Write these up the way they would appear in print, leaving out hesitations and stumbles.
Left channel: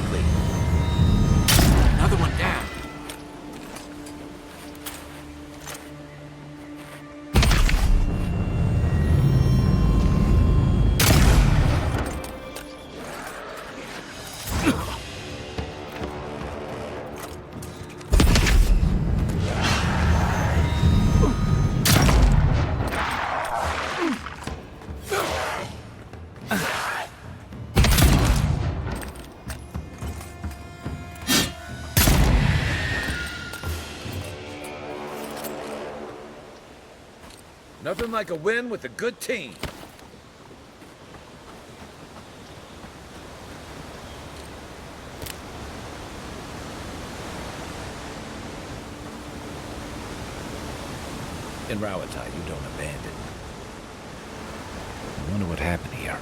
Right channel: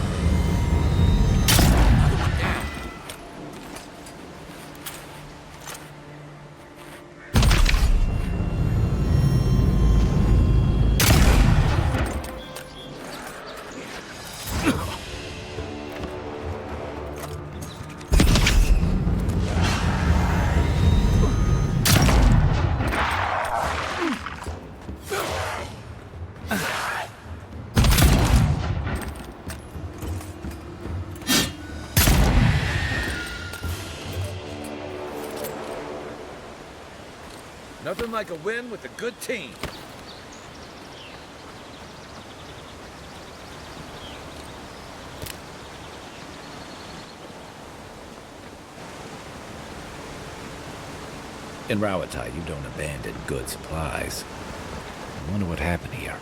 likely. Another one down. Nothing like a win with a good team. In Rawattai, you don't abandon good supplies. I wonder what happened here.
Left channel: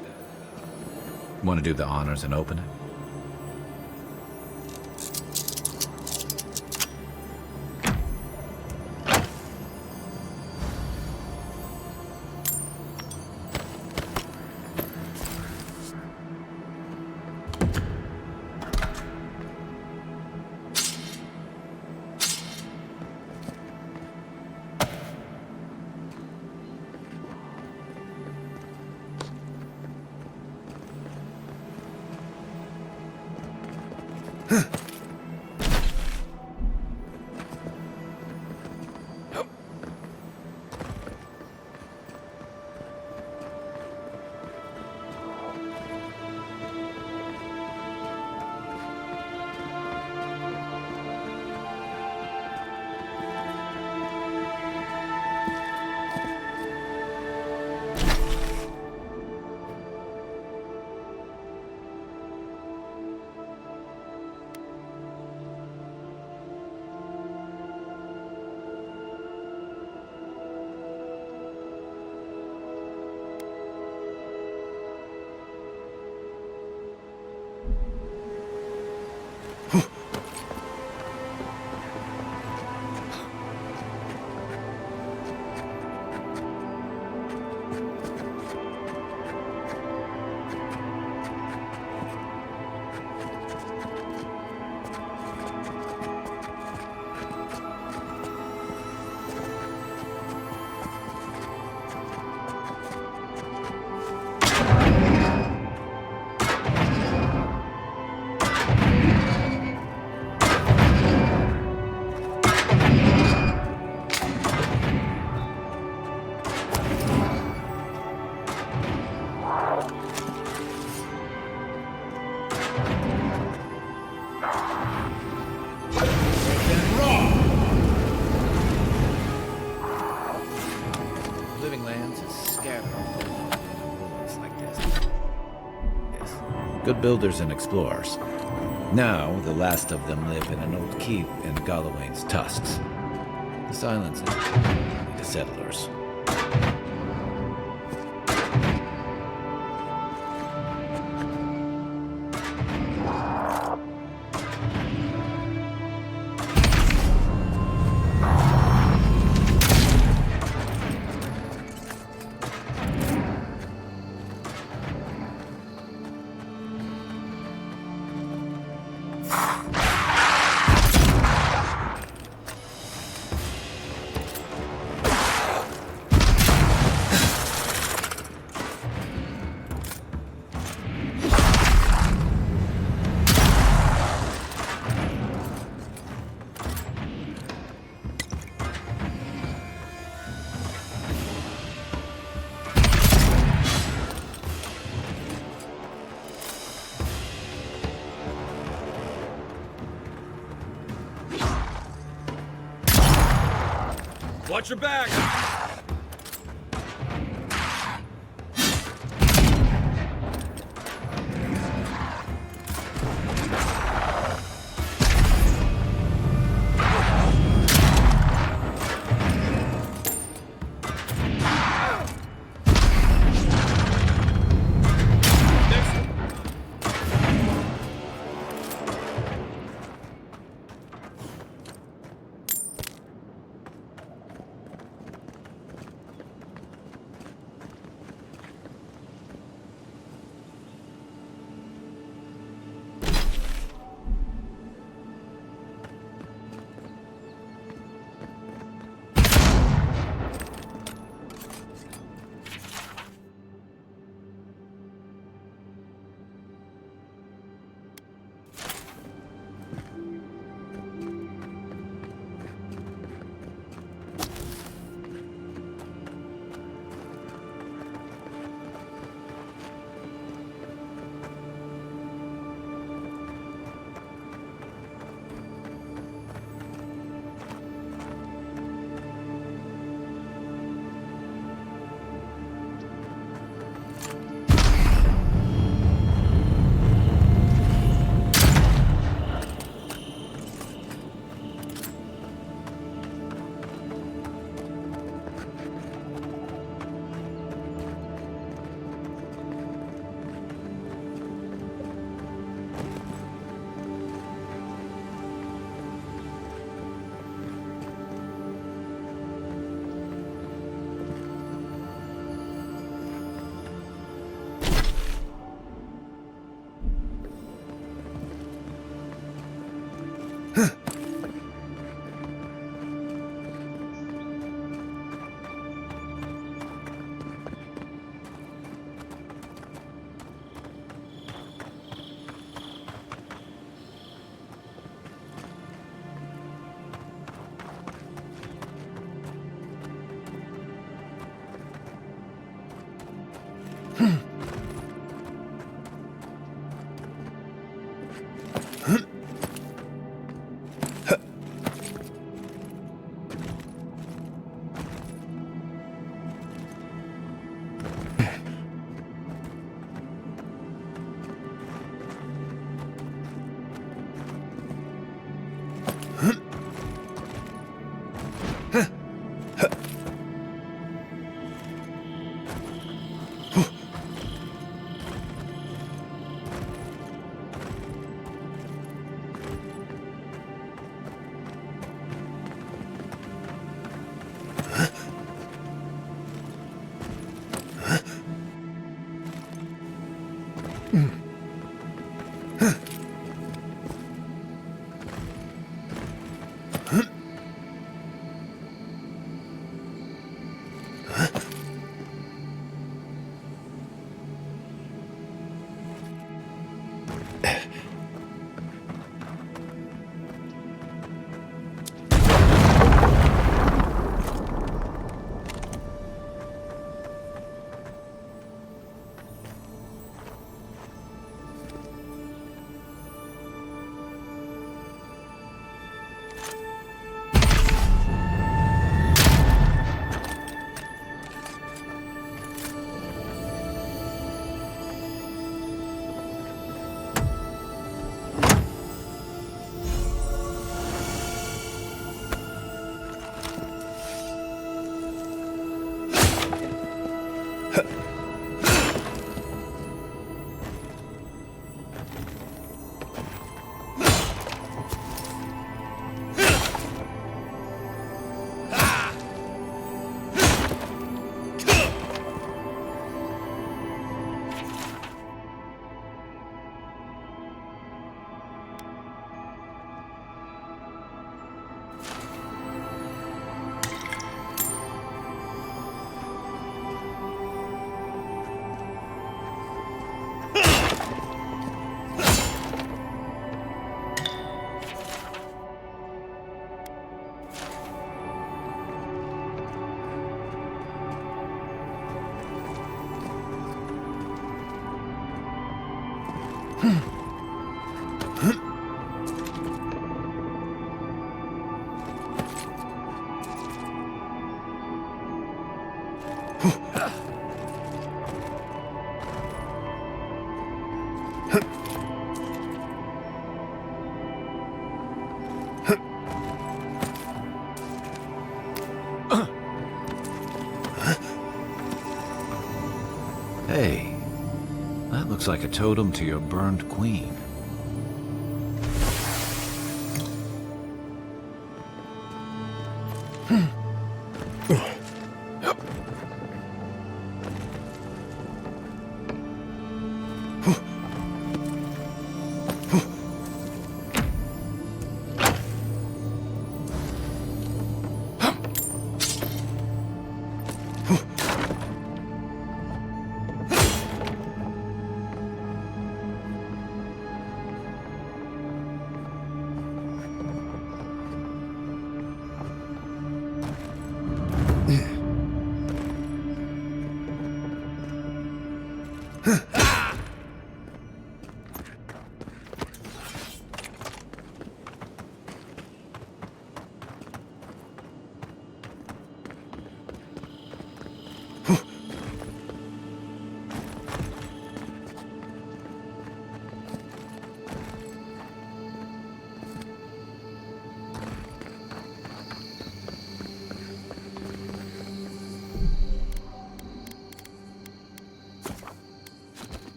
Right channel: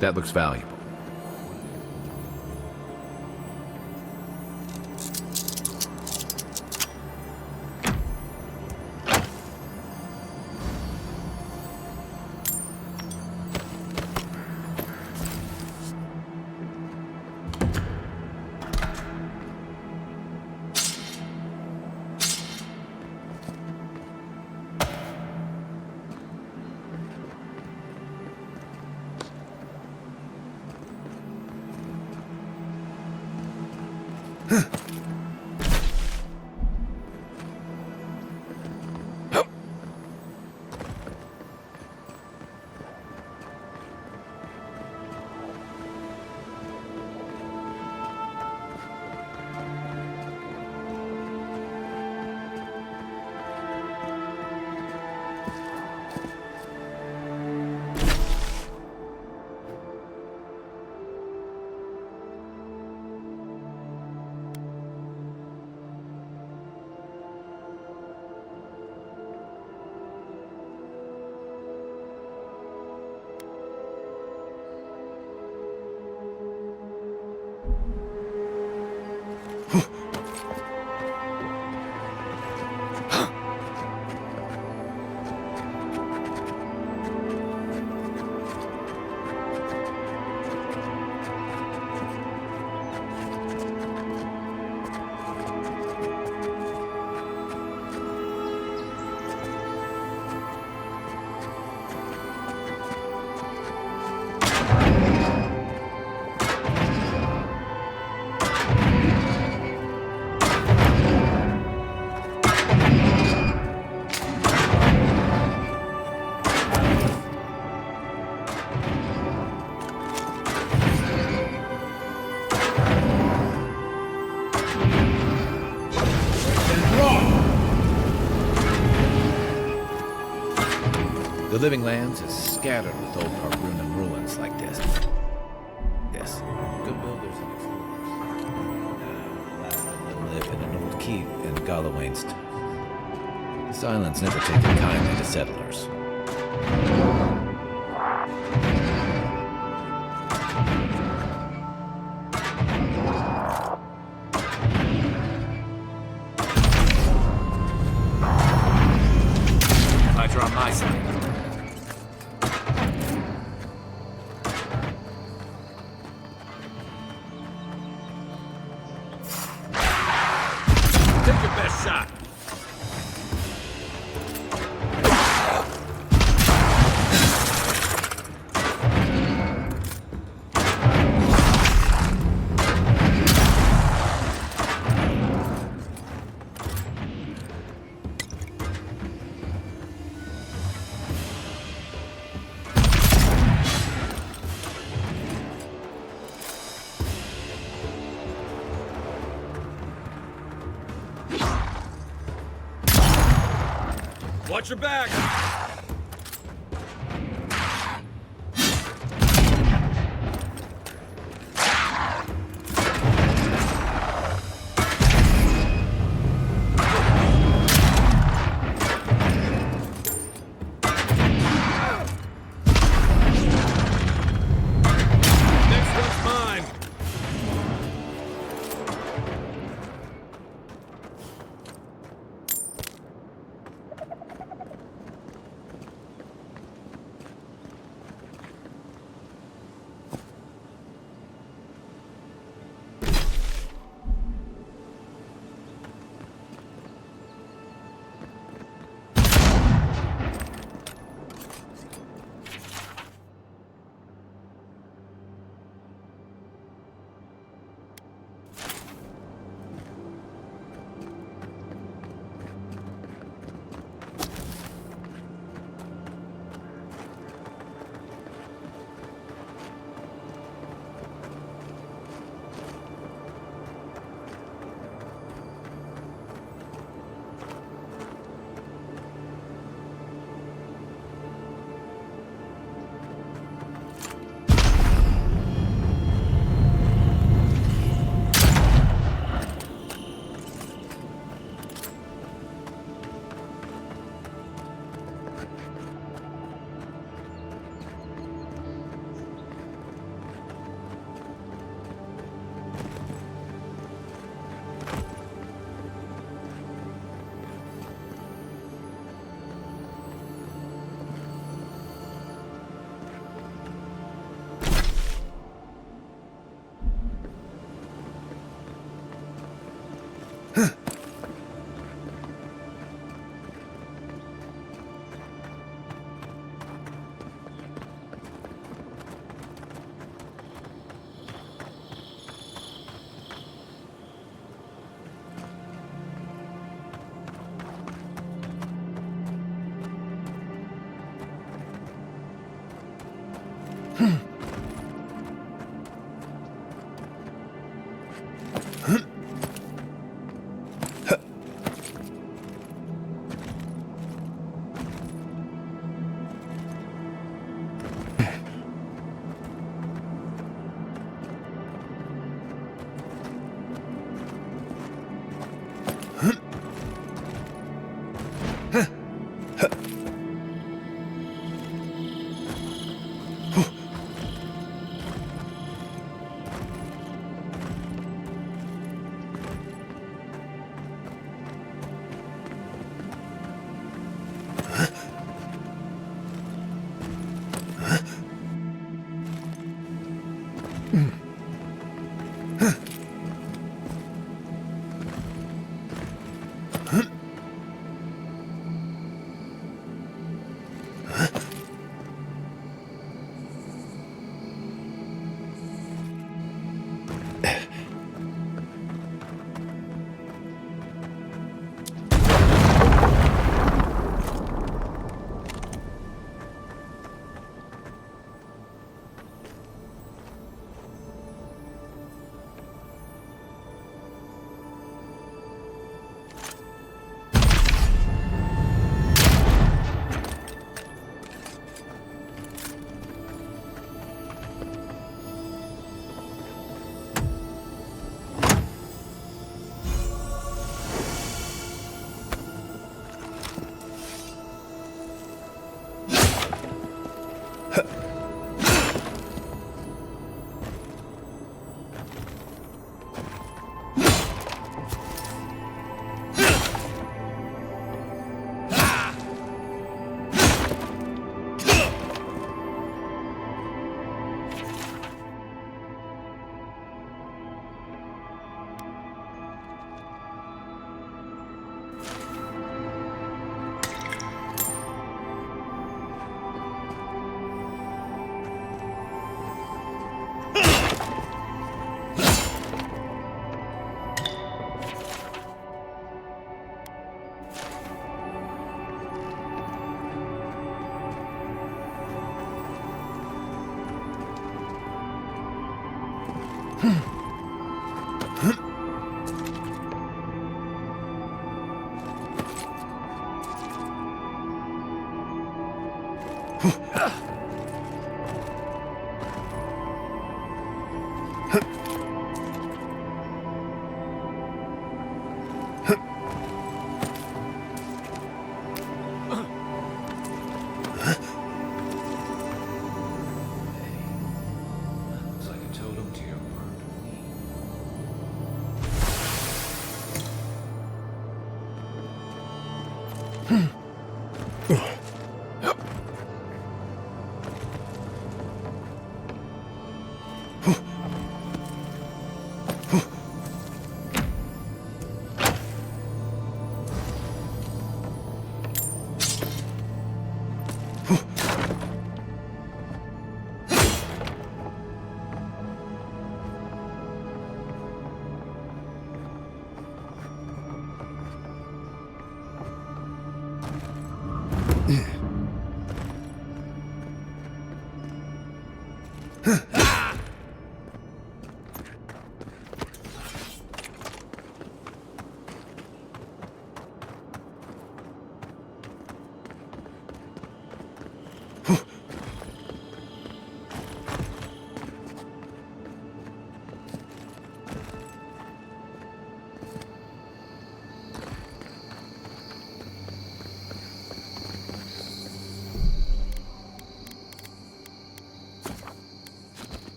That looks valuable. Want to do the honors and open it? The living lands is scattered with old Harbrunnan ruins like this. Good builders and explorers. Now, the last of them live in an old keep in Gallowayne's tusks. This island's never taken kindly to settlers. I draw my side. Watch your back! Next one's mine! Hey, that looks like a totem to your burned queen.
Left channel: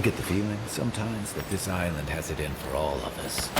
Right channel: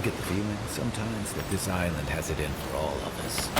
I get the feeling sometimes that this island has it in for all of us.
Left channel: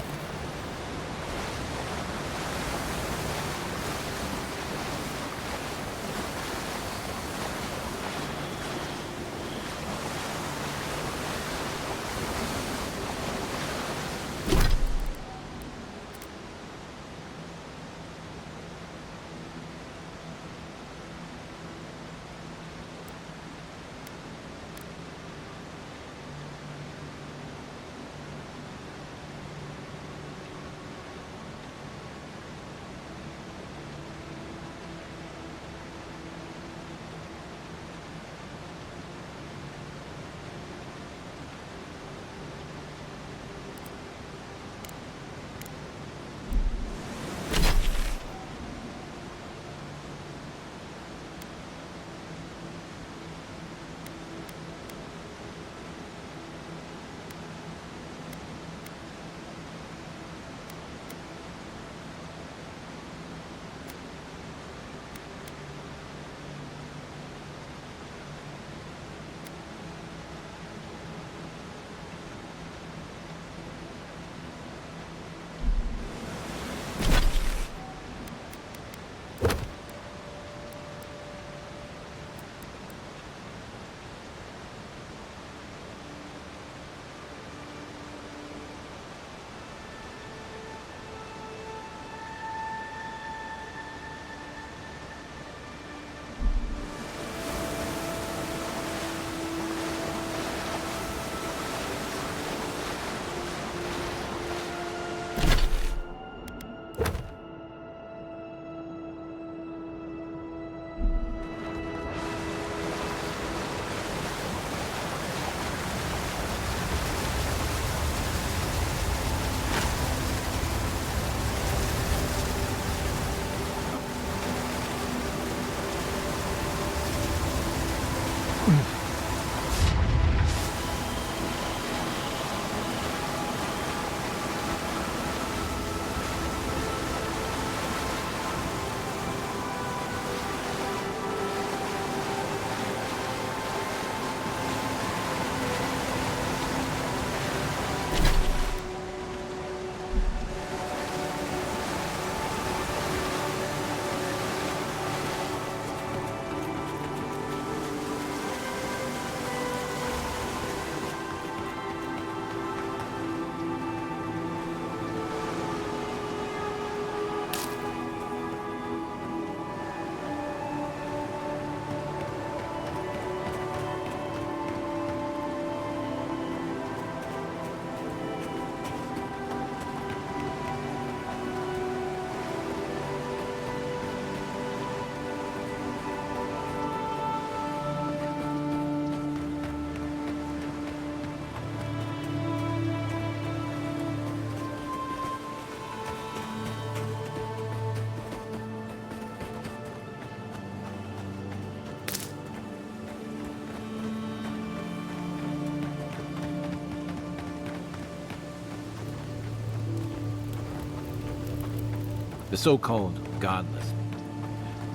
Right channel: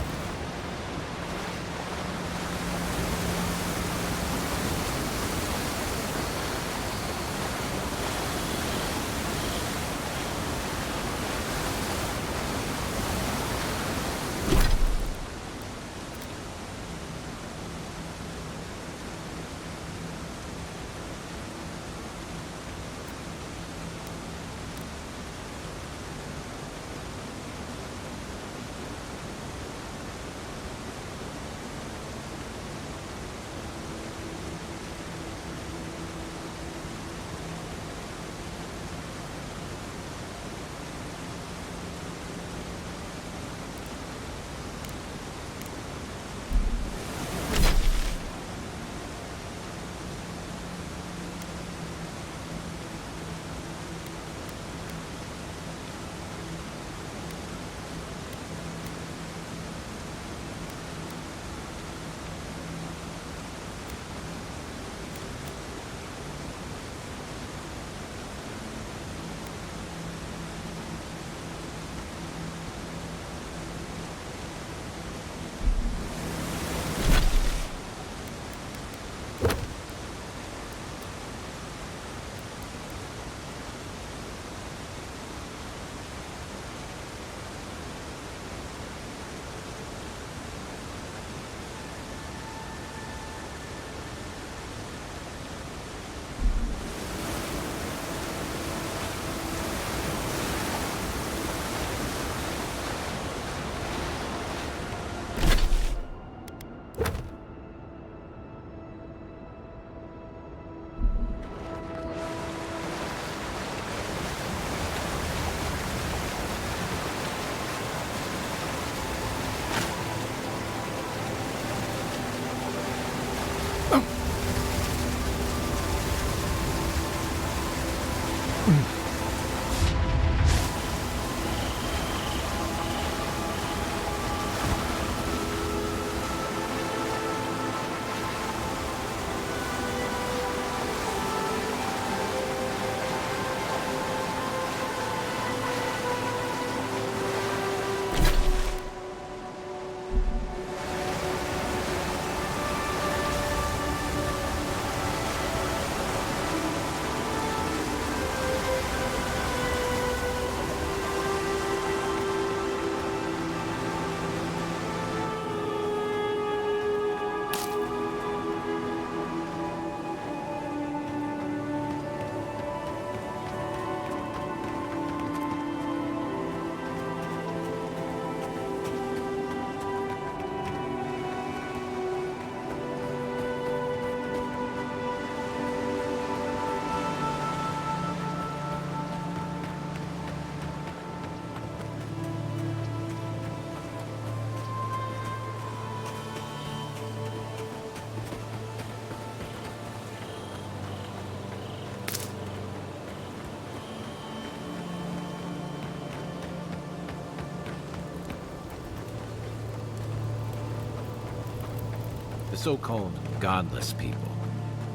The so-called godless people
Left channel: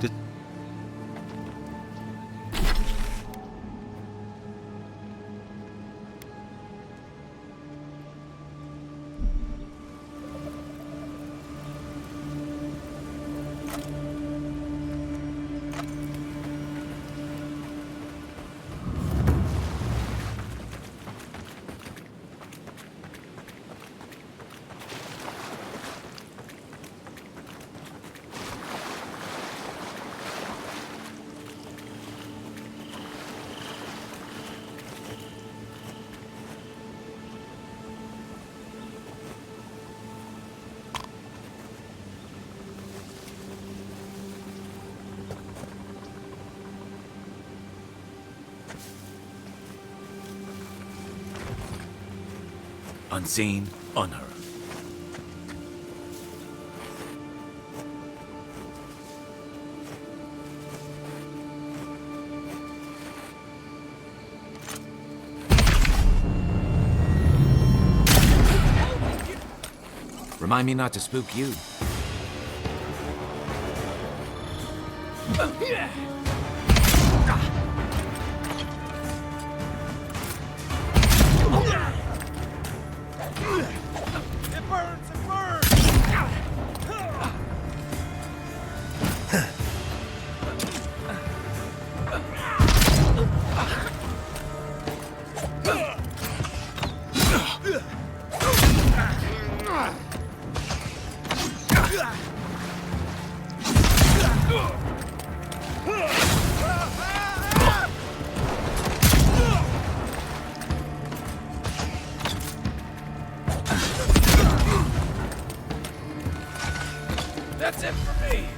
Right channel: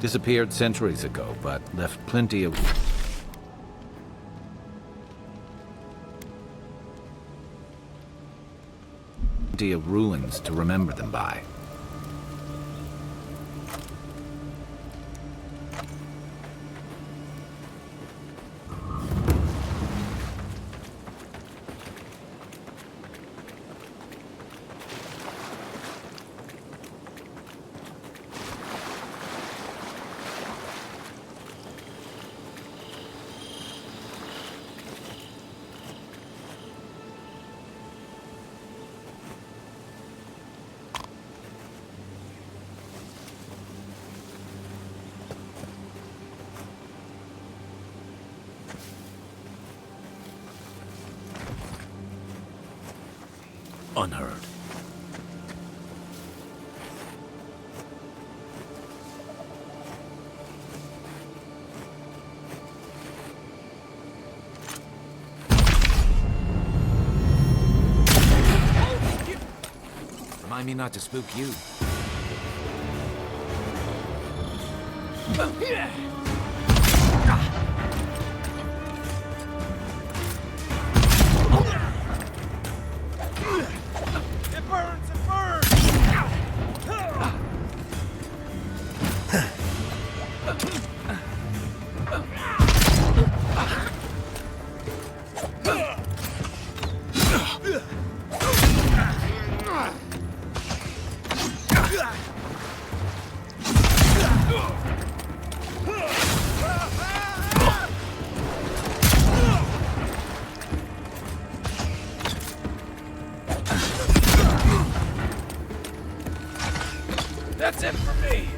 disappeared centuries ago, but left plenty of ruins to remember them by. Unseen, unheard. Remind me not to spook you. It burns! It burns! That's it for me!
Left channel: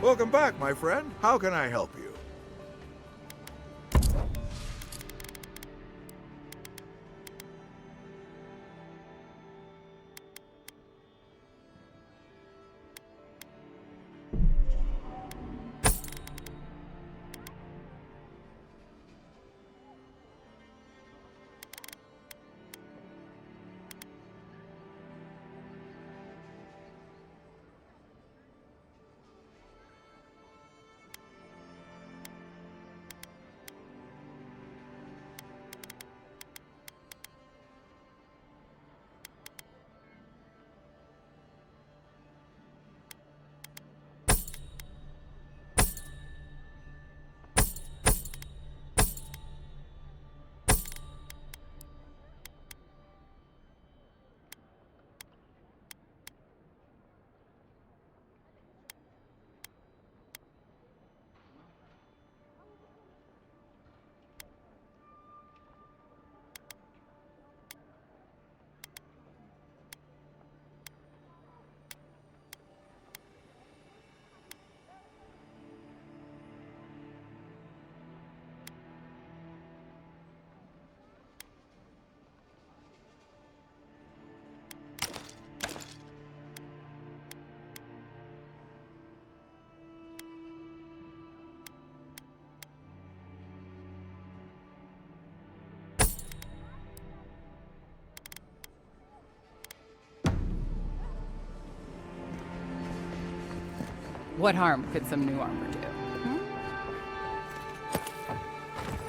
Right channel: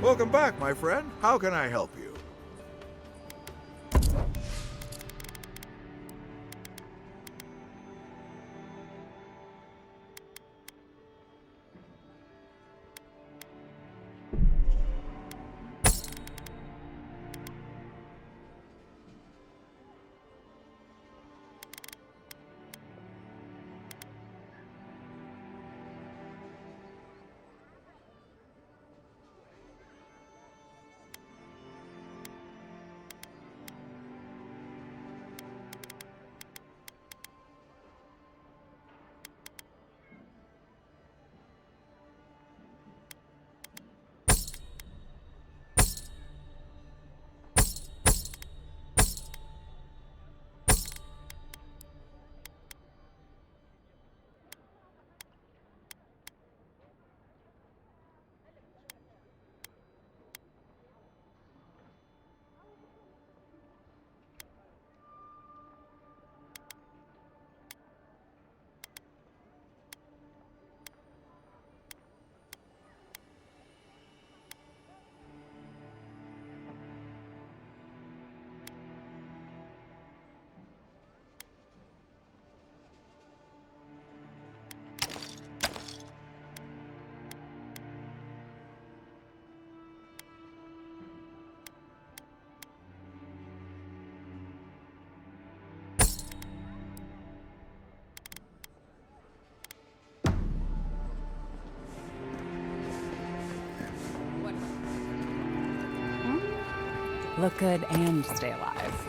Welcome back, my friend. How can I help you? What harm could some new armor do? Hmm? Look good and stay alive.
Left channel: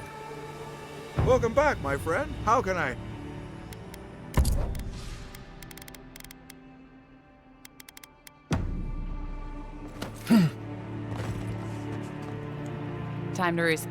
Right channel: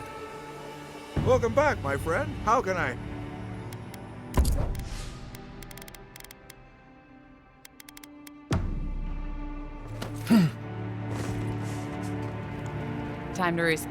Welcome back, my friend. How can I... Time to reset.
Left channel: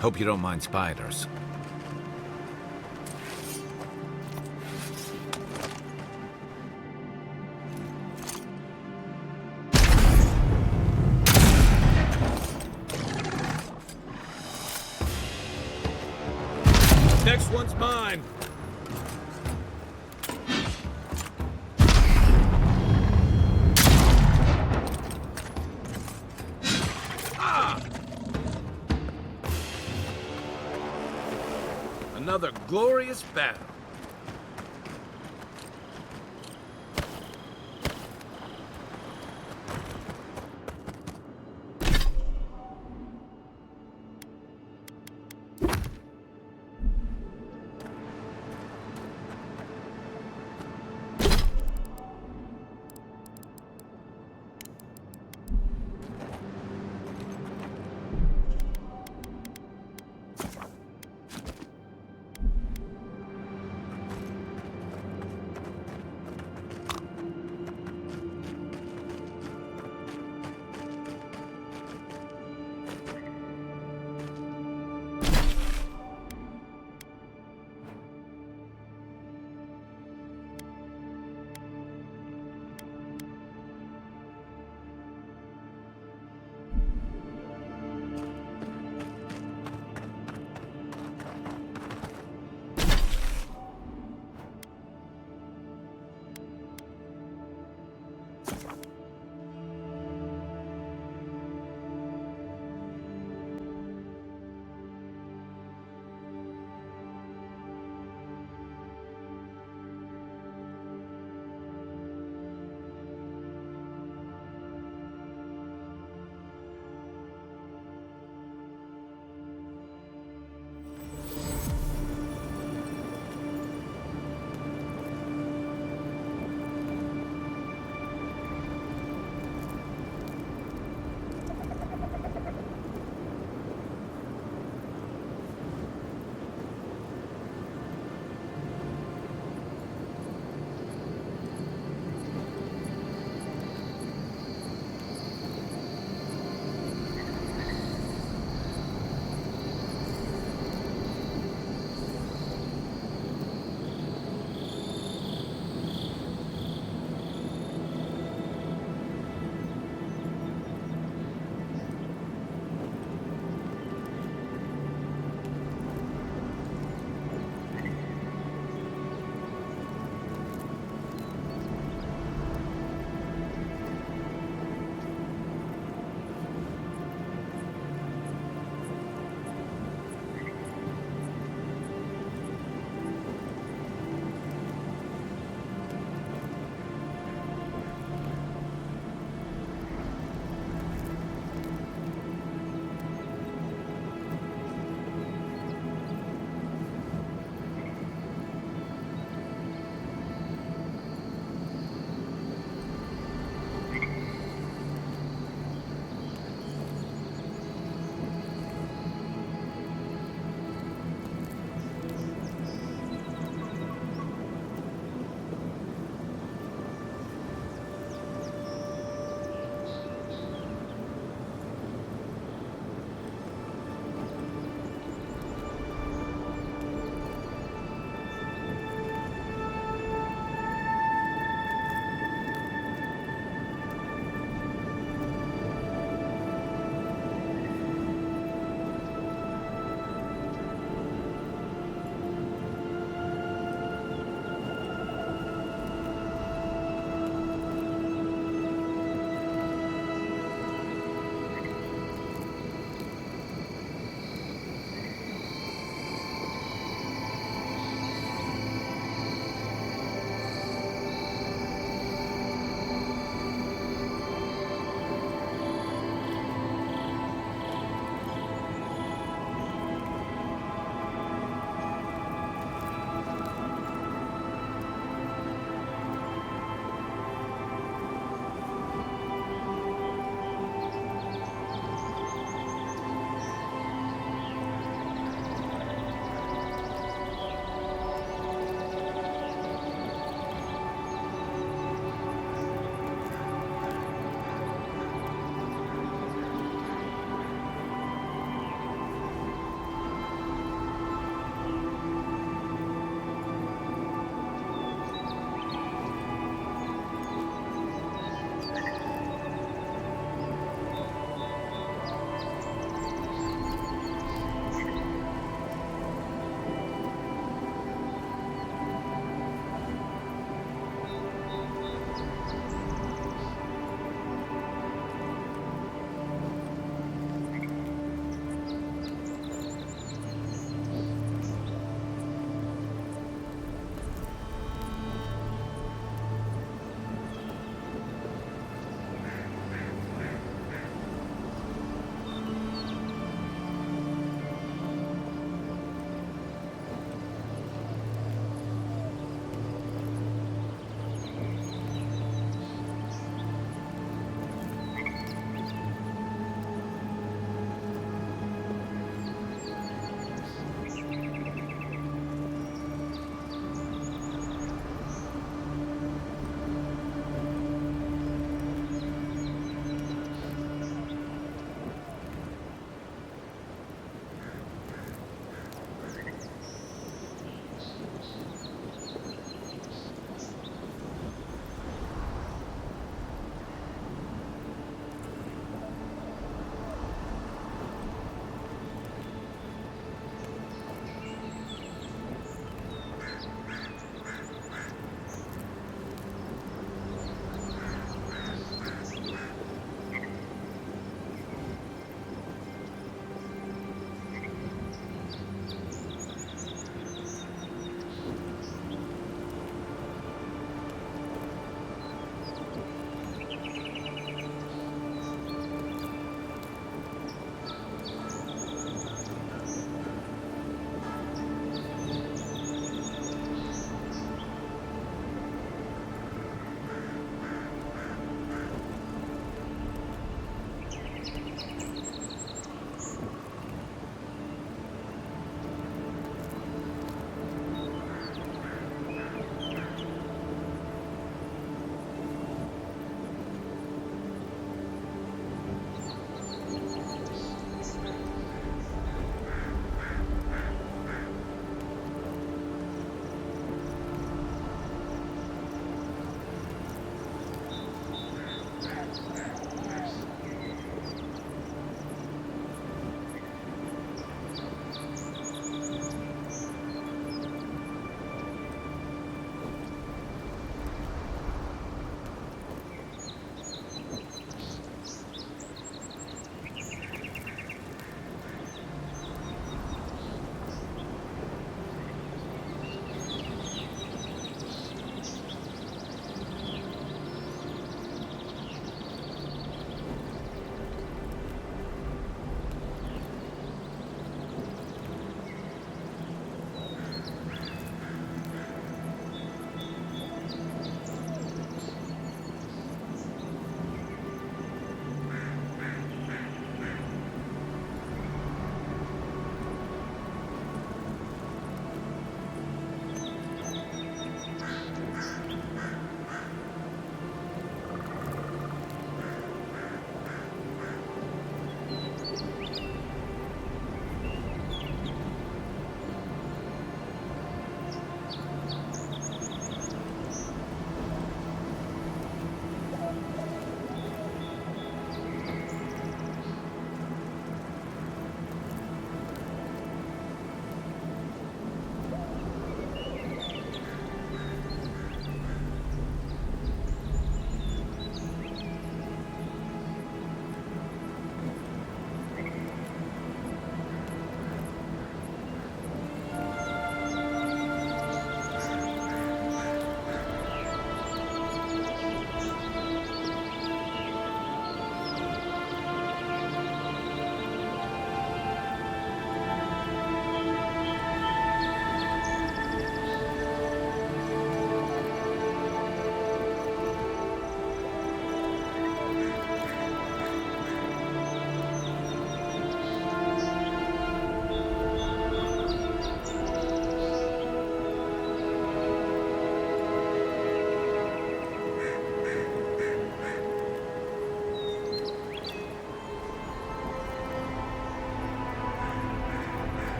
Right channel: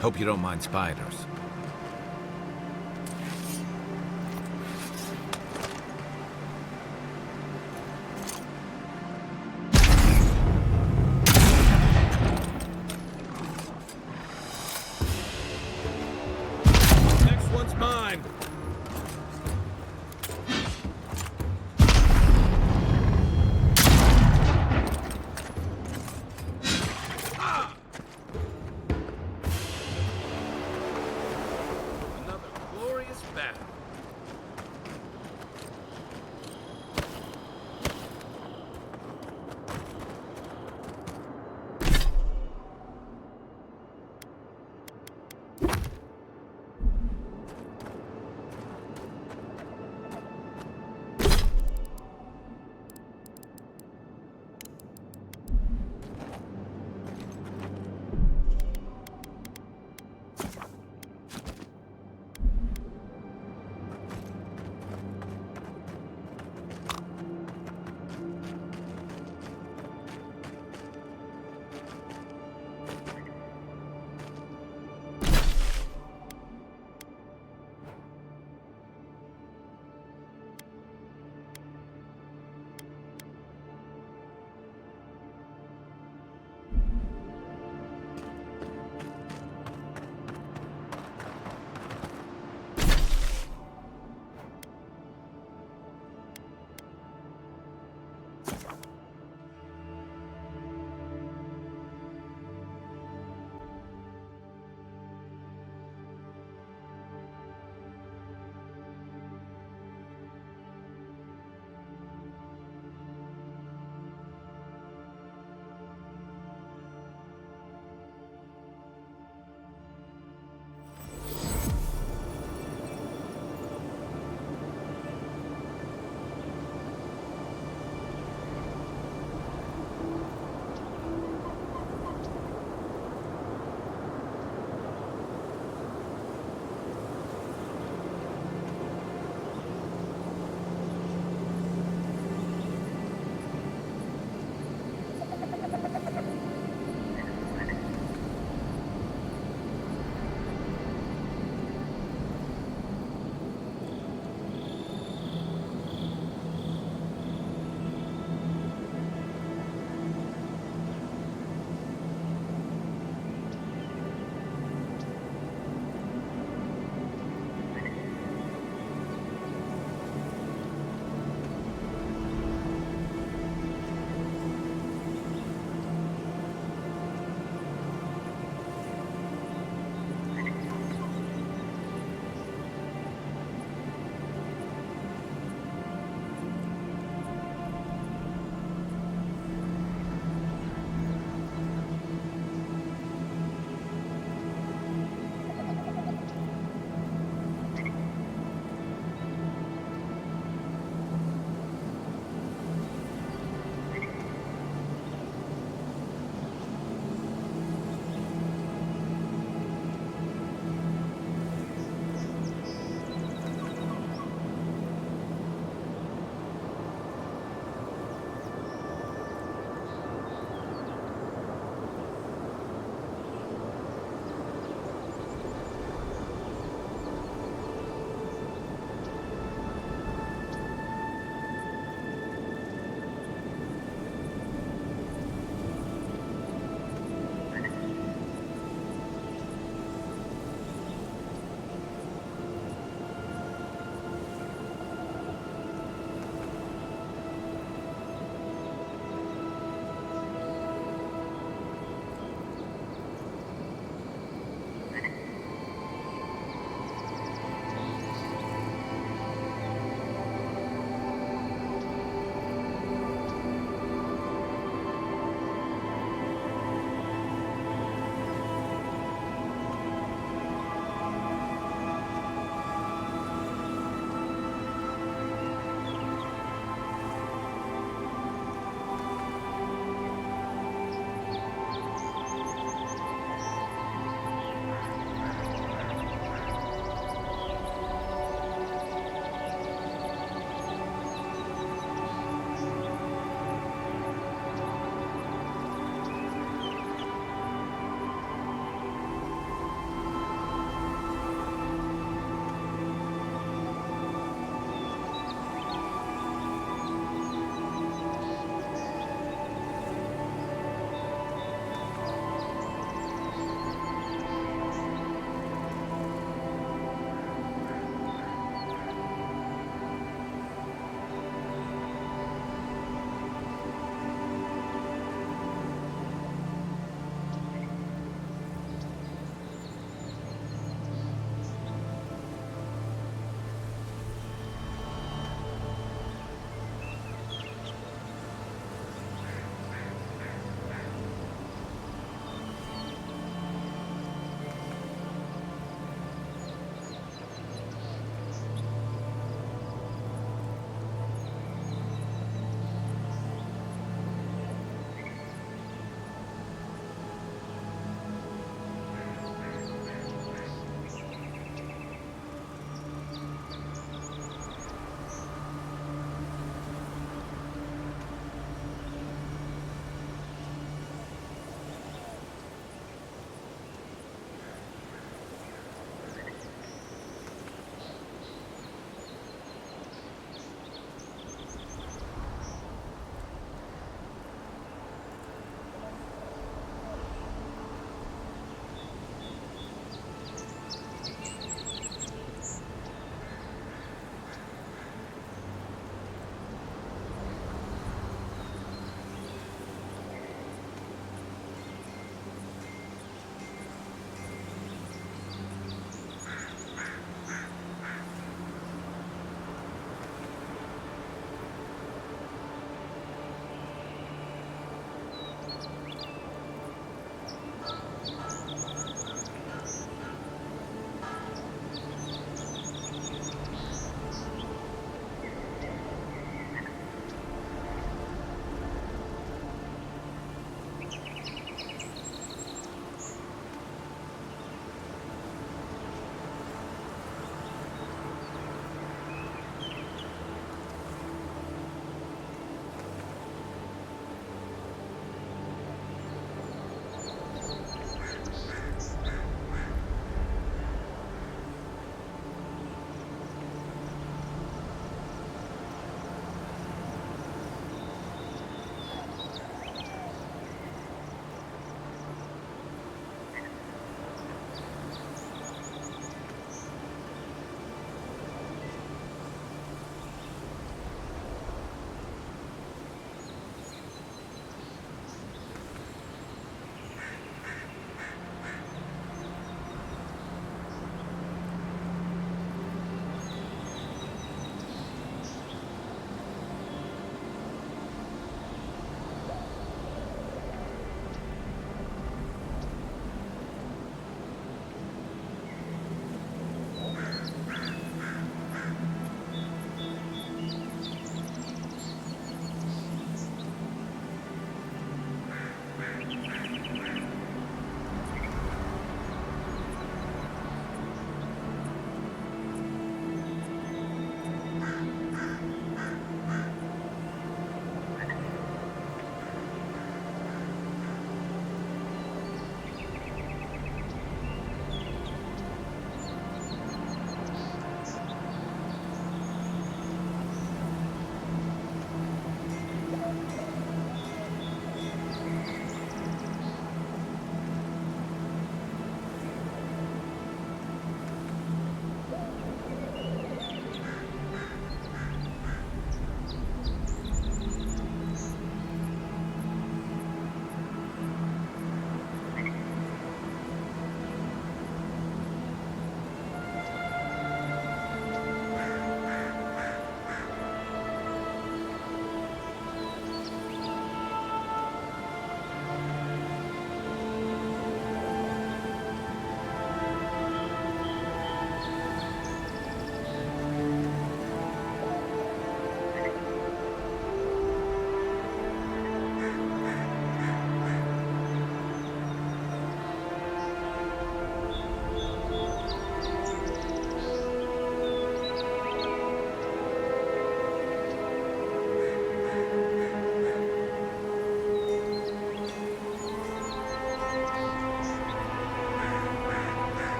Hope you don't mind spiders. Next one's mine. Another glorious battle.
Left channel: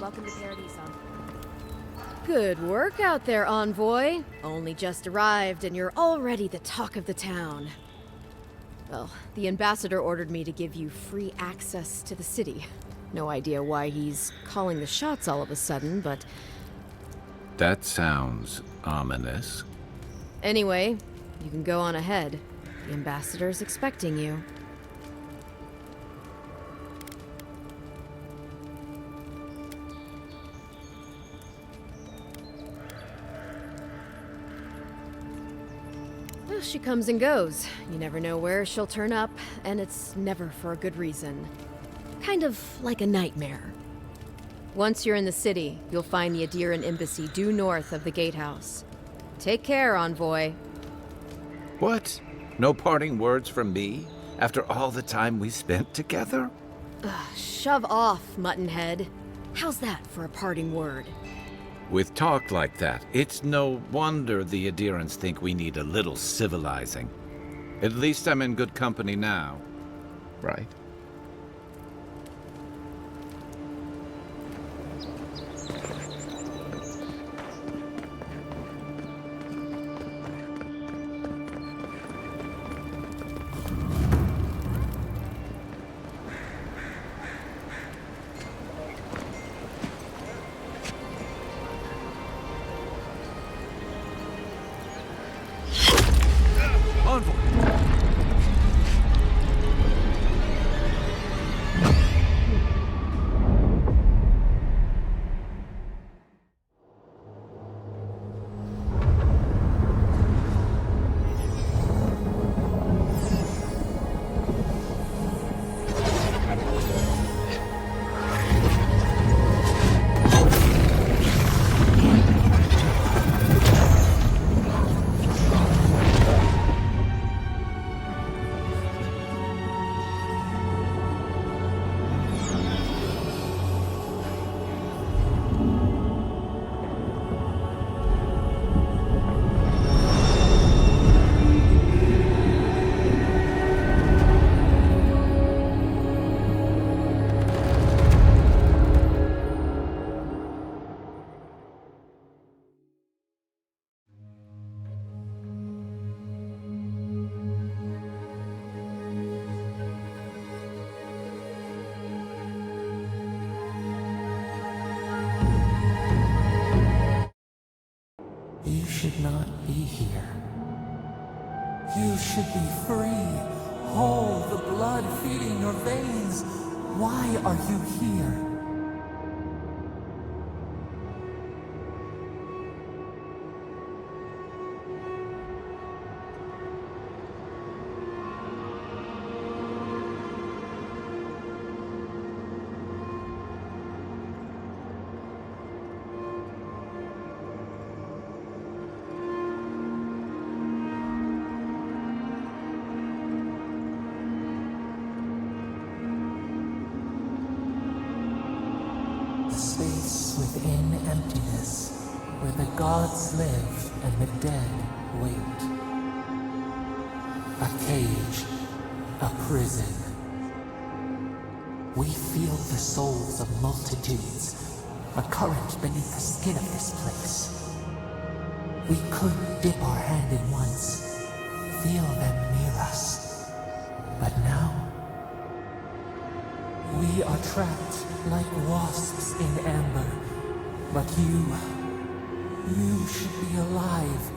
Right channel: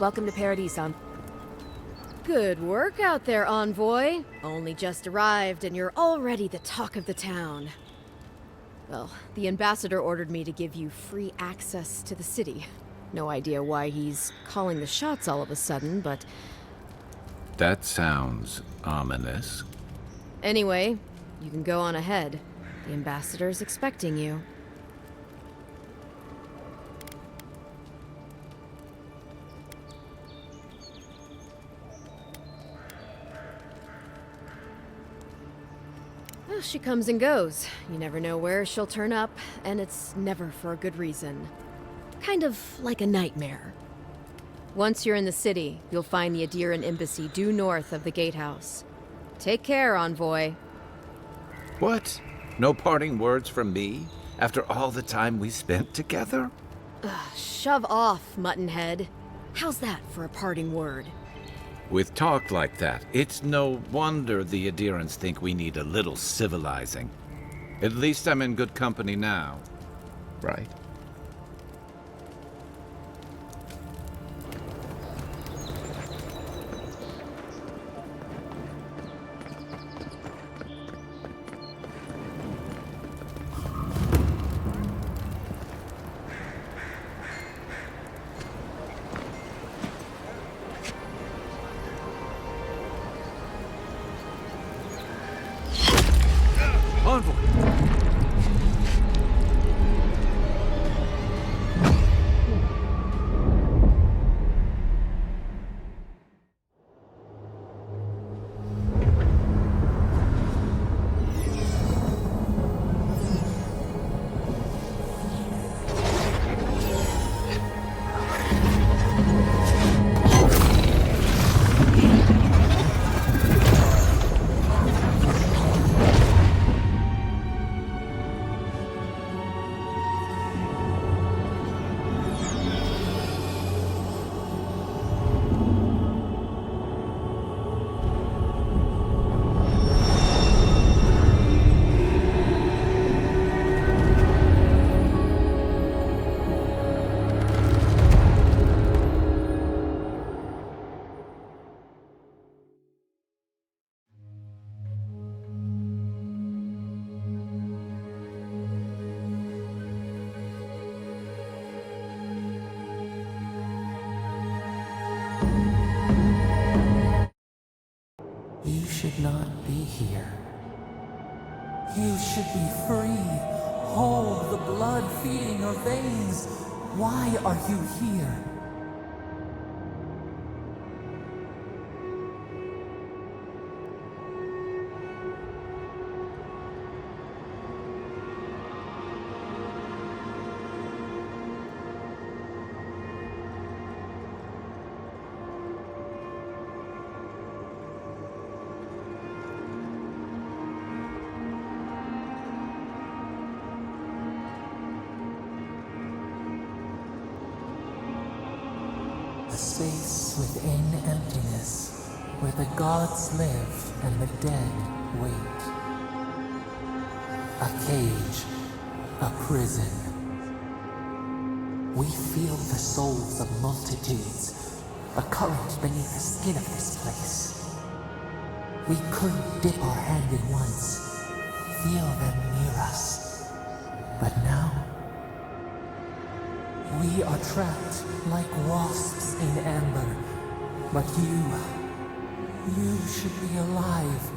Welcome to Paradise, Good work out there, Envoy. Only just arrived and you're already the talk of the town. Well, the ambassador ordered me to give you free access to the city. No idea why he's calling the shots all of a sudden, but... That sounds ominous. Anyway, you can go on ahead. The ambassador's expecting you. Well, she comes and goes. You never know where she'll turn up, and it's never for a good reason. Kind of like a nightmare. Once you're in the city, you'll find the Adiran embassy due north of the gatehouse. Take care, Envoy. What? No parting words from me? After all the time we spent together? Shove off, Muttonhead. How's that for a parting word? With talk like that, it's no wonder the Adirans think we need a little civilizing. At least I'm in good company now, right? Envoy! You should not be here. You should be free, whole, the blood feeding your veins. Why are you here? A space within emptiness, where the gods live and the dead wait. A cage, a prison. We feel the souls of multitudes, a current beneath the skin of this place. We could dip our hand in once, feel them near us. But now, we are trapped like wasps in amber. But you should be alive.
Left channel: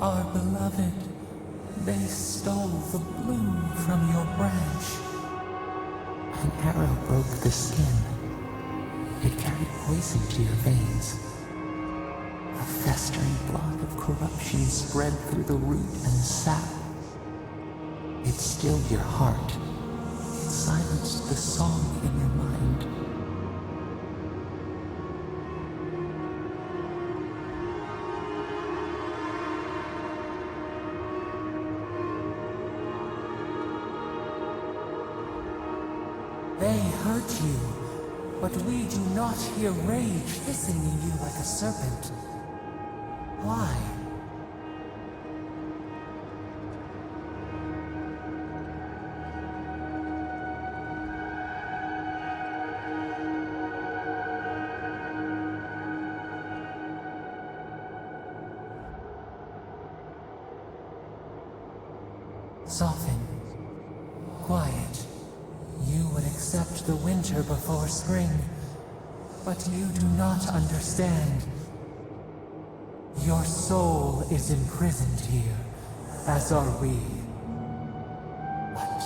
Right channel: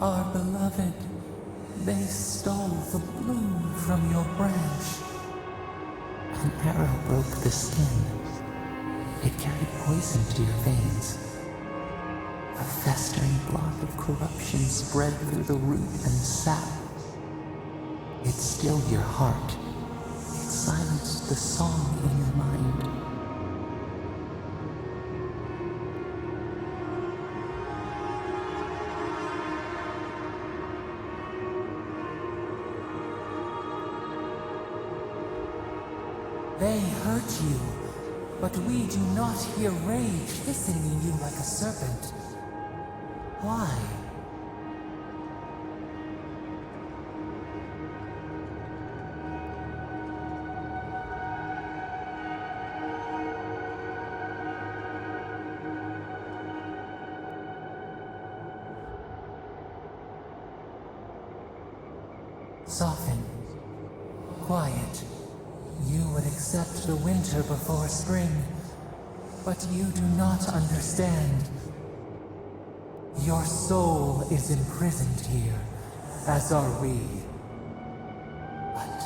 Our beloved, they stole the bloom from your branch. An arrow broke the skin. It carried poison to your veins. A festering blot of corruption spread through the root and sap. It stilled your heart. It silenced the song in your mind. They hurt you, but we do not hear rage hissing in you like a serpent. Why? Soften. Quiet. You would accept the winter before spring, but you do not understand. Your soul is imprisoned here, as are we. But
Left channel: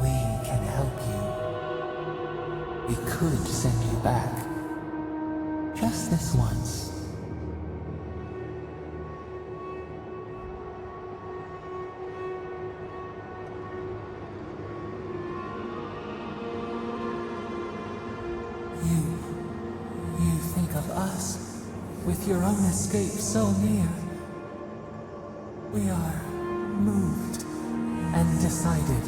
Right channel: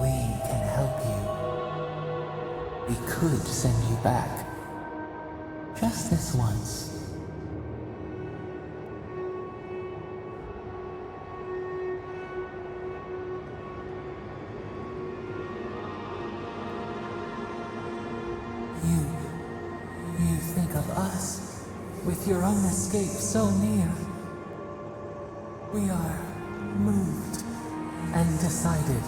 we can help you. We could send you back. Just this once. You think of us, with your own escape so near. We are moved and decided.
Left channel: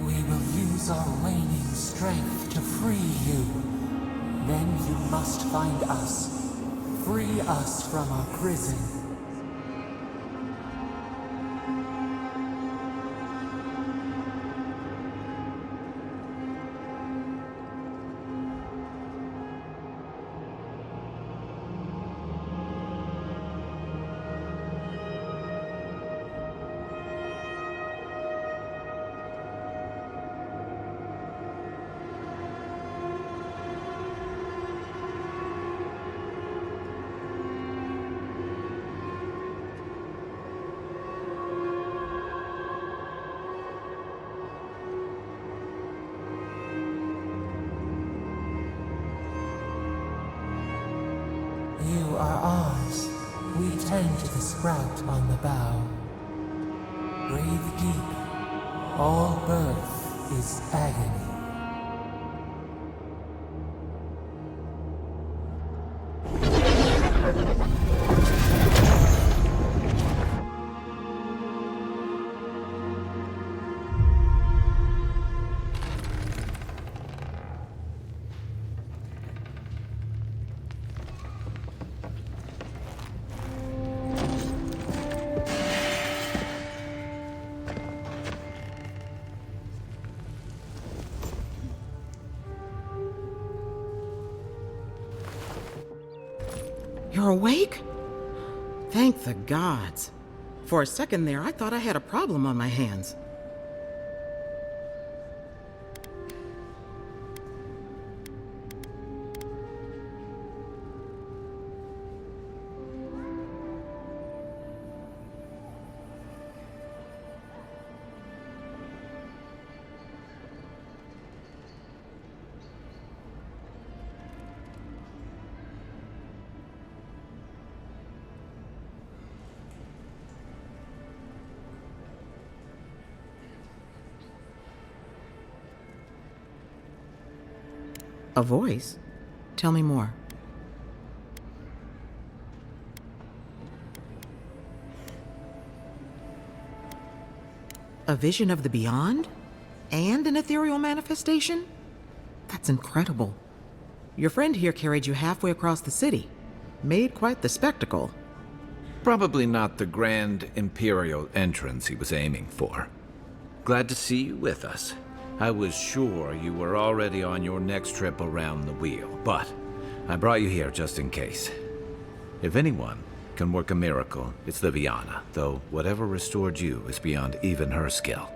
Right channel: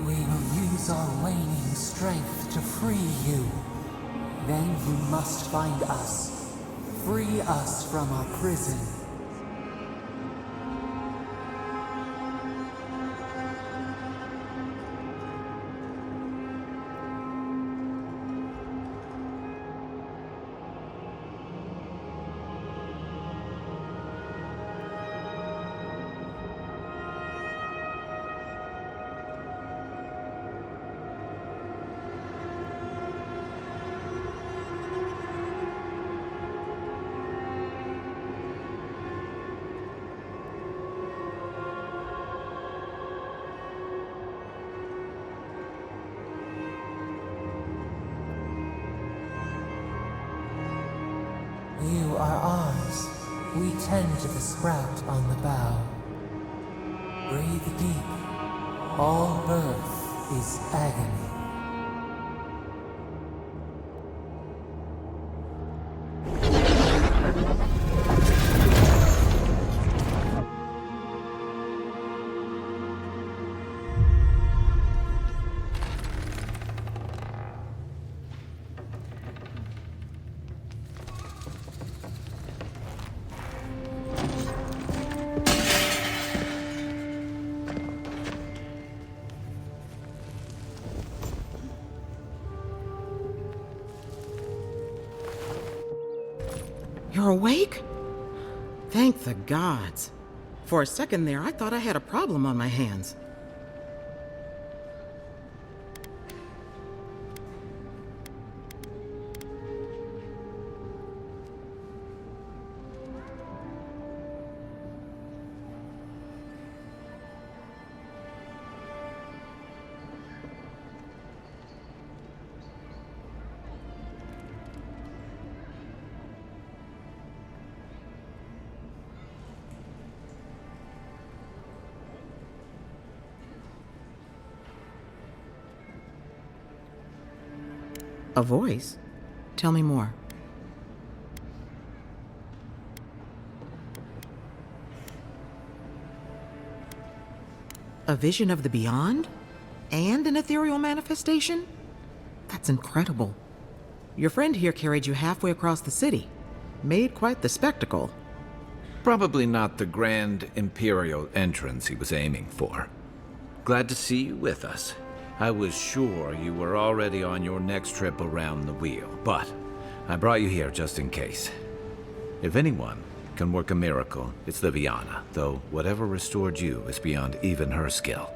We will use our waning strength to free you. Then you must find us. Free us from our prison. You are ours. We tend to the sprout on the bough. Breathe deep. All birth is agony. You're awake? Thank the gods. For a second there, I thought I had a problem on my hands. A voice? Tell me more. A vision of the beyond? And an ethereal manifestation? That's incredible. Your friend here carried you halfway across the city. Made quite the spectacle. Probably not the grand imperial entrance he was aiming for. Glad to see you with us. I was sure you were already on your next trip around the wheel, but I brought you here just in case. If anyone can work a miracle, it's Liviana, though whatever restored you is beyond even her skill.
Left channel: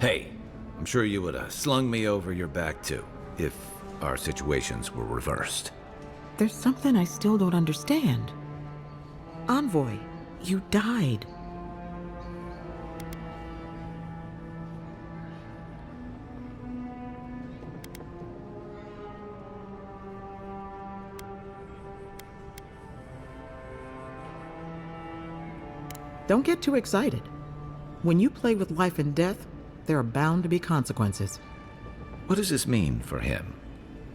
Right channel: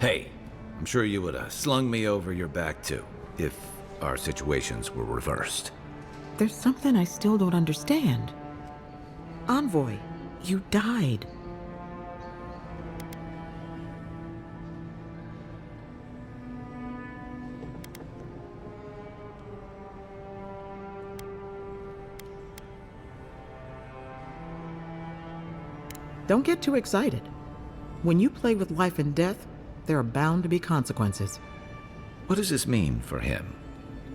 Hey, I'm sure you would have slung me over your back too, if our situations were reversed. There's something I still don't understand. Envoy, you died. Don't get too excited. When you play with life and death, there are bound to be consequences. What does this mean for him?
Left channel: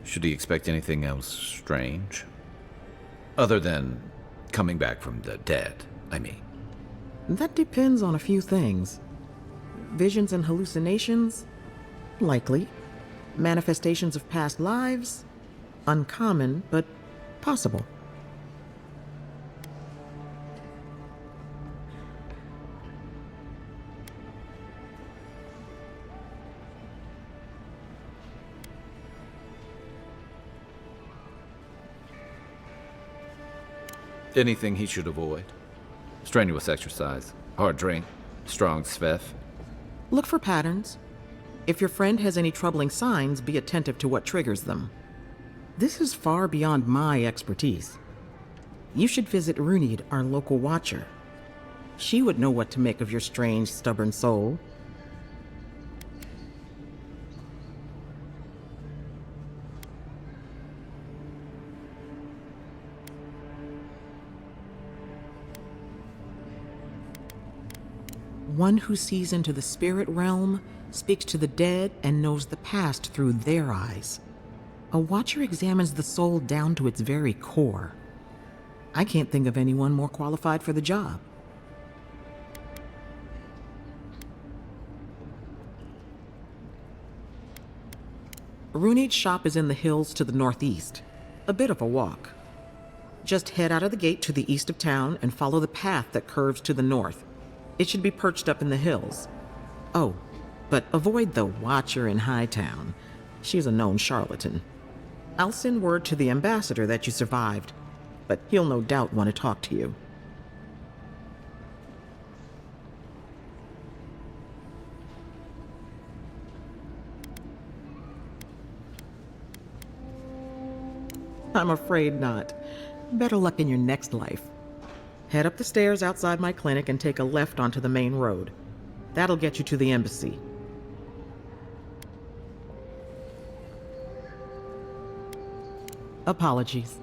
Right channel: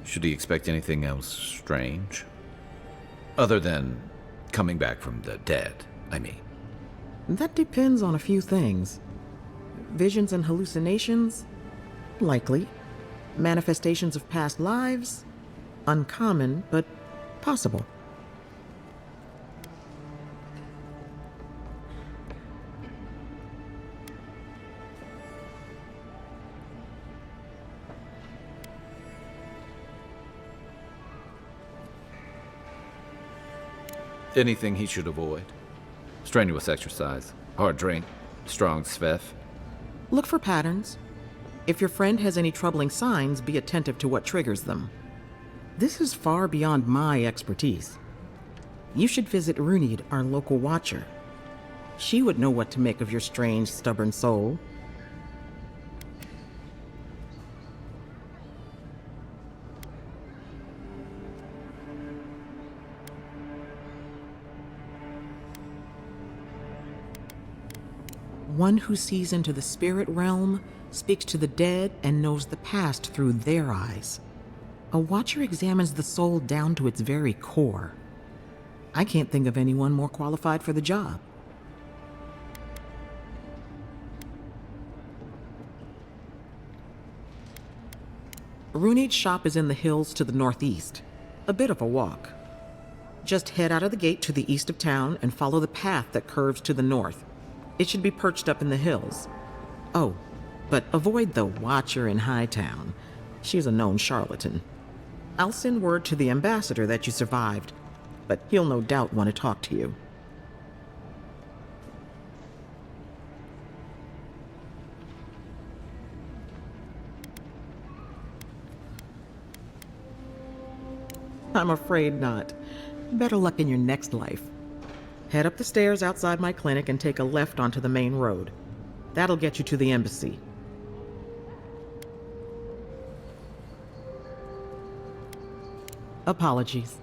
Should he expect anything else strange? Other than coming back from the dead, I mean. That depends on a few things. Visions and hallucinations? Likely. Manifestations of past lives? Uncommon, but possible. Anything he should avoid? Strenuous exercise, hard drink, strong sveff. Look for patterns. If your friend has any troubling signs, be attentive to what triggers them. This is far beyond my expertise. You should visit Runid, our local watcher. She would know what to make of your strange, stubborn soul. One who sees into the spirit realm, speaks to the dead, and knows the past through their eyes. A watcher examines the soul down to its very core. I can't think of anyone more qualified for the job. Runid's shop is in the hills to the northeast. A bit of a walk. Just head out of the gate to the east of town and follow the path that curves to the north. It should be perched up in the hills. Oh, but avoid the Watcher in Hightown. She's a known charlatan. I'll send word to the ambassador that you survived, but he'll no doubt want to talk to you. I'm afraid not. Better luck in your next life. Head up the stairs outside my clinic and take a left onto the main road. That'll get you to the embassy. Apologies.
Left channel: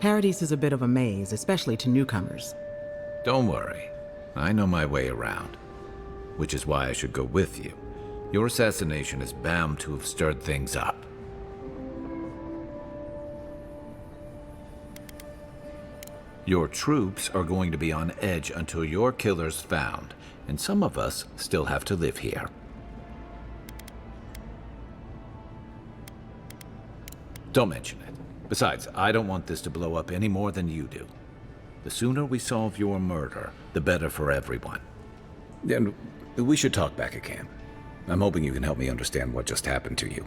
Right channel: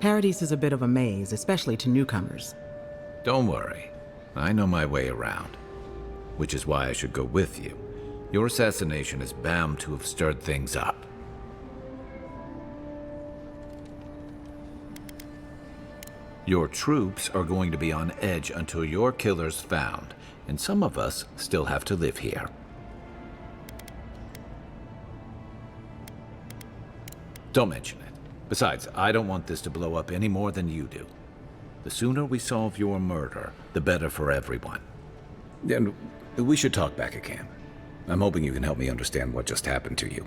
Paradise is a bit of a maze, especially to newcomers. Don't worry. I know my way around. Which is why I should go with you. Your assassination is bound to have stirred things up. Your troops are going to be on edge until your killer's found, and some of us still have to live here. Don't mention it. Besides, I don't want this to blow up any more than you do. The sooner we solve your murder, the better for everyone. And we should talk back at camp. I'm hoping you can help me understand what just happened to you.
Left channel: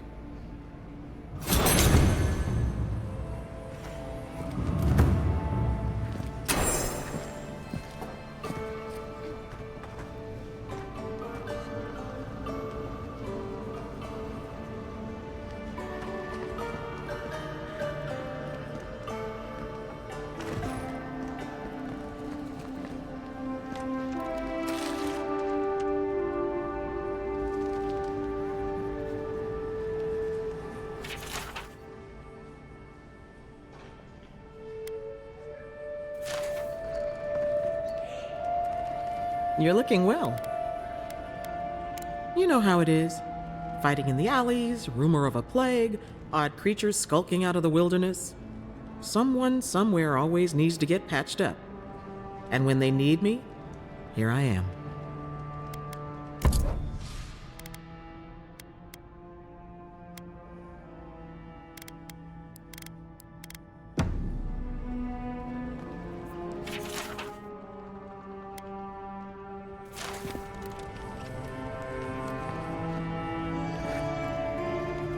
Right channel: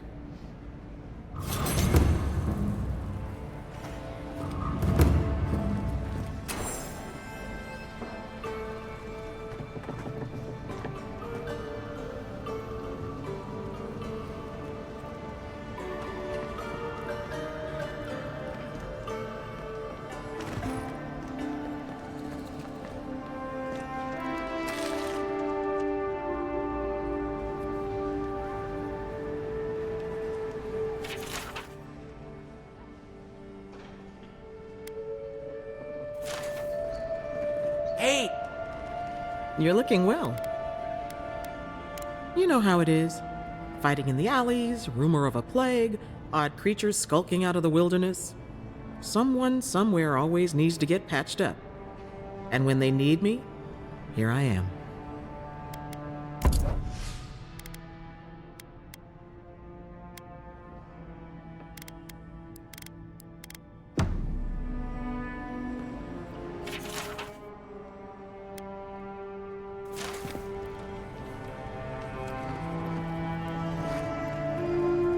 Hey! You're looking well. You know how it is. Fighting in the alleys, rumor of a plague, odd creatures skulking out of the wilderness. Someone somewhere always needs to get patched up. And when they need me, here I am.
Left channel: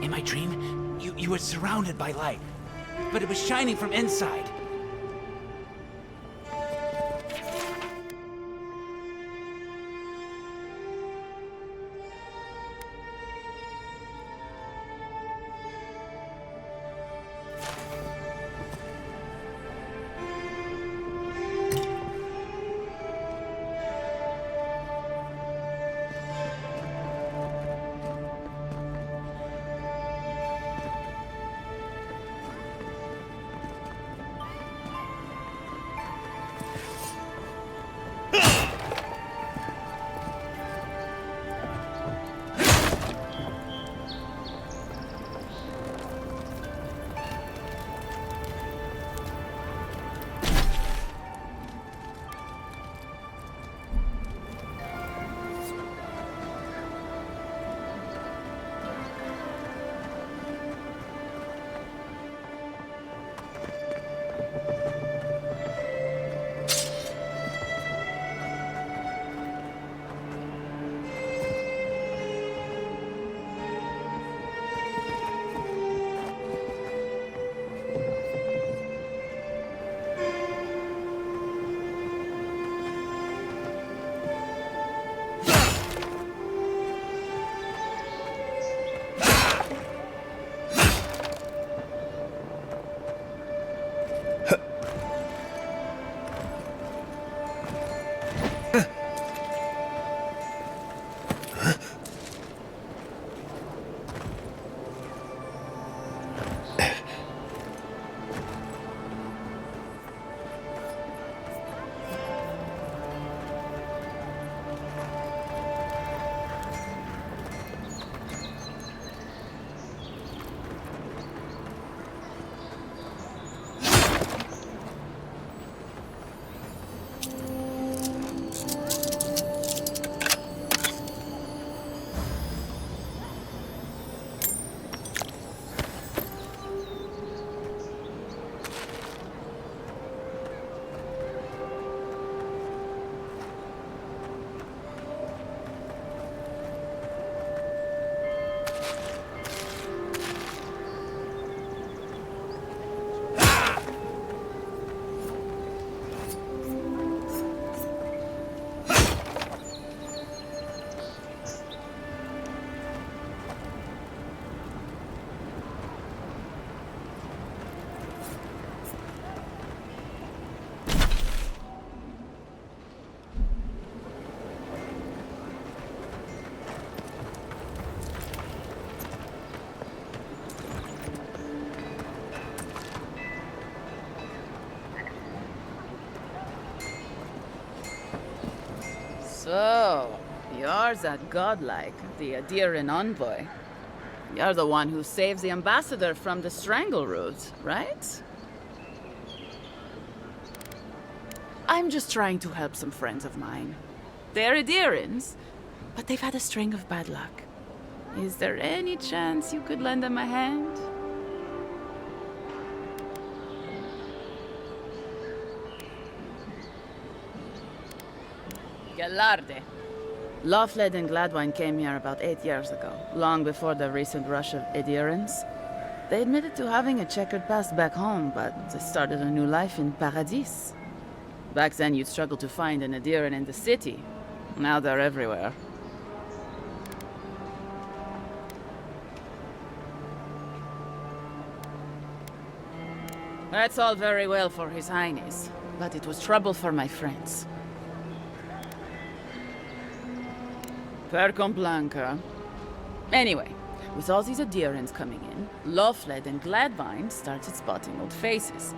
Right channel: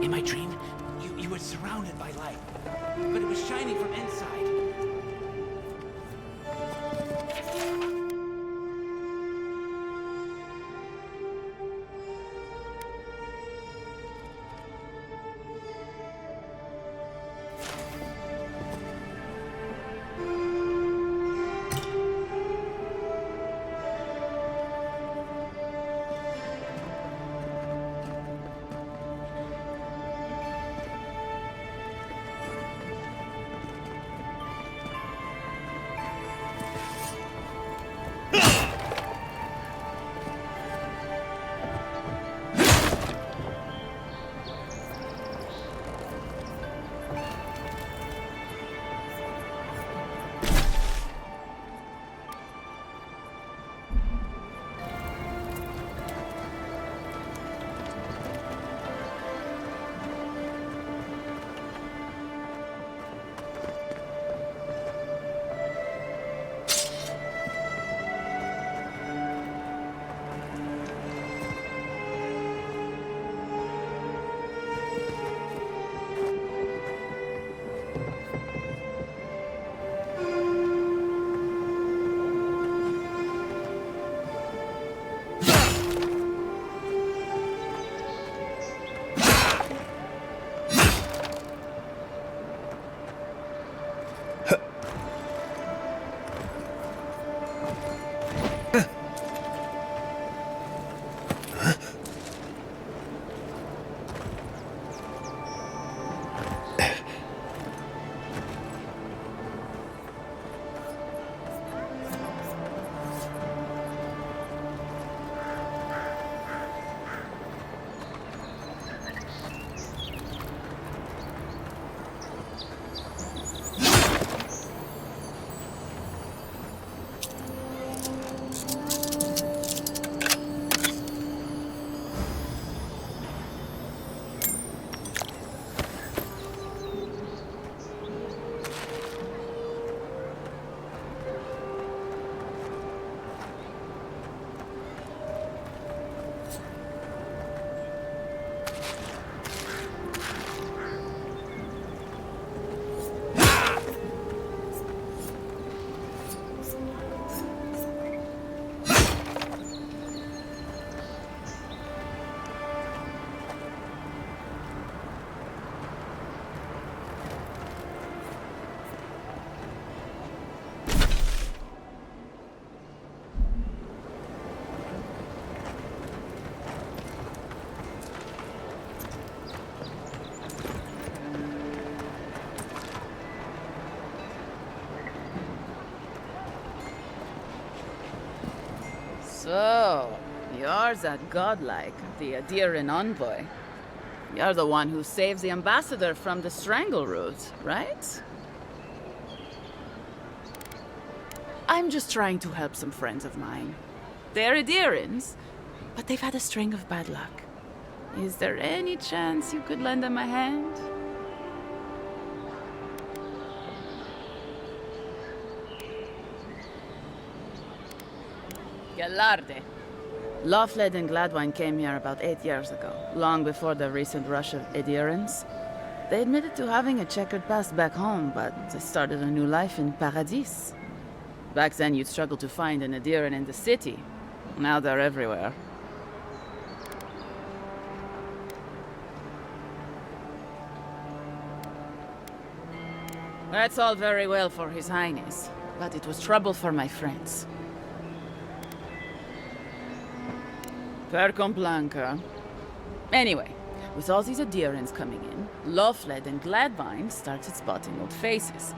In my dream, you were surrounded by light, but it was shining from inside. So, you're that godlike, the Adiran envoy. You're the one who saves the ambassador from the strangle root, right? I'm just trying to help some friends of mine. They're Adirans, but they've had a string of bad luck. Is there any chance you could lend them a hand? Galarde. Lofled and Gladwine came here about 8 years ago, long before the recent rush of Adirans. They admitted to having a checkered past back home, but they started a new life in Paradis. Back then, you'd struggle to find an Adiran in the city. Now they're everywhere. That's all very well for His Highness, but it was trouble for my friends. Percom Blanca. Anyway, with all these Adirans coming in, Lofled and Gladwine started spotting old faces.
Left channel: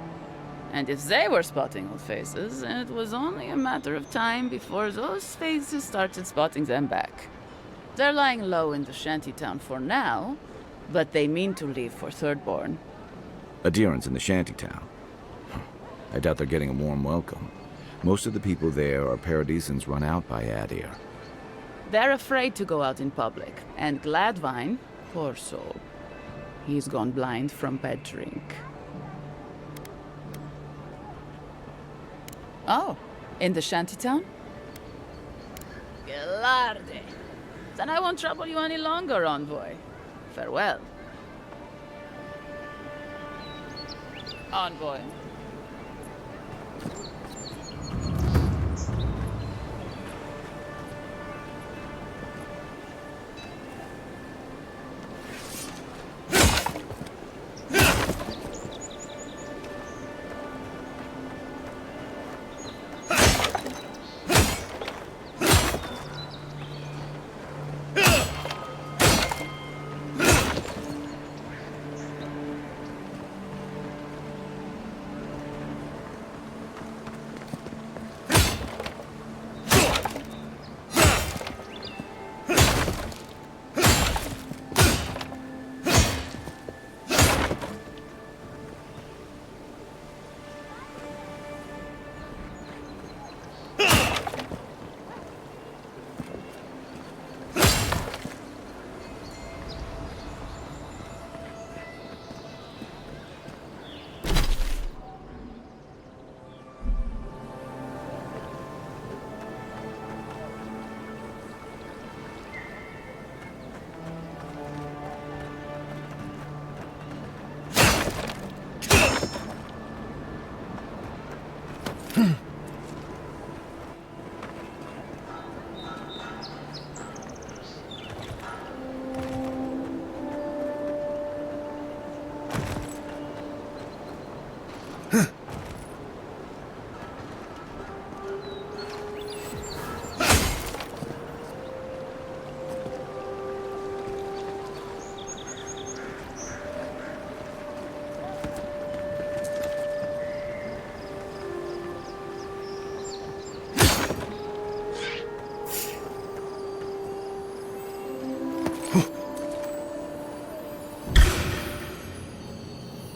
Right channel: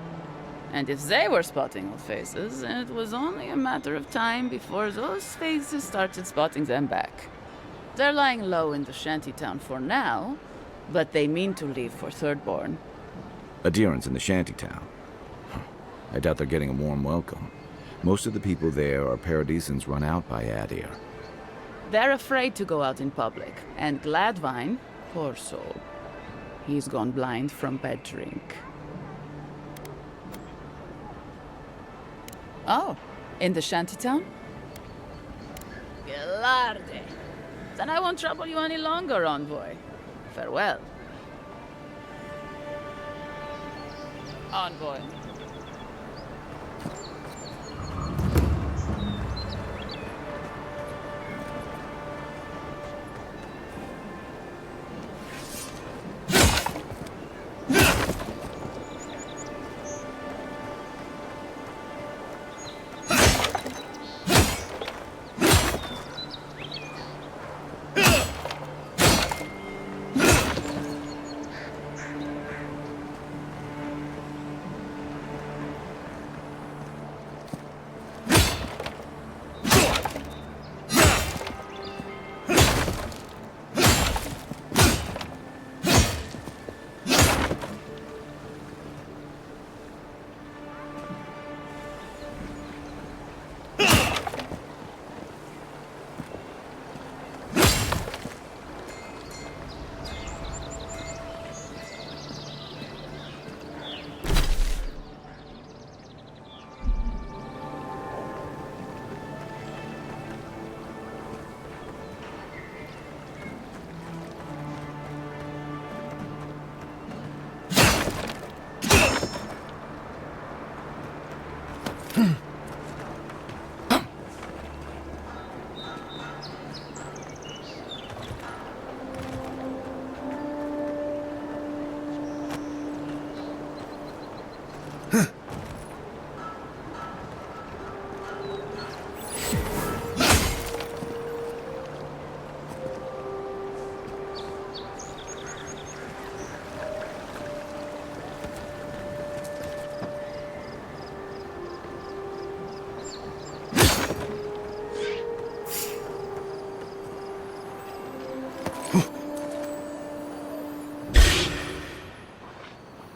And if they were spotting old faces, it was only a matter of time before those faces started spotting them back. They're lying low in the shantytown for now, but they mean to leave for Thirdborn. Adherents in the shantytown. I doubt they're getting a warm welcome. Most of the people there are Paradisans run out by Adir. They're afraid to go out in public, and Gladwine, poor soul, he's gone blind from bad drink. Oh, in the shantytown? Galarde. Then I won't trouble you any longer, envoy. Farewell. Envoy.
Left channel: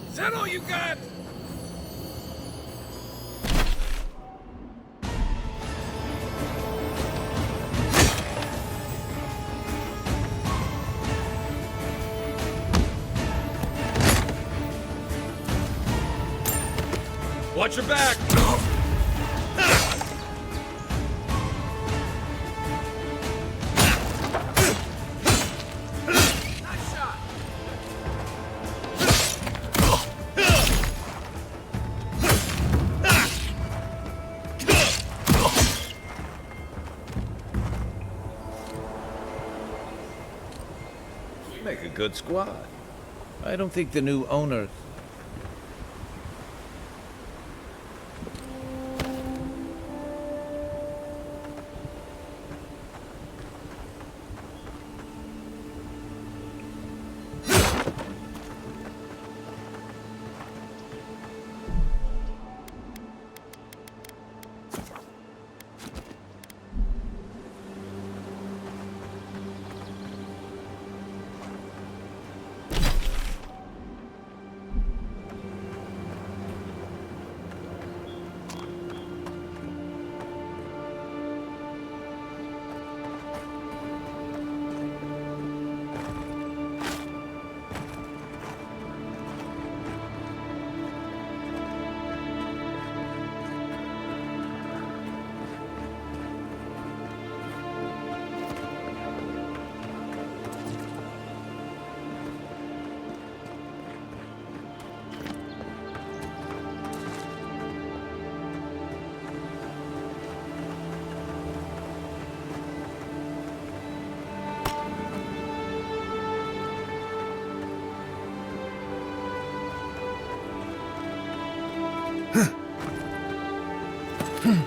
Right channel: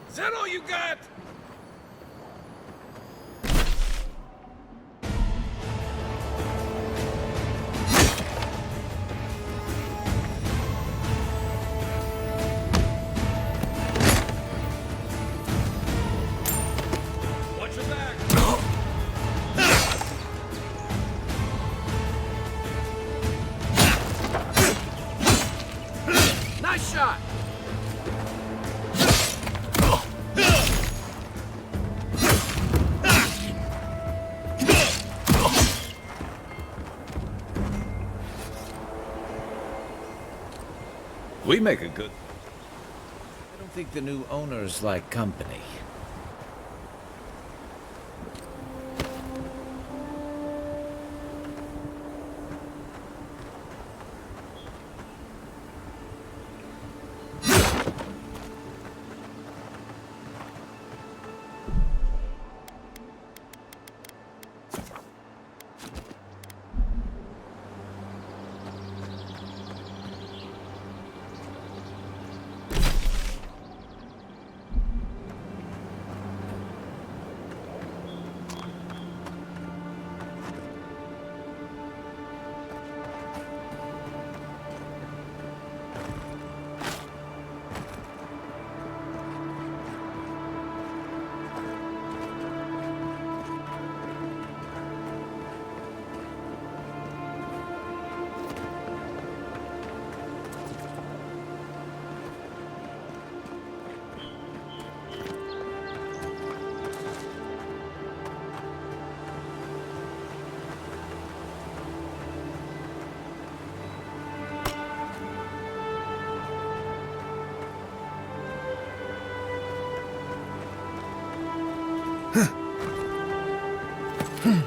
Is that all you got? Watch your back! Nice shot! We make a good squad. I don't think the new owners like company. What's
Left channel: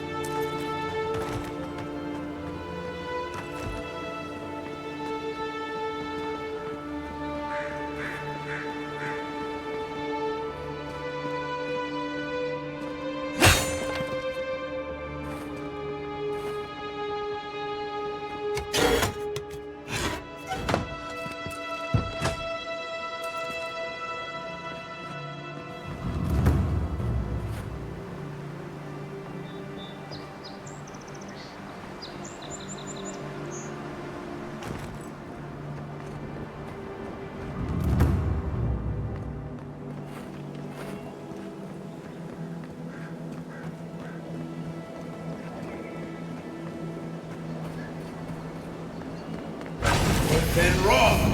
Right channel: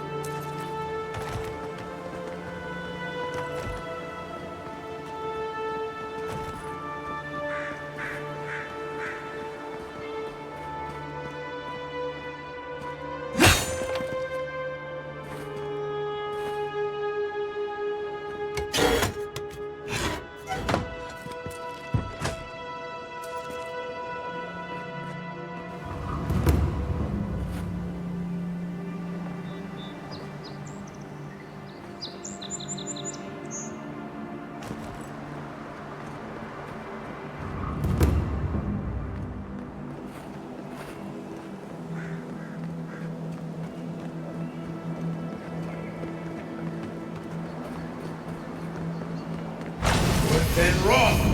been wrong?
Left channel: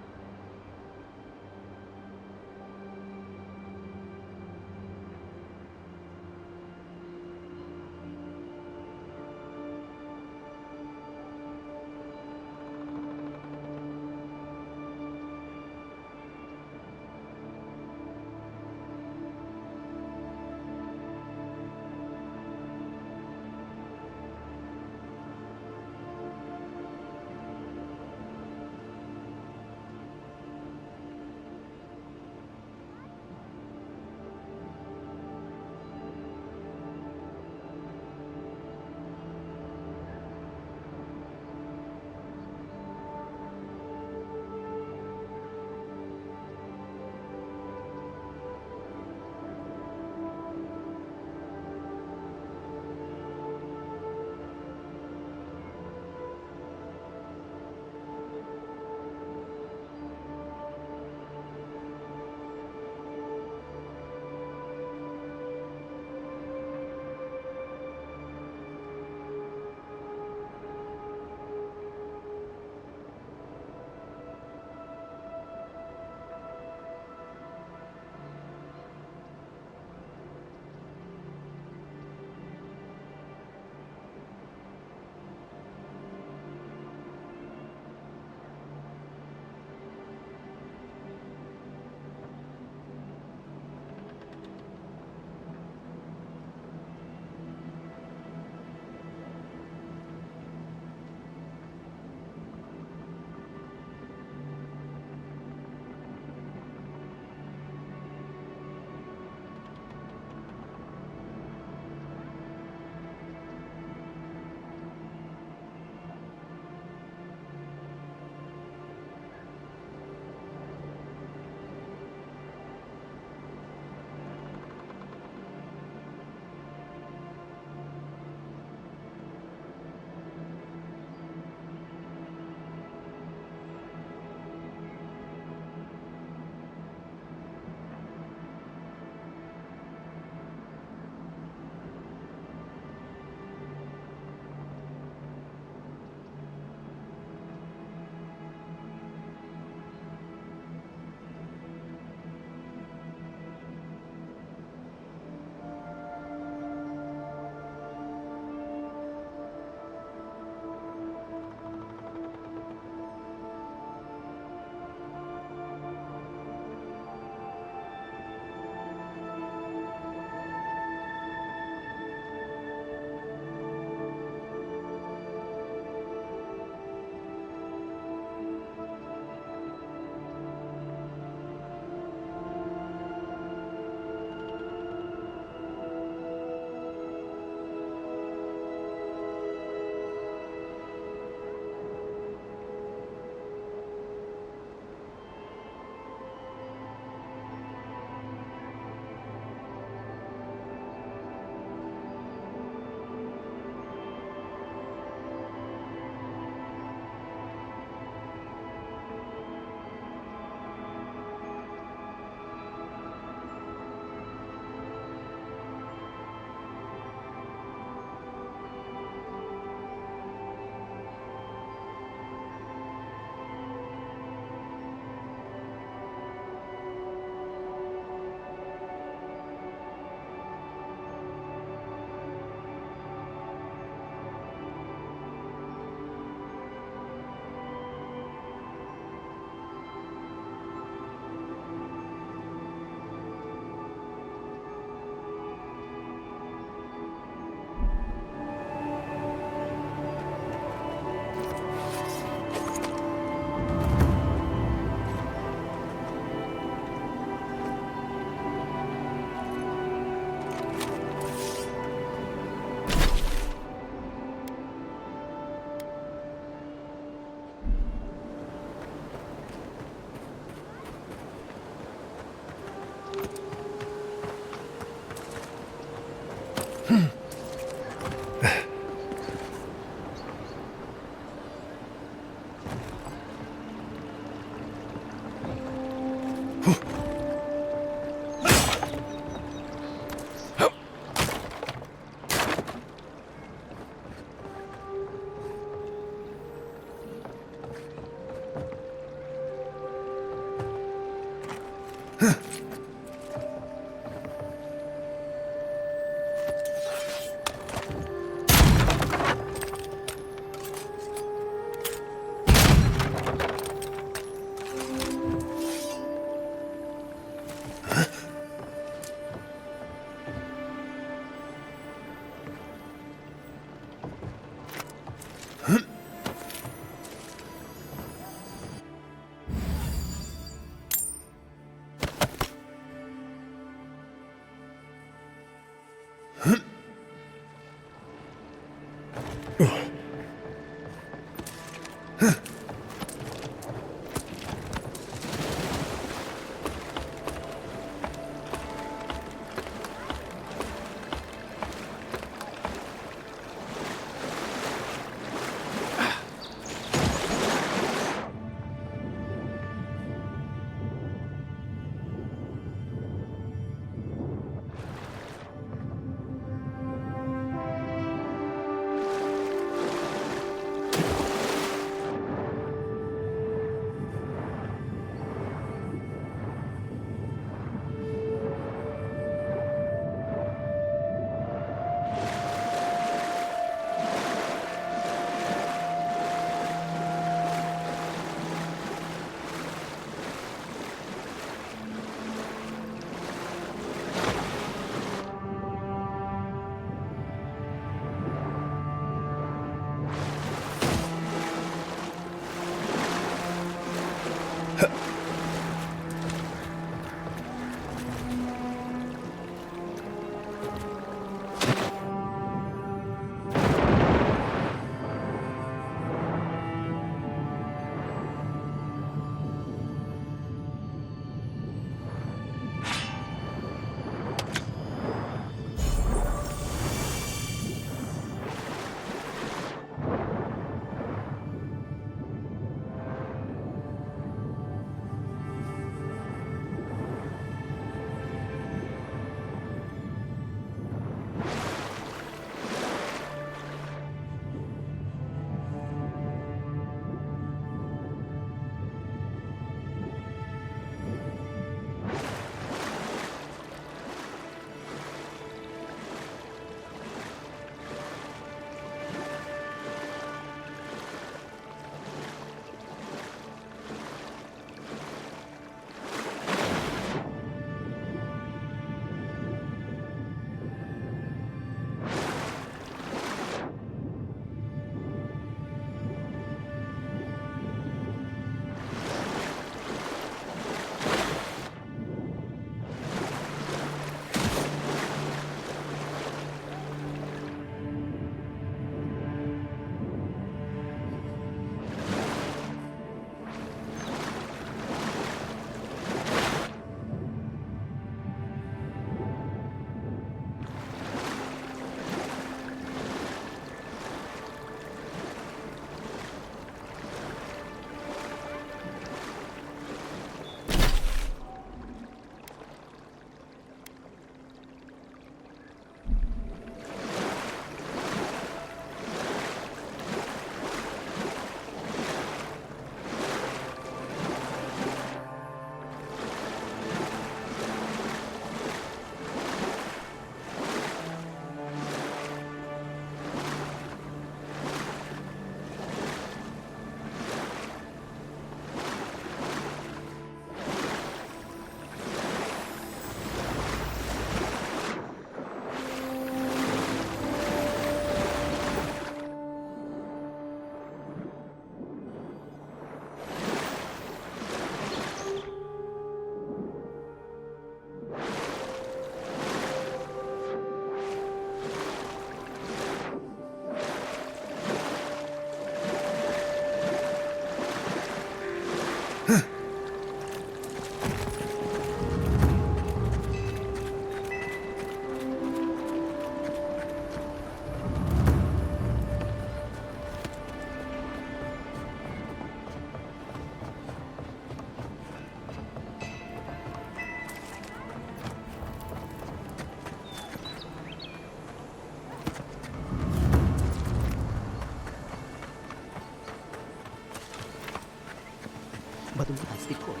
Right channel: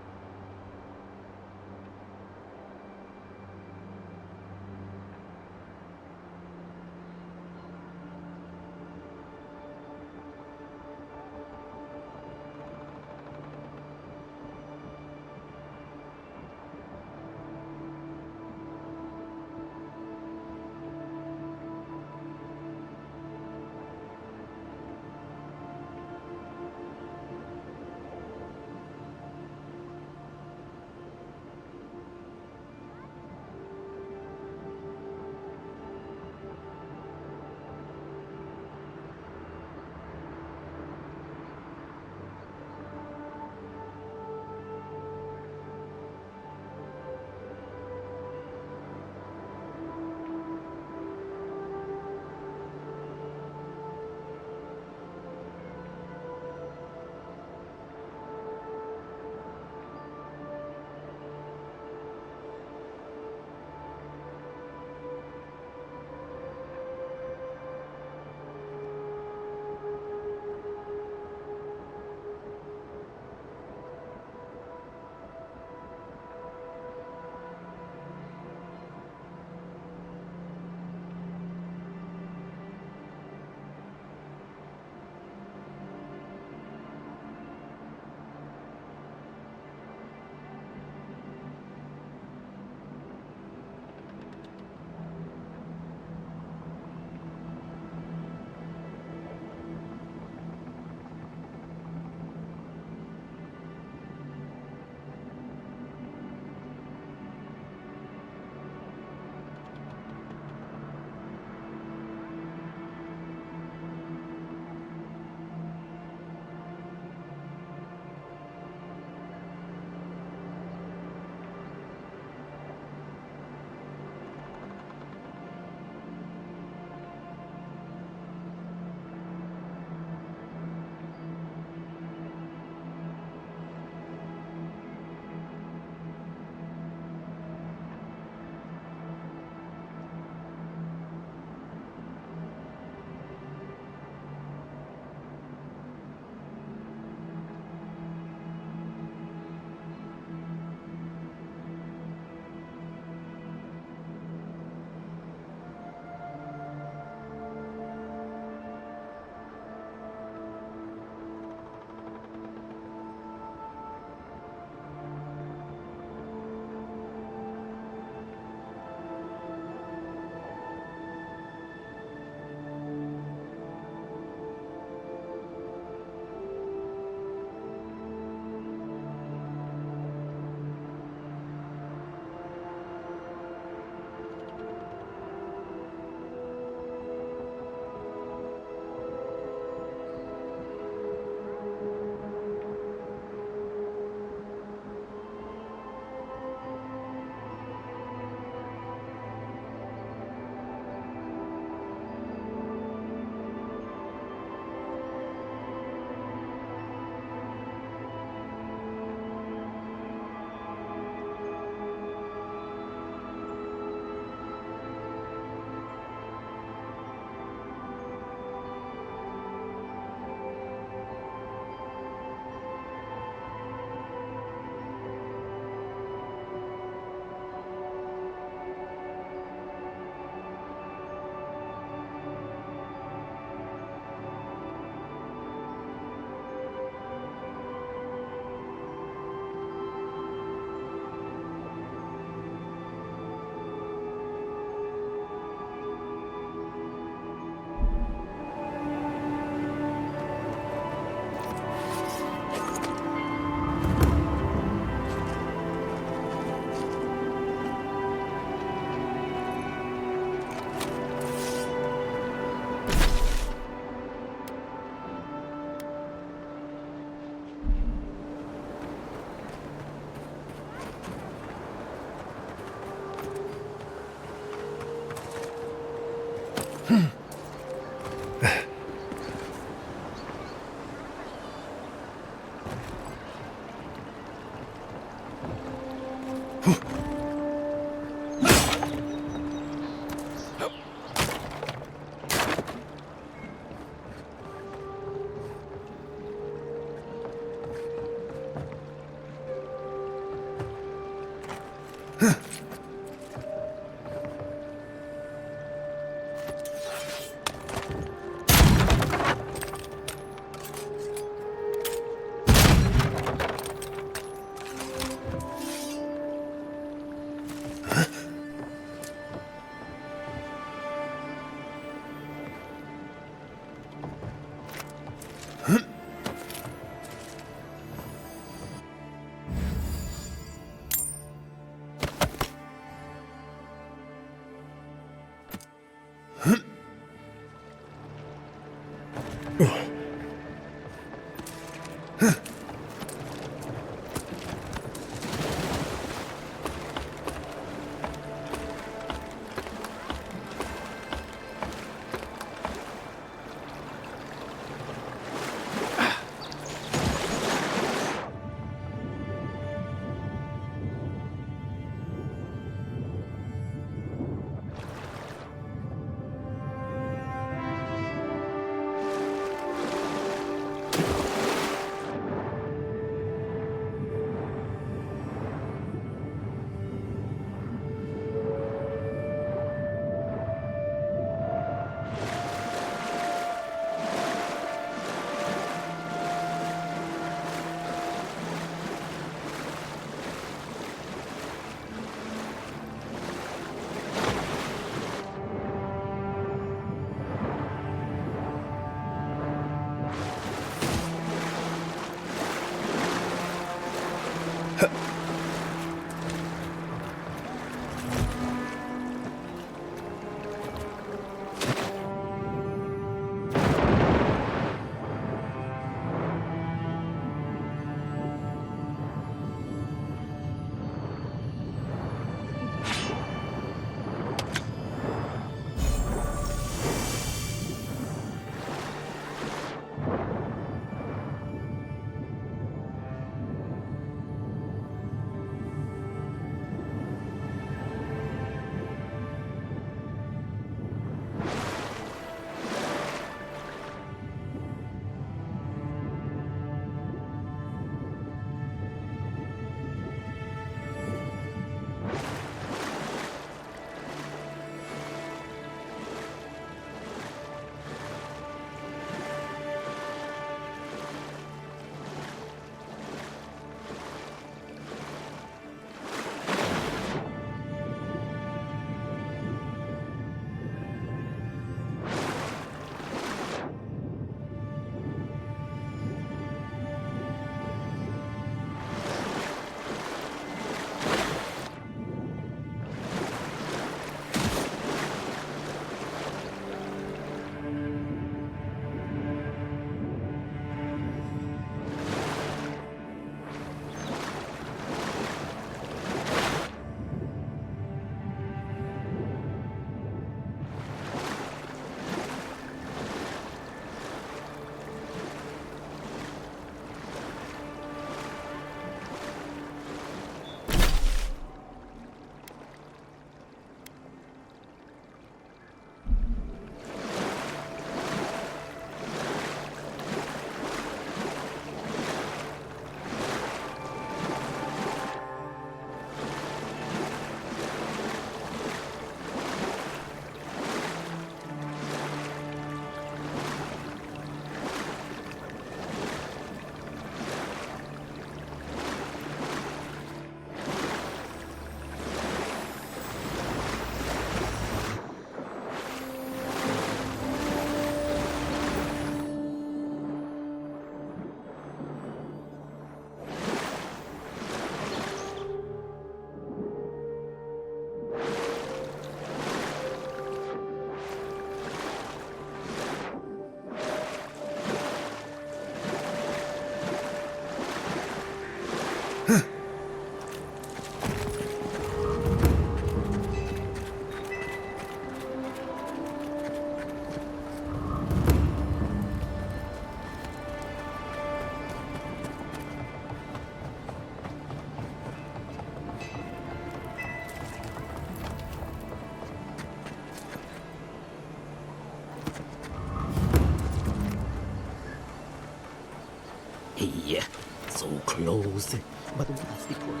souls. But what's the point?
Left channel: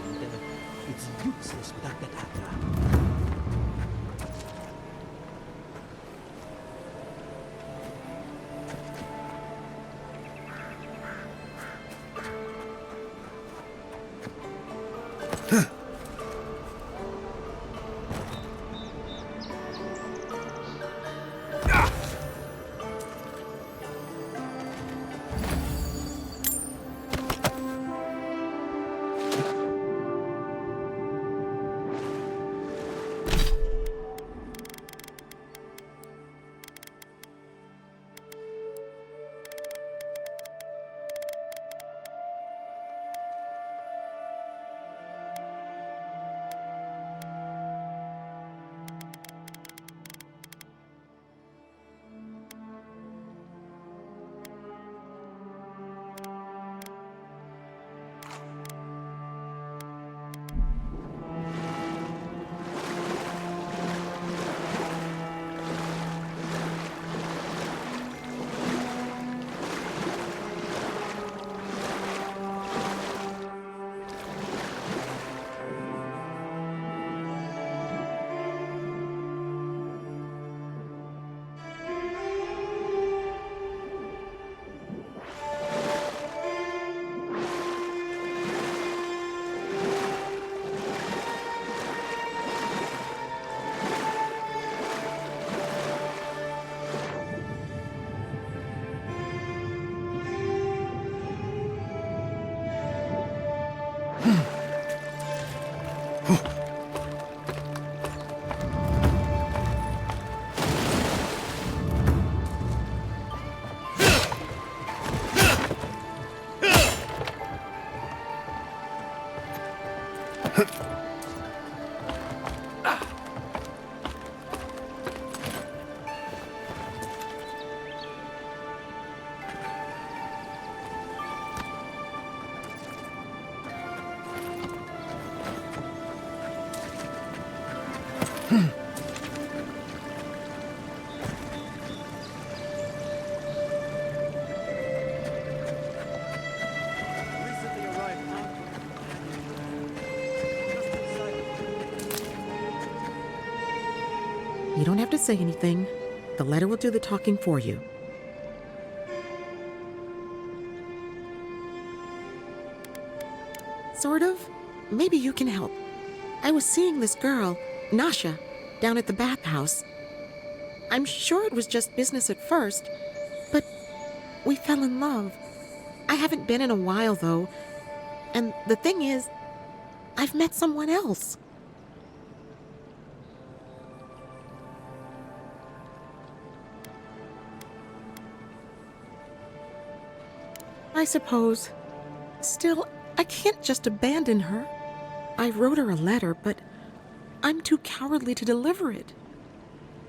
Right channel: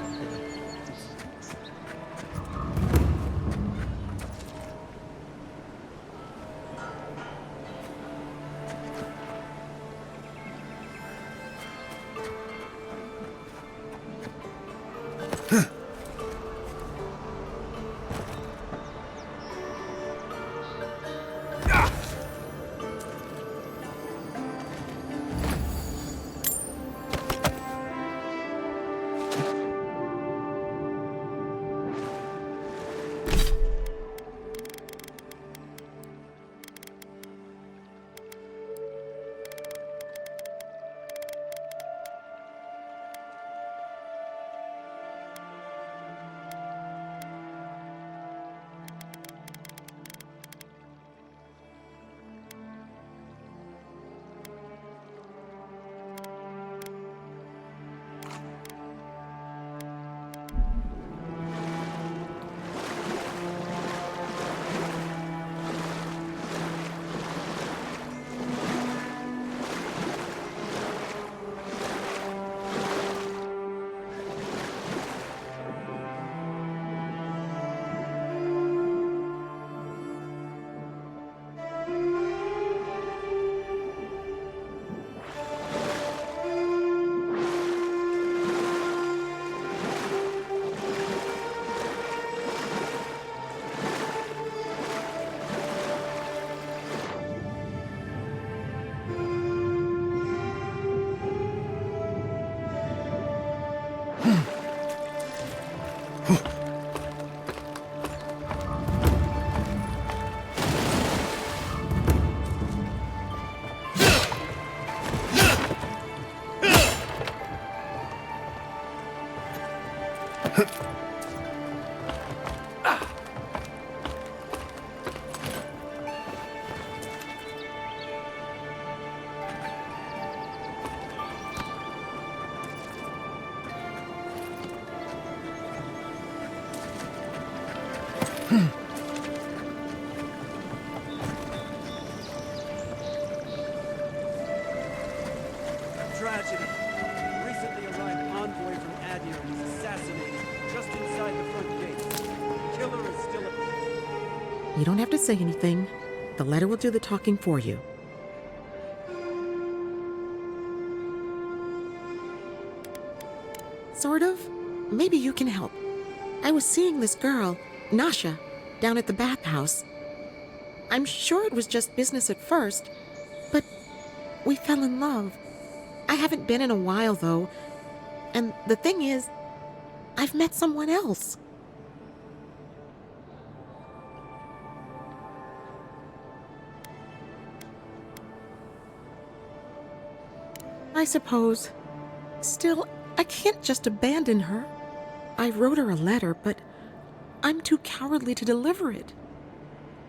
It's useless without that. Tragedy. Recently arrived envoy from Adium was assassinated just inside the front gate. Killer is still. You don't have to say anything. The letter will do the talking for you. Sort of. Maybe you can help. I was seeing this girl, Nasha, down at the bathhouse. I'm sure it was just business at first, but we fell in love. I haven't been in a while, though. And the thing is, I've met someone else. I suppose. Still, I can't just abandon her. I wrote her a letter, but I'm too cowardly to deliver it.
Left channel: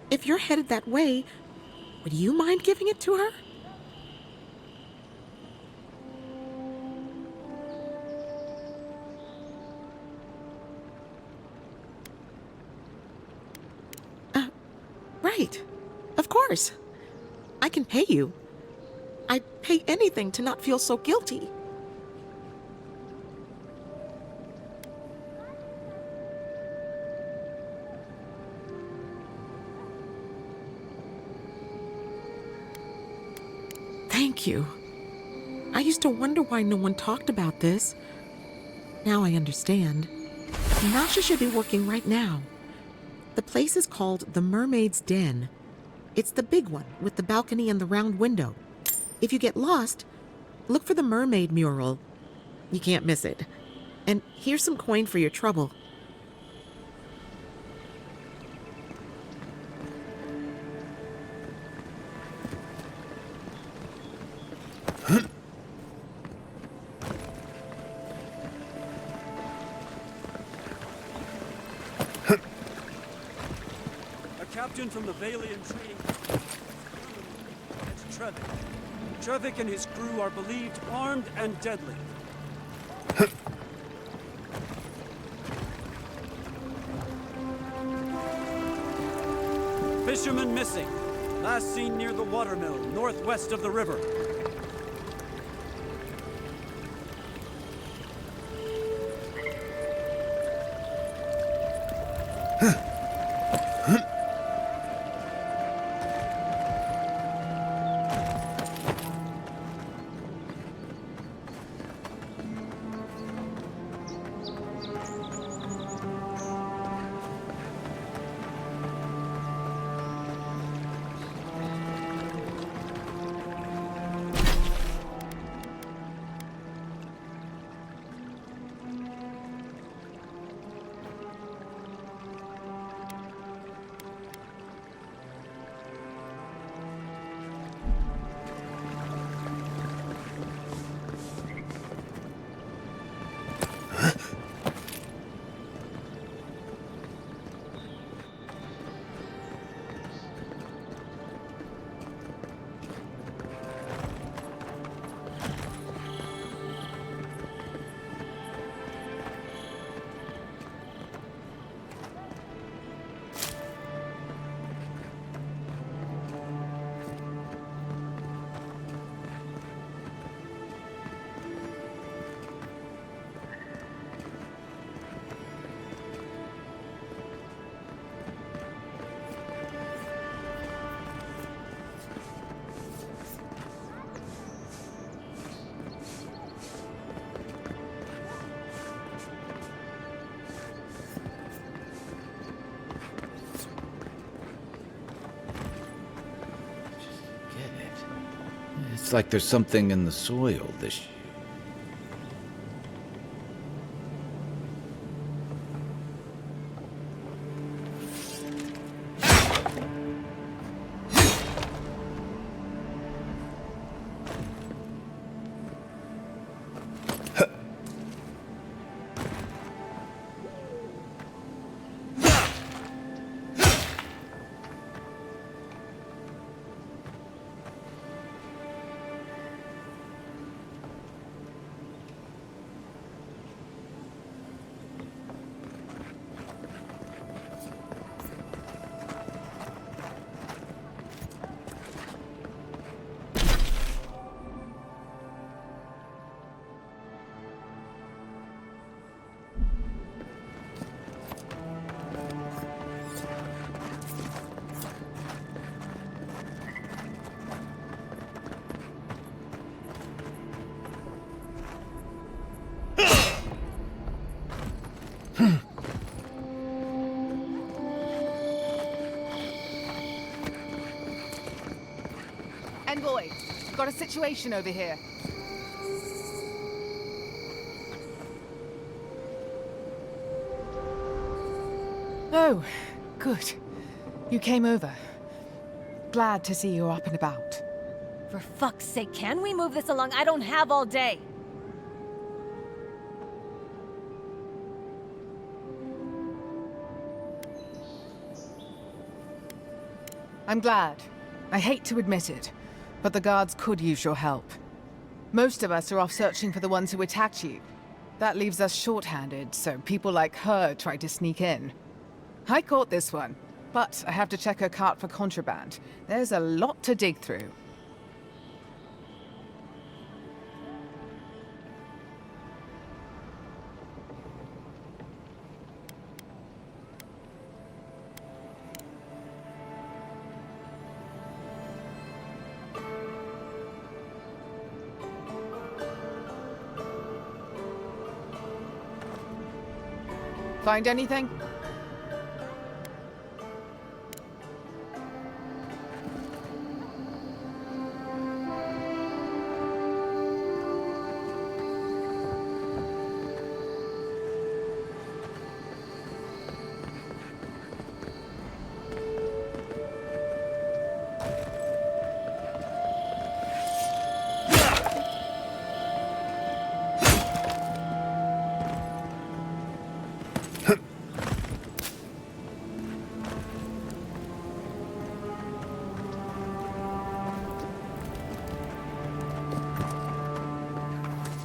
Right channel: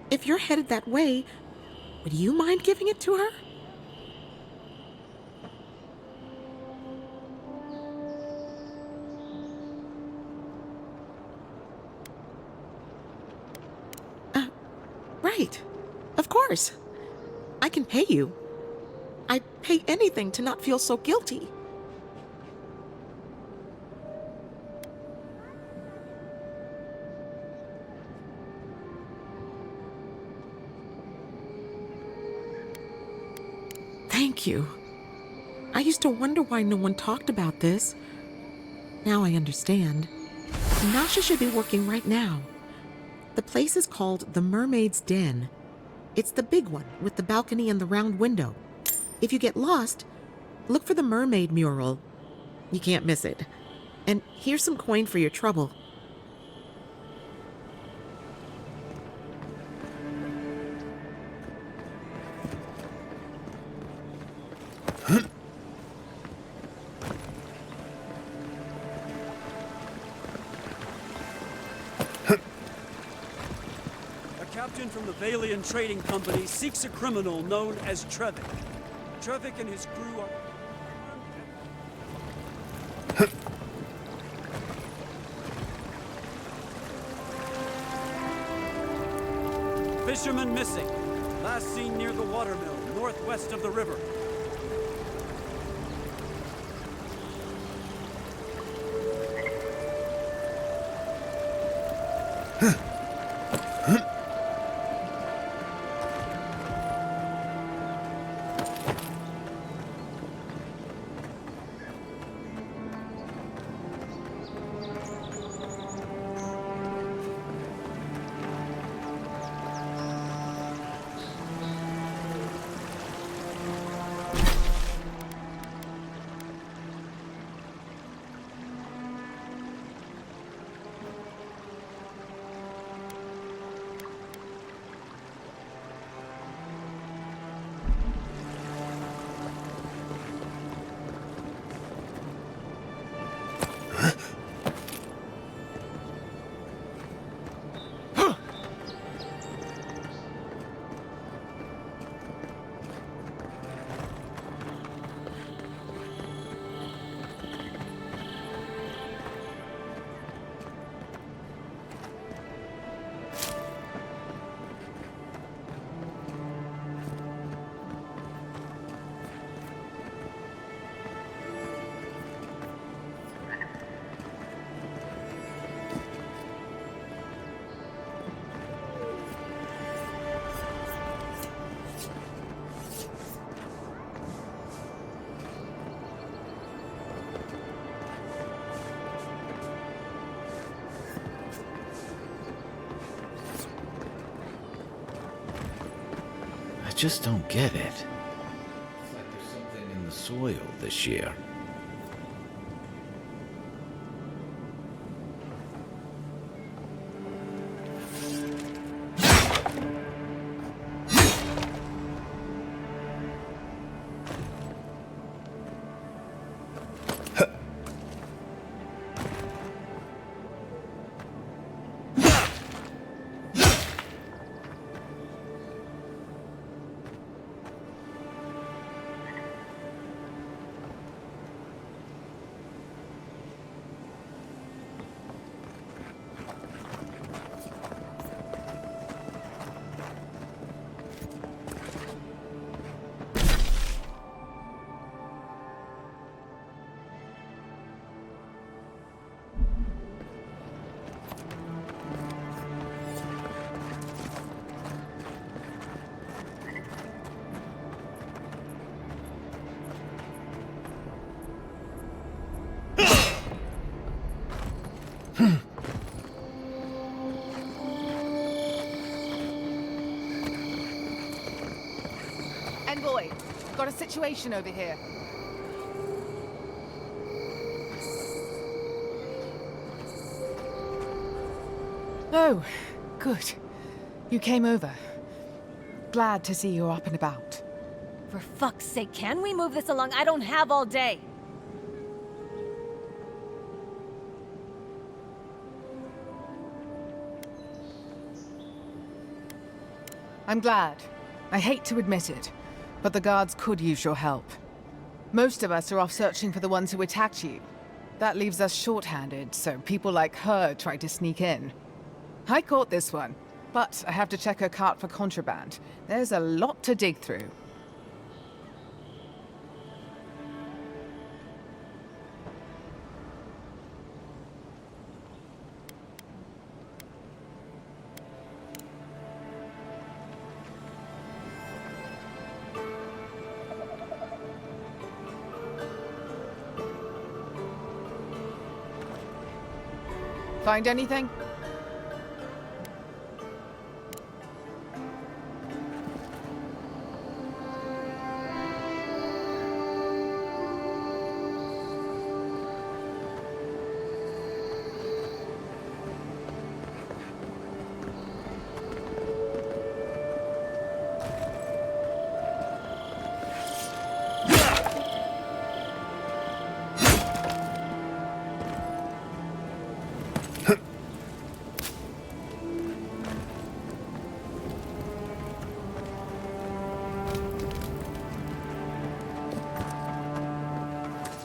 If you're headed that way, would you mind giving it to her? Right. Of course. I can pay you. I'd pay anything to not feel so guilty. Thank you. I used to wonder why no one talked about this. Now I understand. Nasha should be working right now. The place is called the Mermaid's Den. It's the big one with the balcony and the round window. If you get lost, look for the mermaid mural. You can't miss it. And here's some coin for your trouble. Captain from the Valian Trading Company seeks a criminal known as Trevik. Trevik and his crew are believed armed and deadly. Fisherman missing. Last seen near the watermill, northwest of the river. just don't get it. It's like there's something in the soil this year. Envoy, got a situation over here. Oh, good. You came over. Glad to see you're up and about. For fuck's sake, can we move this along? I don't have all day. I'm glad. I hate to admit it, but the guards could use your help. Most of us are off searching for the ones who attacked you. That leaves us short-handed, so people like her try to sneak in. I caught this one, but I have to check her cart for contraband. There's a lot to dig through. Find anything?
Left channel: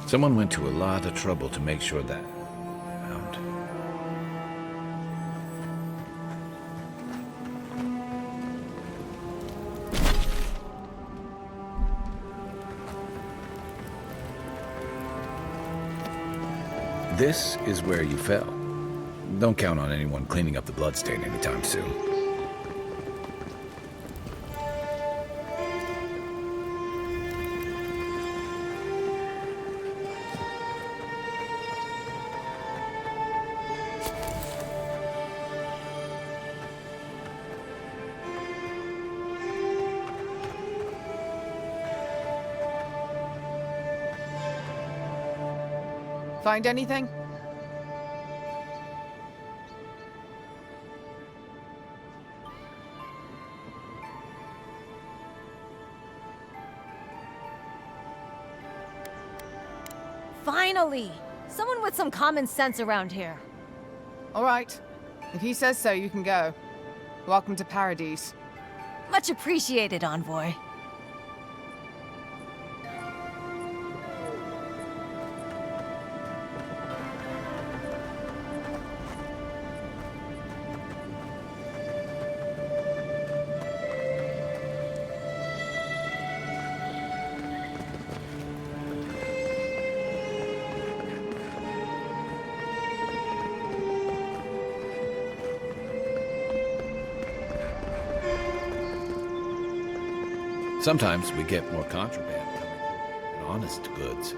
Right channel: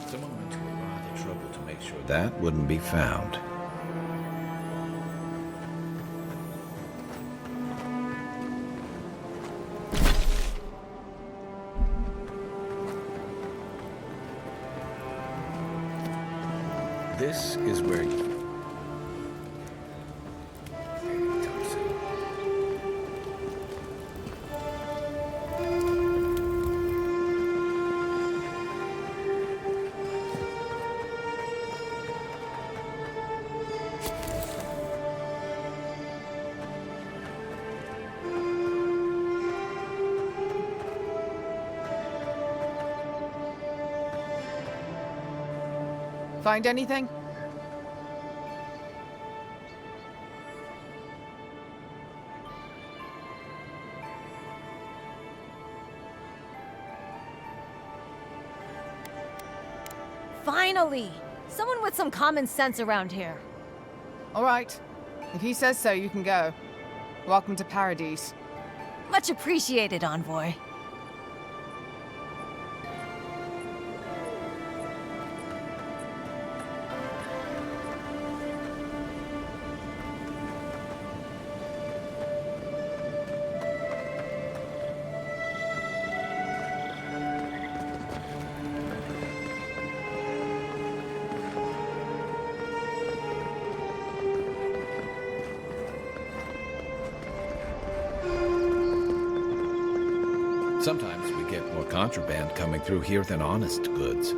Someone went to a lot of trouble to make sure that wouldn't be found. This is where you fell. Don't count on anyone cleaning up the bloodstain anytime soon. Find anything? Finally! Someone with some common sense around here. All right. If he says so, you can go. Welcome to Paradise. Much appreciated, Envoy. Sometimes we get more contraband coming through here than honest goods.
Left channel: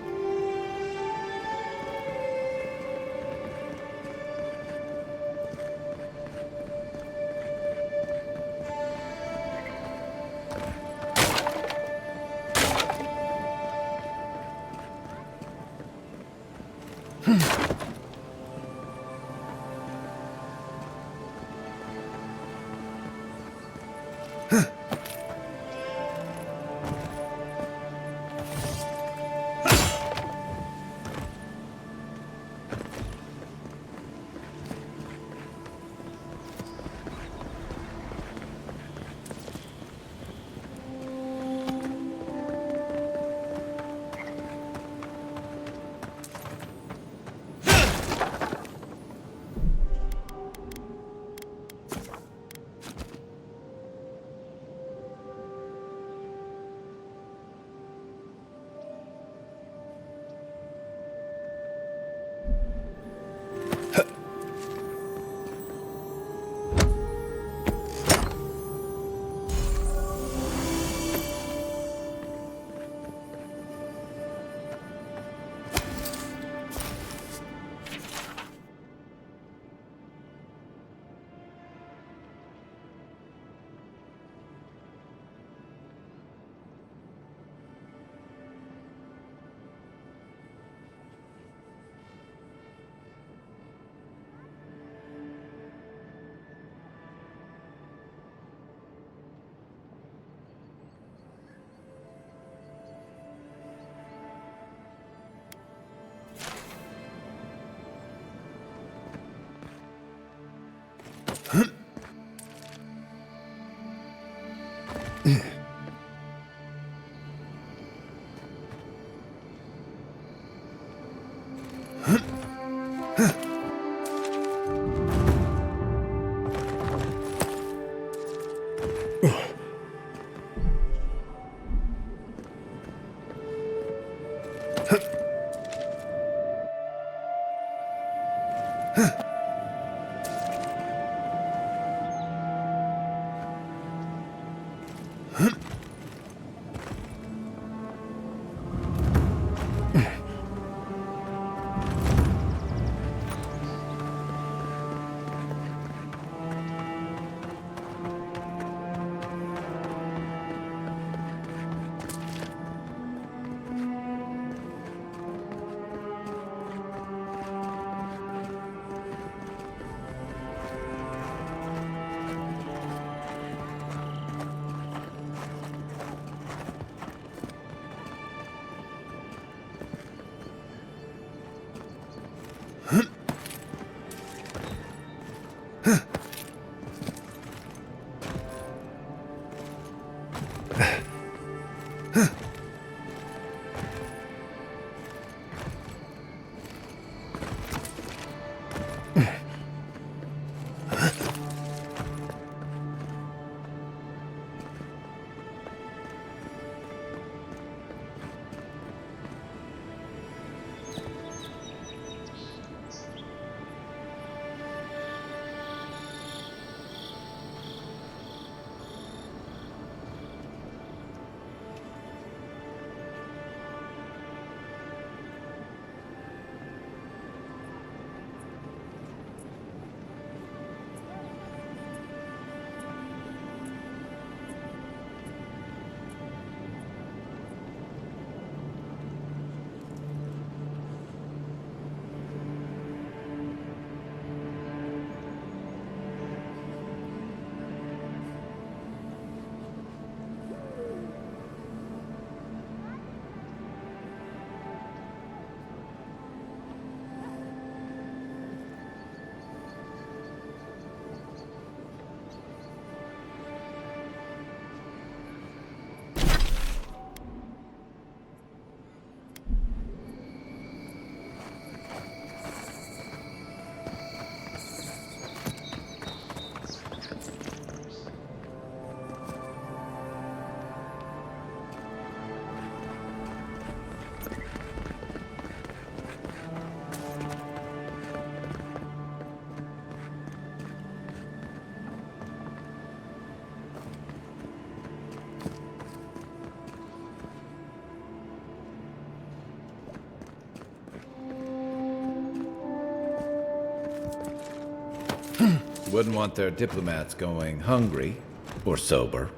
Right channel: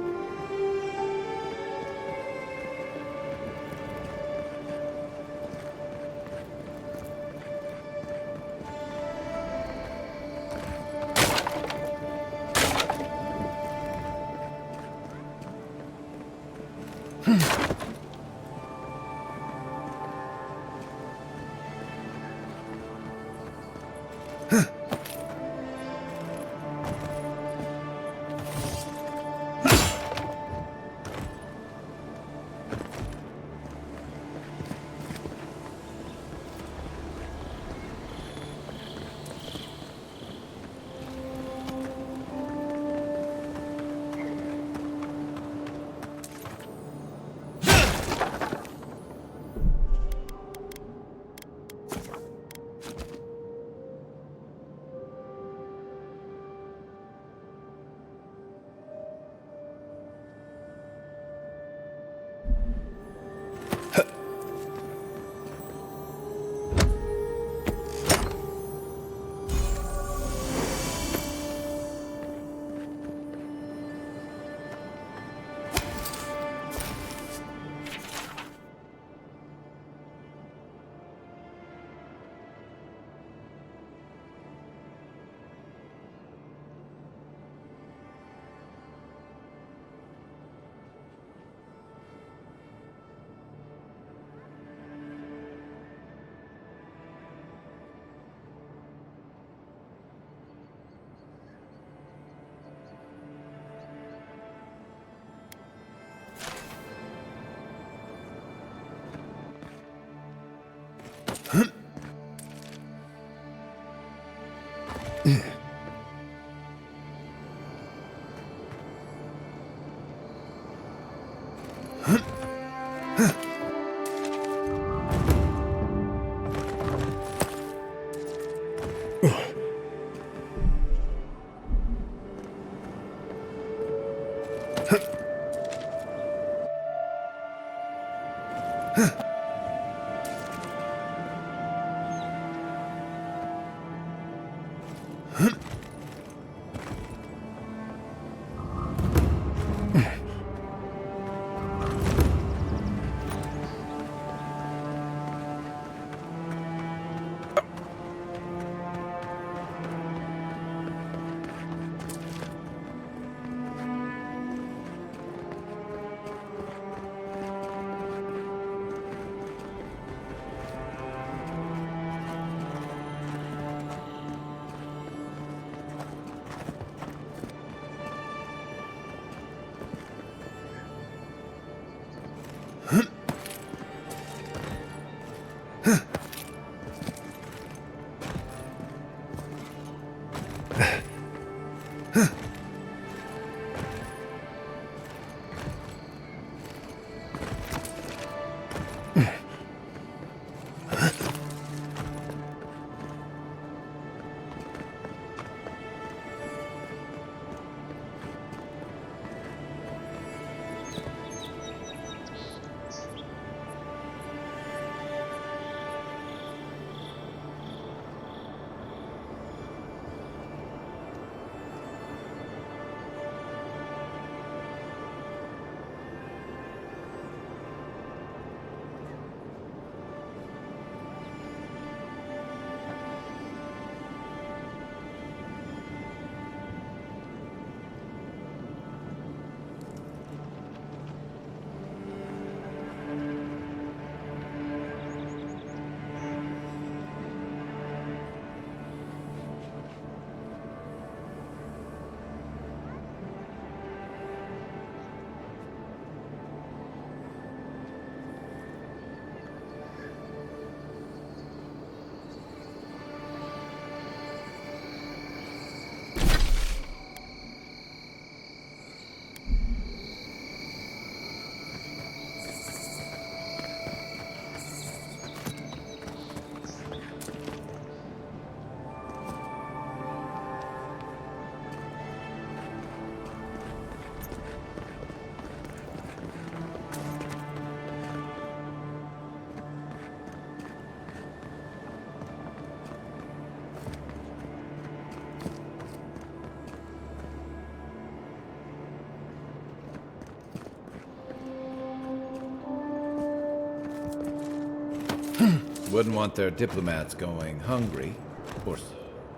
Wouldn't want their diplomats going hungry or sober.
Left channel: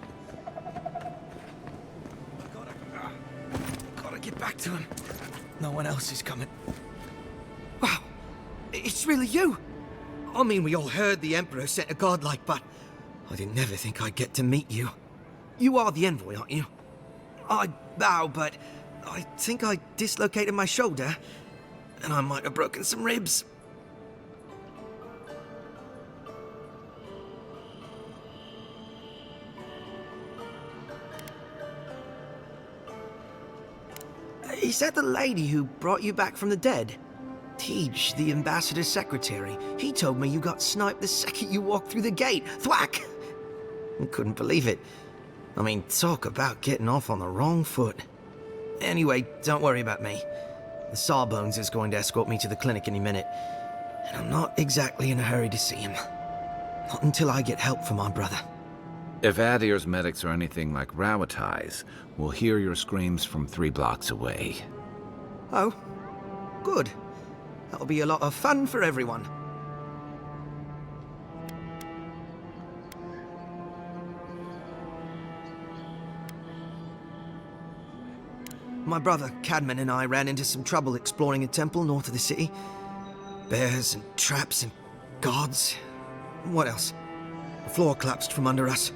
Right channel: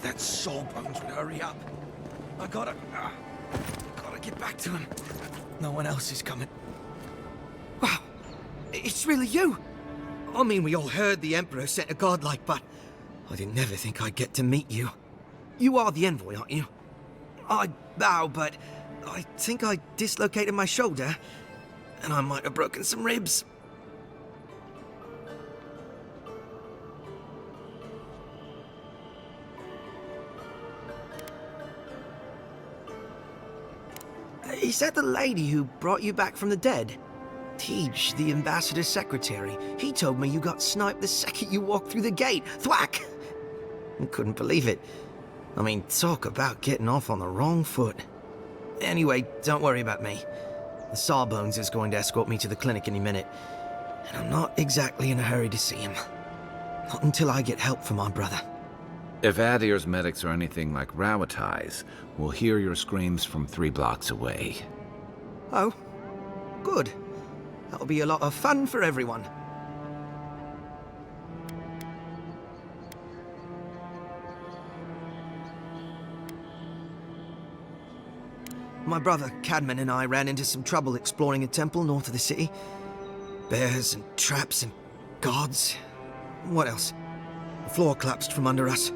wish that Sawbones would hurry up. I gotta get back to him. No one else is coming. Wow, it's really you. I mean, we all heard the Emperor sent a godlike, but I didn't never think I'd get to meet you. You are the envoy, aren't you? I bow, but I think I dislocated my shoulder, and I might have broken some ribs. Is that the lady who brought you back from the dead? Tej, the ambassador's secretary. He told me you got sniped the second you walked through the gate. Thwack! I couldn't believe it. I mean, talk about getting off on the wrong foot. Anyway, don't worry about me. The Sawbones is going to escort me to the clinic any minute, and I'm not exactly in a hurry to see him. Not until I get help from my brother. If Adir's medics are anything like Rowatai's, we'll hear your screams from 3 blocks away. Oh, good. That'll be a lot of fun for everyone. My brother, Cadman, and I ran into some trouble exploring a temple north of the city. Bears and traps and guards. What else? The floor collapsed from under us.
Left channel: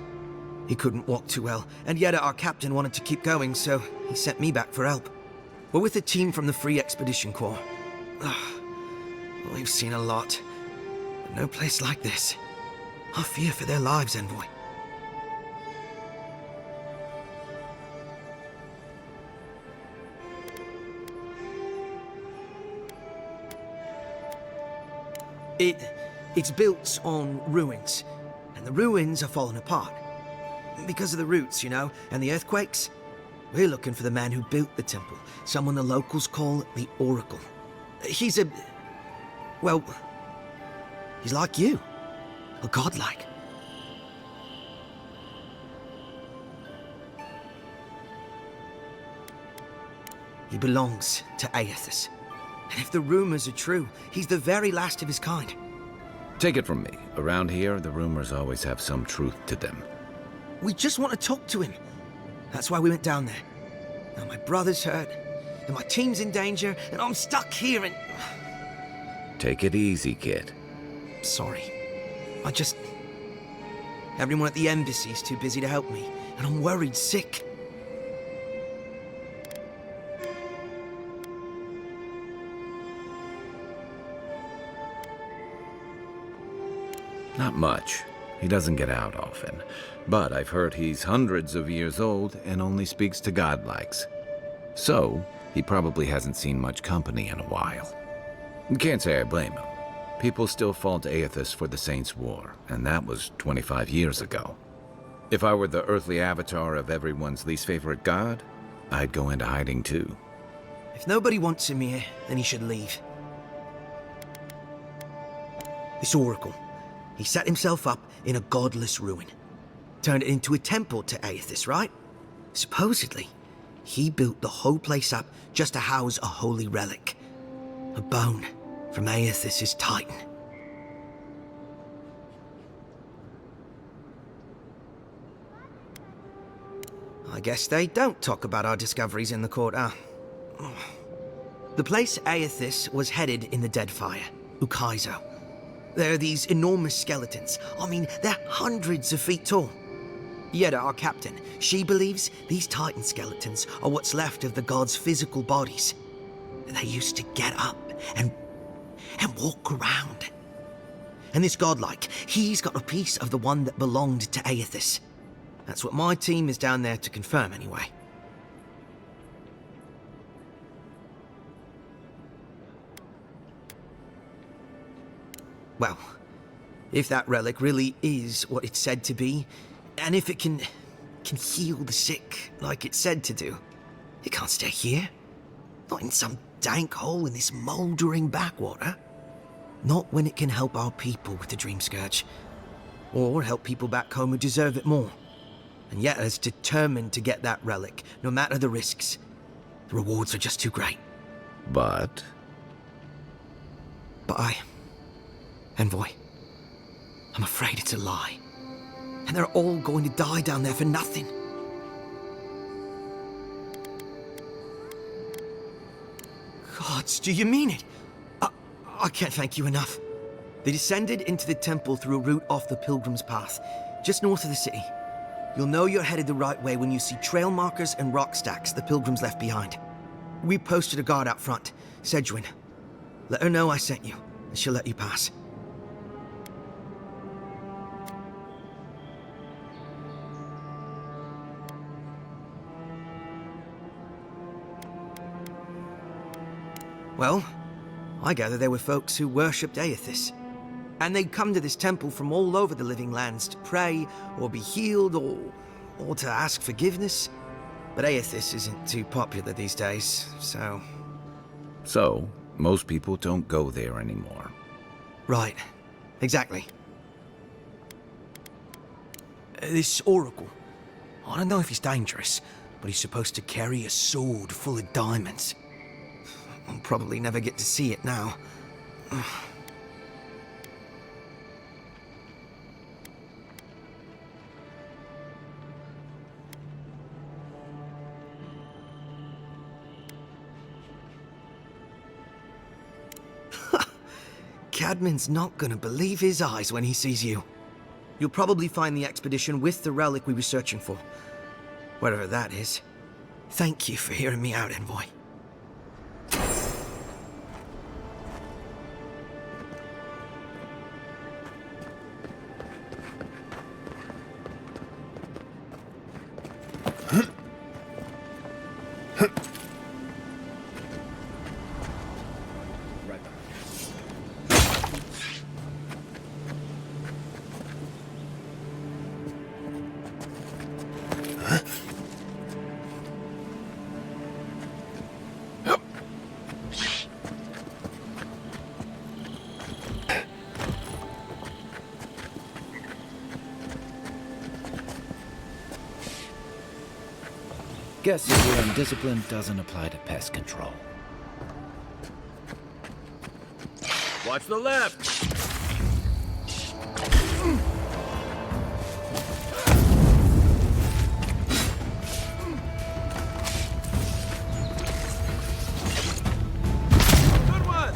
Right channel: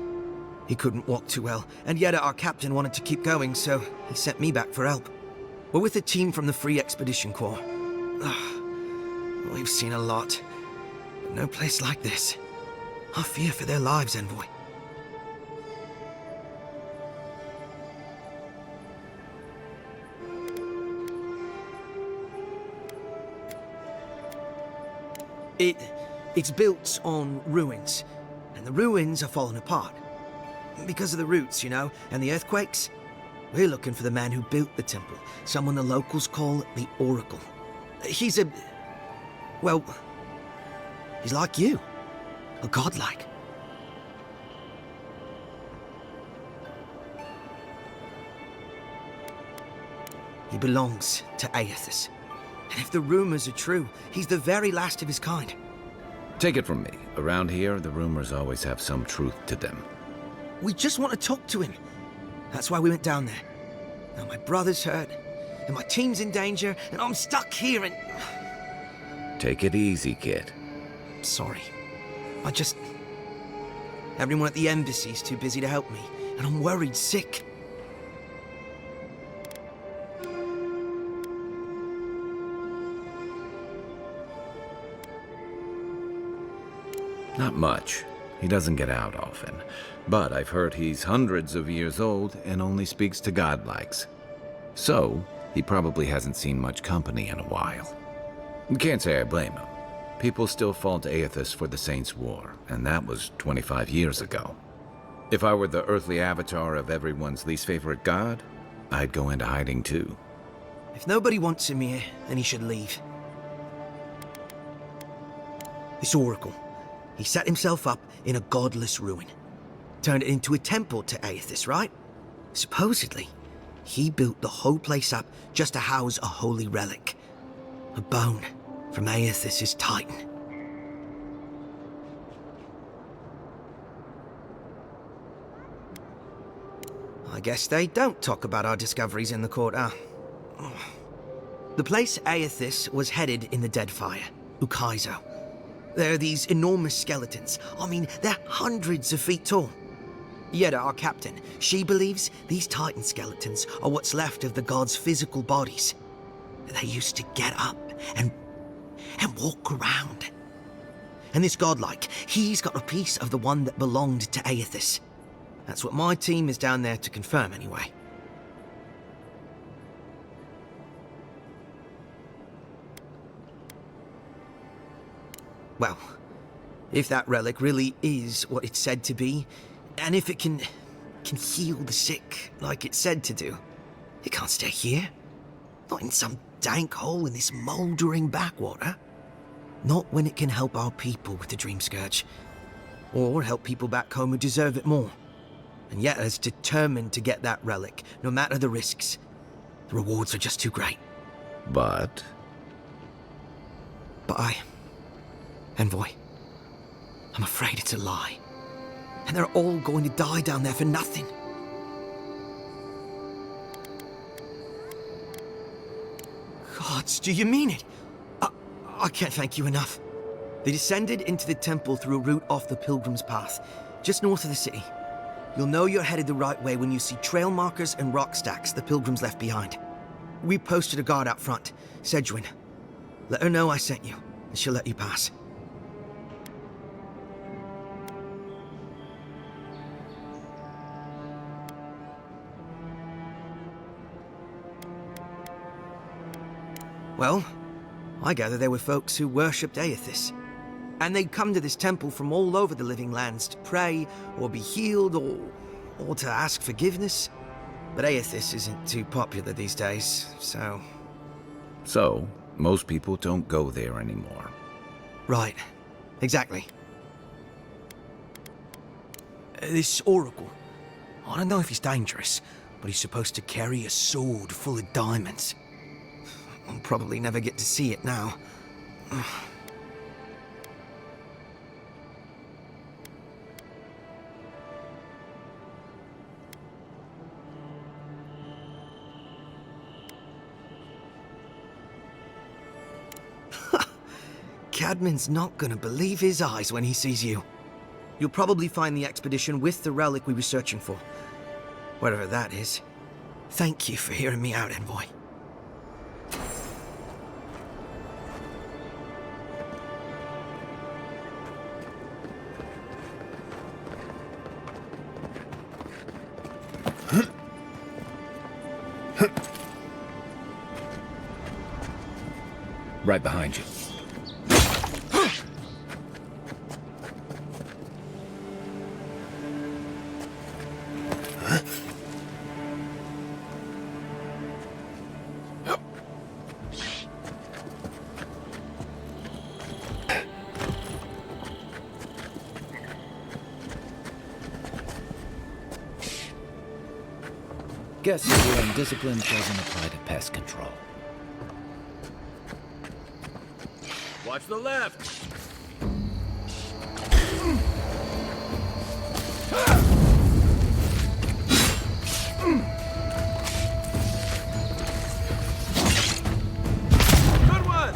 He couldn't walk too well, and yet our captain wanted to keep going, so he sent me back for help. We're with a team from the Free Expedition Corps. We've seen a lot, but no place like this. I fear for their lives, Envoy. It's built on ruins, and the ruins are falling apart. Because of the roots, you know, and the earthquakes. We're looking for the man who built the temple, someone the locals call the Oracle. He's well, he's like you, a godlike. He belongs to Aethys. And if the rumors are true, he's the very last of his kind. Take it from me. Around here, the rumors always have some truth to them. We just want to talk to him. That's why we went down there. Now my brother's hurt, and my team's in danger, and I'm stuck here and... Take it easy, kid. Sorry. Everyone at the embassy's too busy to help me, and I'm worried sick. Not much. He doesn't get out often. But I've heard he's hundreds of years old and only speaks to godlikes. So, he probably hasn't seen much company in a while. Can't say I blame him. People still fault Aethys for the Saints' War, and that was 25 years ago. If I were the earthly avatar of everyone's least favorite god, I'd go into hiding too. If nobody wants him here, then he should leave. This Oracle, he set himself up in a godless ruin. Turned it into a temple to Aethys, right? Supposedly, he built the whole place up just to house a holy relic. A bone from Aethys' titan. I guess they don't talk about our discoveries in the court, huh? The place Aethys was headed in the Deadfire, Ukaizo. There are these enormous skeletons. I mean, they're hundreds of feet tall. Yeda, our captain, she believes these titan skeletons are what's left of the gods' physical bodies. They used to get up and walk around. And this godlike, he's got a piece of the one that belonged to Aethys. That's what my team is down there to confirm, anyway. Well, if that relic really is what it's said to be, and if it can heal the sick like it's said to do, it can't stay here. Not in some dank hole in this mouldering backwater. Not when it can help our people with the Dream Scourge. Or help people back home who deserve it more. And yet is determined to get that relic, no matter the risks. The rewards are just too great. But Envoy, I'm afraid it's a lie. And they're all going to die down there for nothing. Gods, do you mean it? I can't thank you enough. They descended into the temple through a route off the Pilgrim's Path, just north of the city. You'll know you're headed the right way when you see trail markers and rock stacks the Pilgrims left behind. We posted a guard out front, Sedgwin. Let her know I sent you, and she'll let you pass. Well, I gather there were folks who worshipped Aethys. And they'd come to this temple from all over the living lands to pray, or be healed, or to ask forgiveness. But Aethys isn't too popular these days, so... So, most people don't go there anymore. Right. Exactly. This oracle, I don't know if he's dangerous, but he's supposed to carry a sword full of diamonds. I'll probably never get to see it now. Cadman's not gonna believe his eyes when he sees you. You'll probably find the expedition with the relic we were searching for. Whatever that is. Thank you for hearing me out, Envoy. Right behind you. Guess your indiscipline doesn't apply to pest control. Watch the left! Good one!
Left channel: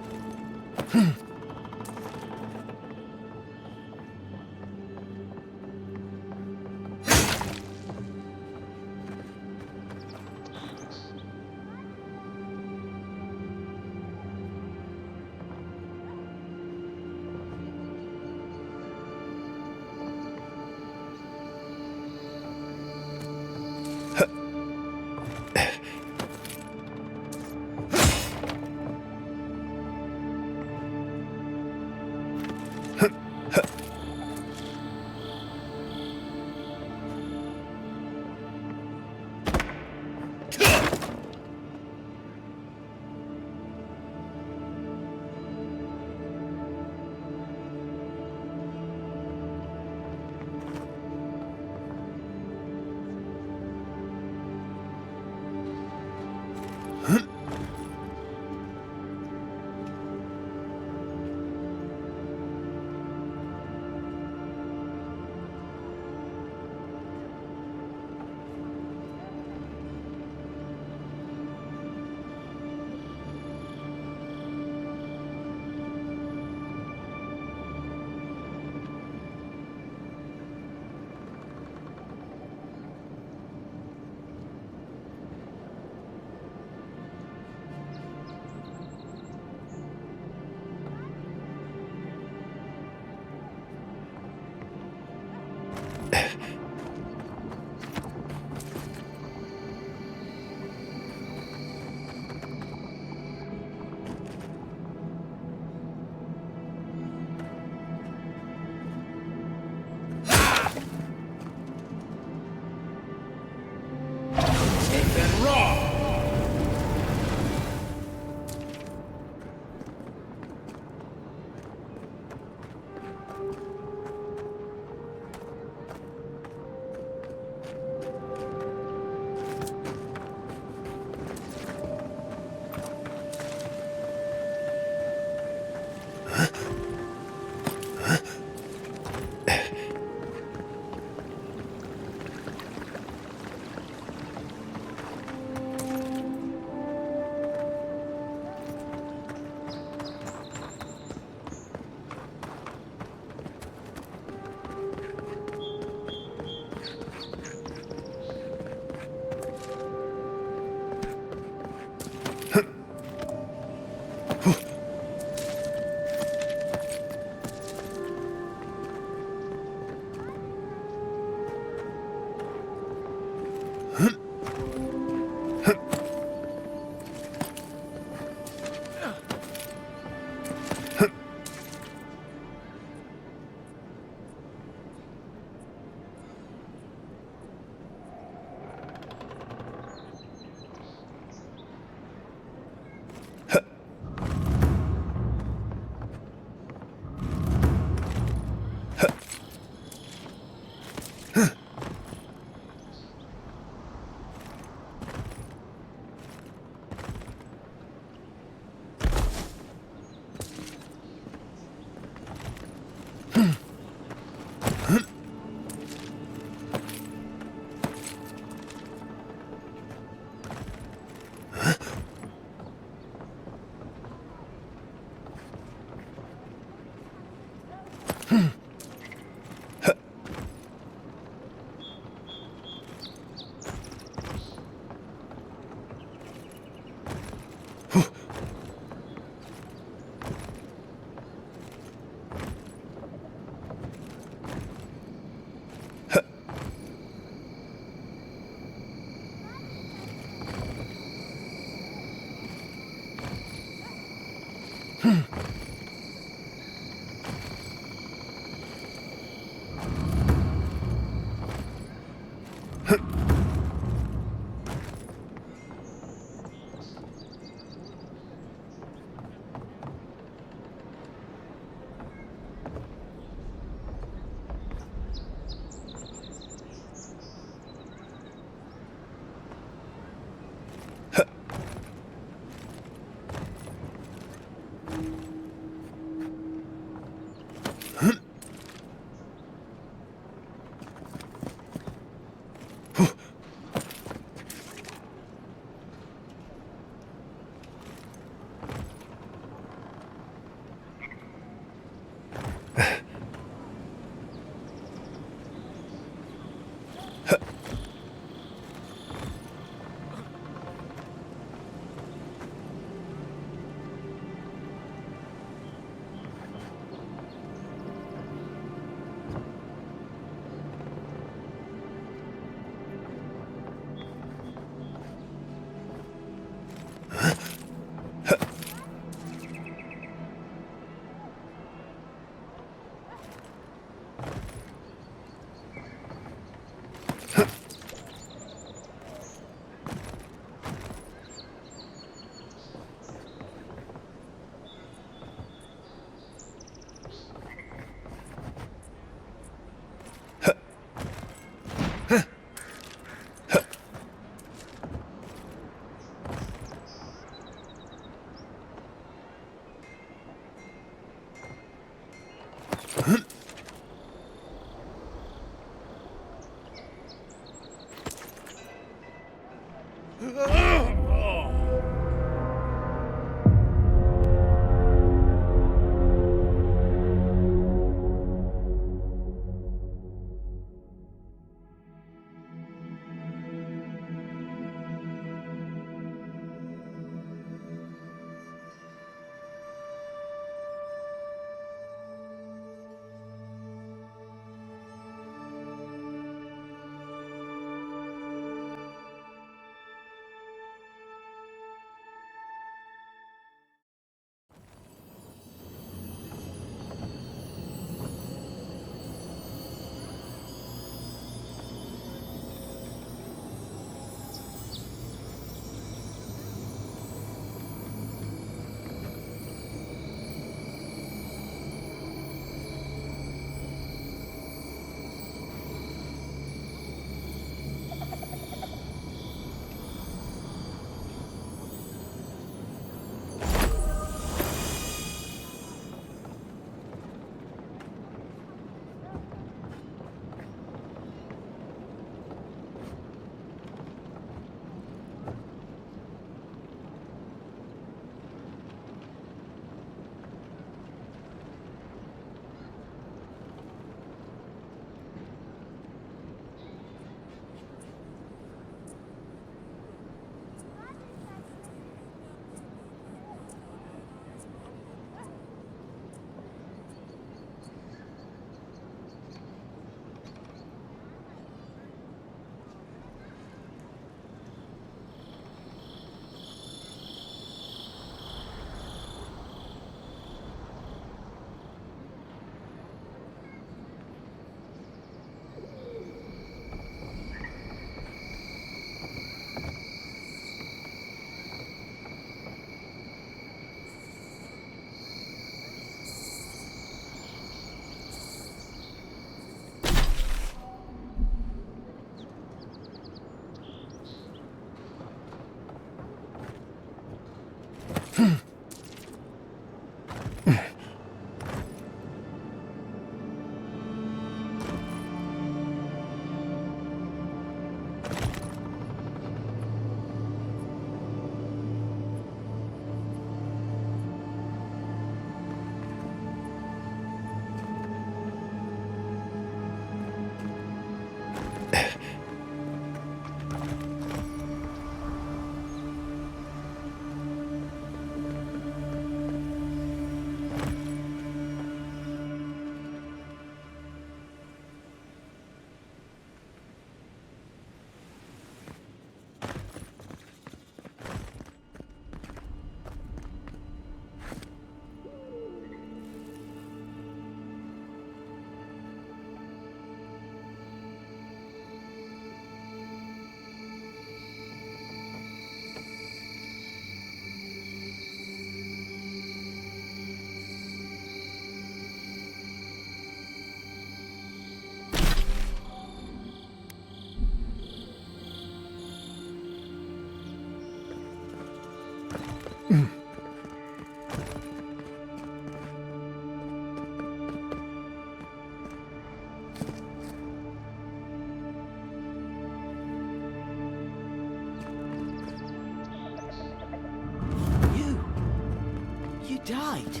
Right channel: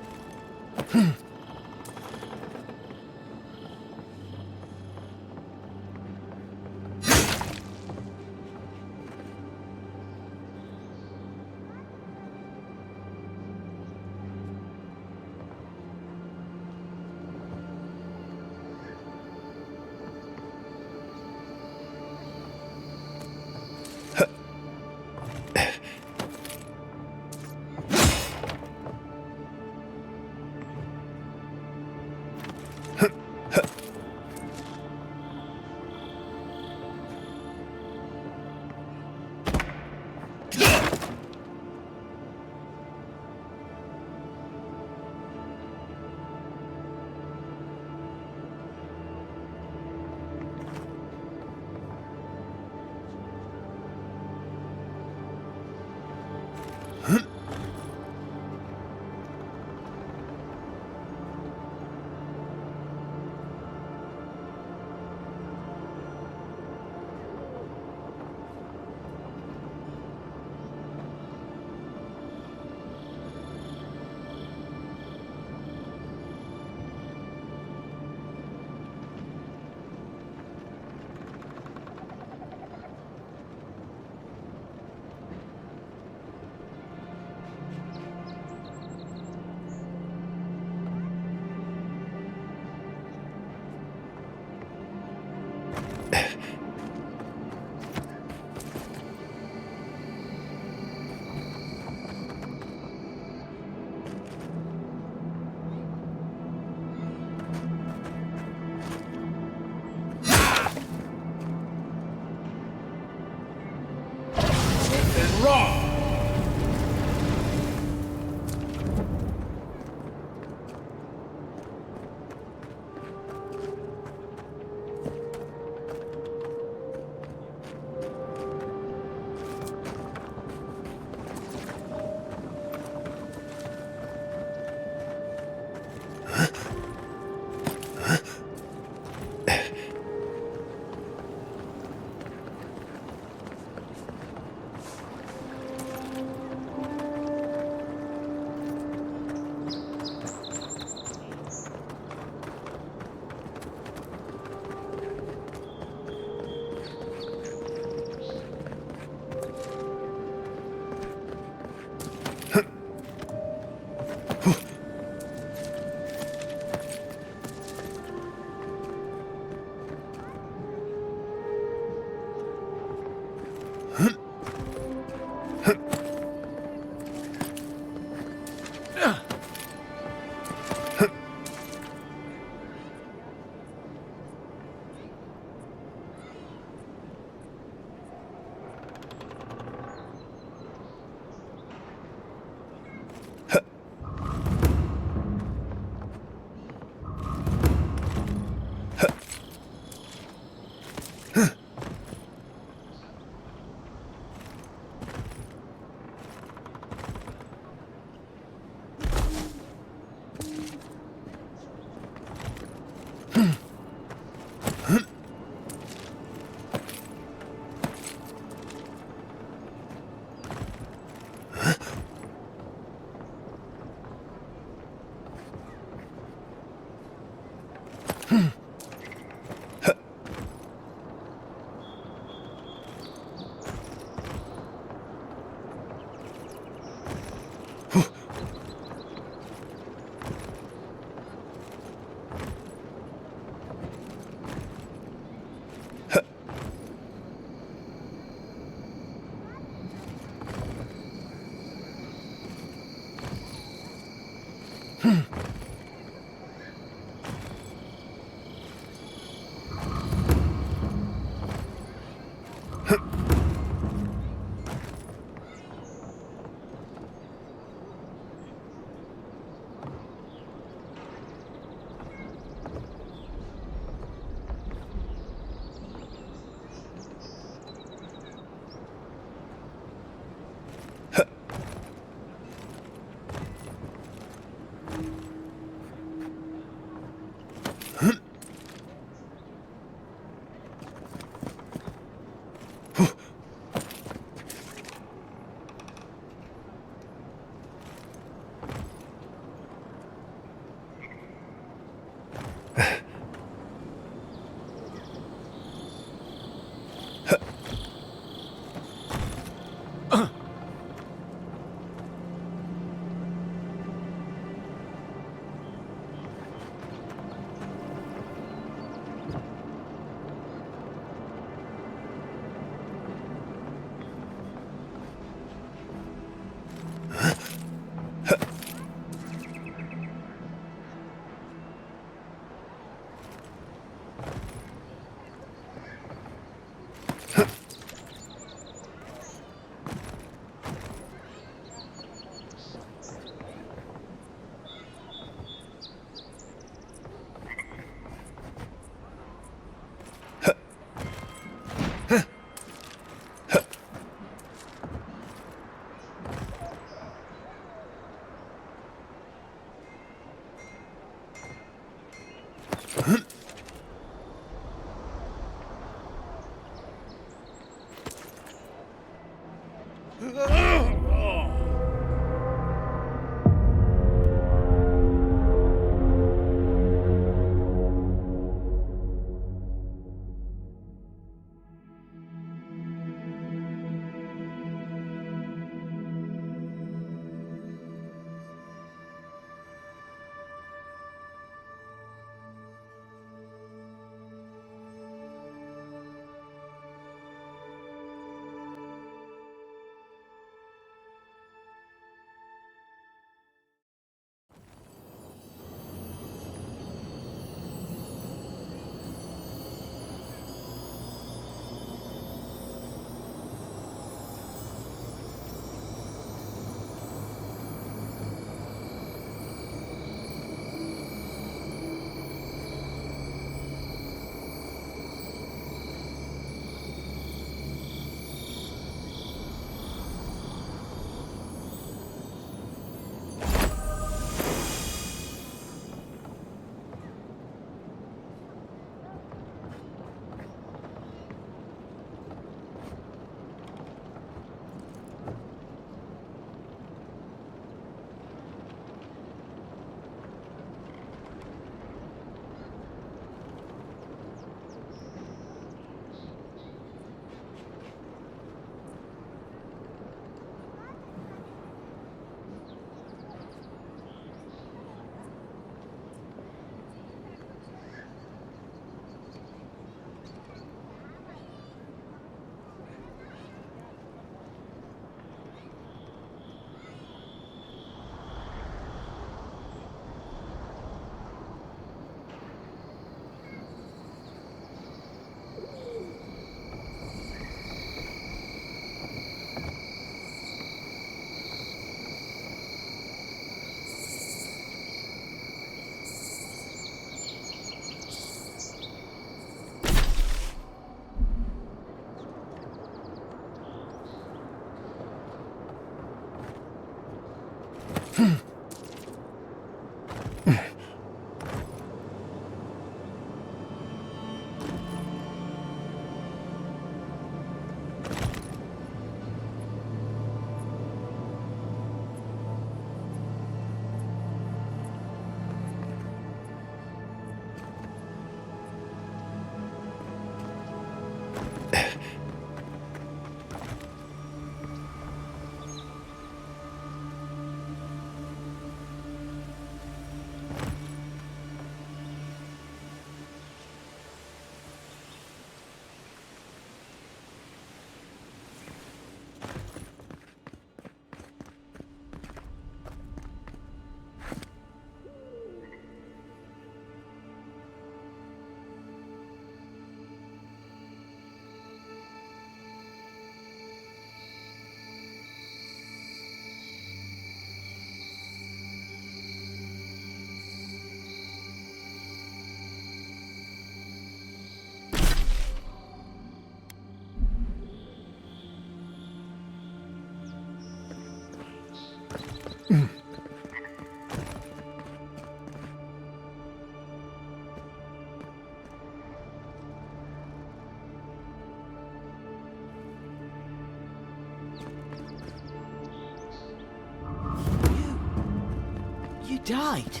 You died.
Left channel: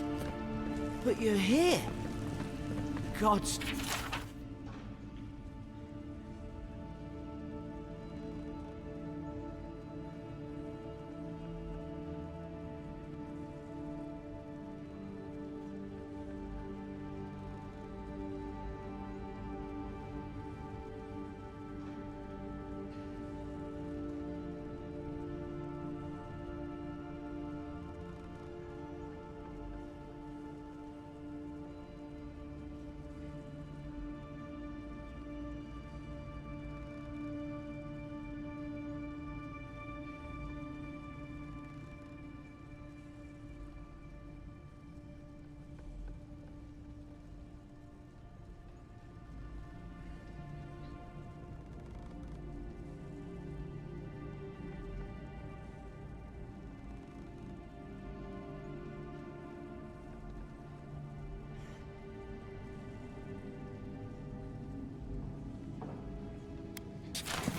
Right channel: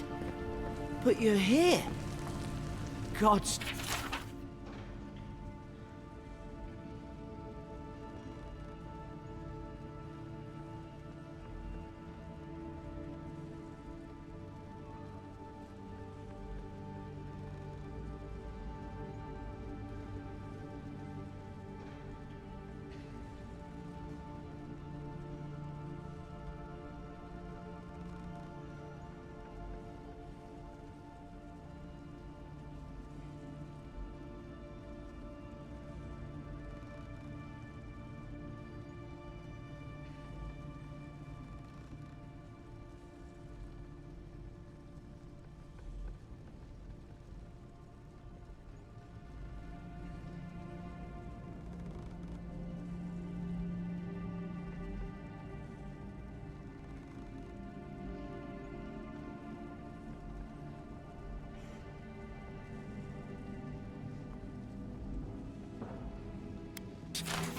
But you're here. God's...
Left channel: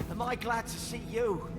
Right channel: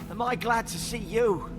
Am I glad to see you?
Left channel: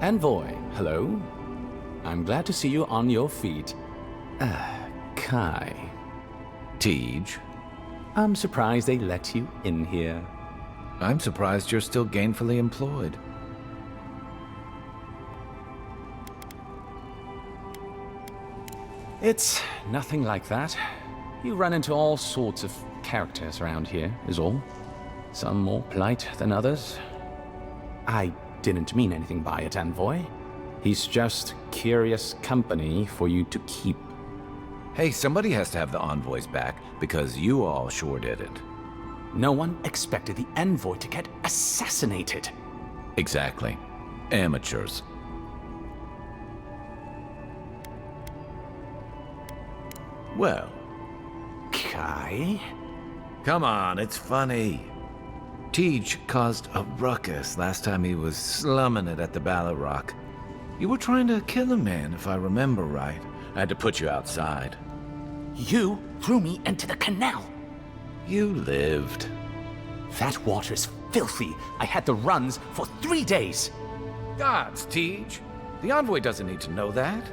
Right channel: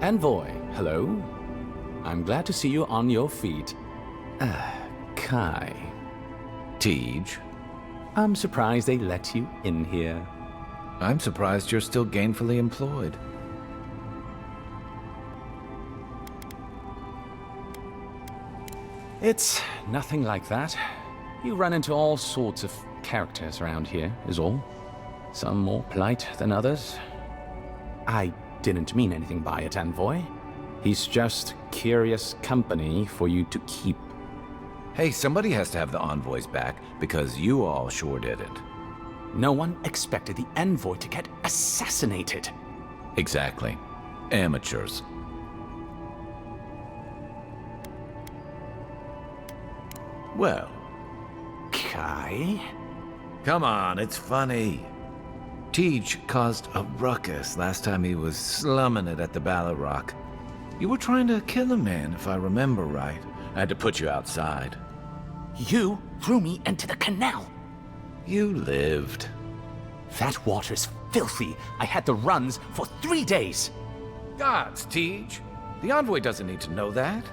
Envoy, hello. I'm glad to see you on your feet. Kai. Tej. I'm surprised they let you in here. I'm surprised you're still gainfully employed. It's nothing like that. You run into all sorts of characters around here, is all. Some more polite than others. I didn't mean anything by it, Envoy. He's just curious company for you to keep. Hey, somebody has to have the envoys back, because you all sure didn't. No one expected the Envoy to get assassinated. Exactly. Amateurs. Well, Kai? Come on, it's funny. Teach caused a ruckus last time he was slumming it at the Ballot Rock. You were trying to kill a man, if I remember right. I had to put you outside. You threw me into the canal. You lived. That water's filthy. I had the runs for 3 days. Gods, Teach. The envoy doesn't need to know that.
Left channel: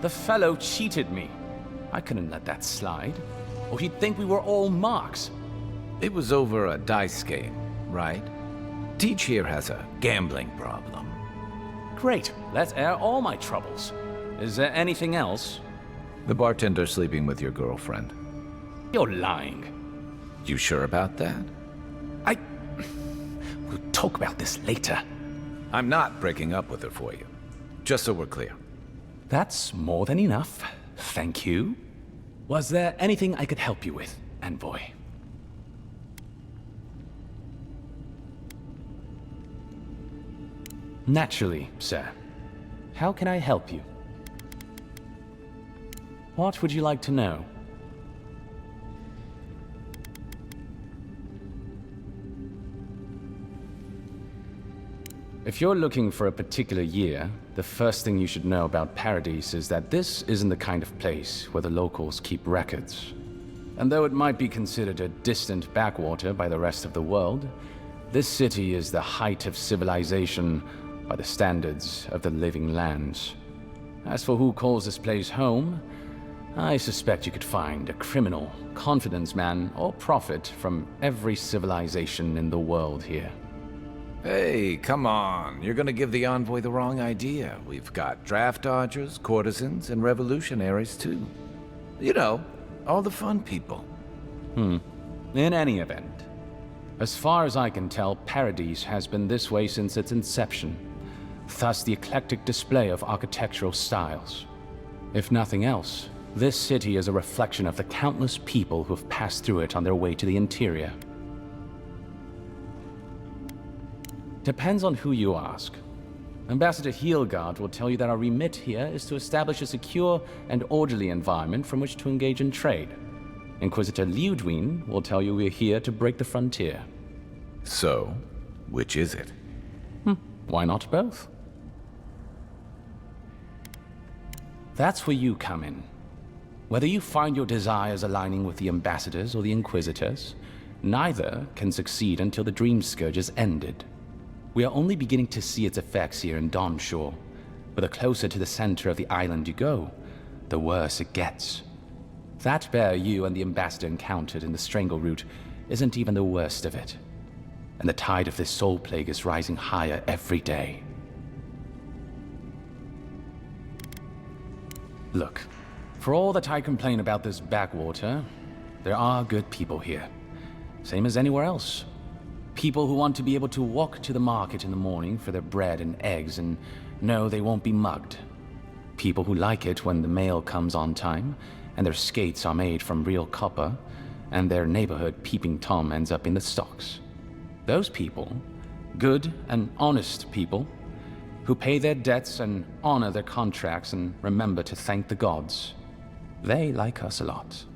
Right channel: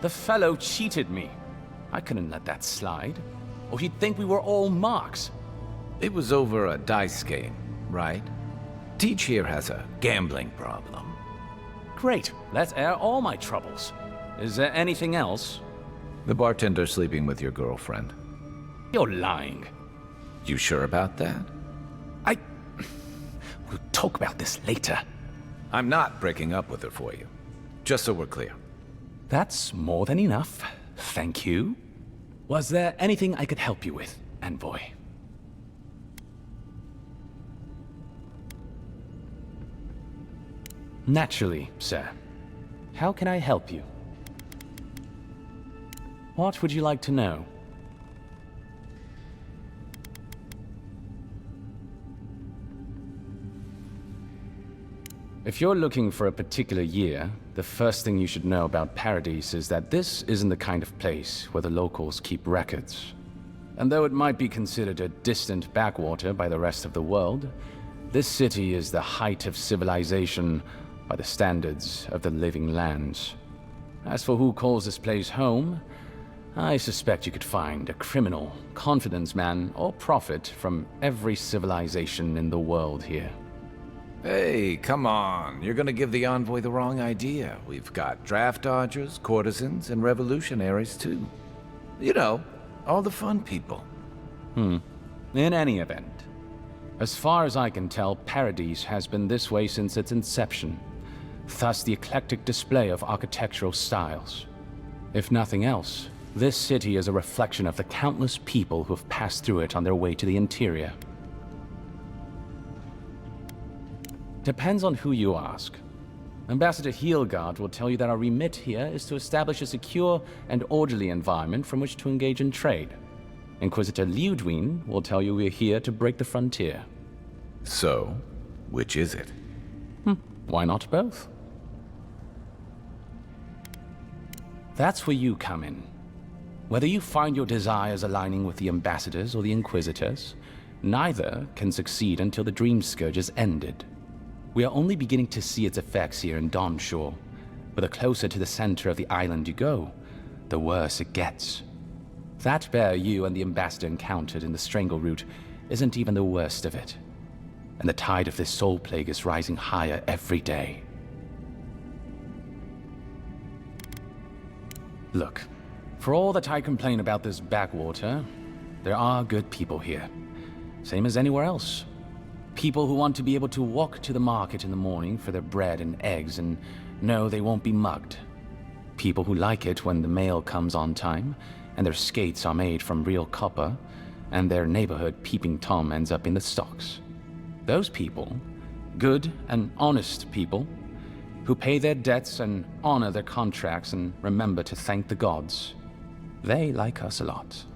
The fellow cheated me. I couldn't let that slide. Or he'd think we were all marks. It was over a dice game, right? Teach here has a gambling problem. Great. Let's air all my troubles. Is there anything else? The bartender sleeping with your girlfriend. You're lying. You sure about that? We'll talk about this later. I'm not breaking up with her for you. Just so we're clear. That's more than enough. Thank you. Was there anything I could help you with, Envoy? Naturally, sir. How can I help you? What would you like to know? If you're looking for a particular year, the first thing you should know about Paradise is that this isn't the kind of place where the locals keep records. And though it might be considered a distant backwater by the rest of the world, this city is the height of civilization by the standards of the living lands. As for who calls this place home, I suspect you could find a criminal, confidence man, or prophet from every civilization in the world here. Hey, come on. You're gonna give the envoy the wrong idea. We've got draft dodgers, courtesans, and revolutionaries, too. You know, all the fun people. In any event, as far as I can tell, Paradise has been this way since its inception. Thus the eclectic display of architectural styles. If nothing else, this city is a reflection of the countless people who have passed through it on their way to the interior. Depends on who you ask. Ambassador Heelgard will tell you that our remit here is to establish a secure and orderly environment from which to engage in trade. Inquisitor Liudwin will tell you we're here to break the frontier. So, which is it? Why not both? That's where you come in. Whether you find your desires aligning with the ambassadors or the inquisitors, neither can succeed until the Dream Scourge is ended. We are only beginning to see its effects here in Dawnshore, but the closer to the center of the island you go, the worse it gets. That bear you and the ambassador encountered in the Strangle Route isn't even the worst of it. And the tide of this soul plague is rising higher every day. Look, for all that I complain about this backwater, there are good people here. Same as anywhere else. People who want to be able to walk to the market in the morning for their bread and eggs and know they won't be mugged. People who like it when the mail comes on time, and their skates are made from real copper, and their neighborhood peeping Tom ends up in the stocks. Those people, good and honest people, who pay their debts and honor their contracts and remember to thank the gods, they like us a lot.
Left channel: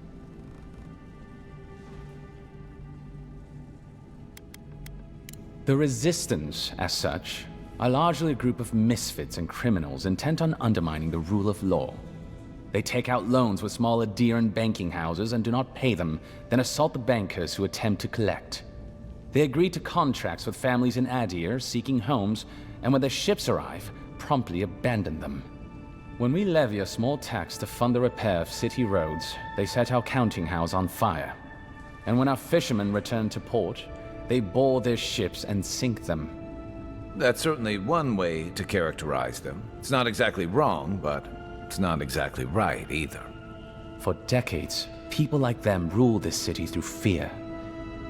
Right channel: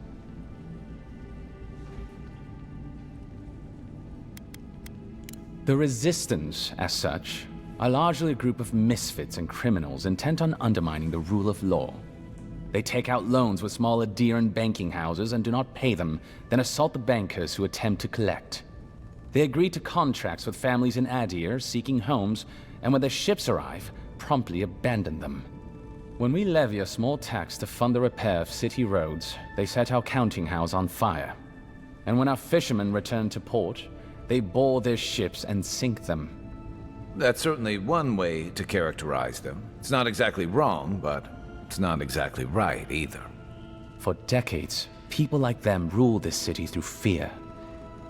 The Resistance, as such, are largely a group of misfits and criminals intent on undermining the rule of law. They take out loans with small Adiran banking houses and do not pay them, then assault the bankers who attempt to collect. They agree to contracts with families in Adir seeking homes, and when their ships arrive, promptly abandon them. When we levy a small tax to fund the repair of city roads, they set our counting house on fire. And when our fishermen return to port, they board their ships and sink them. That's certainly one way to characterize them. It's not exactly wrong, but it's not exactly right either. For decades, people like them ruled this city through fear.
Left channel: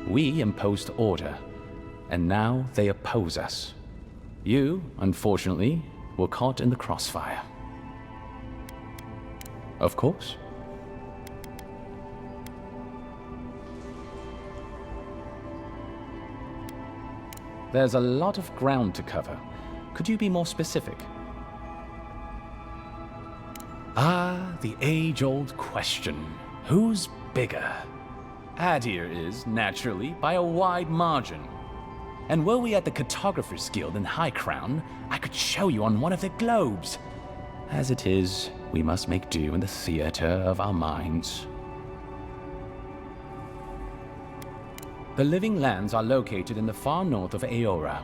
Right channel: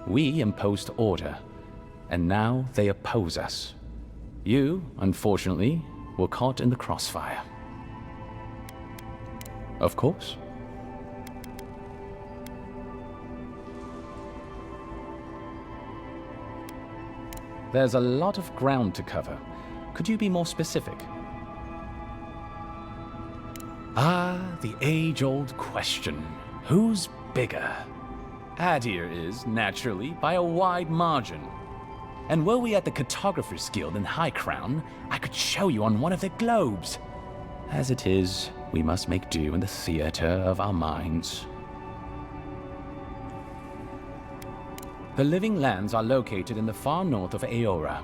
We imposed order, and now they oppose us. You, unfortunately, were caught in the crossfire. Of course. There's a lot of ground to cover. Could you be more specific? Ah, the age-old question. Who's bigger? Adir is, naturally, by a wide margin. And were we at the Cartographers Guild in High Crown, I could show you on one of their globes. As it is, we must make do in the theater of our minds. The Living Lands are located in the far north of Aora.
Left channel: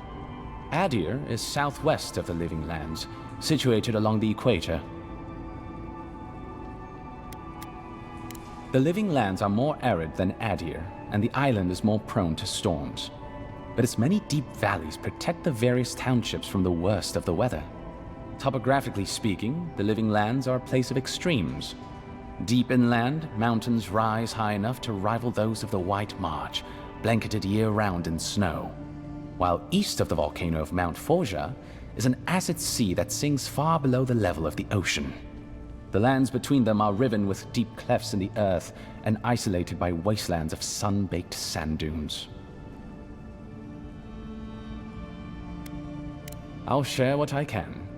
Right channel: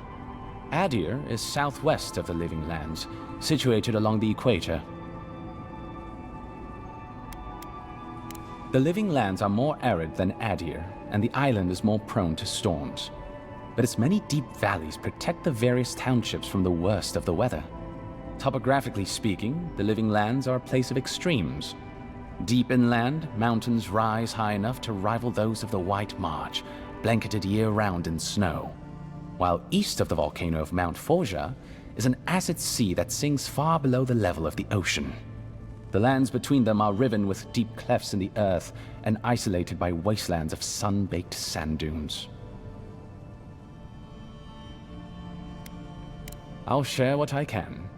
Adir is southwest of the Living Lands, situated along the equator. The Living Lands are more arid than Adir, and the island is more prone to storms. But its many deep valleys protect the various townships from the worst of the weather. Topographically speaking, the Living Lands are a place of extremes. Deep inland, mountains rise high enough to rival those of the White March, blanketed year-round in snow. While east of the volcano of Mount Forja is an acid sea that sinks far below the level of the ocean. The lands between them are riven with deep clefts in the earth and isolated by wastelands of sun-baked sand dunes. I'll share what I can.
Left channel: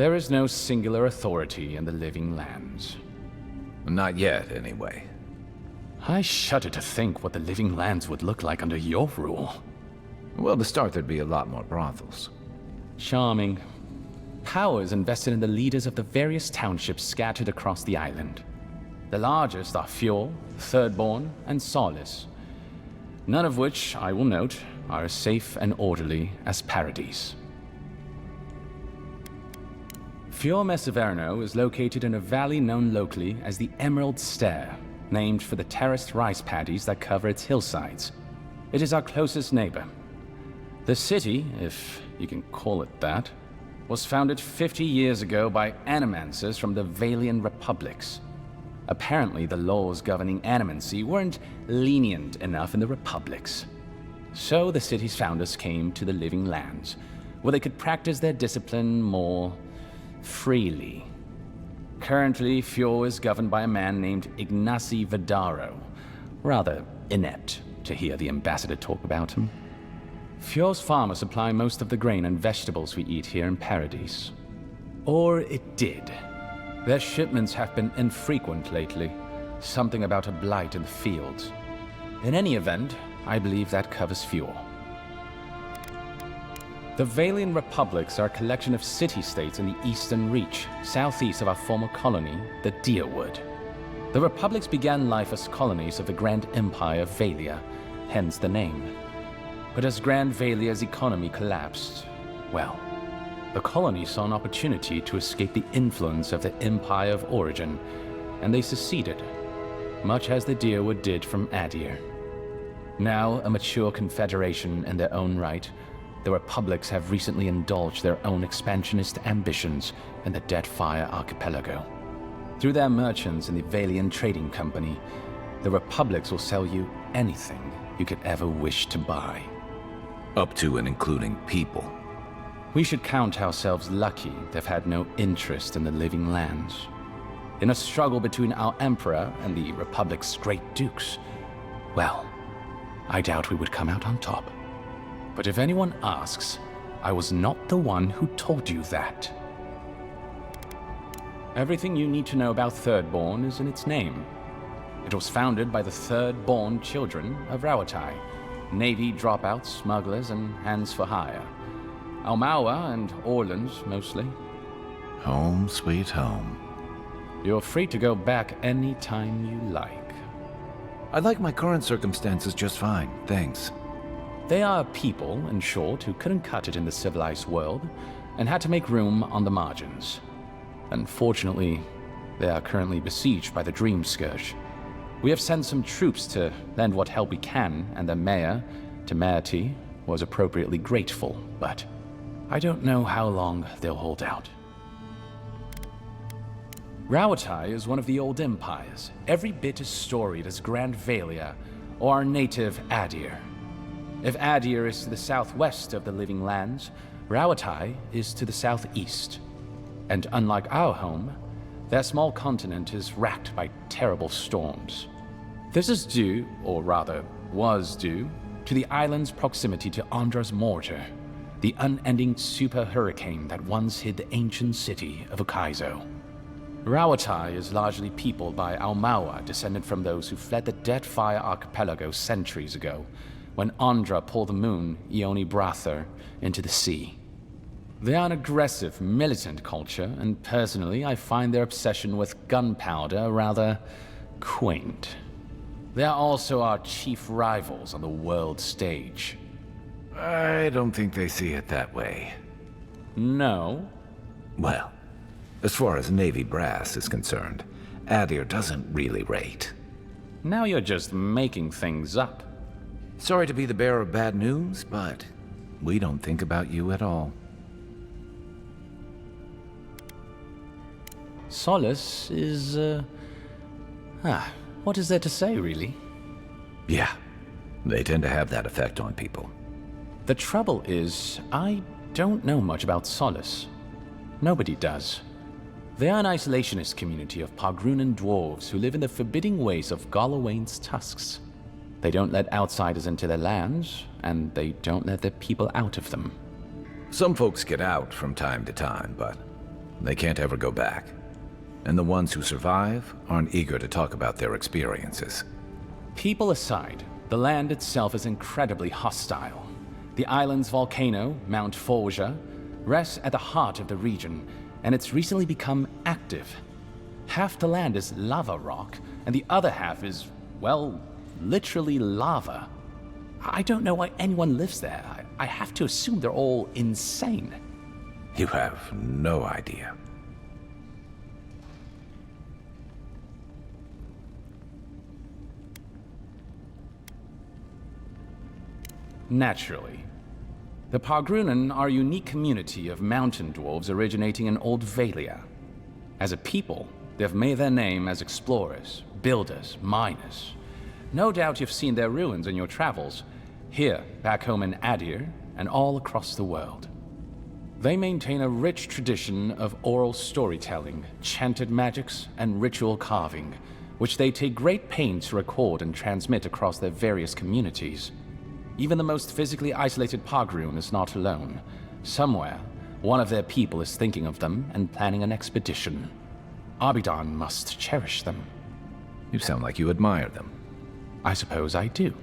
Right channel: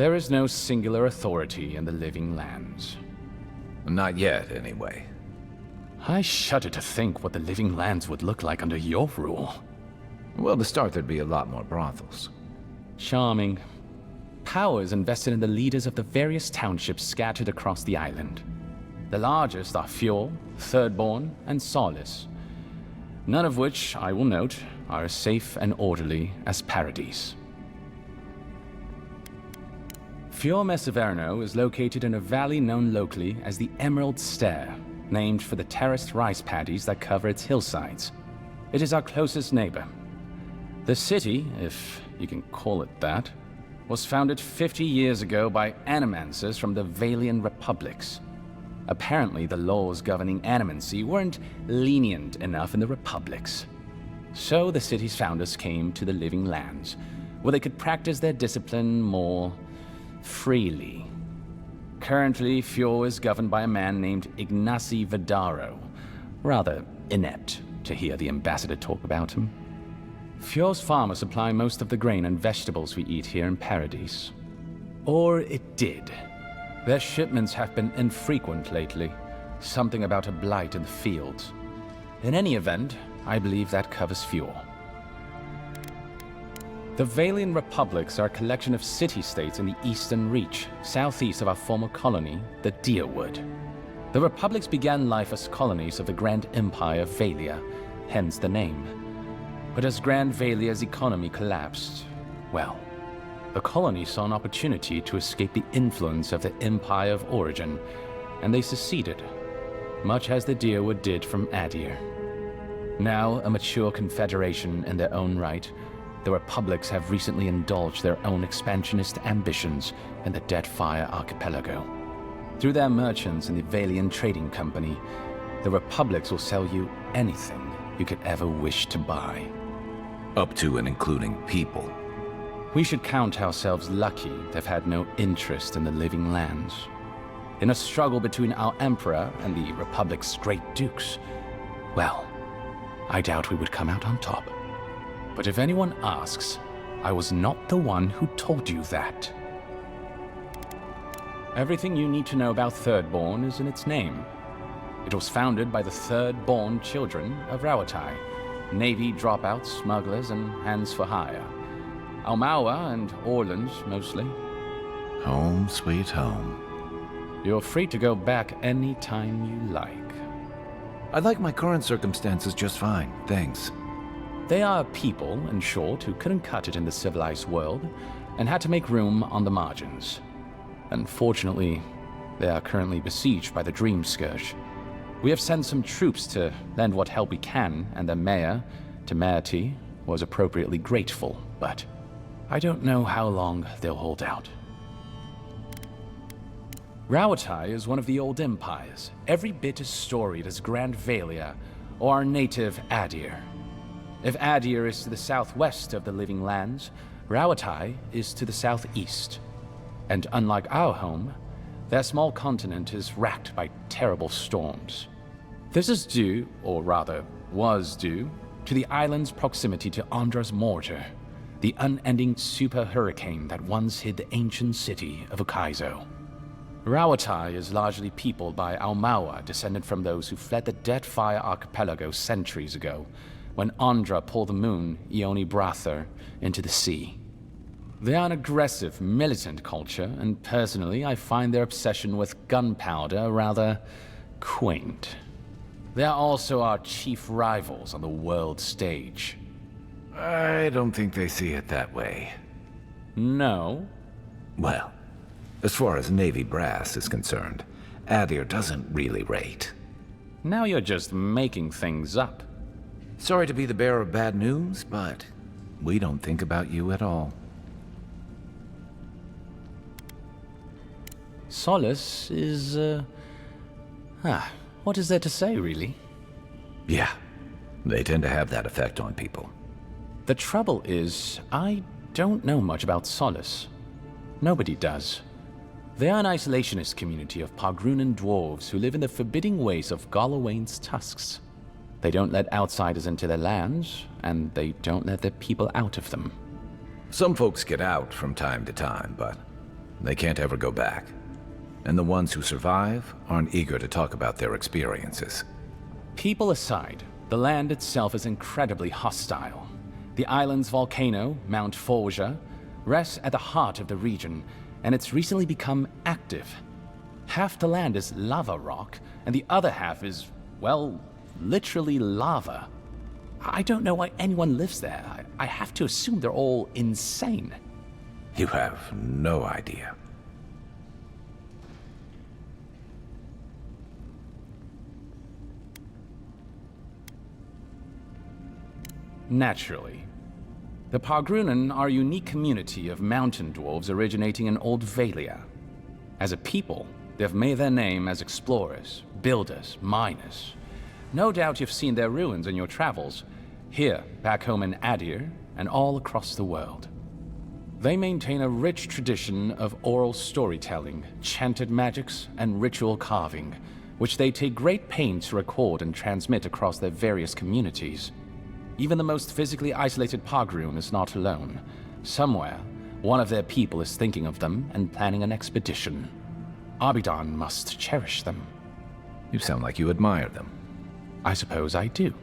There is no singular authority in the Living Lands. Not yet, anyway. I shudder to think what the Living Lands would look like under your rule. Well, to start, there'd be a lot more brothels. Charming. Power is invested in the leaders of the various townships scattered across the island. The largest are Fjord, Thirdborn, and Solace. None of which, I will note, are as safe and orderly as Paradise. Fjord Mesiverno is located in a valley known locally as the Emerald Stair, named for the terraced rice paddies that cover its hillsides. It is our closest neighbor. The city, if you can call it that, was founded 50 years ago by animancers from the Valian Republics. Apparently, the laws governing animancy weren't lenient enough in the Republics. So the city's founders came to the Living Lands, where they could practice their discipline more freely. Currently, Fjord is governed by a man named Ignacy Vidaro. Rather inept to hear the ambassador talk about him. Fjord's farmers supply most of the grain and vegetables we eat here in Paradise. Or it did. Their shipments have been infrequent lately. Something about a blight in the fields. In any event, I believe that covers Fjord. The Valian Republics are a collection of city-states in the Eastern Reach, southeast of our former colony, the Deerwood. The Republics began life as colonies of the Grand Empire of Valia, hence the name. But as Grand Valia's economy collapsed, well, the colony saw an opportunity to escape the influence of the Empire of Origin, and they seceded, much as the Deerwood did from Adir. Now a mature confederation in their own right, the Republics have recently indulged their own expansionist ambitions in the Deadfire Archipelago. Through their merchants in the Valian Trading Company, the Republics will sell you anything you could ever wish to buy. Up to and including people. We should count ourselves lucky they've had no interest in the living lands. In a struggle between our Emperor and the Republic's great dukes, well, I doubt we would come out on top. But if anyone asks, I was not the one who told you that. Everything you need to know about Thirdborn is in its name. It was founded by the Thirdborn children of Rawatai, Navy dropouts, smugglers, and hands for hire. Almawa and Orleans, mostly. Home, sweet home. You're free to go back any time you like. I like my current circumstances just fine, thanks. They are people, in short, who couldn't cut it in the civilized world, and had to make room on the margins. Unfortunately, they are currently besieged by the Dream Scourge. We have sent some troops to lend what help we can, and the mayor, Temerity, was appropriately grateful, but I don't know how long they'll hold out. Rawatai is one of the old empires, every bit as storied as Grand Valia or our native Adir. If Adir is to the southwest of the Living Lands, Rawatai is to the southeast. And unlike our home, their small continent is racked by terrible storms. This is due, or rather, was due, to the island's proximity to Andra's mortar, the unending super hurricane that once hid the ancient city of Ukaizo. Rawatai is largely peopled by Almawa, descended from those who fled the Deadfire Archipelago centuries ago, when Andra pulled the moon, Ioni Brather, into the sea. They are an aggressive, militant culture, and personally, I find their obsession with gunpowder rather quaint. They are also our chief rivals on the world stage. I don't think they see it that way. No? Well, as far as Navy brass is concerned, Adir doesn't really rate. Now you're just making things up. Sorry to be the bearer of bad news, but we don't think about you at all. Solace is, what is there to say, really? Yeah, they tend to have that effect on people. The trouble is, I don't know much about Solace. Nobody does. They are an isolationist community of Pagrunan dwarves who live in the forbidding ways of Galawain's tusks. They don't let outsiders into their lands, and they don't let their people out of them. Some folks get out from time to time, but they can't ever go back. And the ones who survive aren't eager to talk about their experiences. People aside, the land itself is incredibly hostile. The island's volcano, Mount Forja, rests at the heart of the region, and it's recently become active. Half the land is lava rock, and the other half is, well, literally lava. I don't know why anyone lives there. I have to assume they're all insane. You have no idea. Naturally. The Pagrunan are a unique community of mountain dwarves originating in Old Valia. As a people, they've made their name as explorers, builders, miners. No doubt you've seen their ruins in your travels, here, back home in Adir, and all across the world. They maintain a rich tradition of oral storytelling, chanted magics, and ritual carving, which they take great pains to record and transmit across their various communities. Even the most physically isolated Pagrun is not alone. Somewhere, one of their people is thinking of them and planning an expedition. Abidan must cherish them. You sound like you admire them. I suppose I do.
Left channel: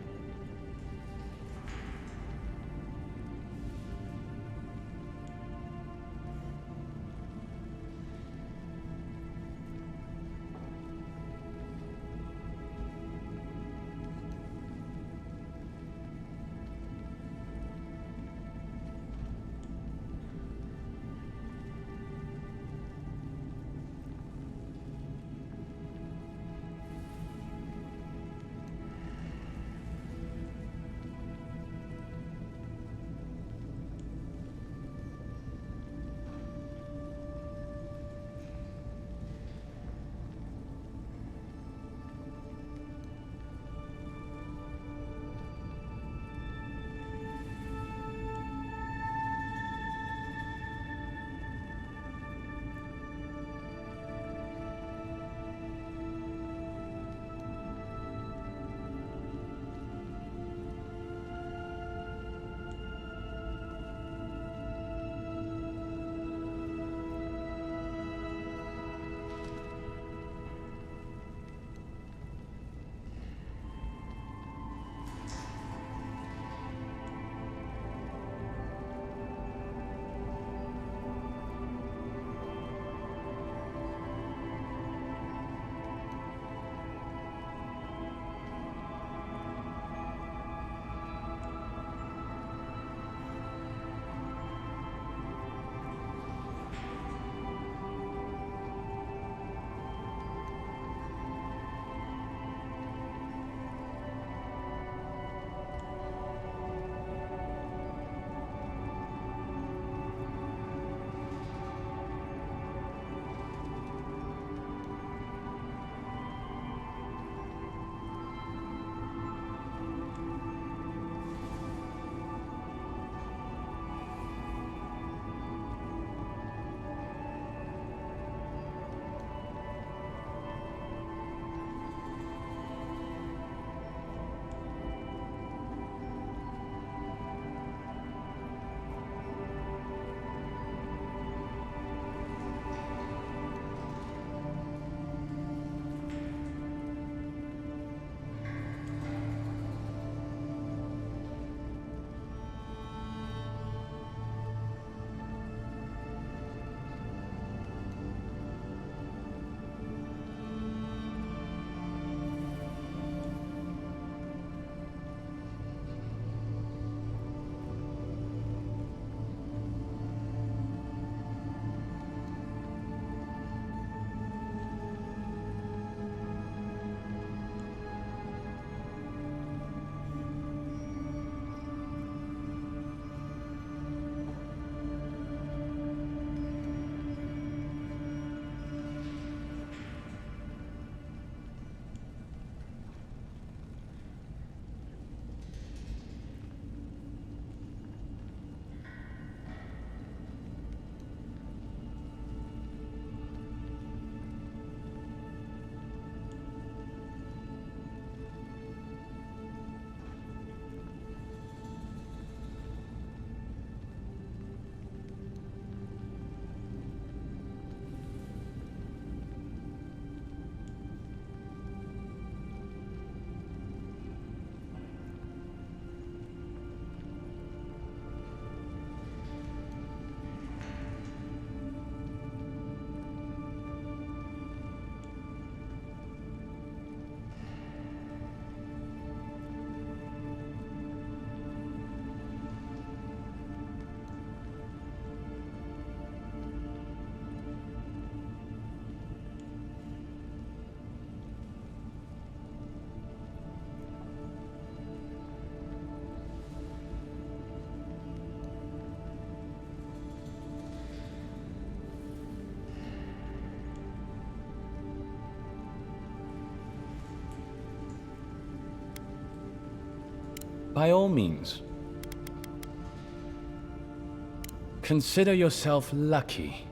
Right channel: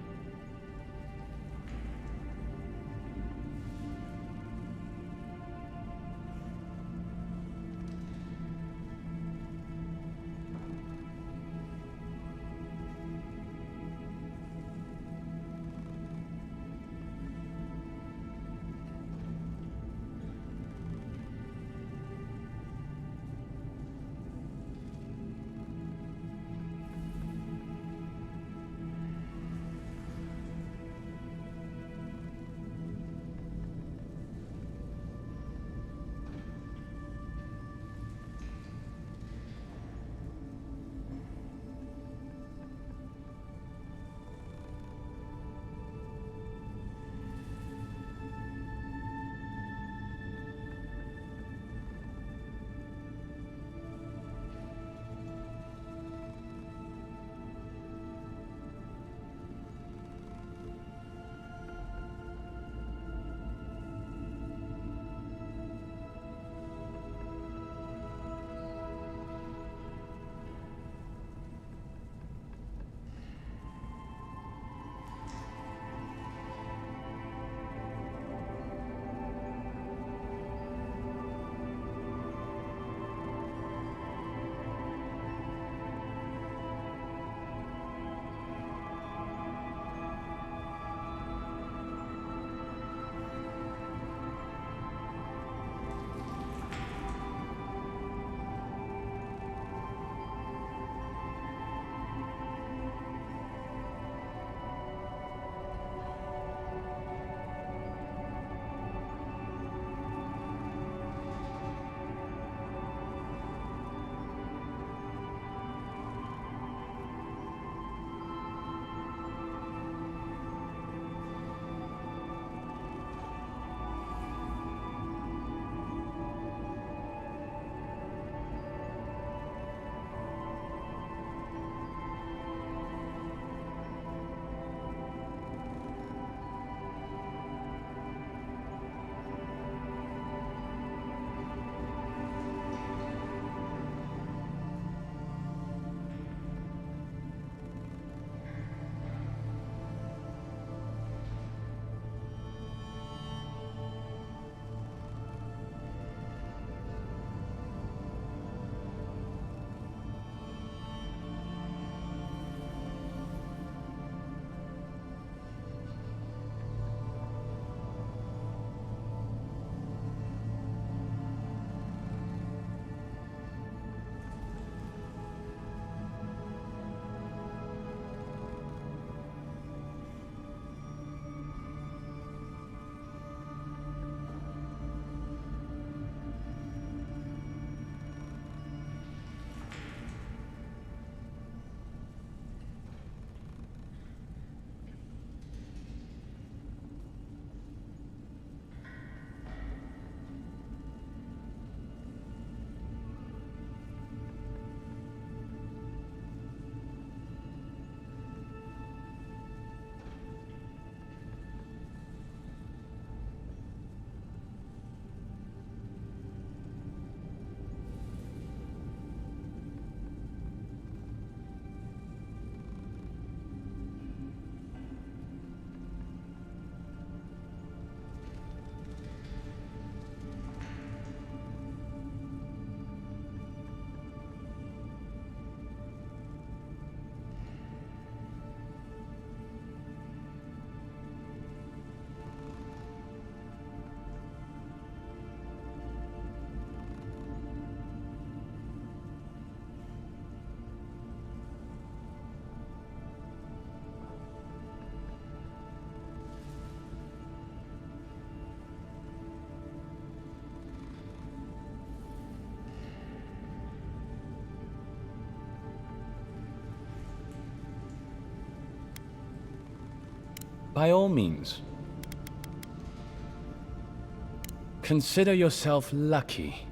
by all means. Consider yourself lucky.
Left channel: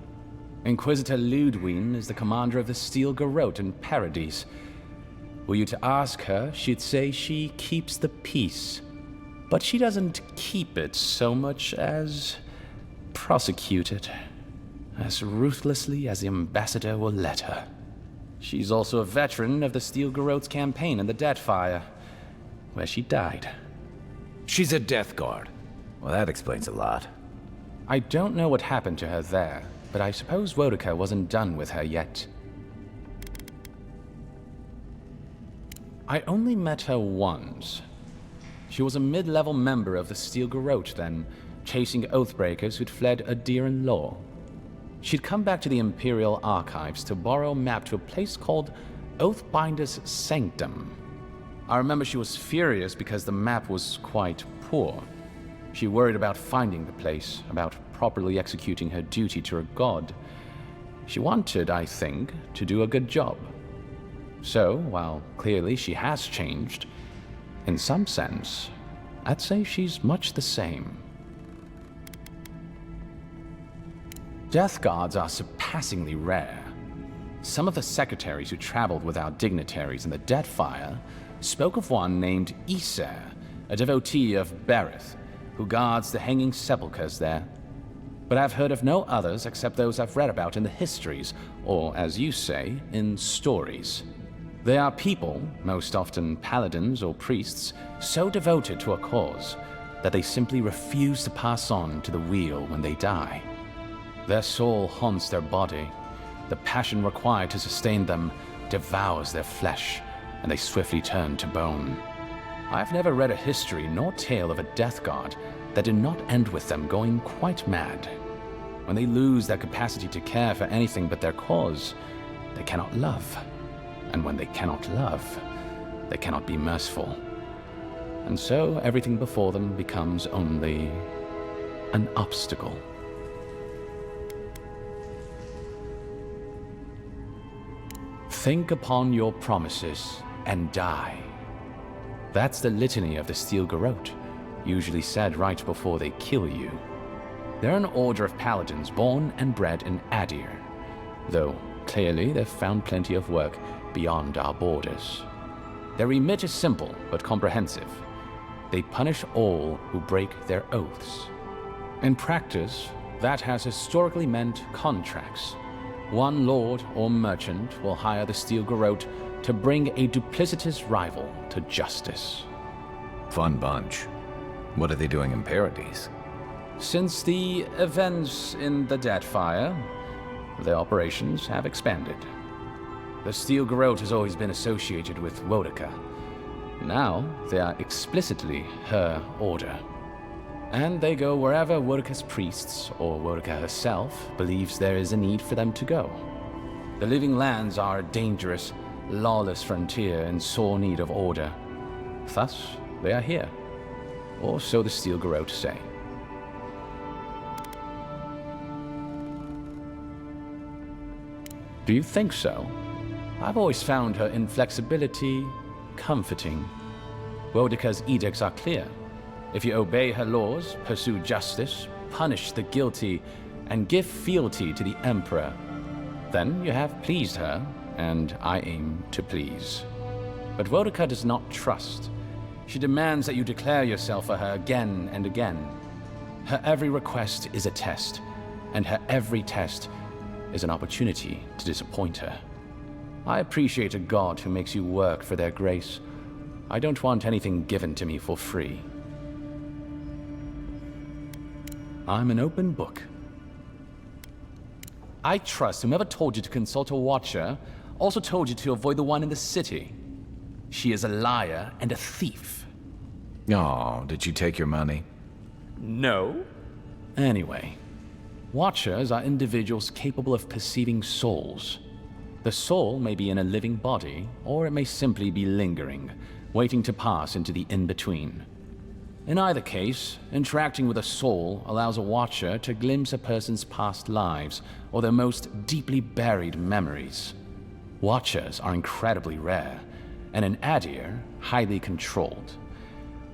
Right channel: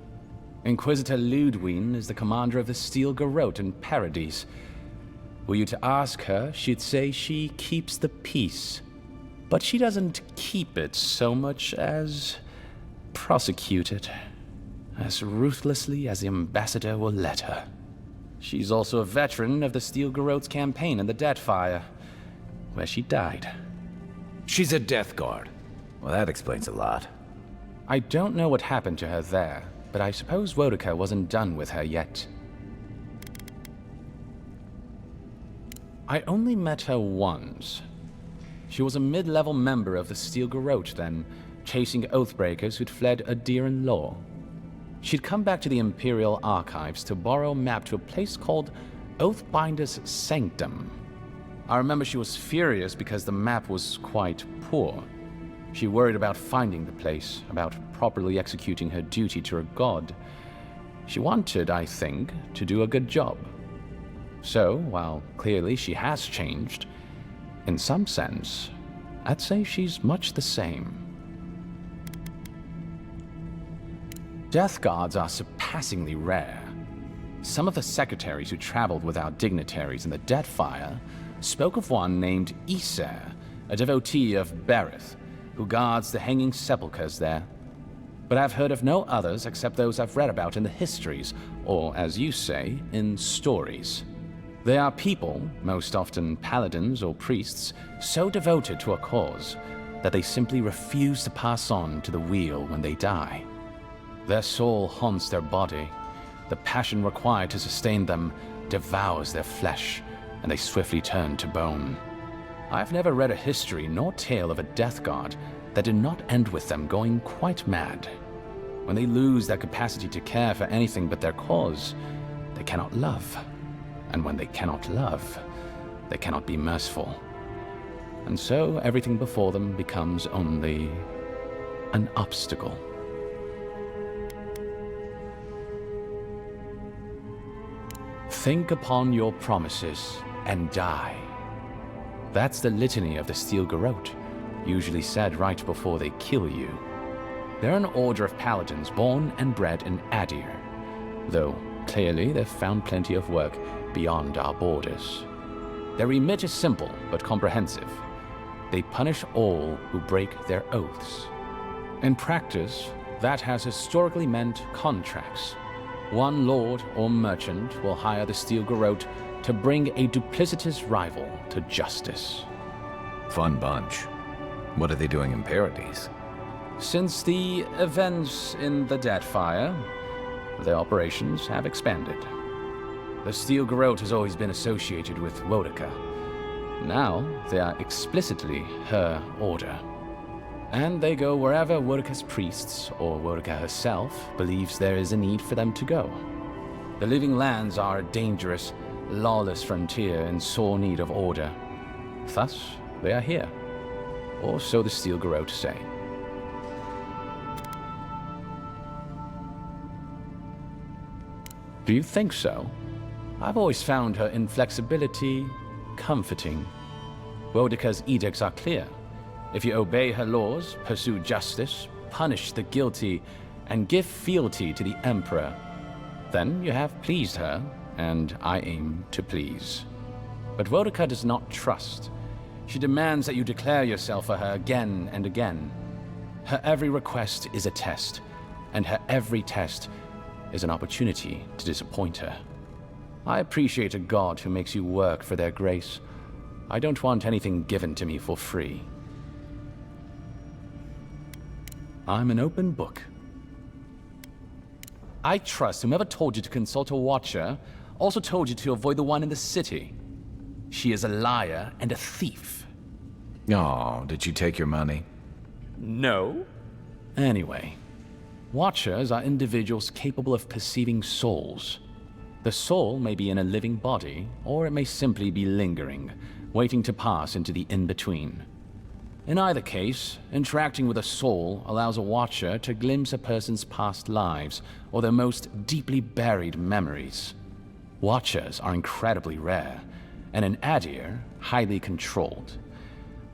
Inquisitor Ludwine is the commander of the Steel Garrote in Paradise. Were you to ask her, she'd say she keeps the peace. But she doesn't keep it so much as prosecute it. As ruthlessly as the ambassador will let her. She's also a veteran of the Steel Garrote's campaign in the Deadfire, where she died. She's a Death Guard. Well, that explains a lot. I don't know what happened to her there, but I suppose Wodica wasn't done with her yet. I only met her once. She was a mid-level member of the Steel Garrote then, chasing Oathbreakers who'd fled Adiran law. She'd come back to the Imperial Archives to borrow a map to a place called Oathbinder's Sanctum. I remember she was furious because the map was quite poor. She worried about finding the place, about properly executing her duty to her god. She wanted, I think, to do a good job. So, while clearly she has changed, in some sense, I'd say she's much the same. Death Guards are surpassingly rare. Some of the secretaries who traveled with our dignitaries in the Deadfire spoke of one named Iser, a devotee of Berith, who guards the hanging sepulchres there. But I've heard of no others except those I've read about in the histories, or, as you say, in stories. They are people, most often paladins or priests, so devoted to a cause that they simply refuse to pass on to the wheel when they die. Their soul haunts their body. The passion required to sustain them devours their flesh, and they swiftly turn to bone. I've never read a history nor tale of a Death Guard that did not end with them going quite mad. When they lose their capacity to care for anything but their cause, they cannot love. And when they cannot love, they cannot be merciful. And so everything before them becomes only an obstacle. Think upon your promises and die. That's the litany of the Steel Garrote, usually said right before they kill you. They're an order of paladins born and bred in Adir, though clearly they've found plenty of work beyond our borders. Their remit is simple but comprehensive. They punish all who break their oaths. In practice, that has historically meant contracts. One lord or merchant will hire the Steel Garrote to bring a duplicitous rival to justice. Fun bunch. What are they doing in Paradise? Since the events in the Deadfire, their operations have expanded. The Steel Garrote has always been associated with Wodica. Now, they are explicitly her order. And they go wherever Wodica's priests, or Wodica herself, believes there is a need for them to go. The Living Lands are a dangerous, lawless frontier in sore need of order. Thus, they are here. Or so the Steel Garrote say. Do you think so? I've always found her inflexibility comforting. Wodica's edicts are clear. If you obey her laws, pursue justice, punish the guilty, and give fealty to the Emperor, then you have pleased her, and I aim to please. But Wodica does not trust. She demands that you declare yourself for her again and again. Her every request is a test, and her every test is an opportunity to disappoint her. I appreciate a god who makes you work for their grace. I don't want anything given to me for free. I'm an open book. I trust whomever told you to consult a watcher also told you to avoid the one in the city. She is a liar and a thief. Oh, did she take your money? No. Anyway, watchers are individuals capable of perceiving souls. The soul may be in a living body, or it may simply be lingering, waiting to pass into the in-between. In either case, interacting with a soul allows a watcher to glimpse a person's past lives or their most deeply buried memories. Watchers are incredibly rare, and in Adir, highly controlled.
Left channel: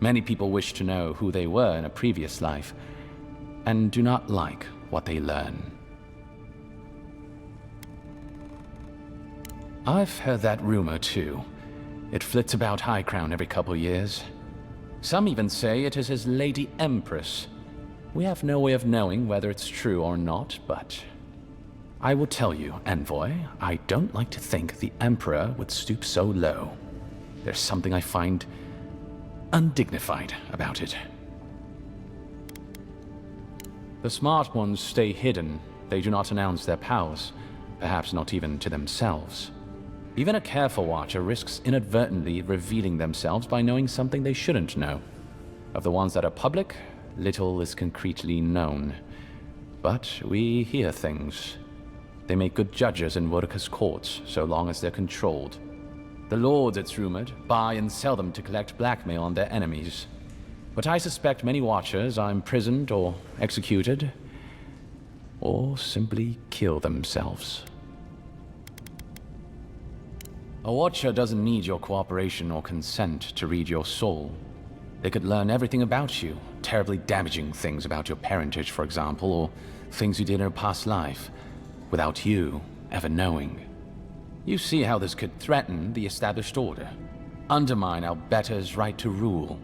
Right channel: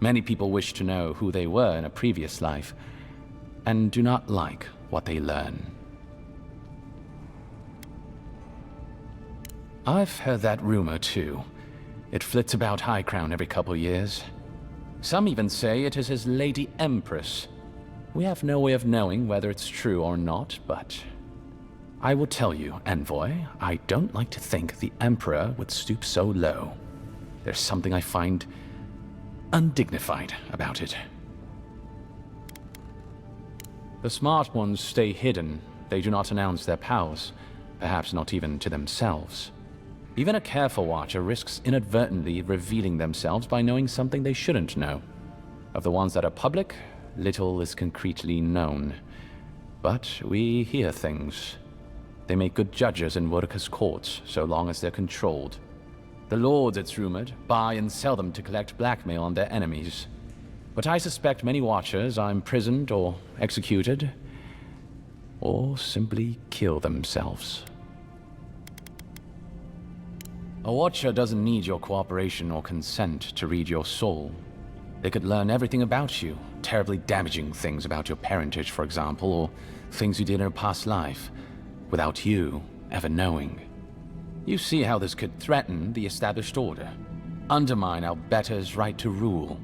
Many people wish to know who they were in a previous life, and do not like what they learn. I've heard that rumor too. It flits about High Crown every couple years. Some even say it is his Lady Empress. We have no way of knowing whether it's true or not, but I will tell you, Envoy, I don't like to think the Emperor would stoop so low. There's something I find undignified about it. The smart ones stay hidden. They do not announce their powers, perhaps not even to themselves. Even a careful watcher risks inadvertently revealing themselves by knowing something they shouldn't know. Of the ones that are public, little is concretely known. But we hear things. They make good judges in Wurka's courts, so long as they're controlled. The lords, it's rumored, buy and sell them to collect blackmail on their enemies. But I suspect many watchers are imprisoned or executed, or simply kill themselves. A watcher doesn't need your cooperation or consent to read your soul. They could learn everything about you, terribly damaging things about your parentage, for example, or things you did in a past life, without you ever knowing. You see how this could threaten the established order, undermine our betters' right to rule.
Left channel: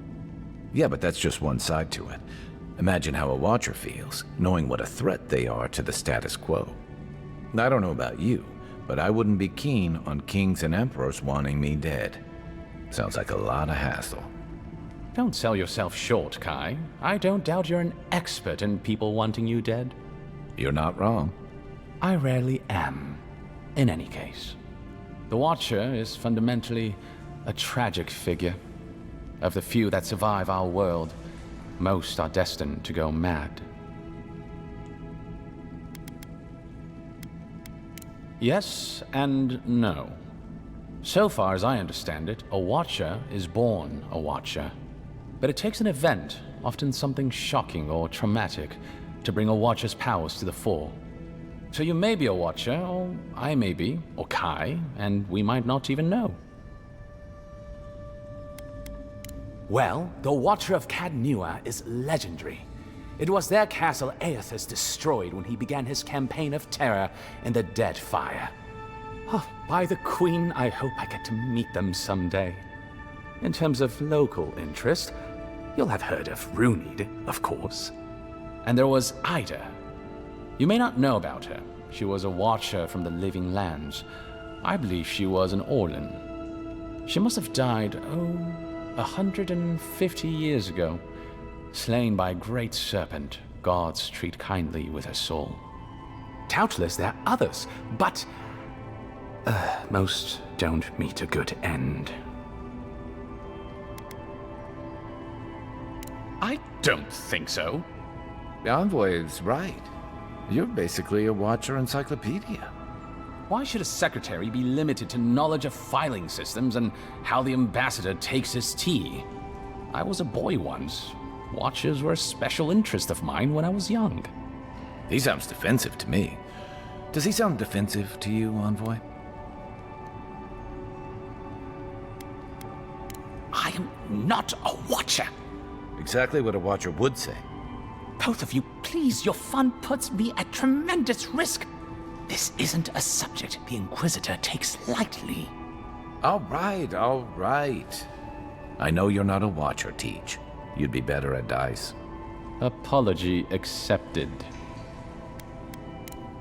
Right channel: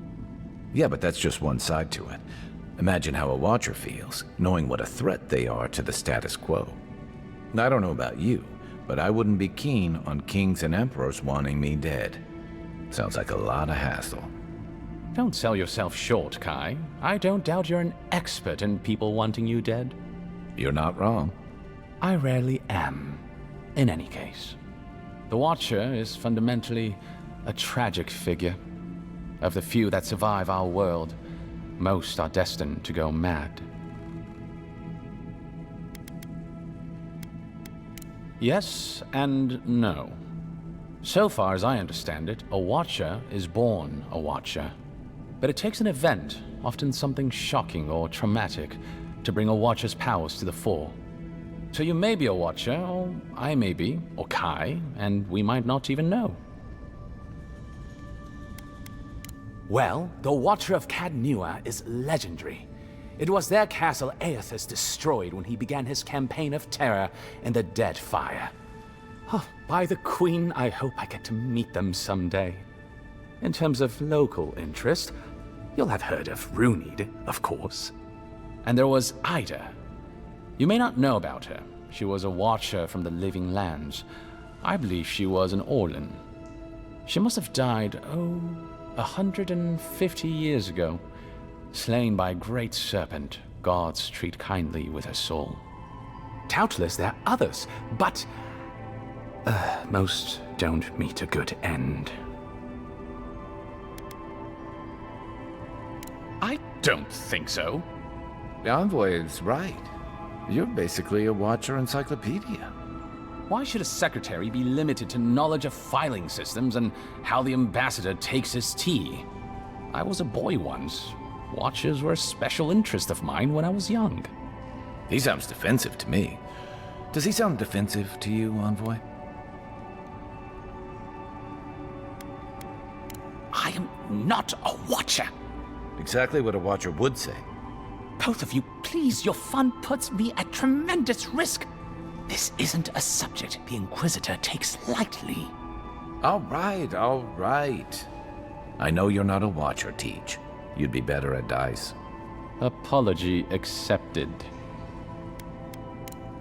Yeah, but that's just one side to it. Imagine how a watcher feels, knowing what a threat they are to the status quo. I don't know about you, but I wouldn't be keen on kings and emperors wanting me dead. Sounds like a lot of hassle. Don't sell yourself short, Kai. I don't doubt you're an expert in people wanting you dead. You're not wrong. I rarely am, in any case. The Watcher is fundamentally a tragic figure. Of the few that survive our world, most are destined to go mad. Yes and no. So far as I understand it, a Watcher is born a Watcher. But it takes an event, often something shocking or traumatic, to bring a Watcher's powers to the fore. So you may be a Watcher, or I may be, or Kai, and we might not even know. Well, the Watcher of Cadnua is legendary. It was their castle Aethys destroyed when he began his campaign of terror in the Dead Fire. Oh, by the Queen, I hope I get to meet them someday. In terms of local interest, you'll have heard of Runid, of course. And there was Ida. You may not know about her. She was a Watcher from the Living Lands. I believe she was an Orlan. She must have died, 150 years ago. Slain by a great serpent, gods treat kindly with her soul. Doubtless there are others, but most don't meet a good end. I don't think so. The Envoy is right. You're basically a Watcher encyclopedia. Why should a secretary be limited to knowledge of filing systems and how the ambassador takes his tea? I was a boy once. Watchers were a special interest of mine when I was young. He sounds defensive to me. Does he sound defensive to you, Envoy? I am not a Watcher. Exactly what a Watcher would say. Both of you, please, your fun puts me at tremendous risk. This isn't a subject the Inquisitor takes lightly. All right, all right. I know you're not a Watcher, Teach. You'd be better at dice. Apology accepted.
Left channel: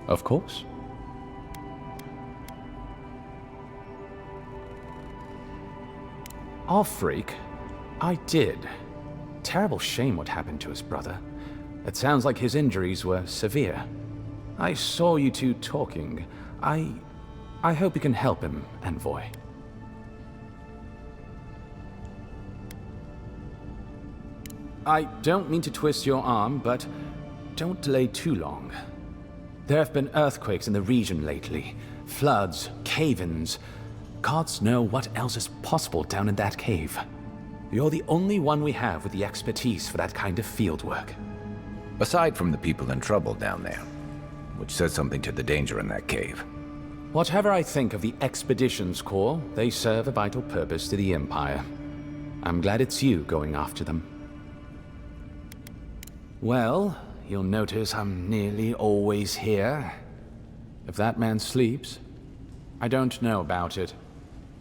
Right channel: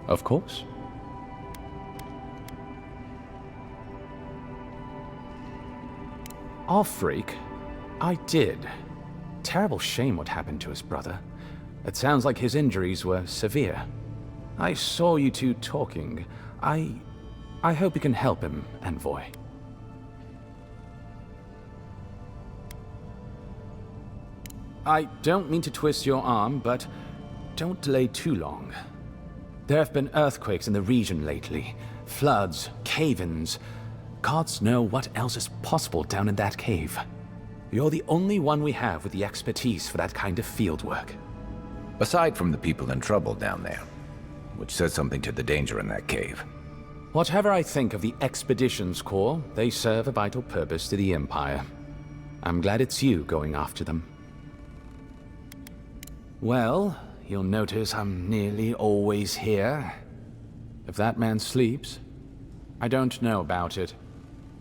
Of course. Off-freak, I did. Terrible shame what happened to his brother. It sounds like his injuries were severe. I saw you two talking. I hope you can help him, Envoy. I don't mean to twist your arm, but don't delay too long. There have been earthquakes in the region lately. Floods, cave-ins. Gods know what else is possible down in that cave. You're the only one we have with the expertise for that kind of field work. Aside from the people in trouble down there, which says something to the danger in that cave. Whatever I think of the Expeditions Corps, they serve a vital purpose to the Empire. I'm glad it's you going after them. Well, you'll notice I'm nearly always here. If that man sleeps, I don't know about it.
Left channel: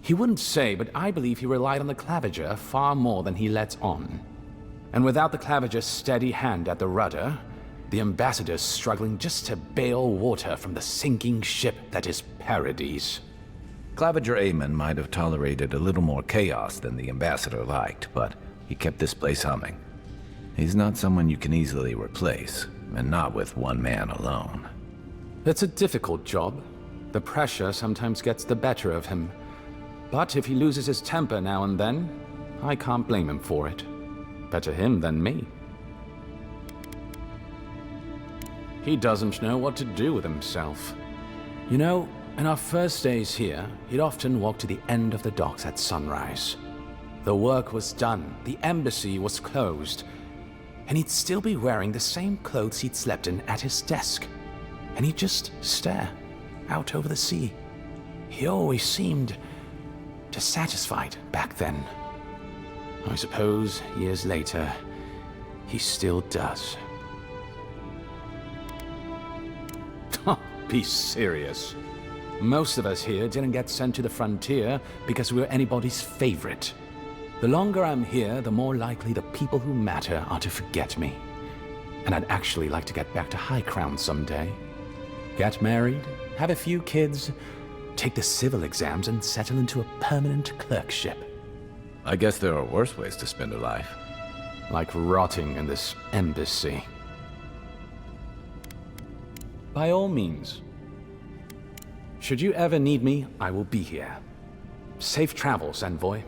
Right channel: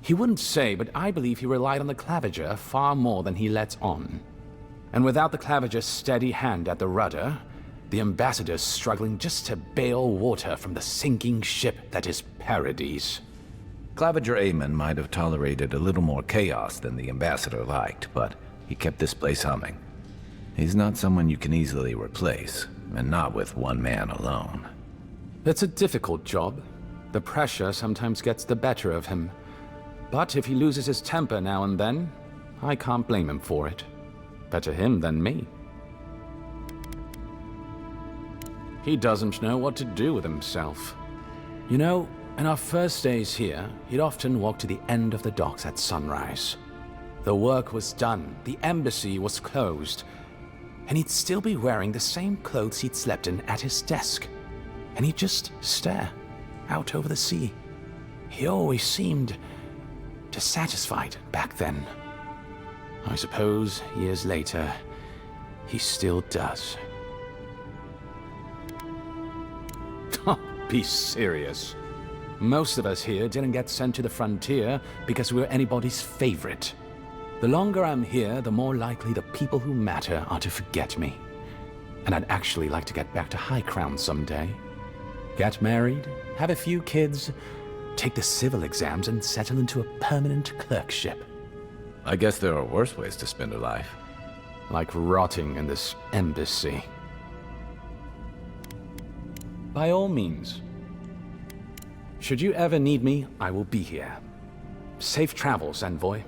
He wouldn't say, but I believe he relied on the Claviger far more than he lets on. And without the Claviger's steady hand at the rudder, the ambassador's struggling just to bail water from the sinking ship that is Paradise. Claviger Amon might have tolerated a little more chaos than the ambassador liked, but he kept this place humming. He's not someone you can easily replace, and not with one man alone. It's a difficult job. The pressure sometimes gets the better of him. But if he loses his temper now and then, I can't blame him for it. Better him than me. He doesn't know what to do with himself. You know, in our first days here, he'd often walk to the end of the docks at sunrise. The work was done, the embassy was closed, and he'd still be wearing the same clothes he'd slept in at his desk. And he'd just stare out over the sea. He always seemed dissatisfied back then. I suppose, years later, he still does. Be serious. Most of us here didn't get sent to the frontier because we were anybody's favorite. The longer I'm here, the more likely the people who matter are to forget me. And I'd actually like to get back to High Crown someday. Get married, have a few kids, take the civil exams, and settle into a permanent clerkship. I guess there are worse ways to spend a life. Like rotting in this embassy. By all means. Should you ever need me, I will be here. Safe travels, envoy.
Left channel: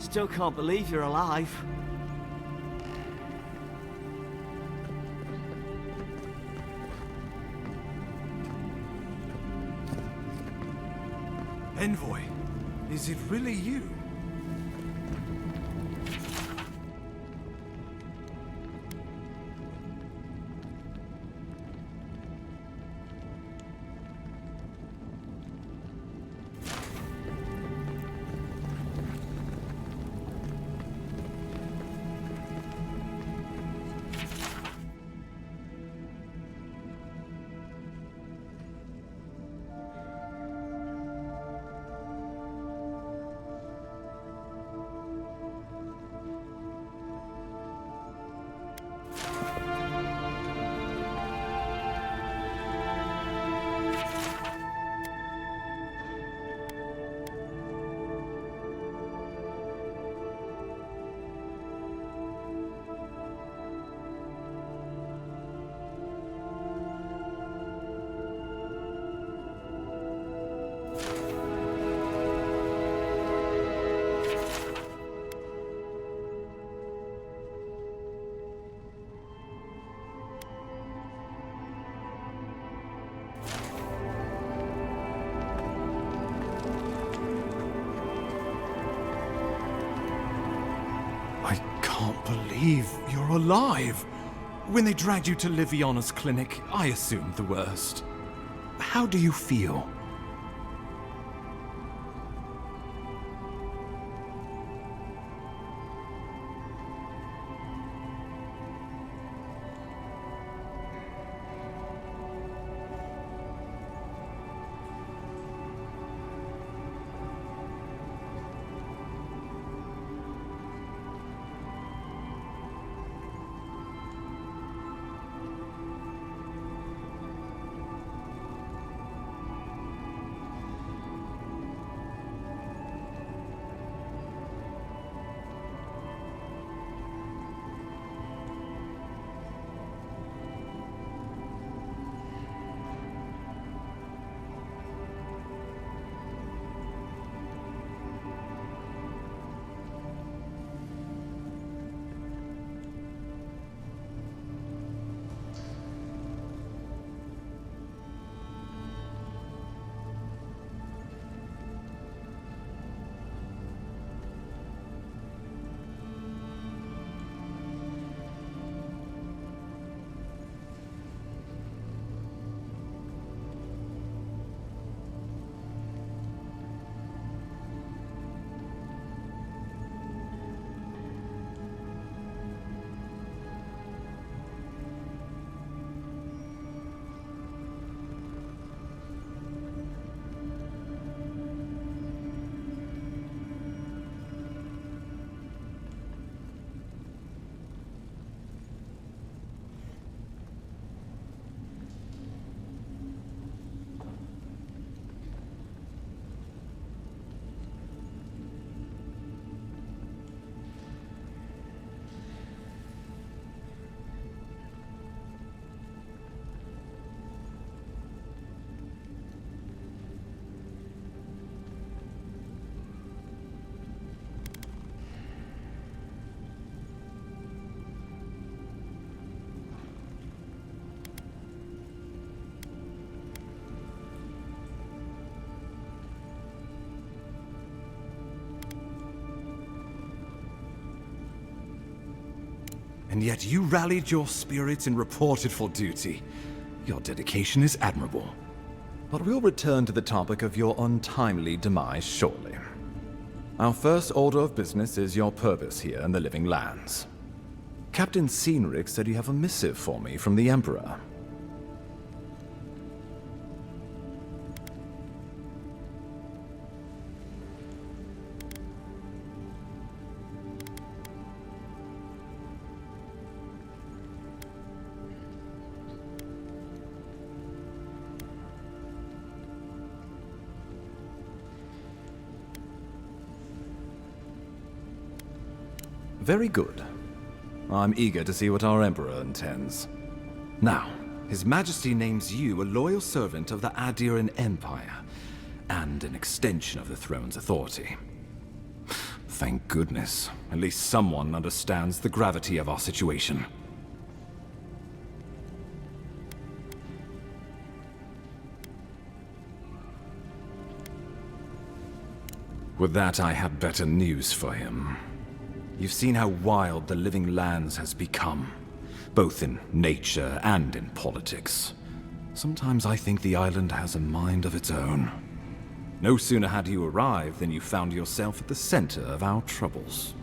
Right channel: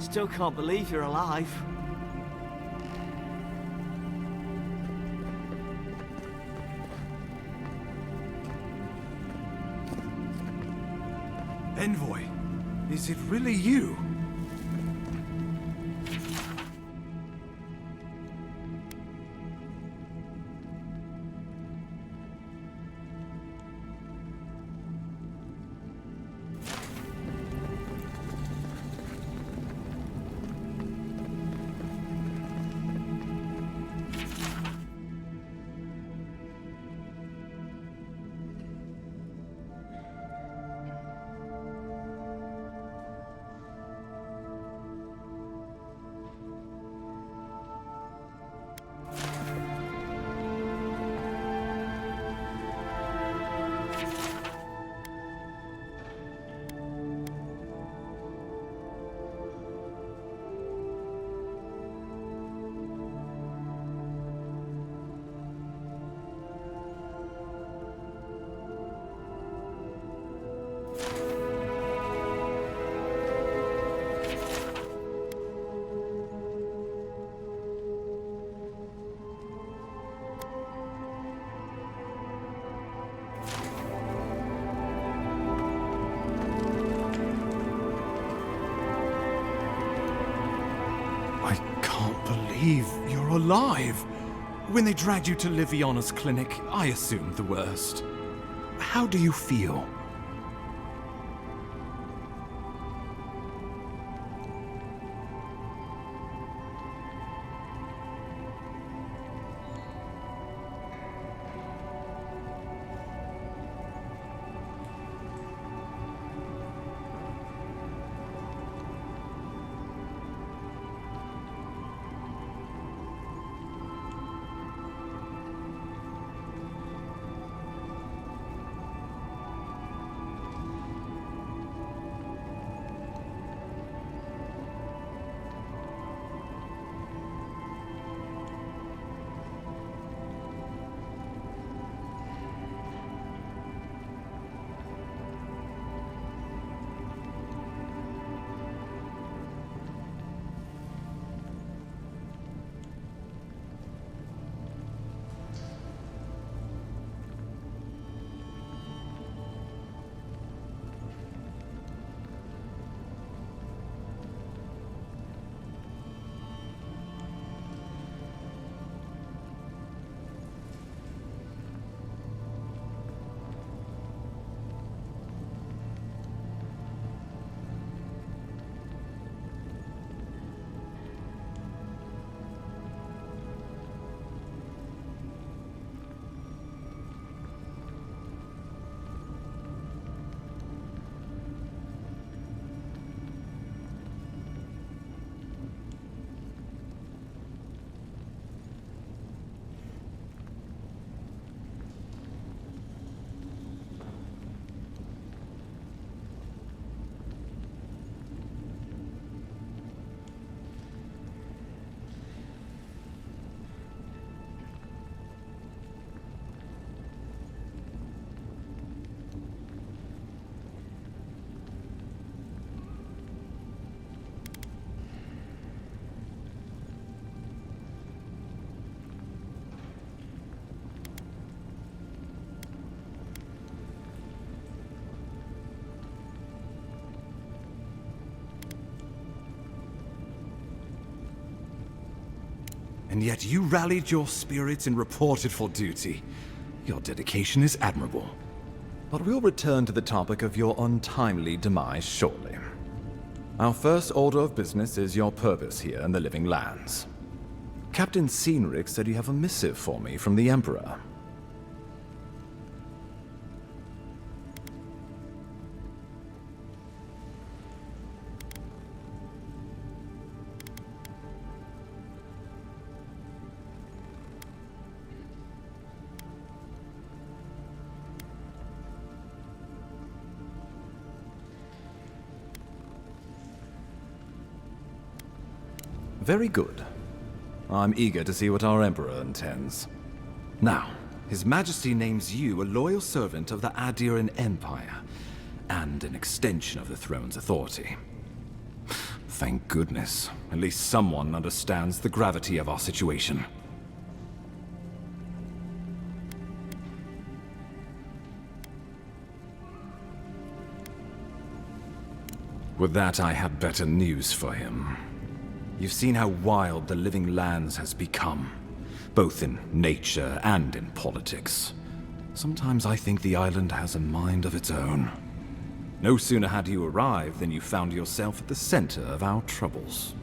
Still can't believe you're alive. Envoy, is it really you? I can't believe you're alive. When they dragged you to Liviana's clinic, I assumed the worst. How do you feel? and yet you rallied your spirits and reported for duty. Your dedication is admirable. But we'll return to the topic of your untimely demise shortly. Our first order of business is your purpose here in the Living Lands. Captain Cynric said you have a missive for me from the Emperor. Very good. I'm eager to see what our Emperor intends. Now, His Majesty names you a loyal servant of the Adiran Empire, and an extension of the throne's authority. Thank goodness. At least someone understands the gravity of our situation. With that, I have better news for him. You've seen how wild the Living Lands has become, both in nature and in politics. Sometimes I think the island has a mind of its own. No sooner had you arrived than you found yourself at the center of our troubles.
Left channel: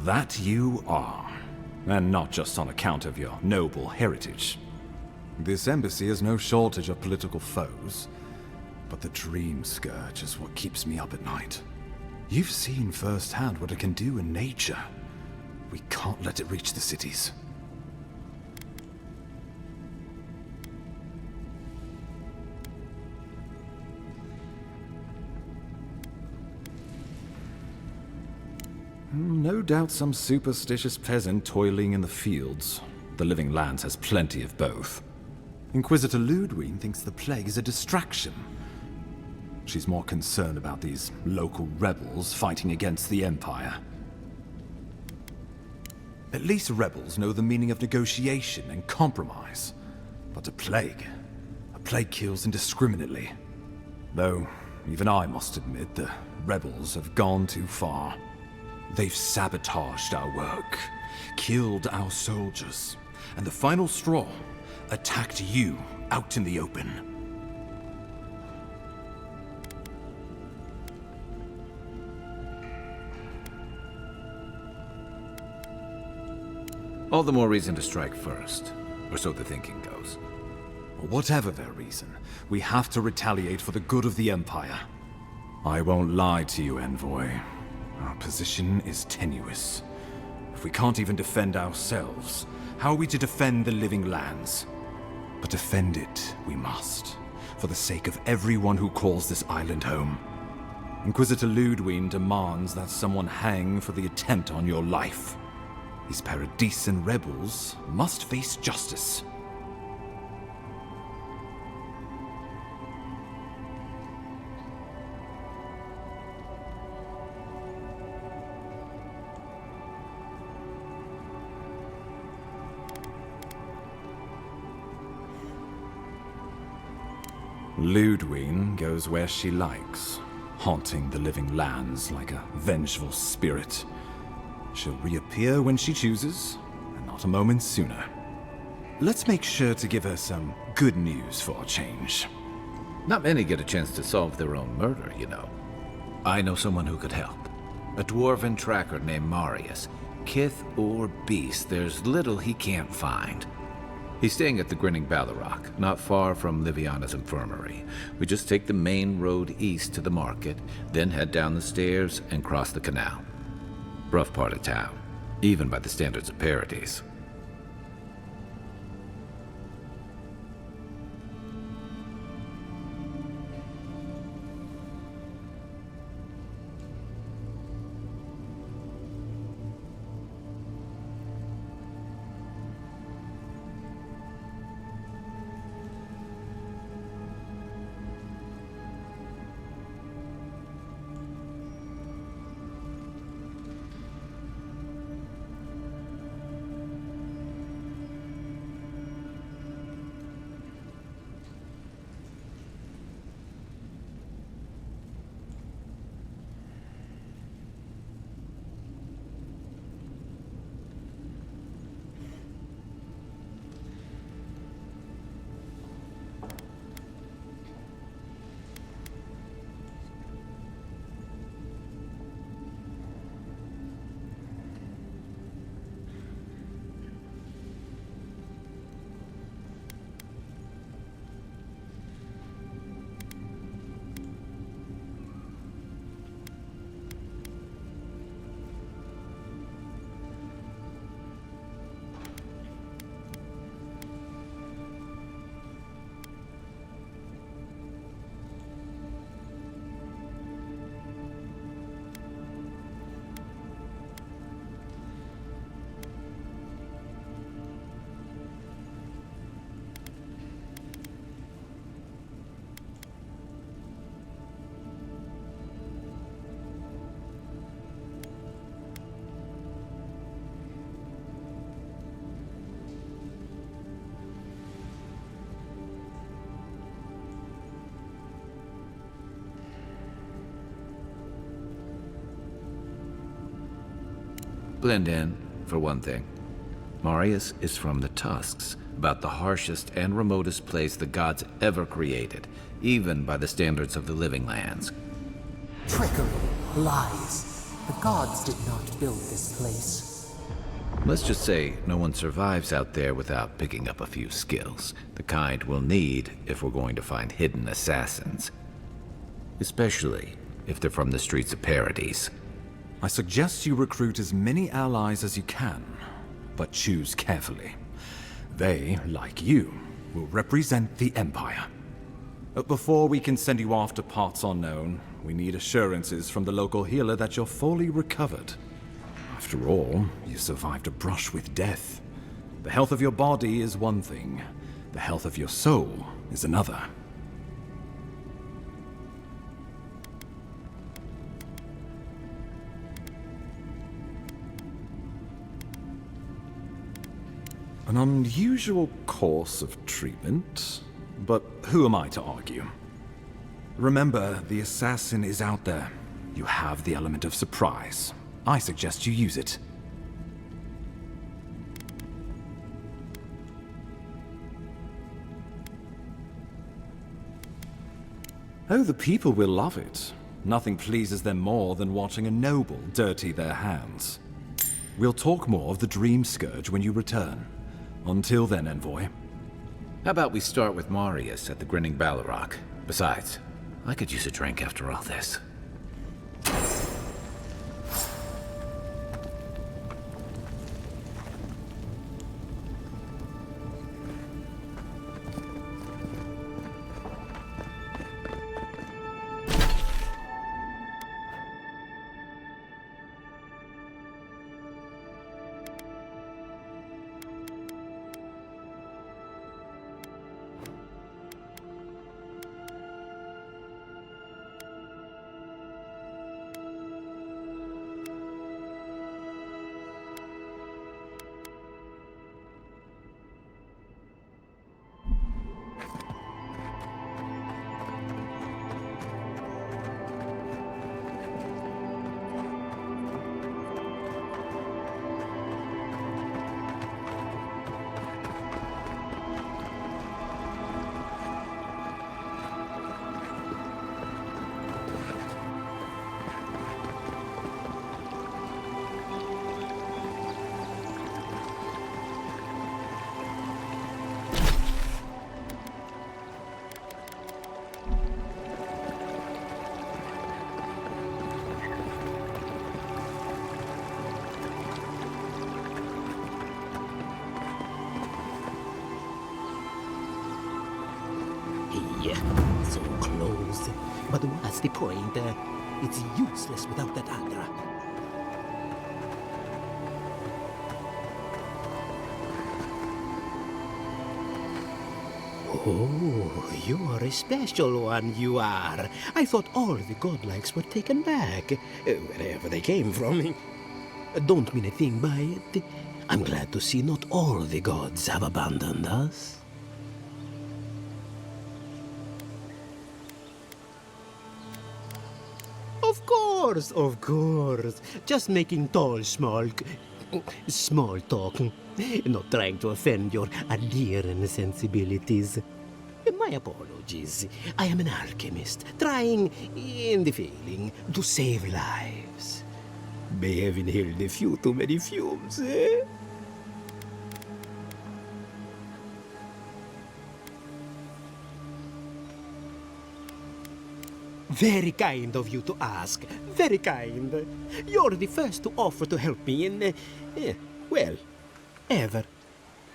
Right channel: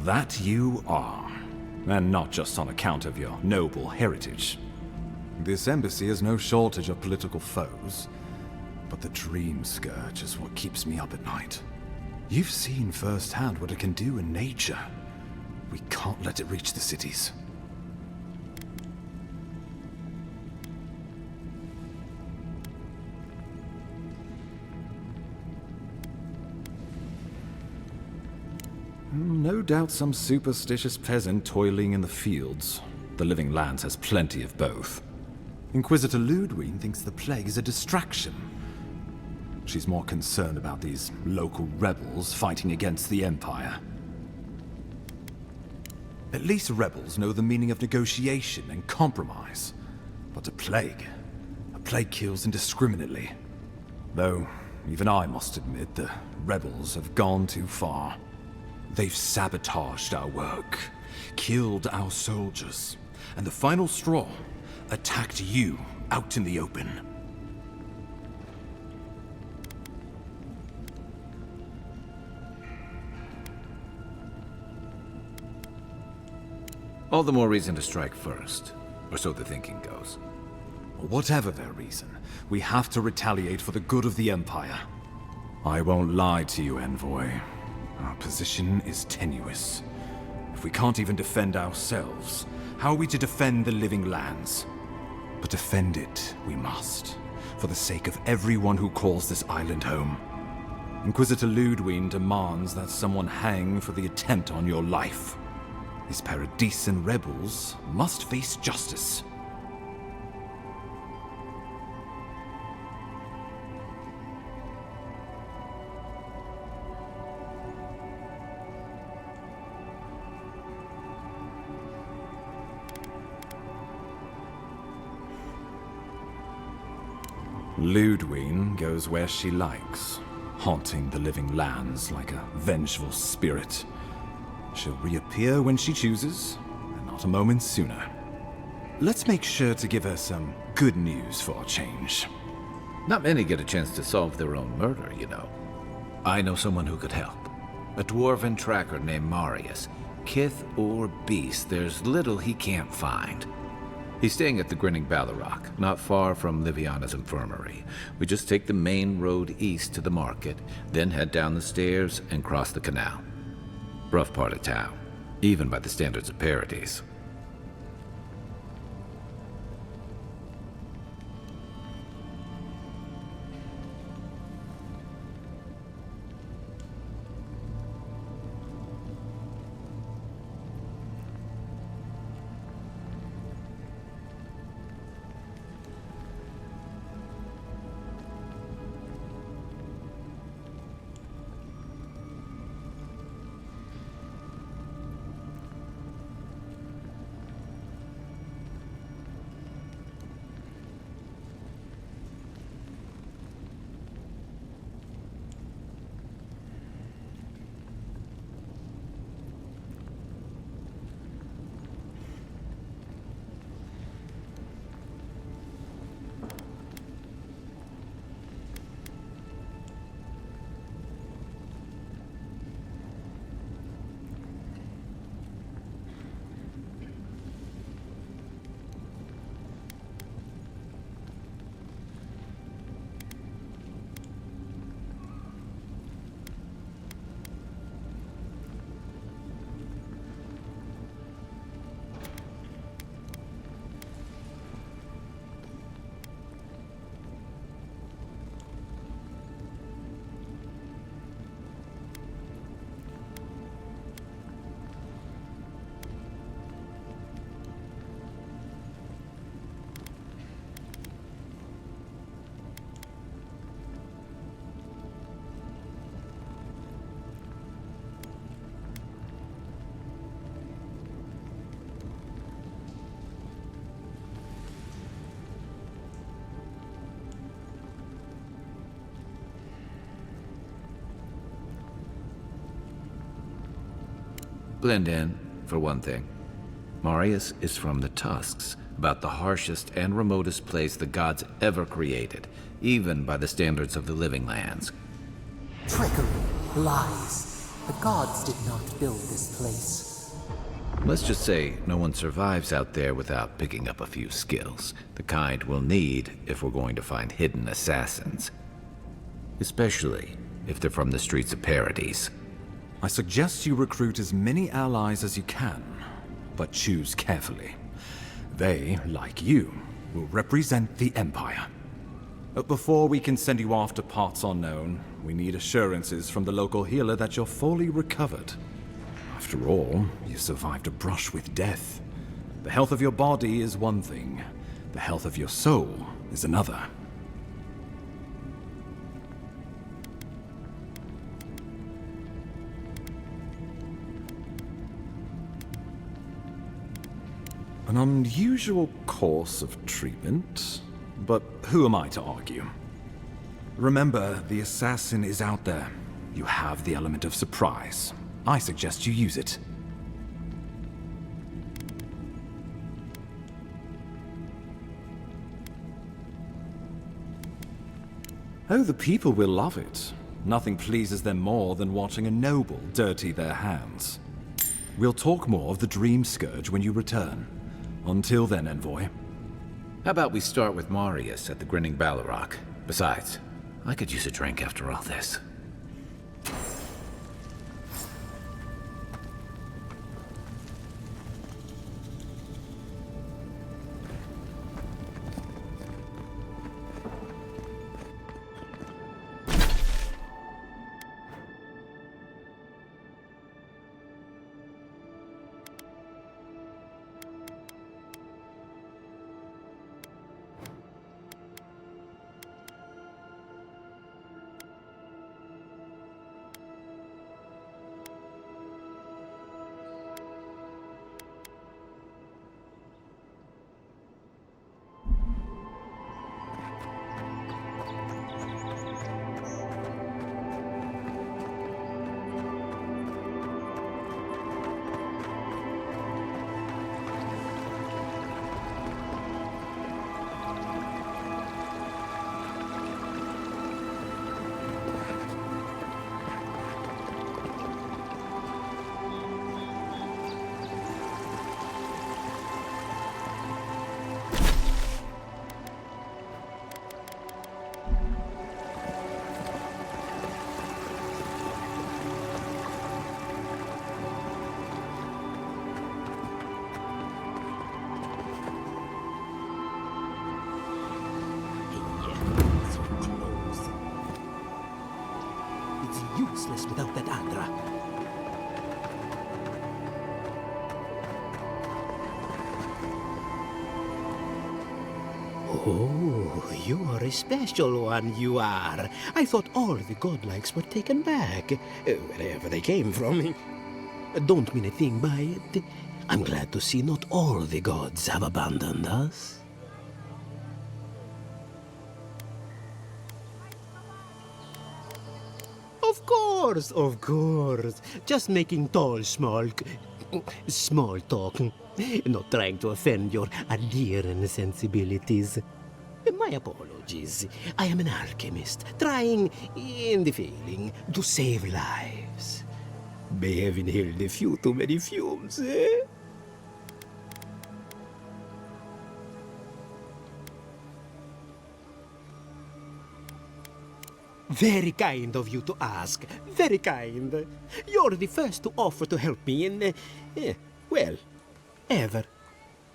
That you are, and not just on account of your noble heritage. This embassy has no shortage of political foes, but the Dream Scourge is what keeps me up at night. You've seen firsthand what it can do in nature. We can't let it reach the cities. No doubt some superstitious peasant toiling in the fields. The Living Lands has plenty of both. Inquisitor Ludwig thinks the plague is a distraction. She's more concerned about these local rebels fighting against the Empire. At least rebels know the meaning of negotiation and compromise. But a plague kills indiscriminately. Though, even I must admit, the rebels have gone too far. They've sabotaged our work, killed our soldiers, and the final straw, attacked you out in the open. All the more reason to strike first, or so the thinking goes. Whatever their reason, we have to retaliate for the good of the Empire. I won't lie to you, Envoy. Our position is tenuous. If we can't even defend ourselves, how are we to defend the Living Lands? But defend it we must, for the sake of everyone who calls this island home. Inquisitor Ludwig demands that someone hang for the attempt on your life. These Paradisen rebels must face justice. Ludwig goes where she likes, haunting the Living Lands like a vengeful spirit. She'll reappear when she chooses, and not a moment sooner. Let's make sure to give her some good news for a change. Not many get a chance to solve their own murder, you know. I know someone who could help. A dwarven tracker named Marius. Kith or beast, there's little he can't find. He's staying at the Grinning Ballarrock, not far from Liviana's infirmary. We just take the main road east to the market, then head down the stairs and cross the canal. Rough part of town, even by the standards of Paradise. Blend in, for one thing. Marius is from the Tusks, about the harshest and remotest place the gods ever created, even by the standards of the Living Lands. Trickery, lies. The gods did not build this place. Let's just say no one survives out there without picking up a few skills, the kind we'll need if we're going to find hidden assassins. Especially if they're from the streets of Paradise. I suggest you recruit as many allies as you can, but choose carefully. They, like you, will represent the Empire. But before we can send you off to parts unknown, we need assurances from the local healer that you're fully recovered. After all, you survived a brush with death. The health of your body is one thing. The health of your soul is another. An unusual course of treatment, but who am I to argue? Remember, the assassin is out there. You have the element of surprise. I suggest you use it. Oh, the people will love it. Nothing pleases them more than watching a noble dirty their hands. We'll talk more of the Dream Scourge when you return. Until then, Envoy. How about we start with Marius at the Grinning Balrog? Besides, I could use a drink after all this. So close. But what's the point? It's useless without that Adra. Oh, you are a special one, you are. I thought all the godlikes were taken back, wherever they came from. Don't mean a thing by it. I'm glad to see not all the gods have abandoned us. Of course. Just making small talk. Not trying to offend your Adiran sensibilities. My apologies. I am an alchemist, trying, and failing, to save lives. May have inhaled a few too many fumes, eh? Very kind of you to ask. Very kind. You're the first to offer to help me in, well, ever.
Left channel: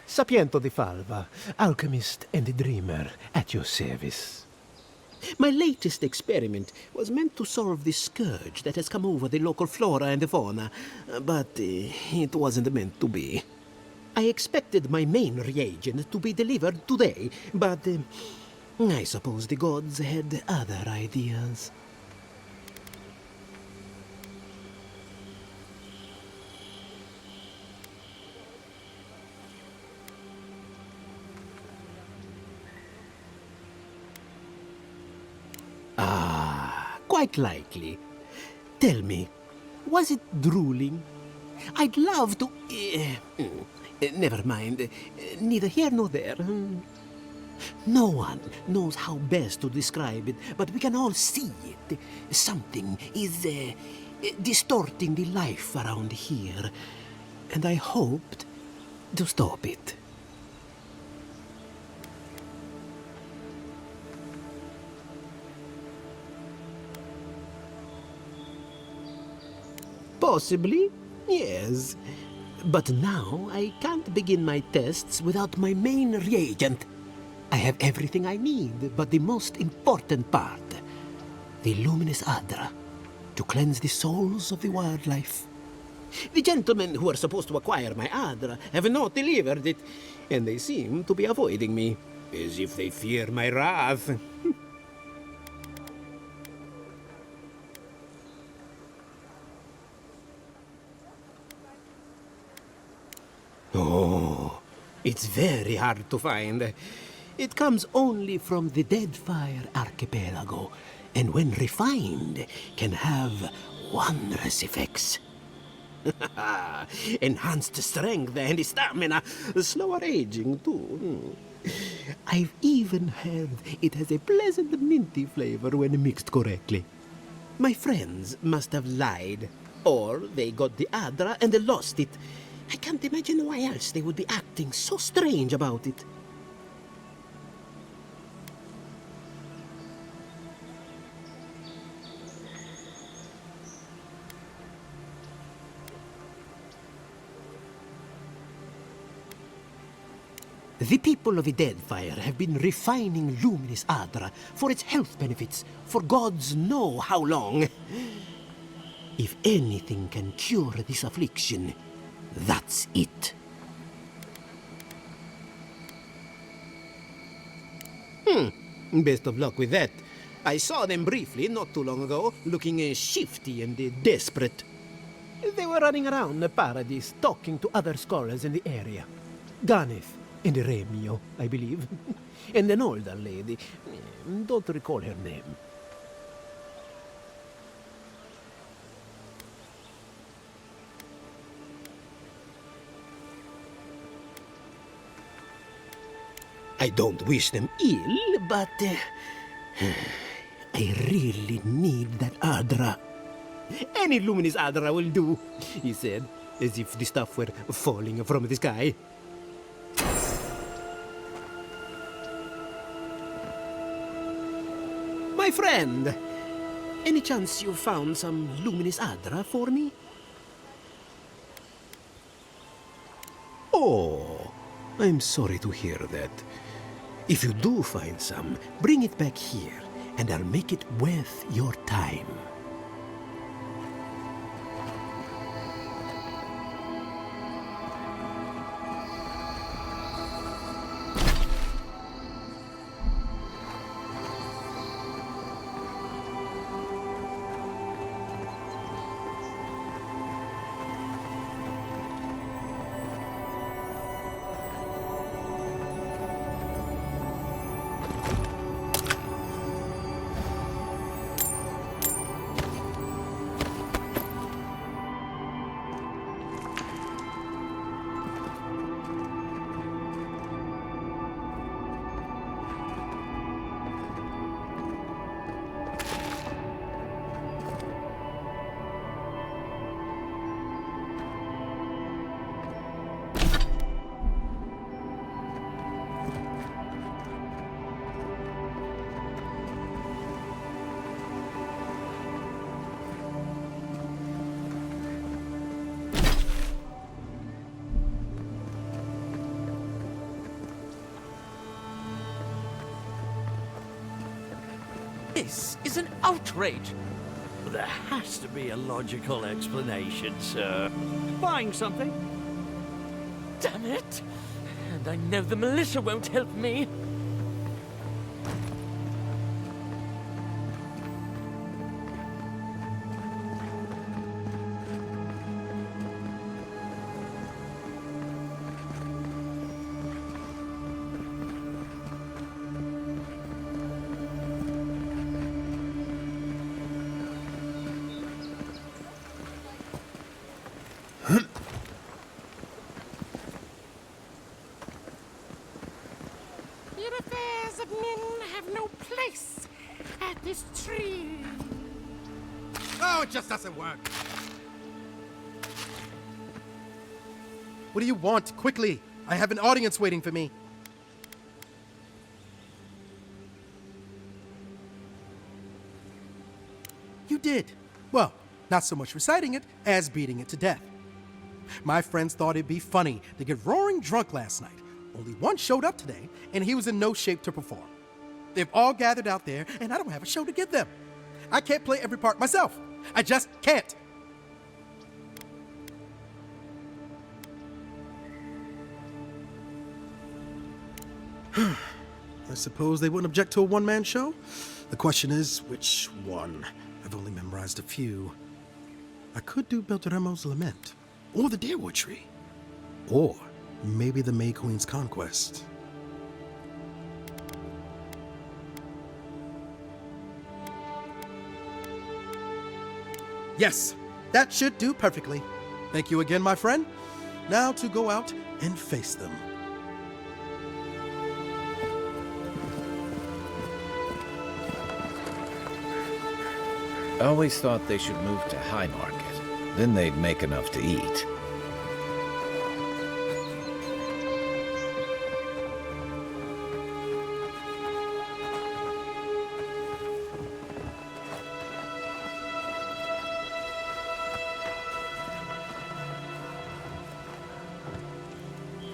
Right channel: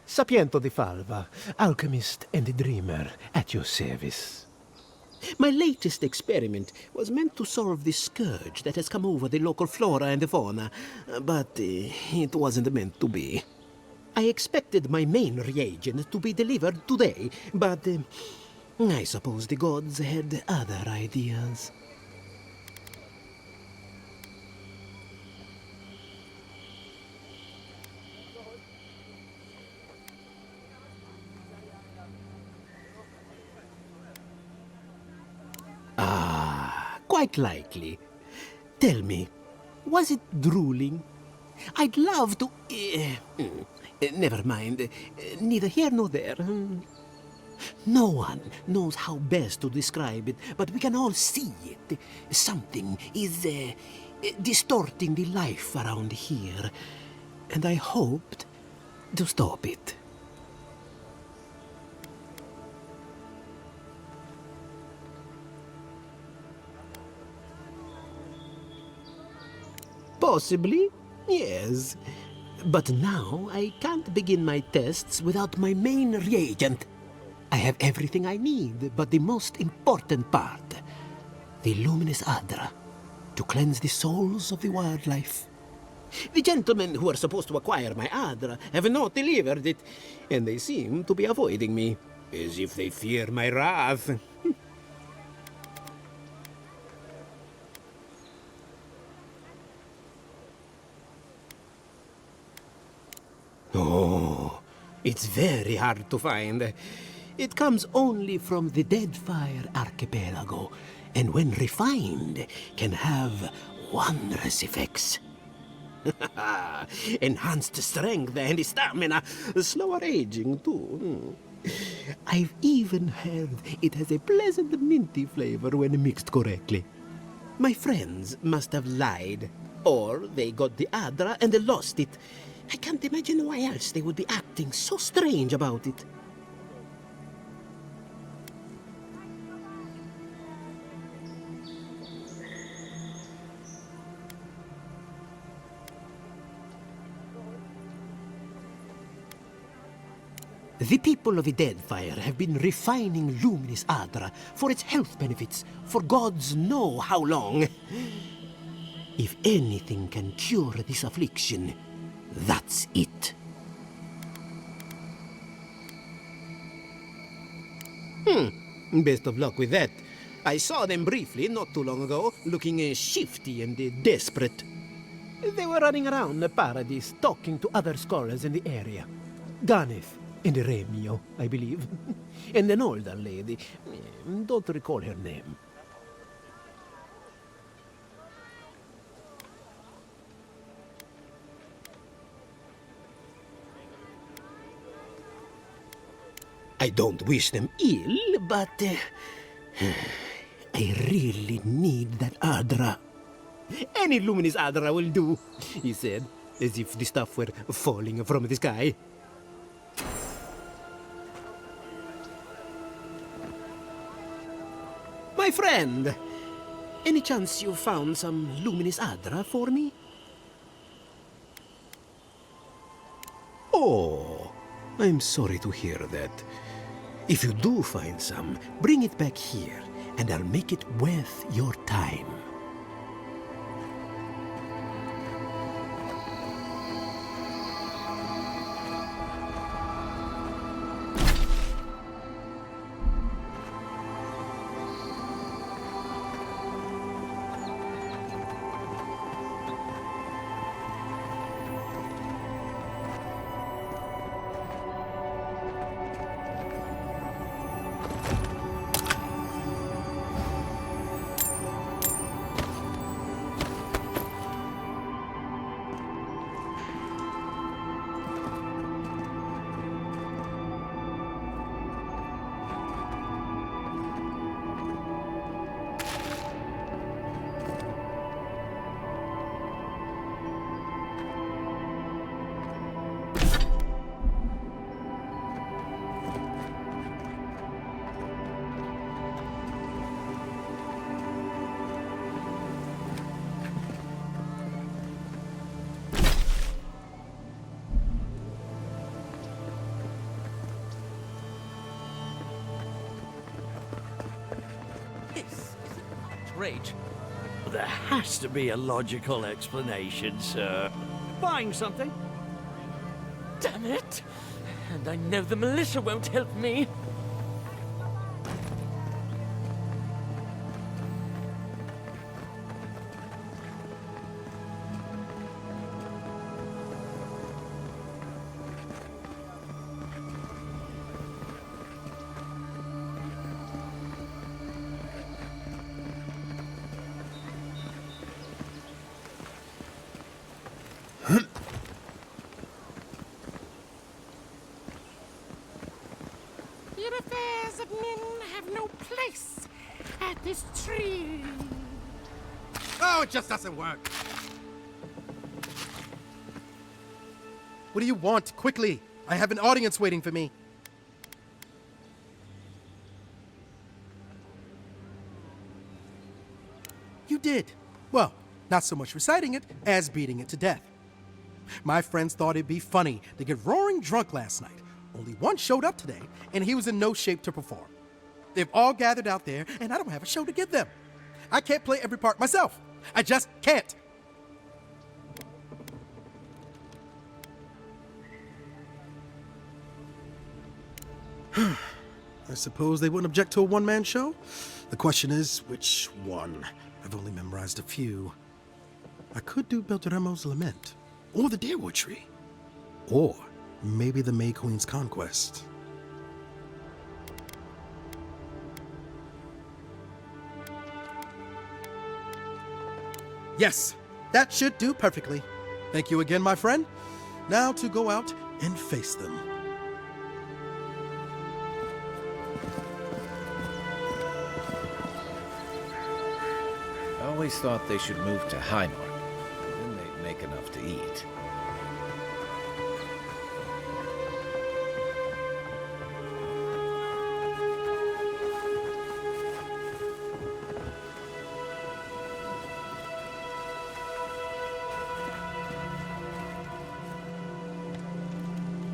Sapiento di Falva, alchemist and dreamer, at your service. My latest experiment was meant to solve the scourge that has come over the local flora and fauna, but it wasn't meant to be. I expected my main reagent to be delivered today, but I suppose the gods had other ideas. Ah, quite likely. Tell me, was it drooling? I'd love to... never mind. Neither here nor there. No one knows how best to describe it, but we can all see it. Something is distorting the life around here, and I hoped to stop it. Possibly, yes. But now I can't begin my tests without my main reagent. I have everything I need, but the most important part, the luminous Adra, to cleanse the souls of the wildlife. The gentlemen who are supposed to acquire my Adra have not delivered it, and they seem to be avoiding me, as if they fear my wrath. Oh, it's very hard to find. It comes only from the Deadfire Archipelago, and when refined, can have wondrous effects. Enhanced strength and stamina, slower aging too. I've even heard it has a pleasant minty flavor when mixed correctly. My friends must have lied, or they got the Adra and lost it. I can't imagine why else they would be acting so strange about it. The people of the Deadfire have been refining luminous Adra for its health benefits for gods know how long. If anything can cure this affliction, that's it. Best of luck with that. I saw them briefly not too long ago, looking shifty and desperate. They were running around the paradise, talking to other scholars in the area. Ganeth and Remio, I believe. And an older lady. Don't recall her name. I don't wish them ill, but I really need that Adra. Any luminous Adra will do, he said, as if the stuff were falling from the sky. My friend, any chance you found some luminous Adra for me? Oh, I'm sorry to hear that. If you do find some, bring it back here, and I'll make it worth your time. This is an outrage. There has to be a logical explanation, sir. Buying something? Damn it! And I know the militia won't help me. private affairs of men have no place at this tree. Oh, it just doesn't work. What do you want? Quickly! I have an audience waiting for me. You did. Well, not so much reciting it as beating it to death. My friends thought it'd be funny to get roaring drunk last night. Only one showed up today, and he was in no shape to perform. They've all gathered out there, and I don't have a show to give them. I can't play every part myself. I just can't. I suppose they wouldn't object to a one-man show? The question is, which one? I've only memorized a few. I could do Beltramo's Lament, or the Deerwood Tree, or maybe the May Queen's Conquest. Yes, that should do perfectly. Thank you again, my friend. Now to go out and face them. I always thought they should move to High Market. Then they'd make enough to eat.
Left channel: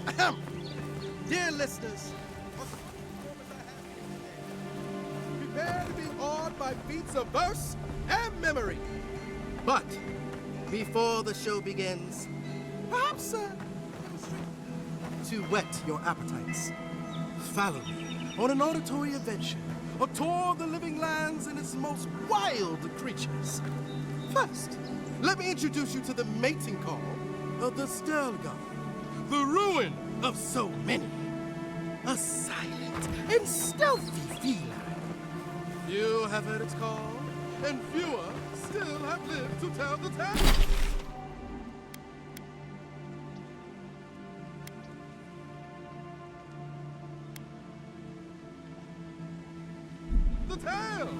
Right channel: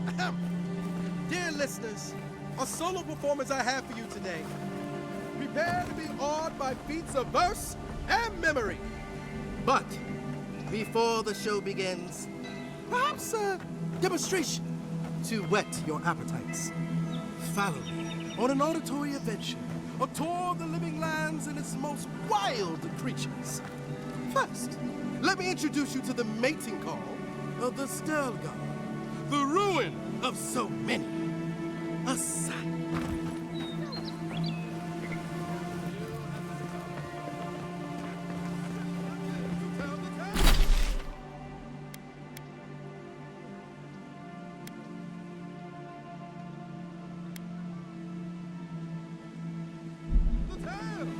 Ahem. Dear listeners, a solo performance I have for you today. Prepare to be awed by feats of verse and memory. But before the show begins, perhaps a demonstration to whet your appetites. Follow me on an auditory adventure, a tour of the living lands and its most wild creatures. First, let me introduce you to the mating call of the Stelgar, the ruin of so many. A silent and stealthy feline. Few have heard its call, and fewer still have lived to tell the tale. The tale!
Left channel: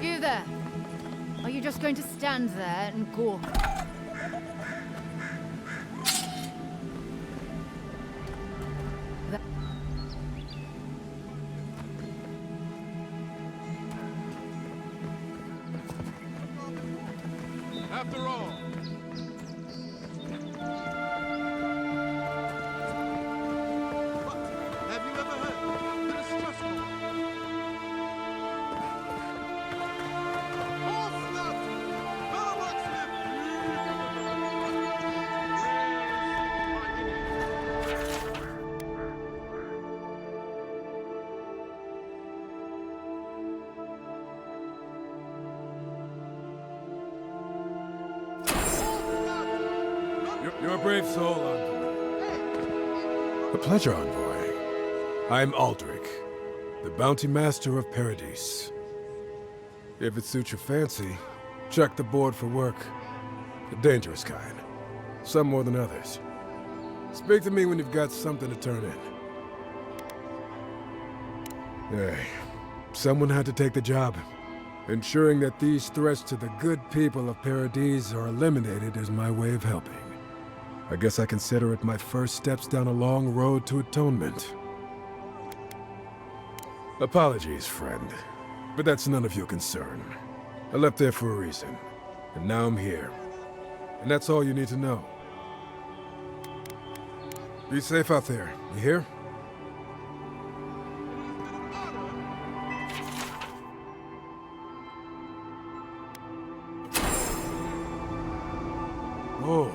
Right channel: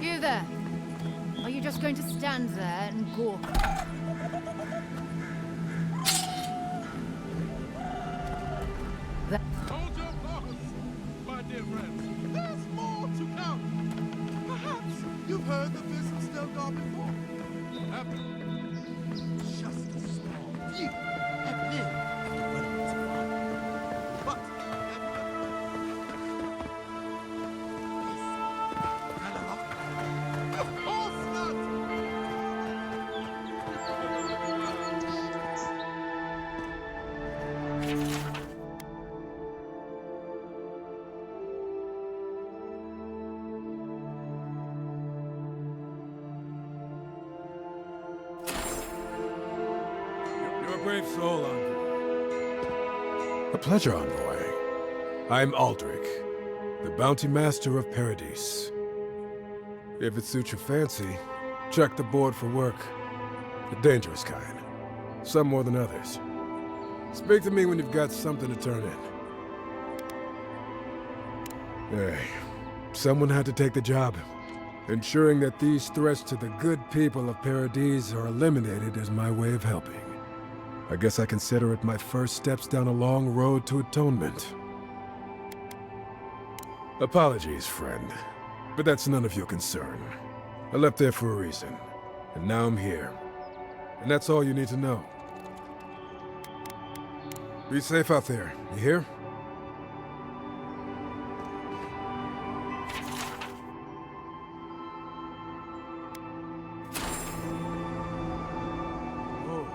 You there. Are you just going to stand there and gawk? Hold your thoughts, my dear friend. There's more to come. Perhaps you've heard that this was Stelgar before. After all, just a small few have lived. But have you ever heard the distress call? Of course not! You're a brave soul, Envoy. A pleasure, Envoy. I'm Aldrich, the Bounty Master of Paradise. If it suits your fancy, check the board for work. The dangerous kind. Some more than others. Speak to me when you've got something to turn in. Hey, someone had to take the job. Ensuring that these threats to the good people of Paradise are eliminated is my way of helping. I guess I consider it my first steps down a long road to atonement. Apologies, friend, but that's none of your concern. I left there for a reason, and now I'm here. And that's all you need to know. Be safe out there, you hear? Oh.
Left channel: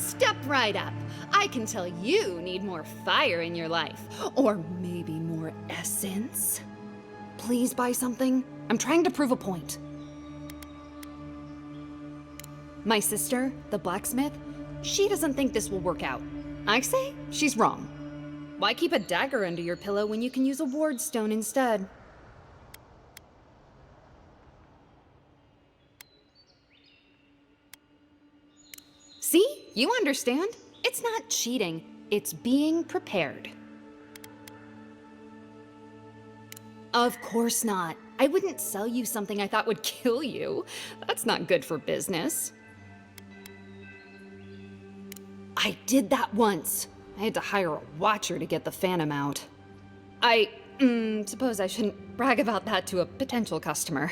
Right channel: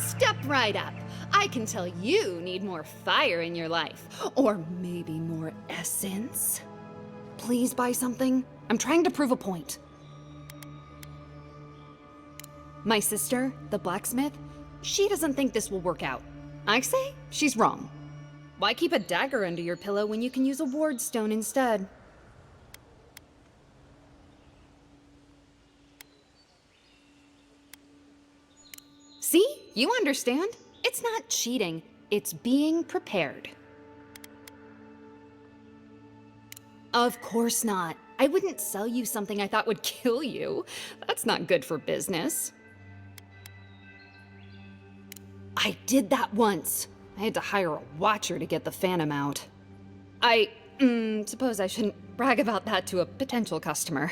Step right up. I can tell you need more fire in your life. Or maybe more essence. Please buy something. I'm trying to prove a point. My sister, the blacksmith, she doesn't think this will work out. I say she's wrong. Why keep a dagger under your pillow when you can use a ward stone instead? See? You understand. It's not cheating. It's being prepared. Of course not. I wouldn't sell you something I thought would kill you. That's not good for business. I did that once. I had to hire a watcher to get the phantom out. I suppose I shouldn't brag about that to a potential customer.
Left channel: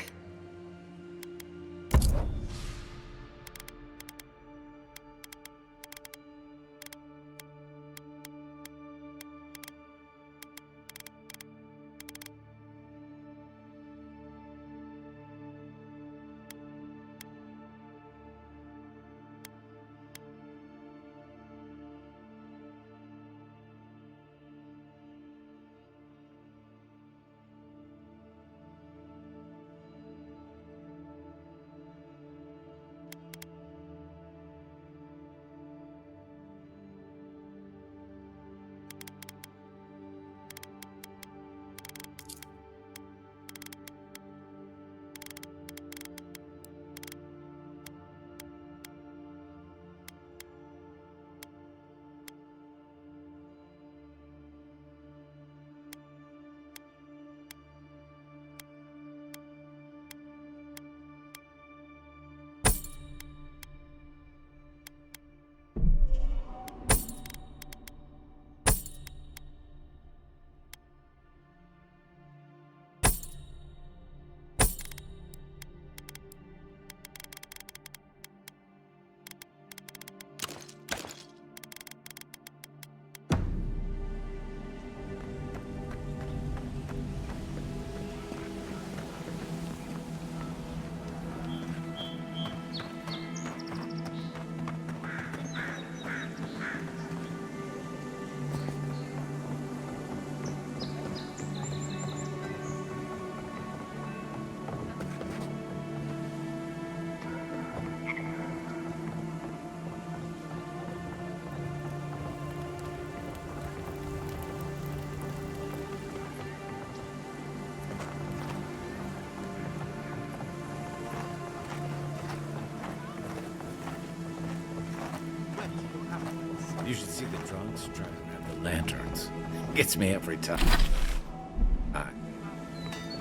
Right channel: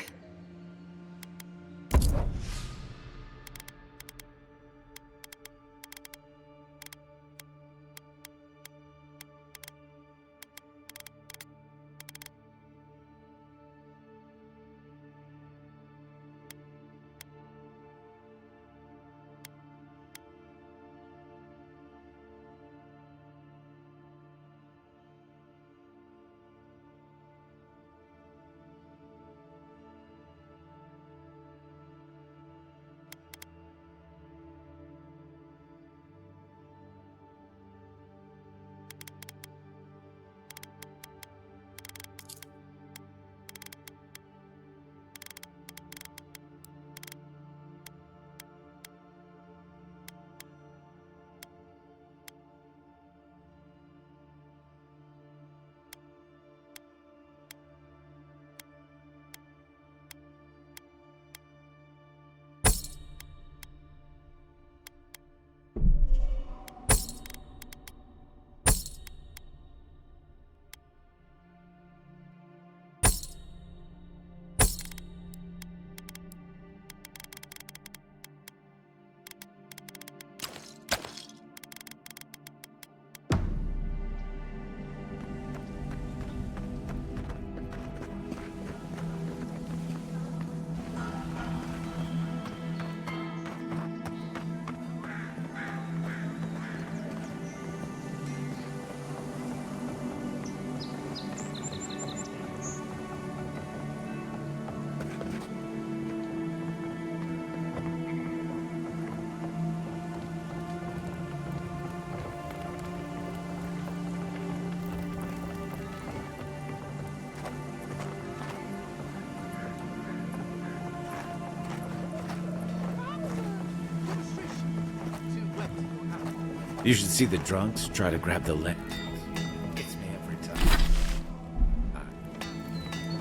You should see the drunks try to grab the lanterns. Gets me every time.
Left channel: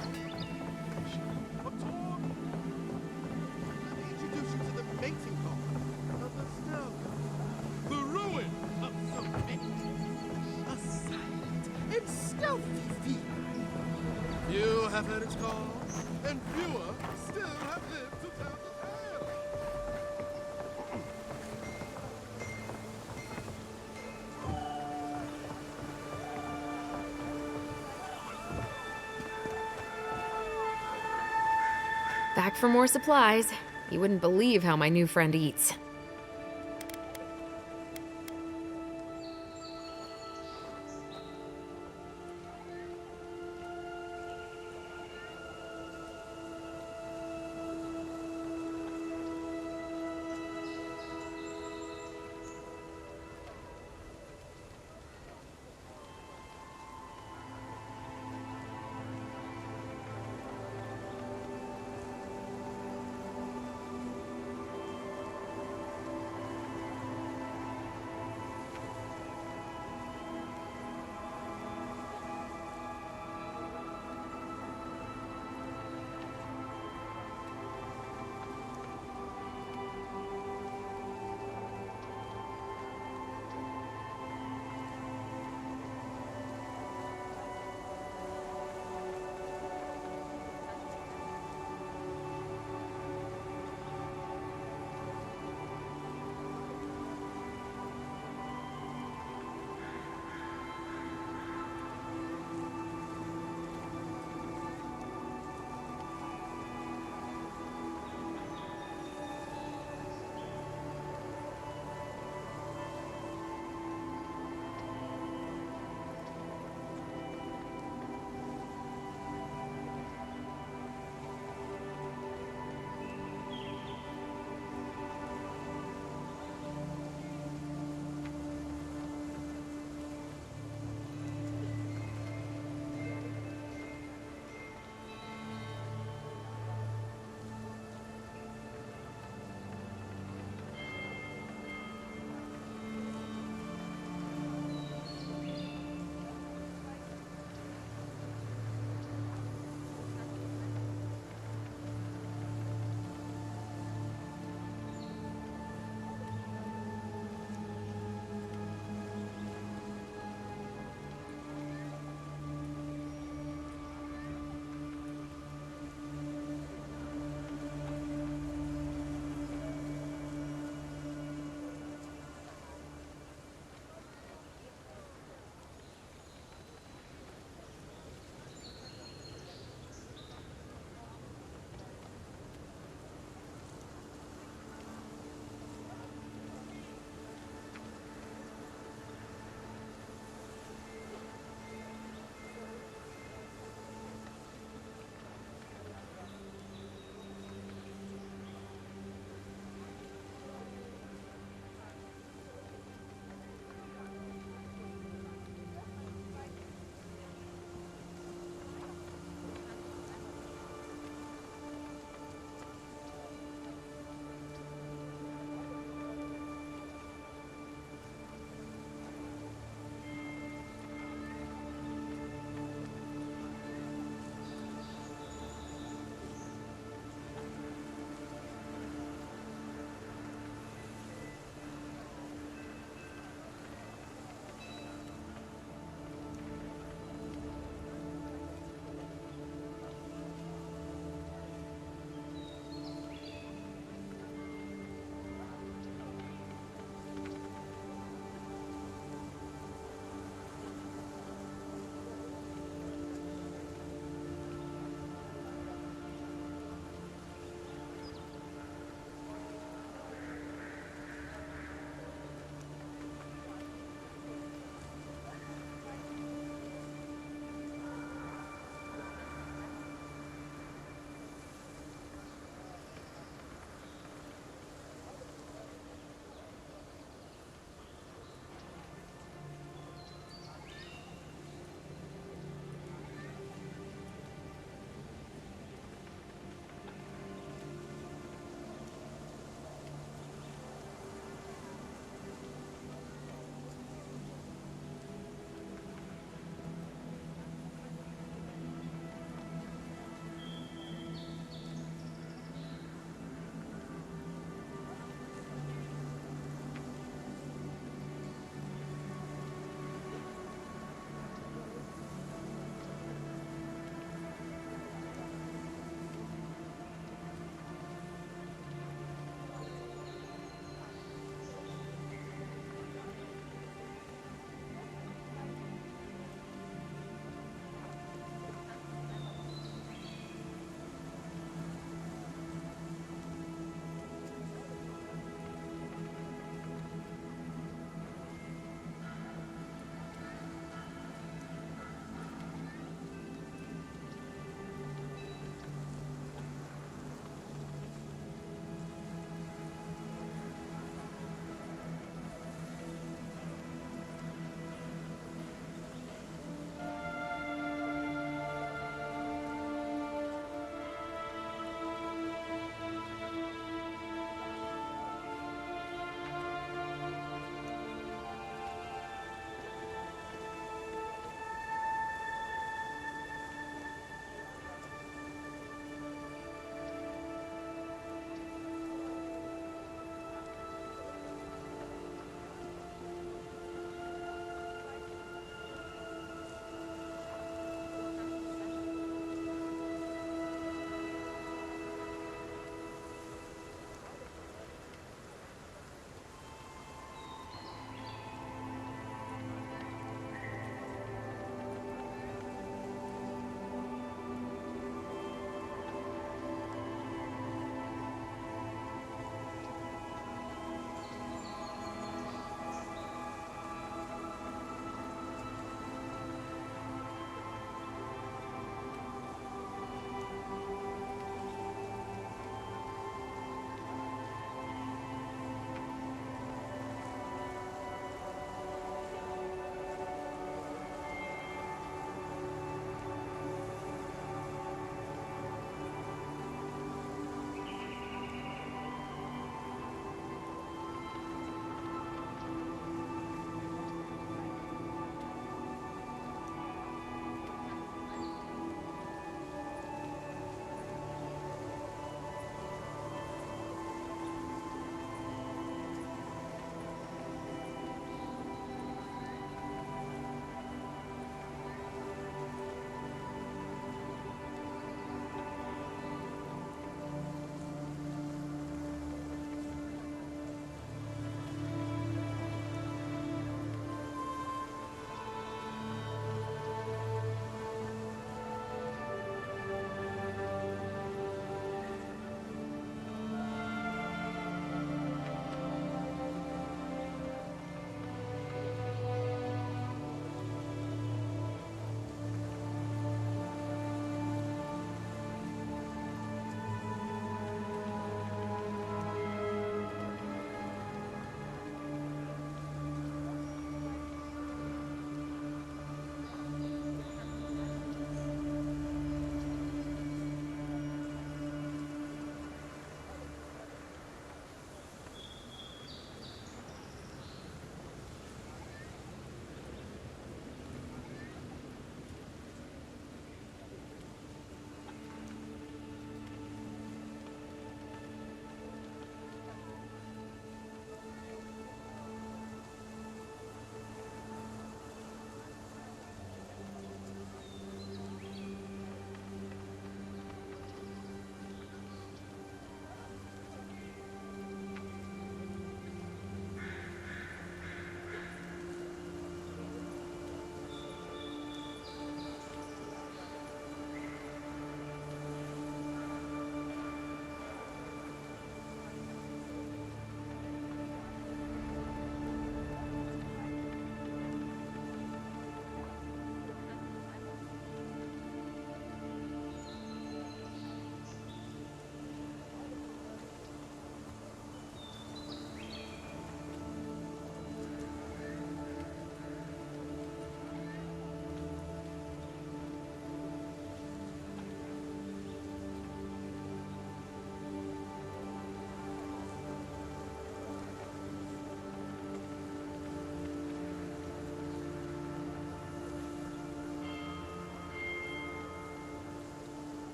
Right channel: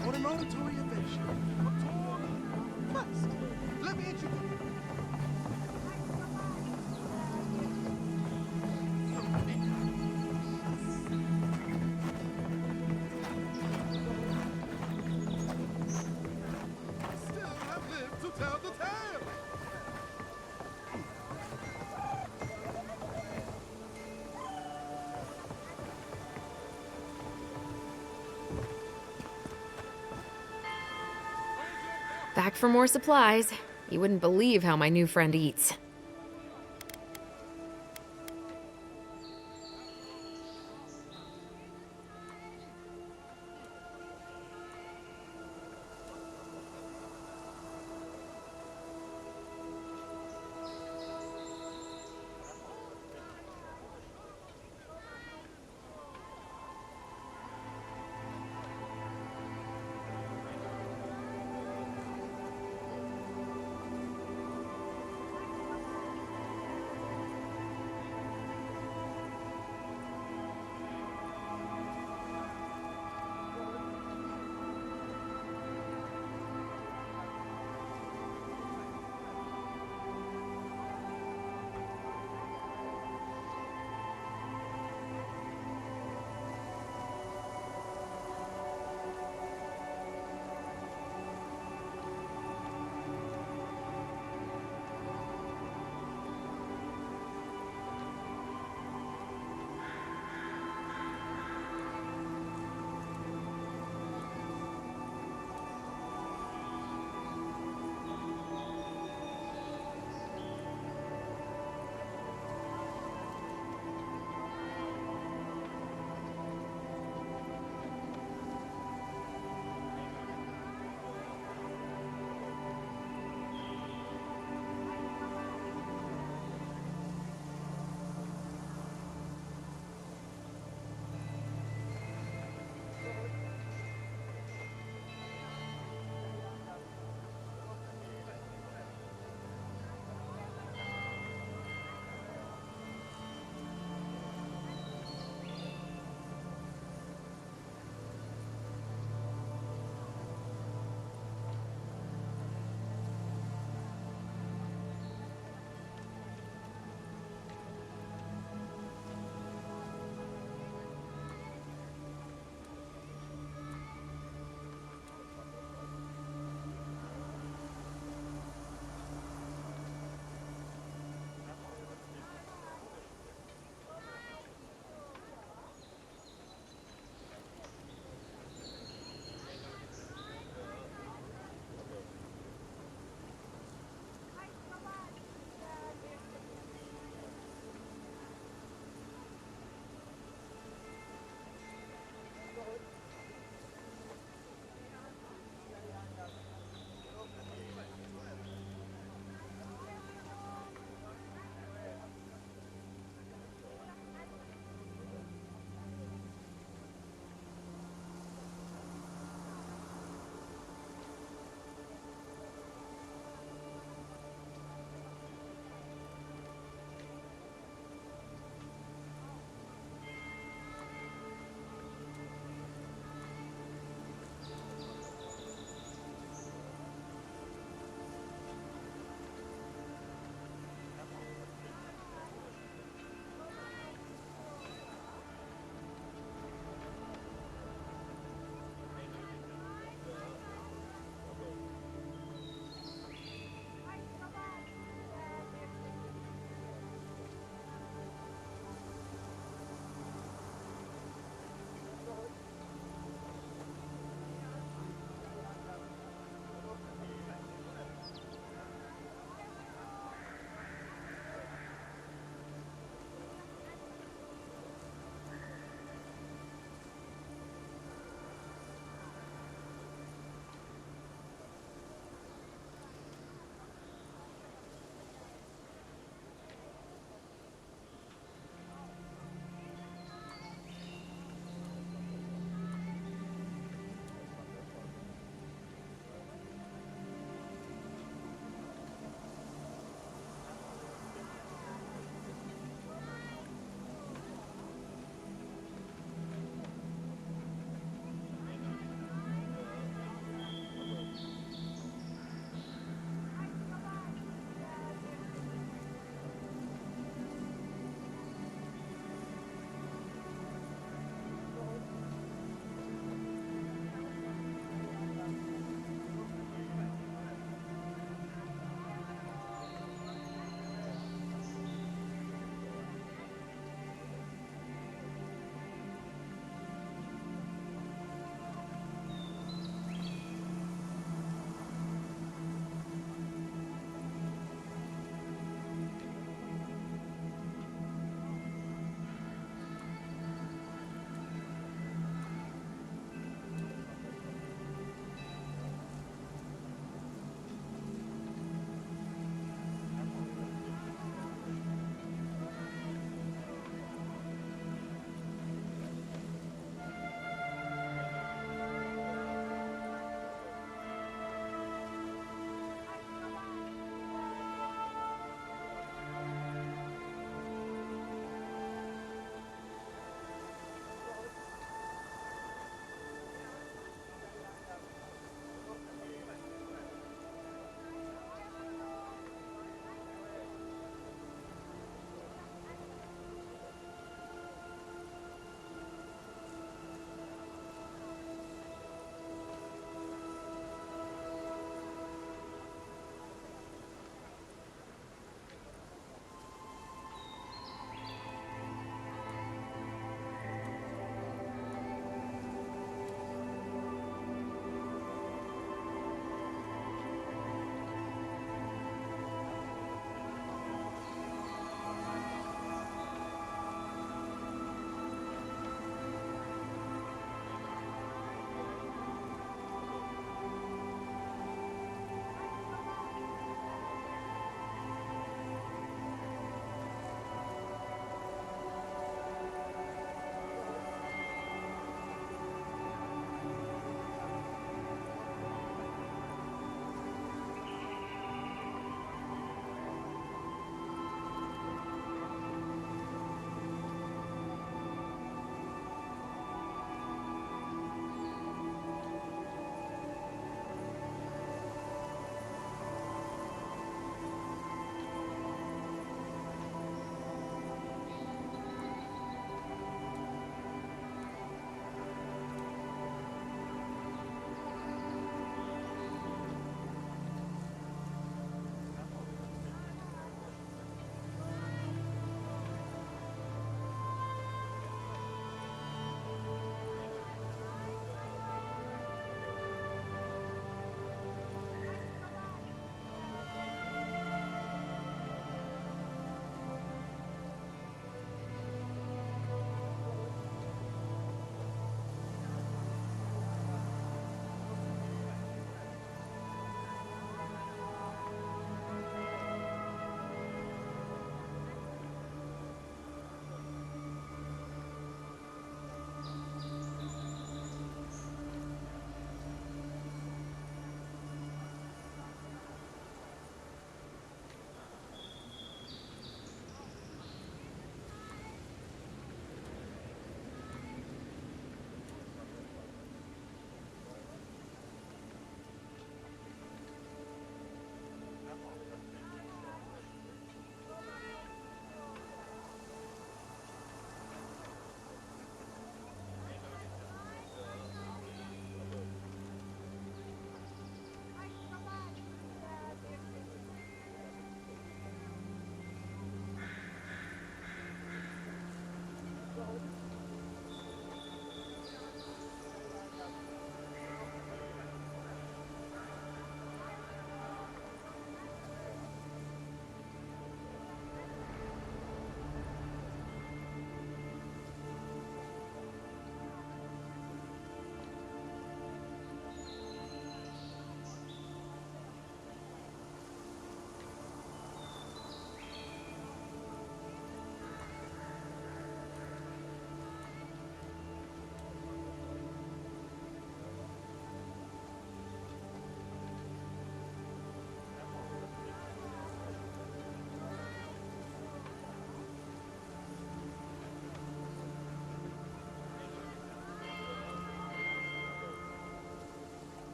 For an auditory adventure, a tour quest. Let me introduce you to the making of the ruin of Sylvania. A silent and stealthy field. Few have heard its call, and fewer still have lived to tell the tale. Back for more supplies. You wouldn't believe how my new friend eats.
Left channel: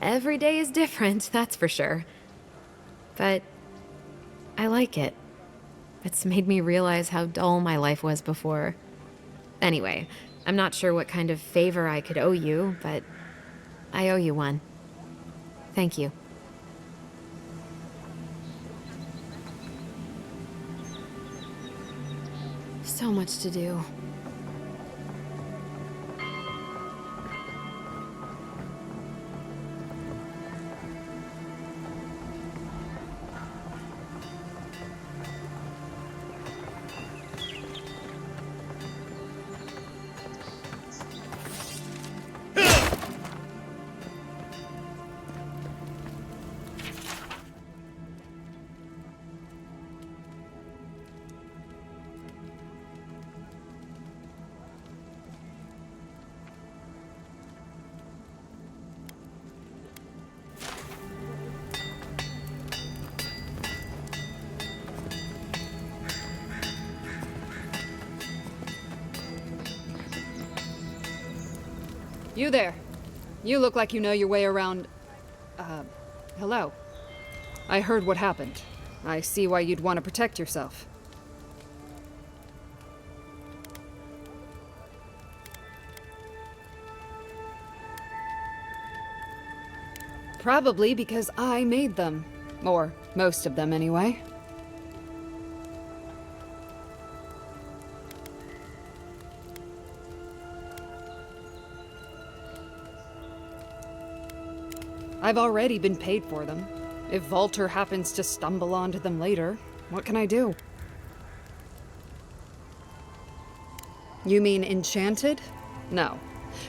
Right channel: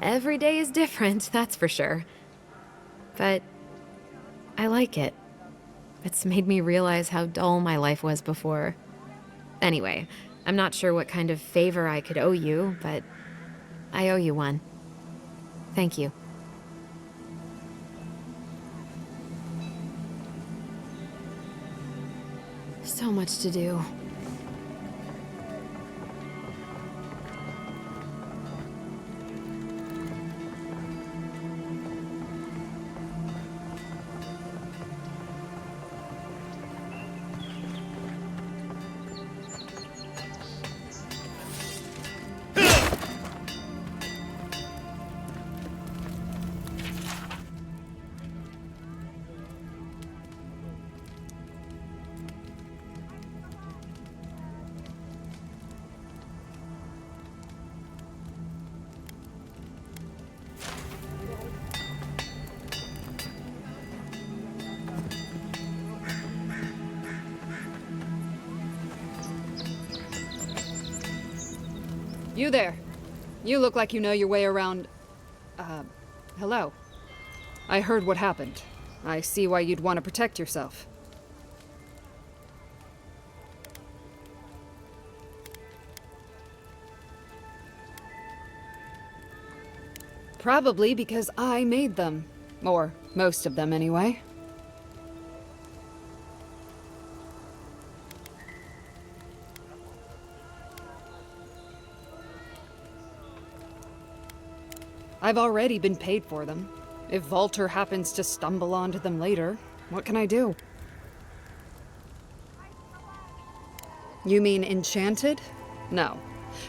Every day is different, that's for sure. But I like it. It's made me realize how dull my life was before. Anyway, I'm not sure what kind of favor I could owe you, but I owe you one. Thank you. So much to do. You there. You look like you know your way around... hello. I heard what happened. I see why you'd want to protect yourself. Probably because I made them. Or most of them, anyway. I've already been paid for them. If Volter happens to stumble onto them later, what can I do? You mean enchanted? No.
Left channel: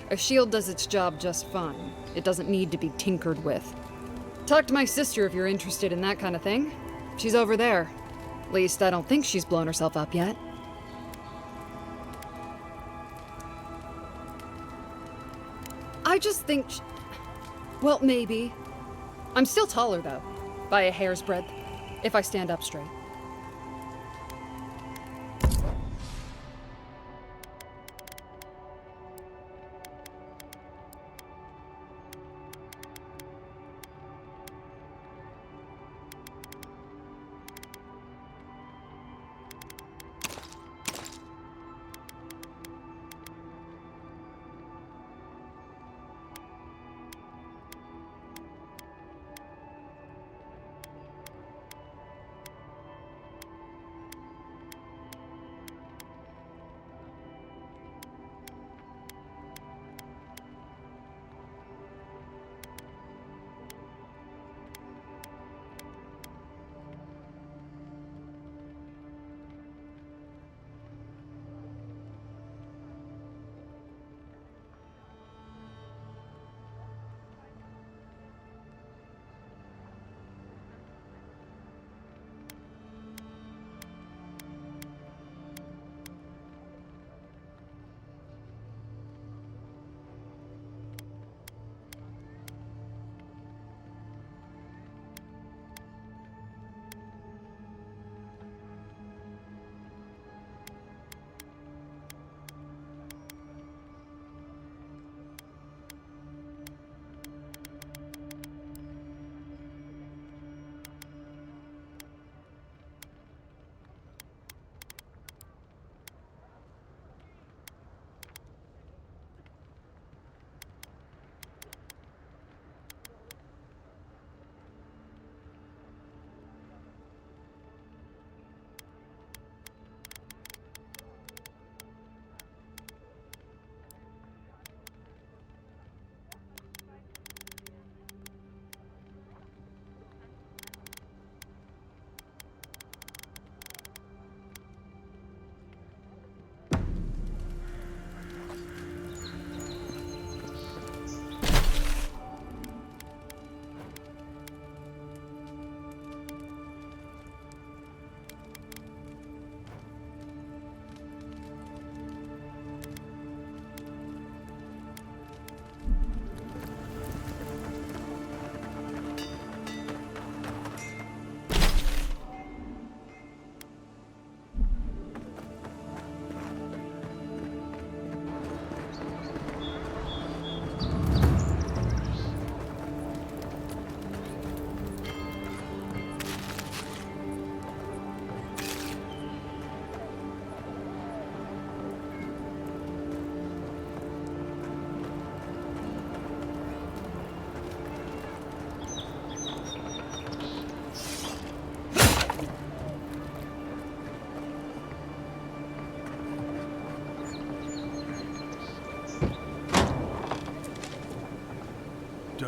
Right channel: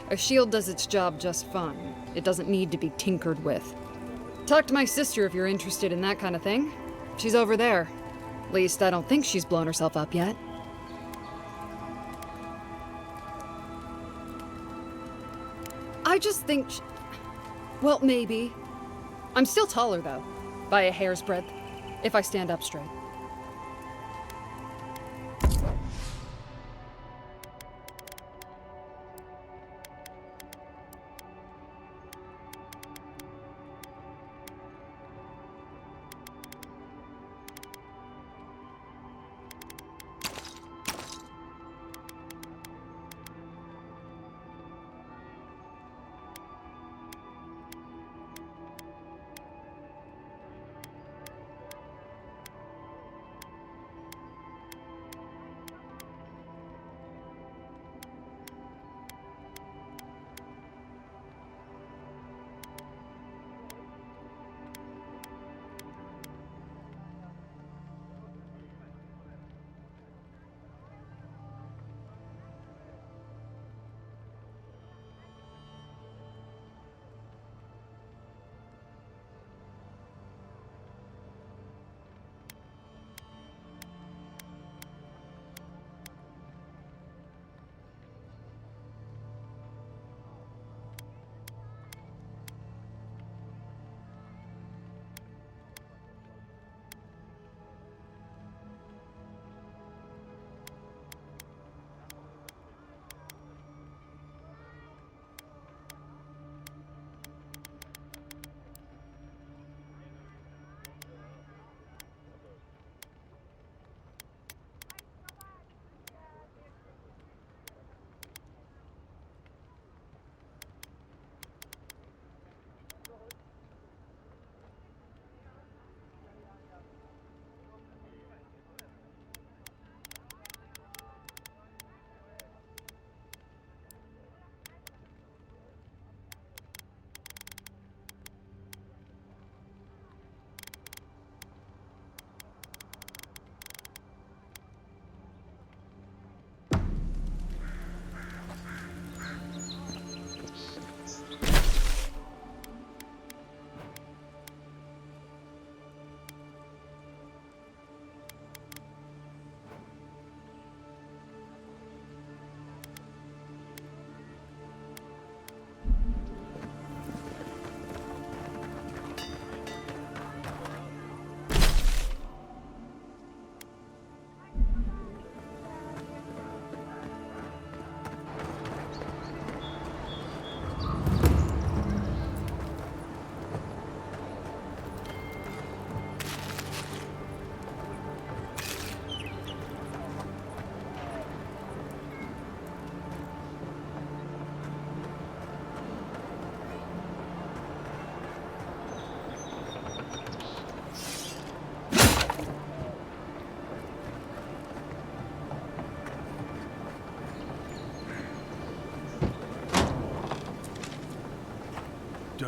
A shield does its job just fine. It doesn't need to be tinkered with. Talk to my sister if you're interested in that kind of thing. She's over there. At least I don't think she's blown herself up yet. I just think well, maybe. I'm still taller, though. By a hair's breadth. If I stand up straight.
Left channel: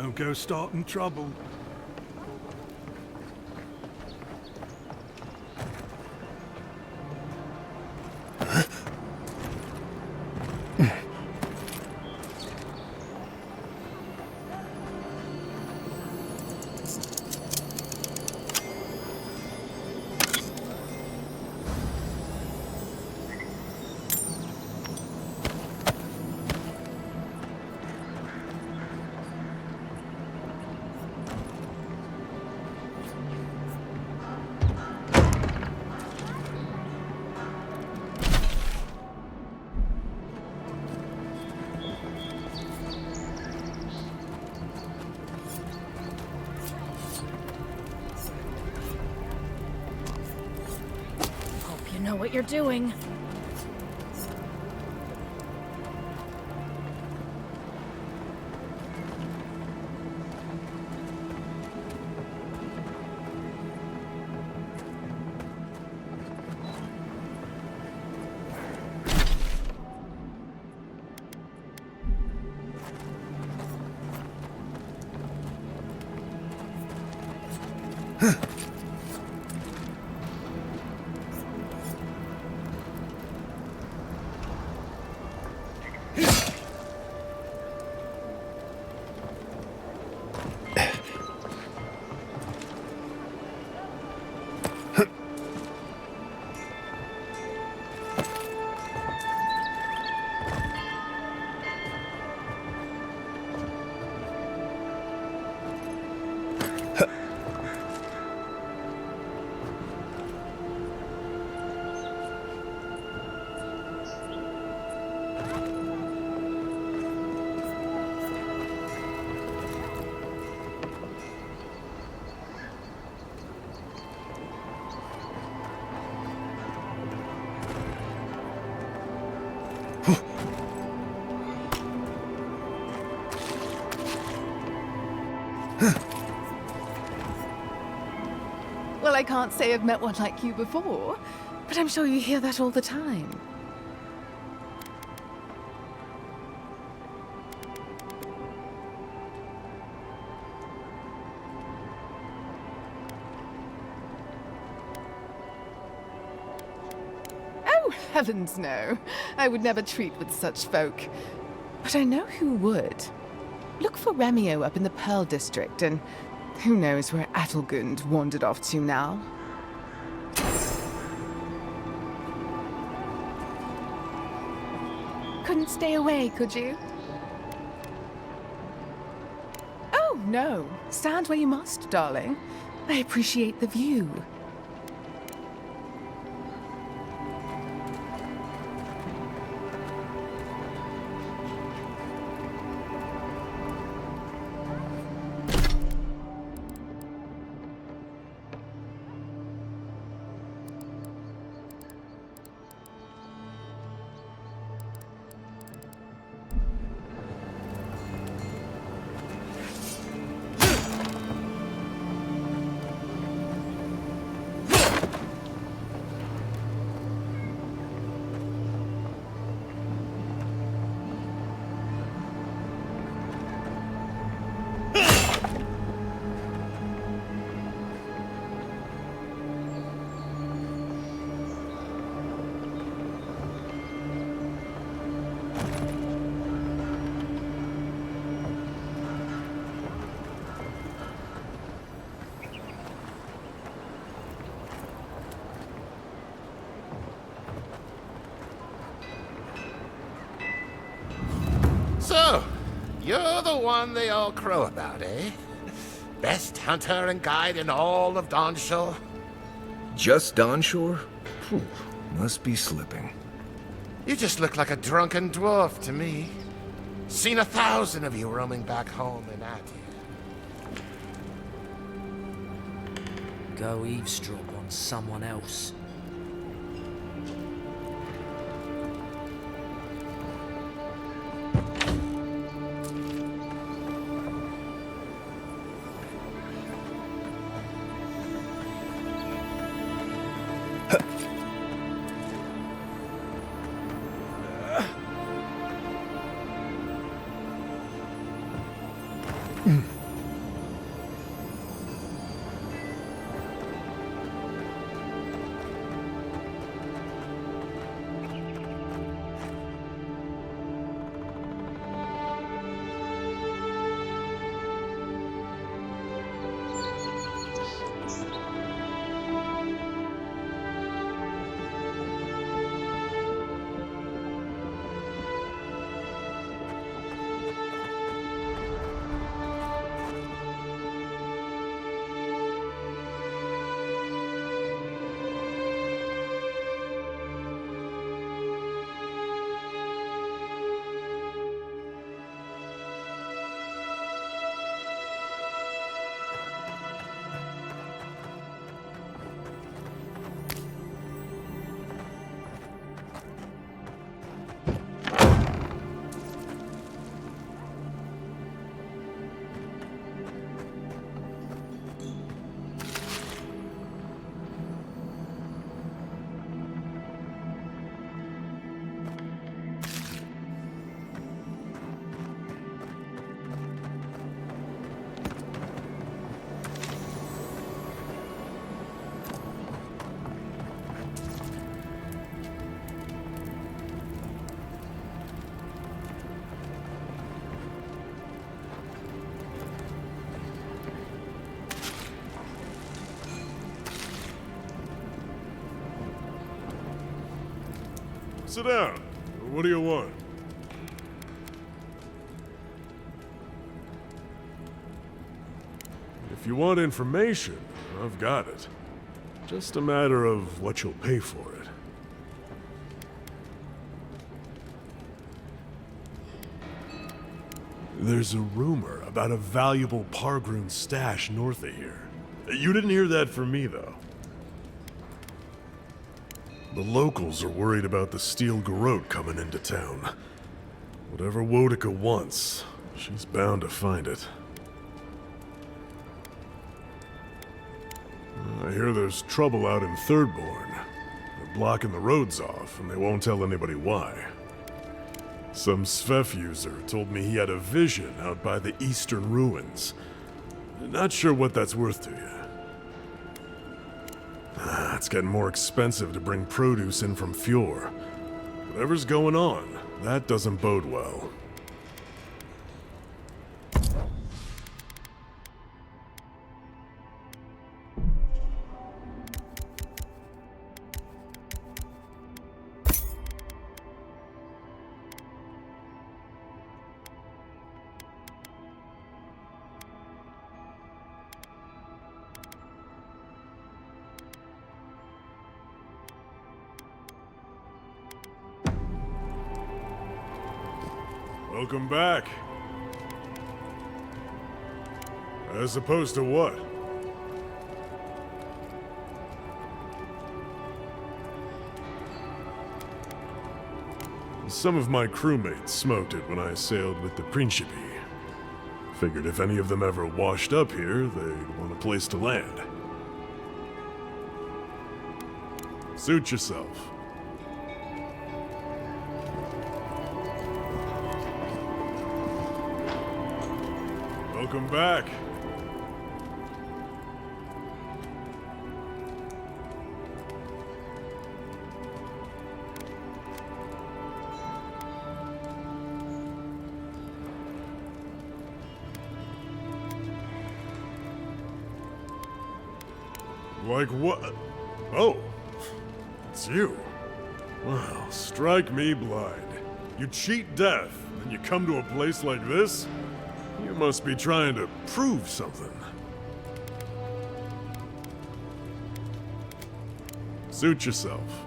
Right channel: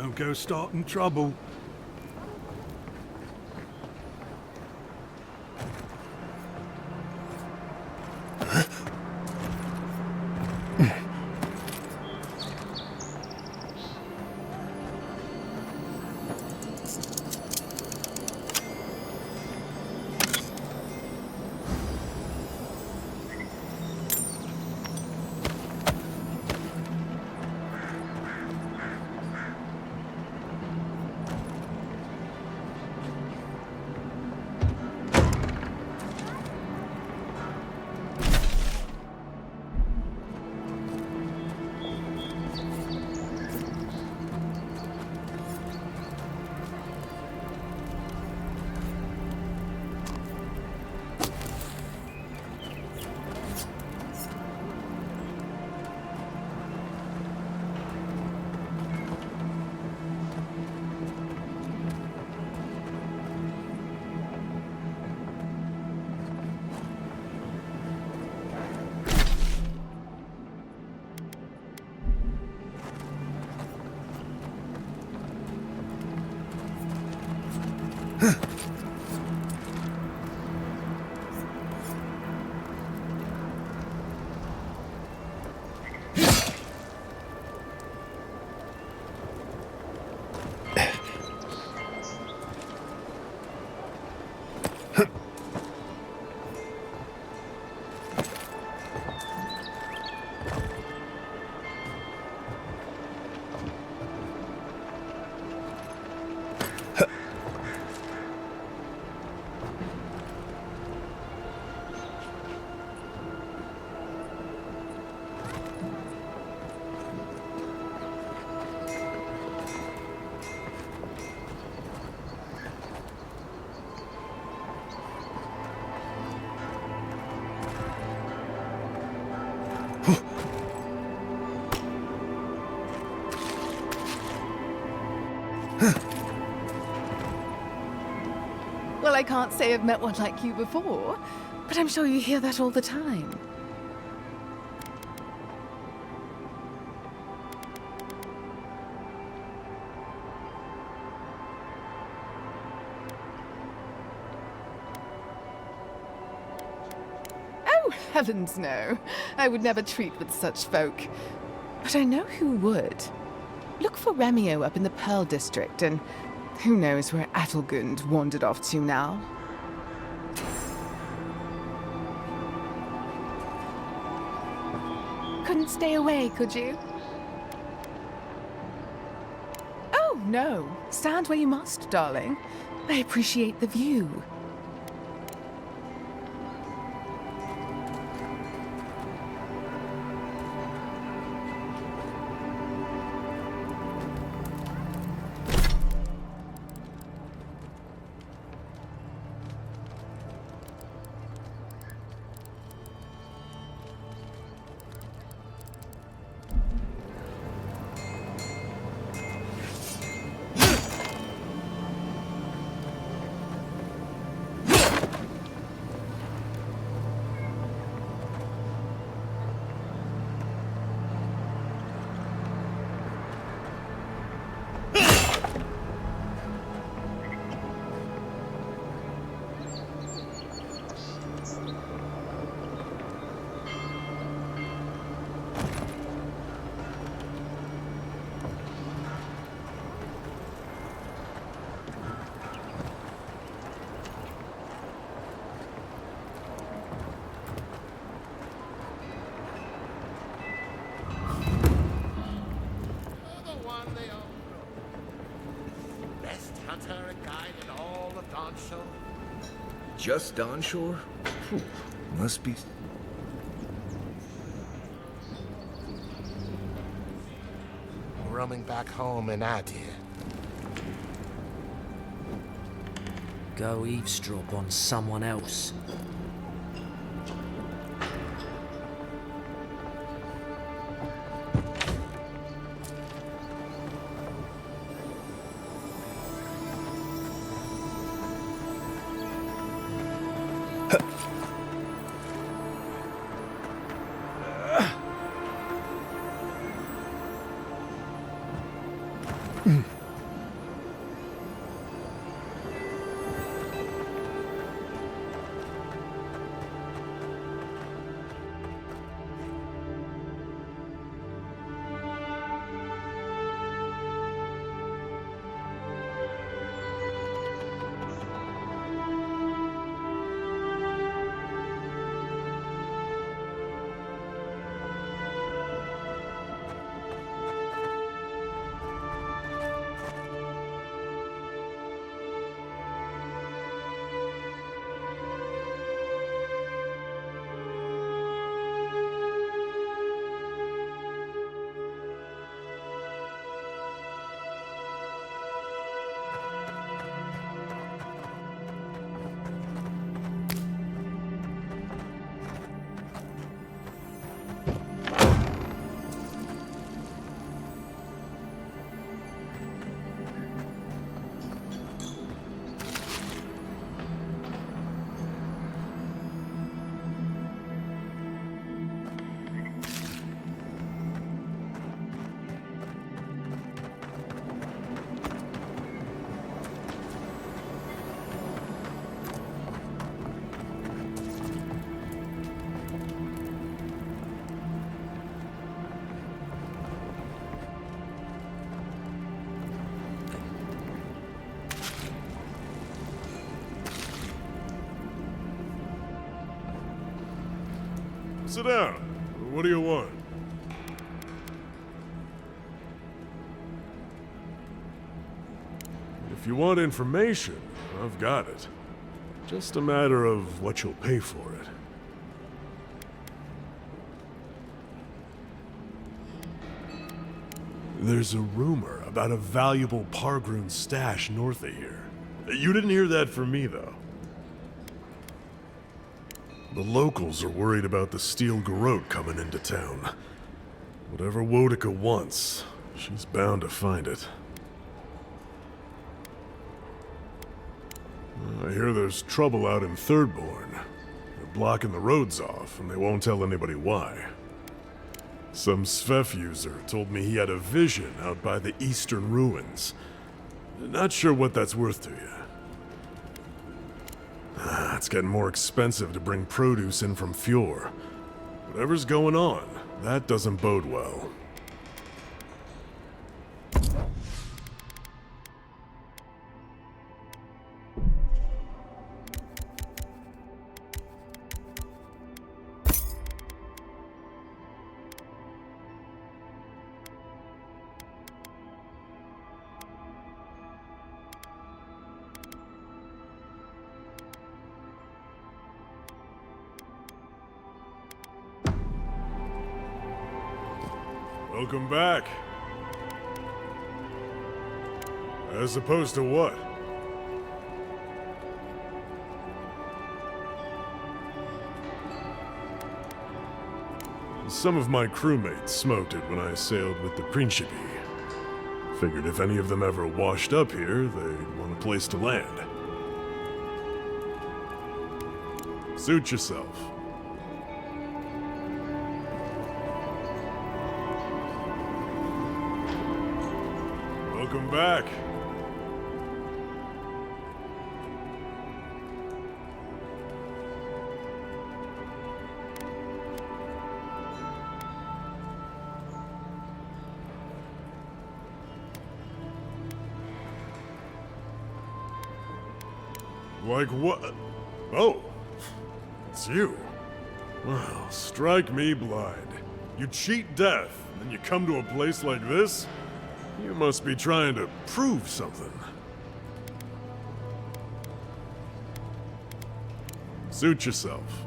Don't go starting trouble. You know what you're doing. Well, I can't say I've met one like you before, but I'm sure you hear that all the time. Oh, heavens no. I would never treat with such folk. But I know who would. Look for Remio up in the Pearl District, and who knows where Adelgund wandered off to now. Couldn't stay away, could you? Oh, no. Stand where you must, darling. I appreciate the view. So, you're the one they all crow about, eh? Best hunter and guide in all of Dawnshore? Just Dawnshore? Phew, must be slipping. You just look like a drunken dwarf to me. Seen 1,000 of you roaming back home in Adir. Go eavesdrop on someone else. Mm. Sit down. What do you want? If you want information, I've got it. Just a matter of what you'll pay for it. There's a rumor about a valuable Pargroon stash north of here. You didn't hear that from me, though. The locals are worried about the steel garrote coming into town. Whatever Wodica wants, she's bound to find it. I hear there's trouble out in Thirdborn. They're blocking the roads off, and they won't tell anybody why. Some Svef user told me he had a vision out by the eastern ruins. Not sure what that's worth to you. It's getting more expensive to bring produce in from Fjord. Whatever's going on, that doesn't bode well. Welcome back. As opposed to what? Some of my crewmates smoked it when I sailed with the Principi. Figured if any of them ever washed up here, they'd want a place to land. Suit yourself. Welcome back. Like what? Oh, it's you. Well, strike me blind. You cheat death, and then you come to a place like this? You must be trying to prove something. Suit yourself.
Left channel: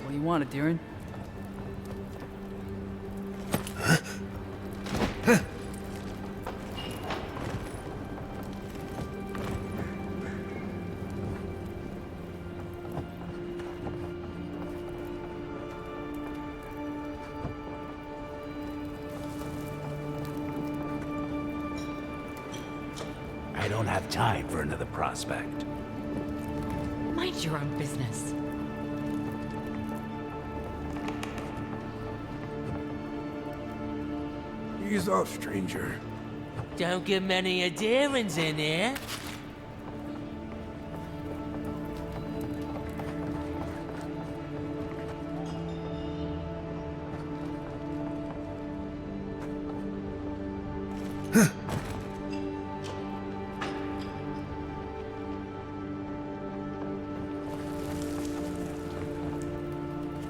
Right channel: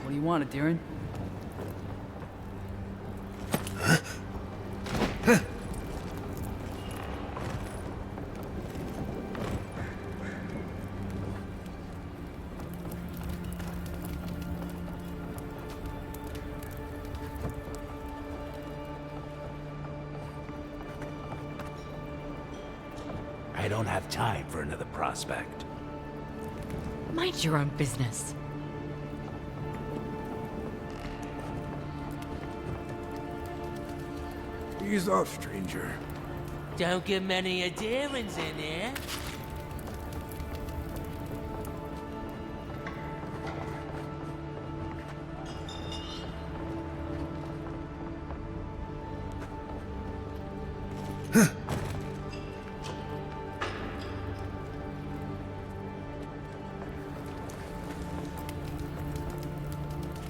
What do you want, Adiran? I don't have time for another prospect. Mind your own business. Ease off, stranger. Don't get many adherents in here.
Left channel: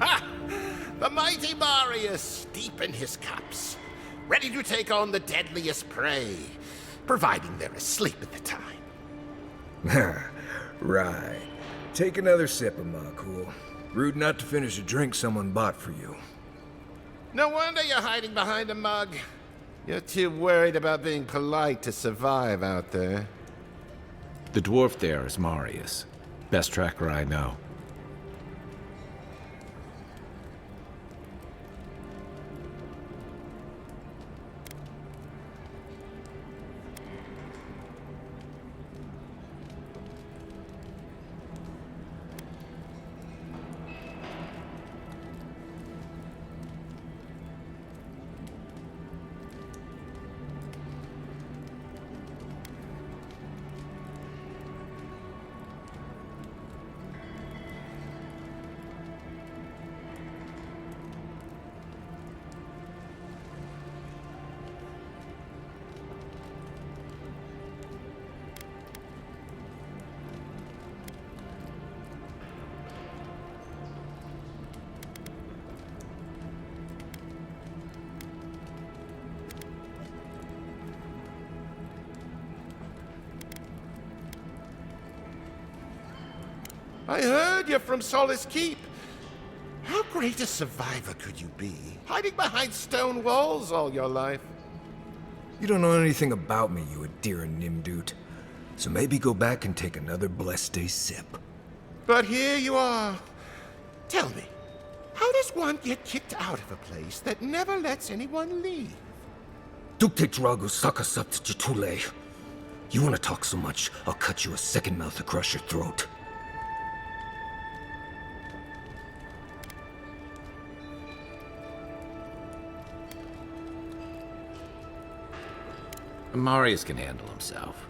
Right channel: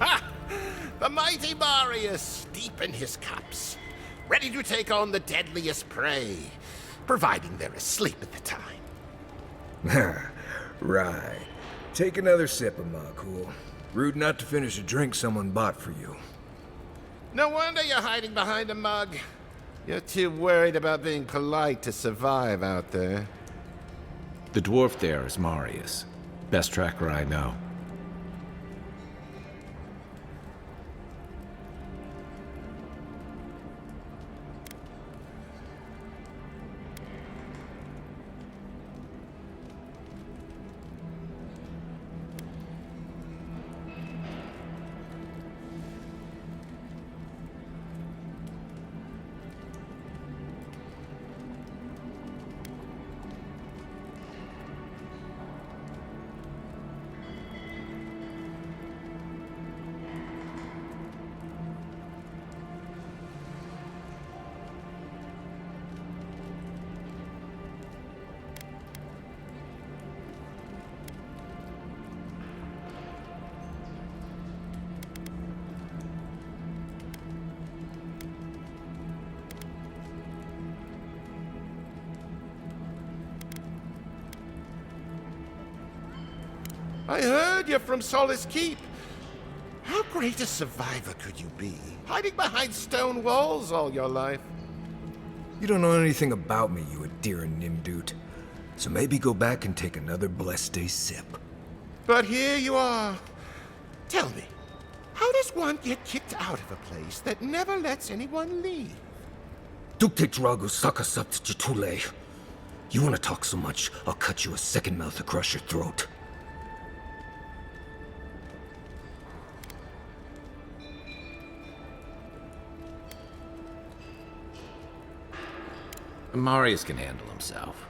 Ha! The mighty Marius, deep in his cups, ready to take on the deadliest prey, providing they're asleep at the time. Right. Take another sip of my cool. Rude not to finish a drink someone bought for you. No wonder you're hiding behind a mug. You're too worried about being polite to survive out there. The dwarf there is Marius. Best tracker I know. I heard you're from Solace Keep. How great a survivor could you be, hiding behind stone walls all your life? You don't know anything about me, you Adiran Nimdut. So maybe go back and take another blessed day sip. But here you are. Tell me, how does one get kicked out of a place that never lets anyone leave? Dukte Dragu Sakasapt Jitule. You want to talk so much, I'll cut you a second mouth across your throat. Marius can handle himself.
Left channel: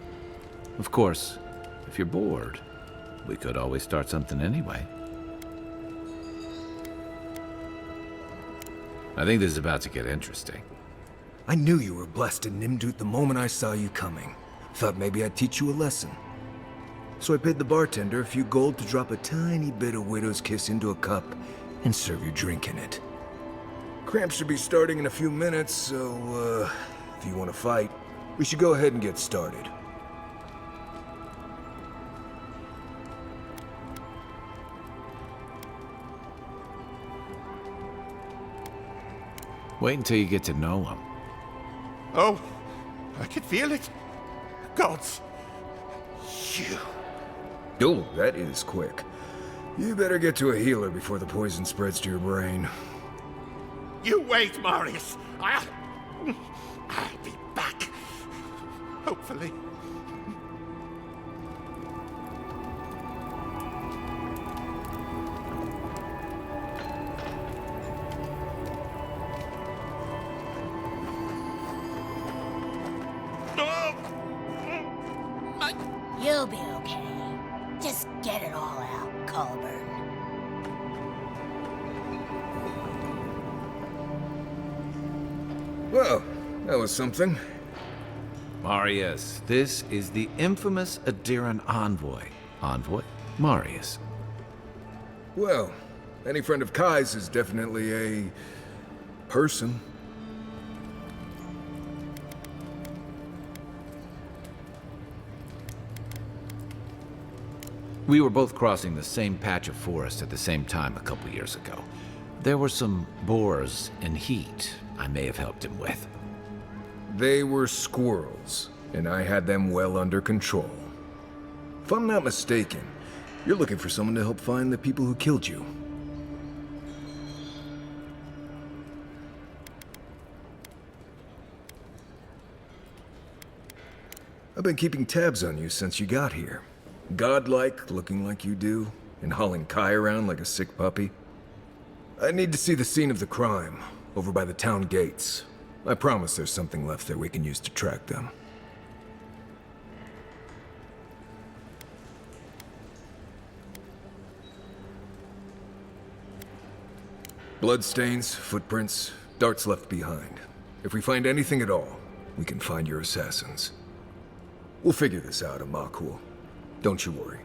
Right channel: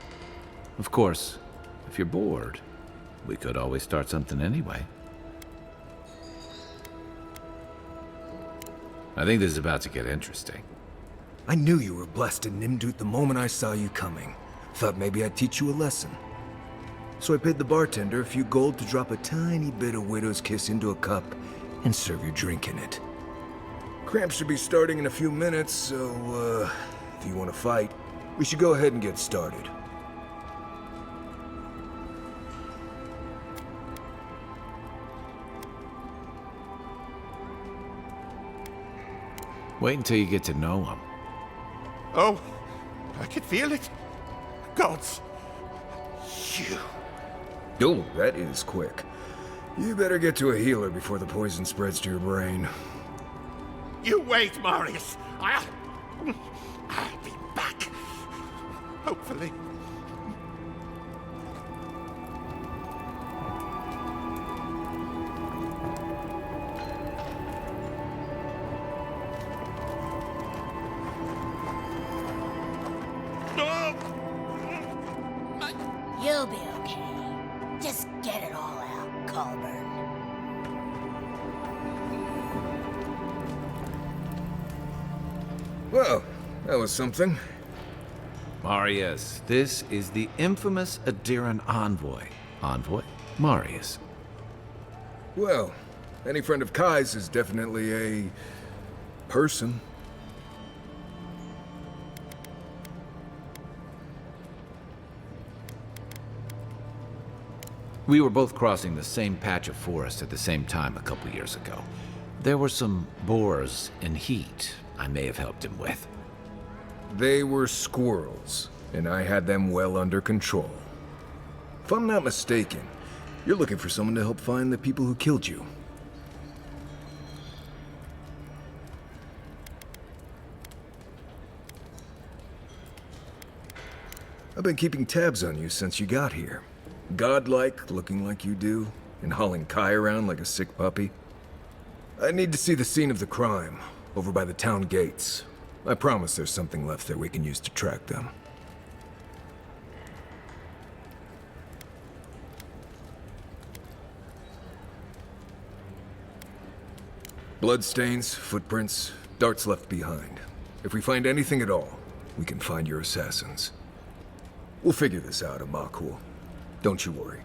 Of course, if you're bored, we could always start something anyway. I think this is about to get interesting. I knew you were blessed in Nimdut the moment I saw you coming. Thought maybe I'd teach you a lesson. So I paid the bartender a few gold to drop a tiny bit of Widow's Kiss into a cup and serve your drink in it. Cramps should be starting in a few minutes, so, if you want to fight, we should go ahead and get started. Wait until you get to know him. Oh, I can feel it. Gods, you. Oh, that is quick. You better get to a healer before the poison spreads to your brain. You wait, Marius. I'll be back. Hopefully. You'll be okay. Just get it all out, Colburn. Well, that was something. Marius, this is the infamous Adiran envoy. Envoy? Marius. Well, any friend of Kai's is definitely a person. We were both crossing the same patch of forest at the same time a couple years ago. There were some boars in heat I may have helped him with. They were squirrels, and I had them well under control. If I'm not mistaken, you're looking for someone to help find the people who killed you. I've been keeping tabs on you since you got here. Godlike, looking like you do, and hauling Kai around like a sick puppy. I need to see the scene of the crime, over by the town gates. I promise there's something left there we can use to track them. Bloodstains, footprints, darts left behind. If we find anything at all, we can find your assassins. We'll figure this out, Amakul. Don't you worry.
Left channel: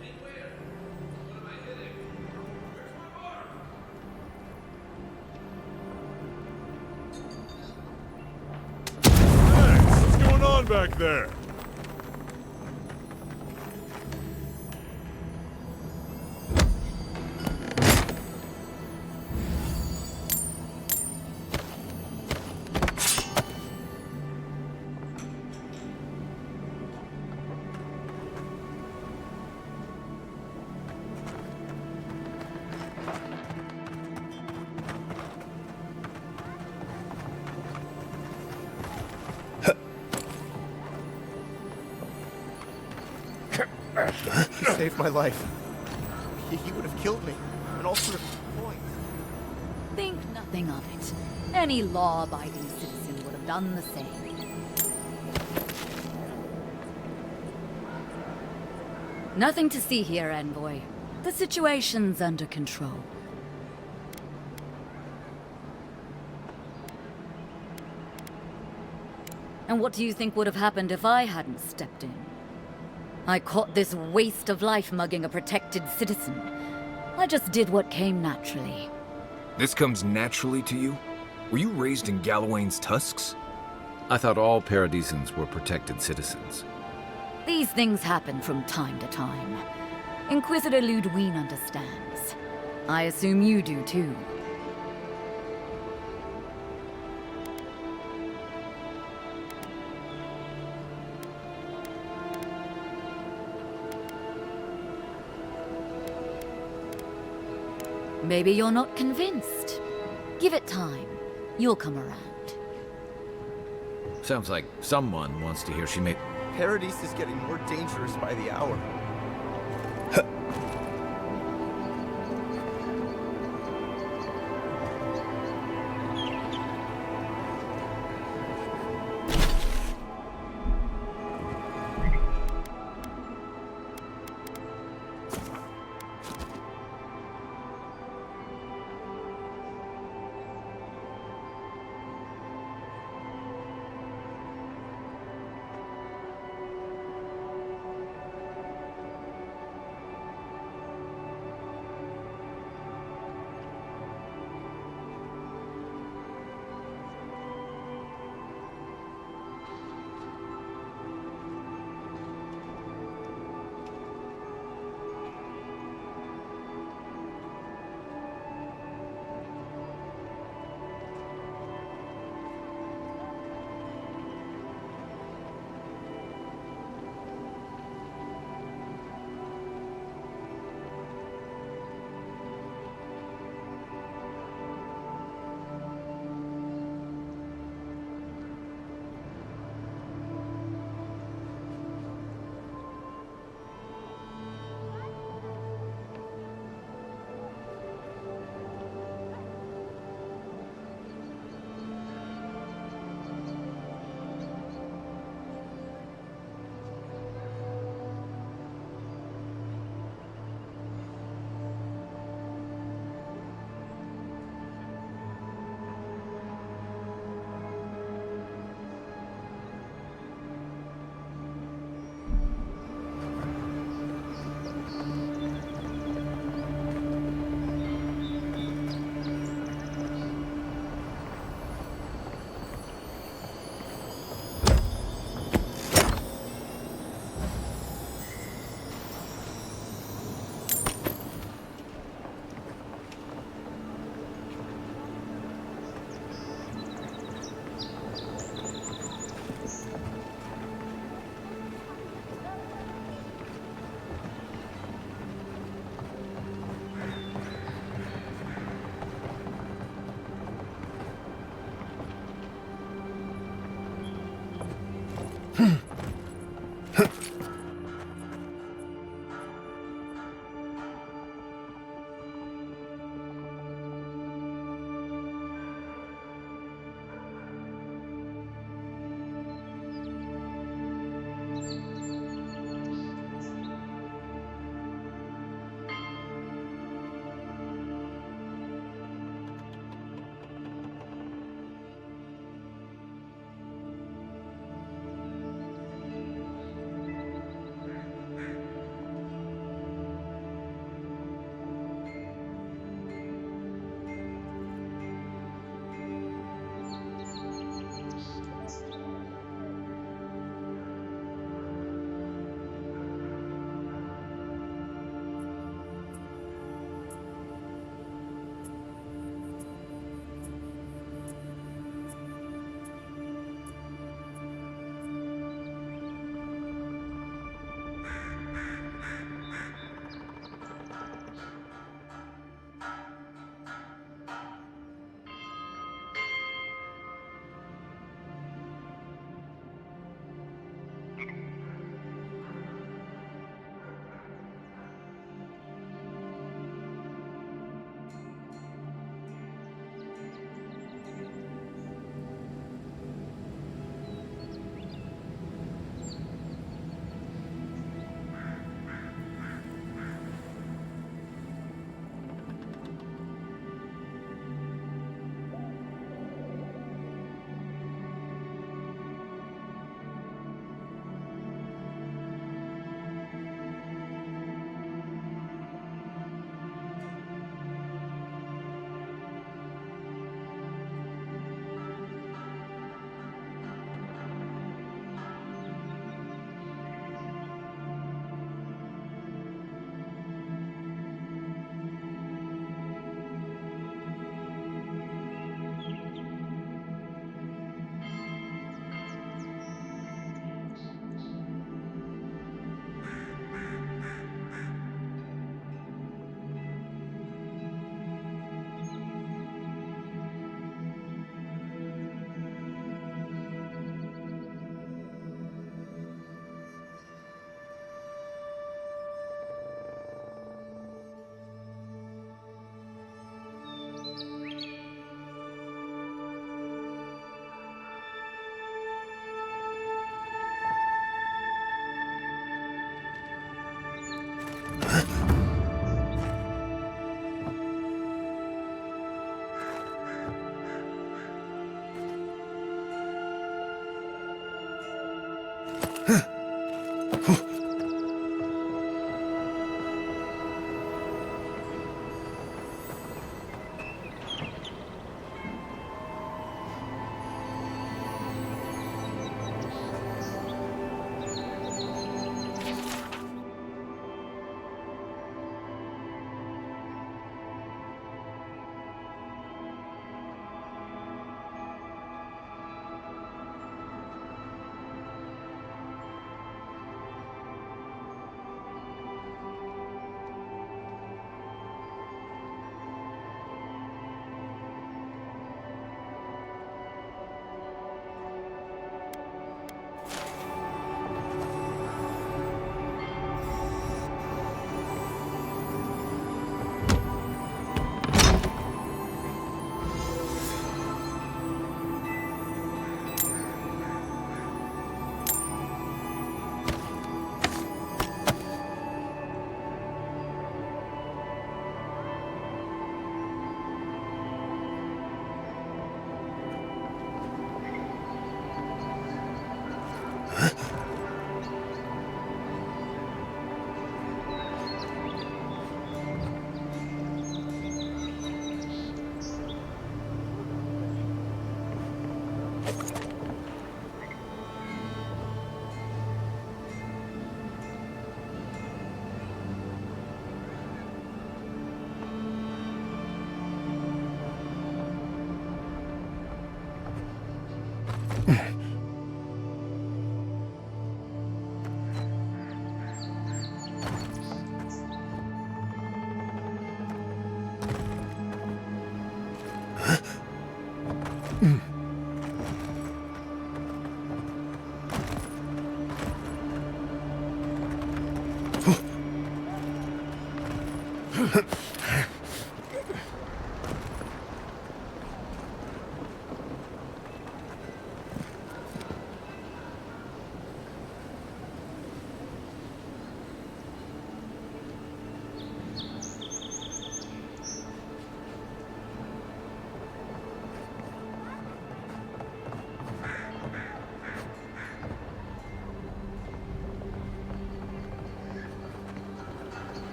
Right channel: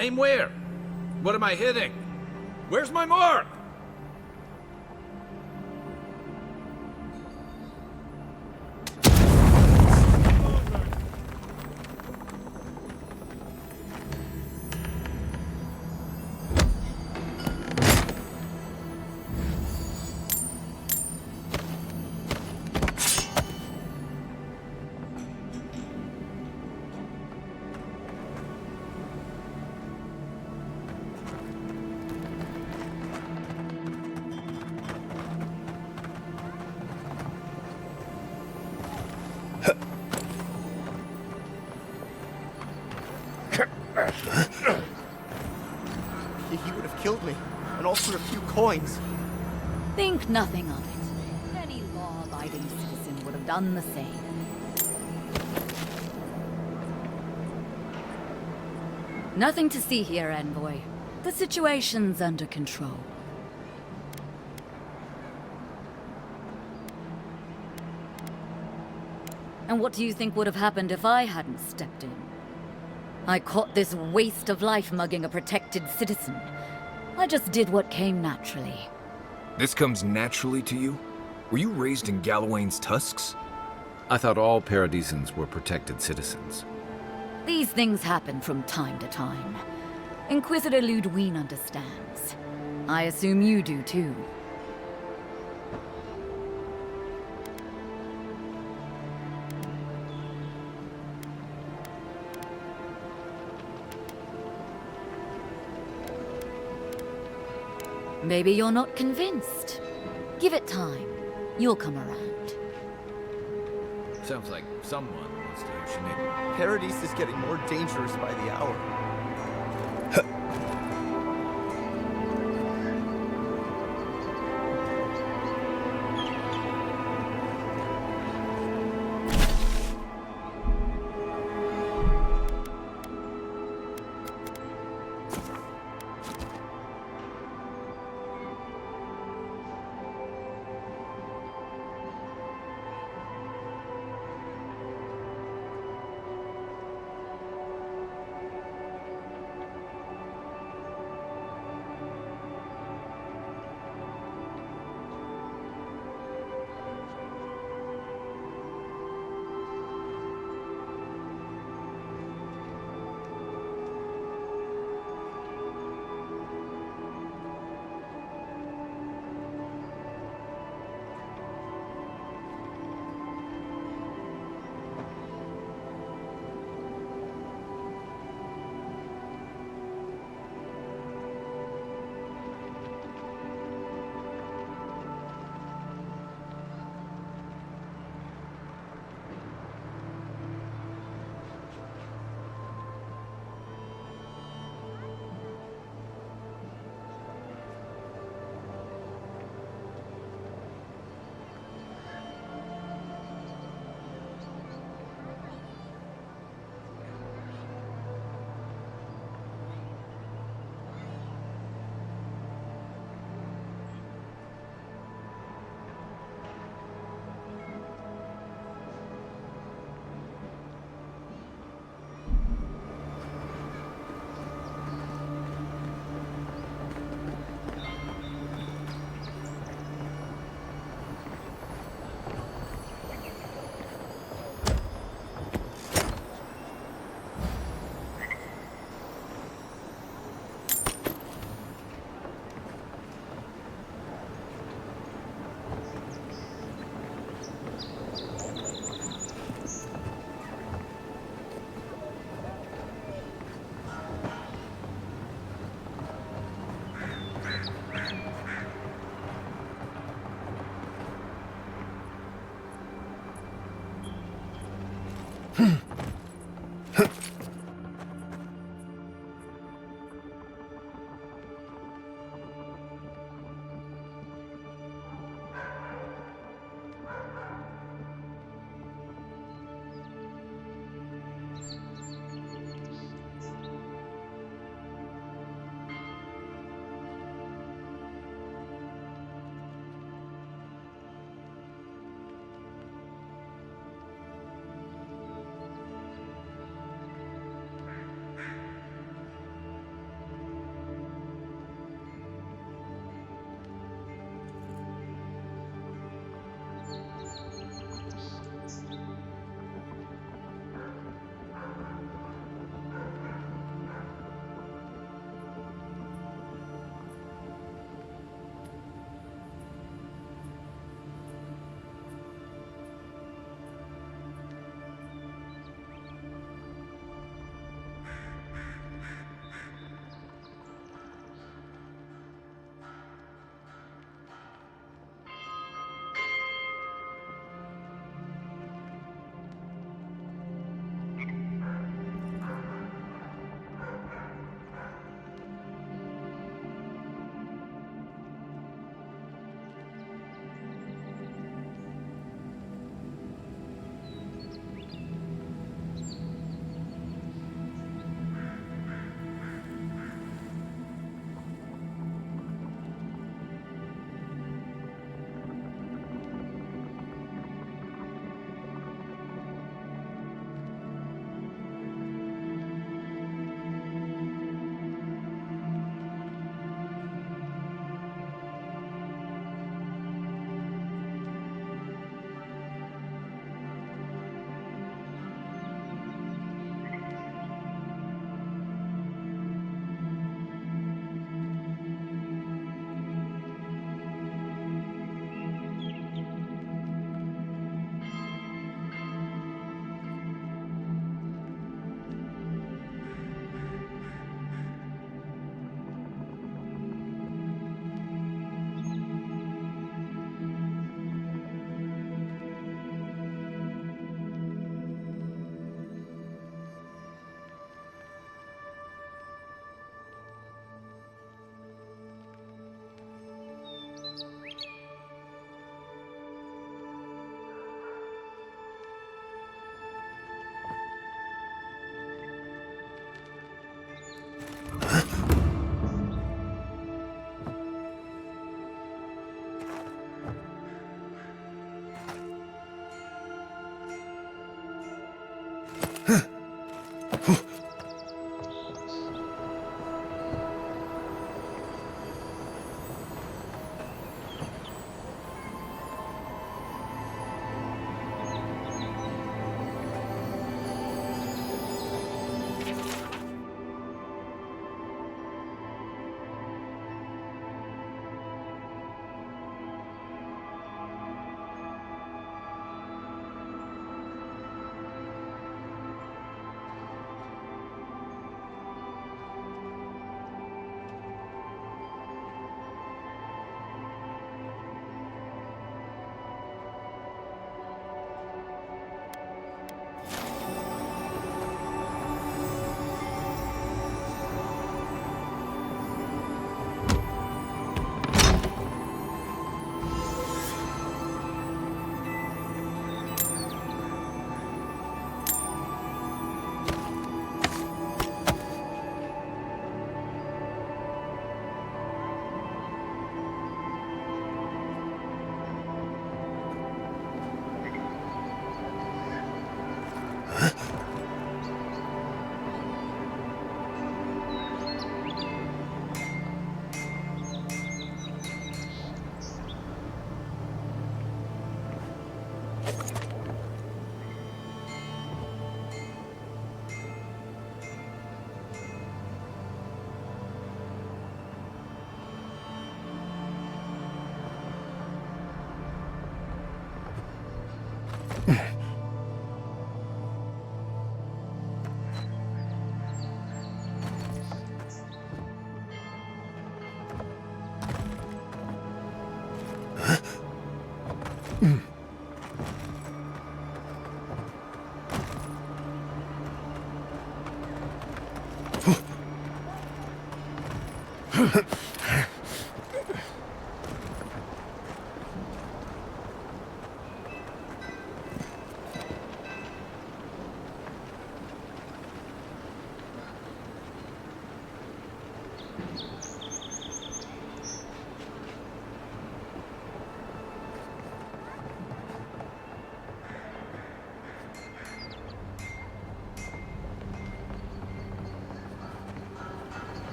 Aim where? What am I hitting? Where's my mark? What's going on back there? my life. He would have killed me, and all for a few coins. Think nothing of it. Any law-abiding citizen would have done the same. Nothing to see here, Envoy. The situation's under control. And what do you think would have happened if I hadn't stepped in? I caught this waste of life mugging a protected citizen. I just did what came naturally. This comes naturally to you? Were you raised in Gallowayne's tusks? I thought all Paradisans were protected citizens. These things happen from time to time. Inquisitor Ludwine understands. I assume you do too. Maybe you're not convinced. Give it time. You'll come around. Sounds like someone wants to hear she made... Paradise is getting more dangerous by the hour.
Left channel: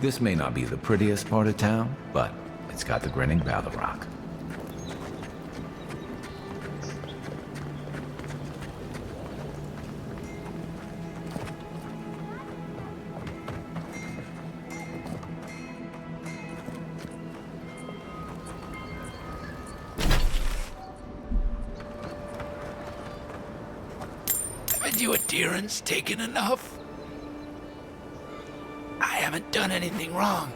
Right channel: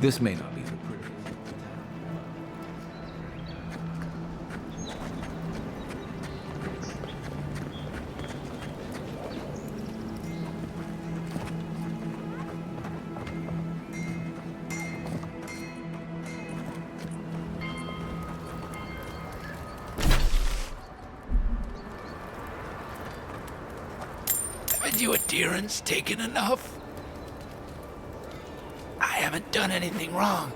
This may not be the prettiest part of town, but it's got the grinning Battle Rock. Haven't you adherents taken enough? I haven't done anything wrong.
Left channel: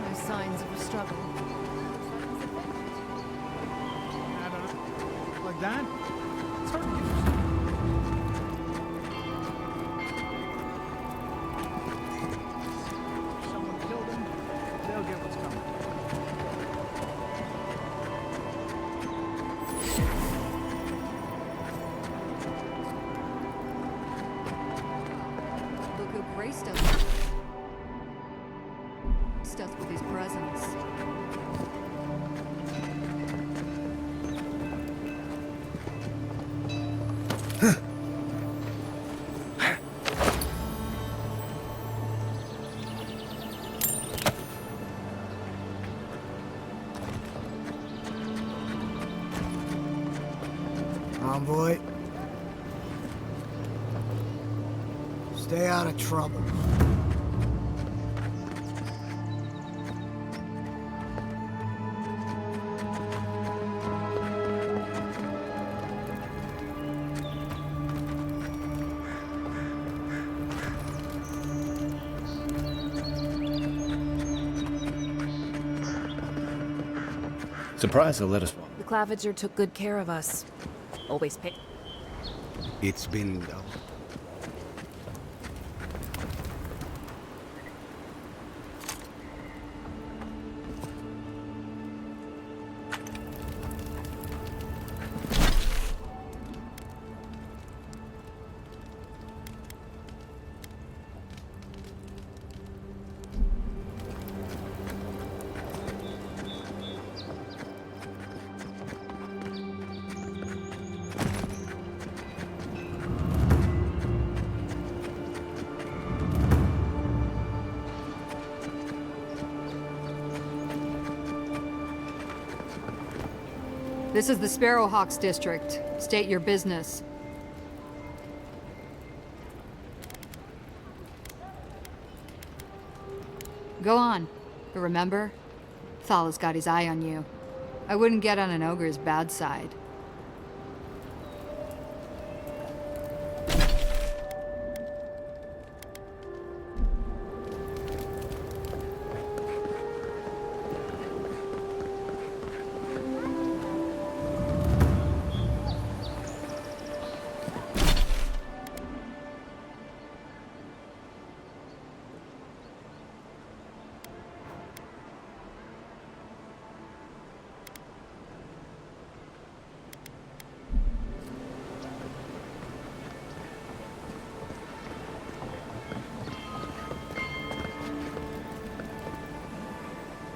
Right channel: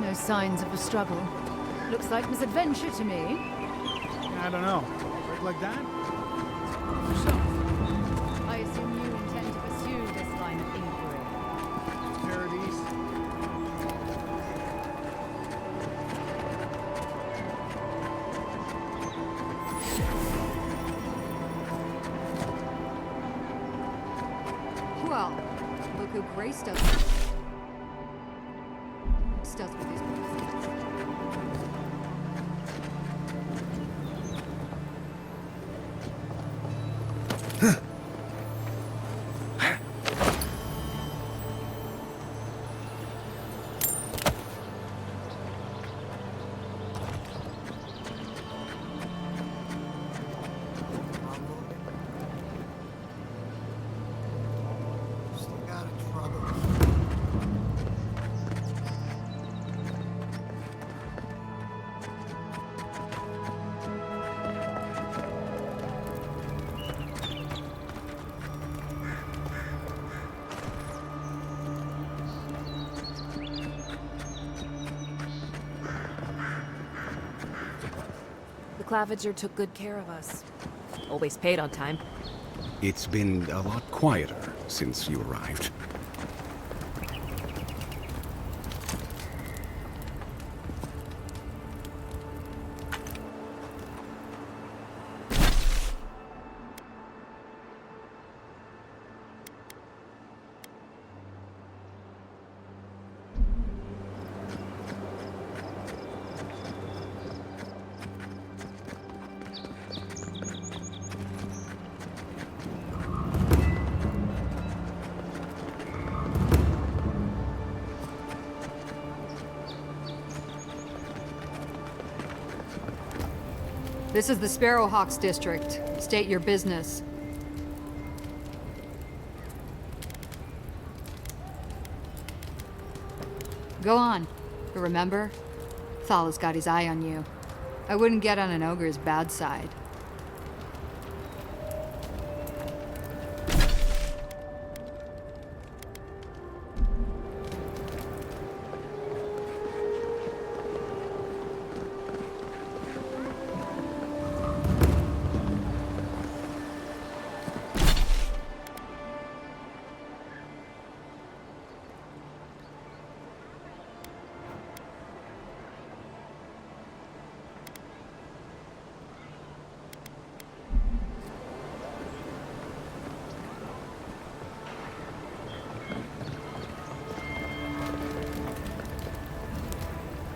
No signs of a struggle. Looks like misadventure to me. I don't know. Break like that? It's hard to get yourself. I assume you intend to pursue this line of inquiry. Paradise. Someone graced us with his presence. Envoy. Stay out of trouble. Surprised they let us. The Claviger took good care of us. Always paid on time. It's been a lot quieter since you arrived. This is the Sparrowhawks district. State your business. Go on. But remember, Thala's got his eye on you. I wouldn't get on an ogre's bad side.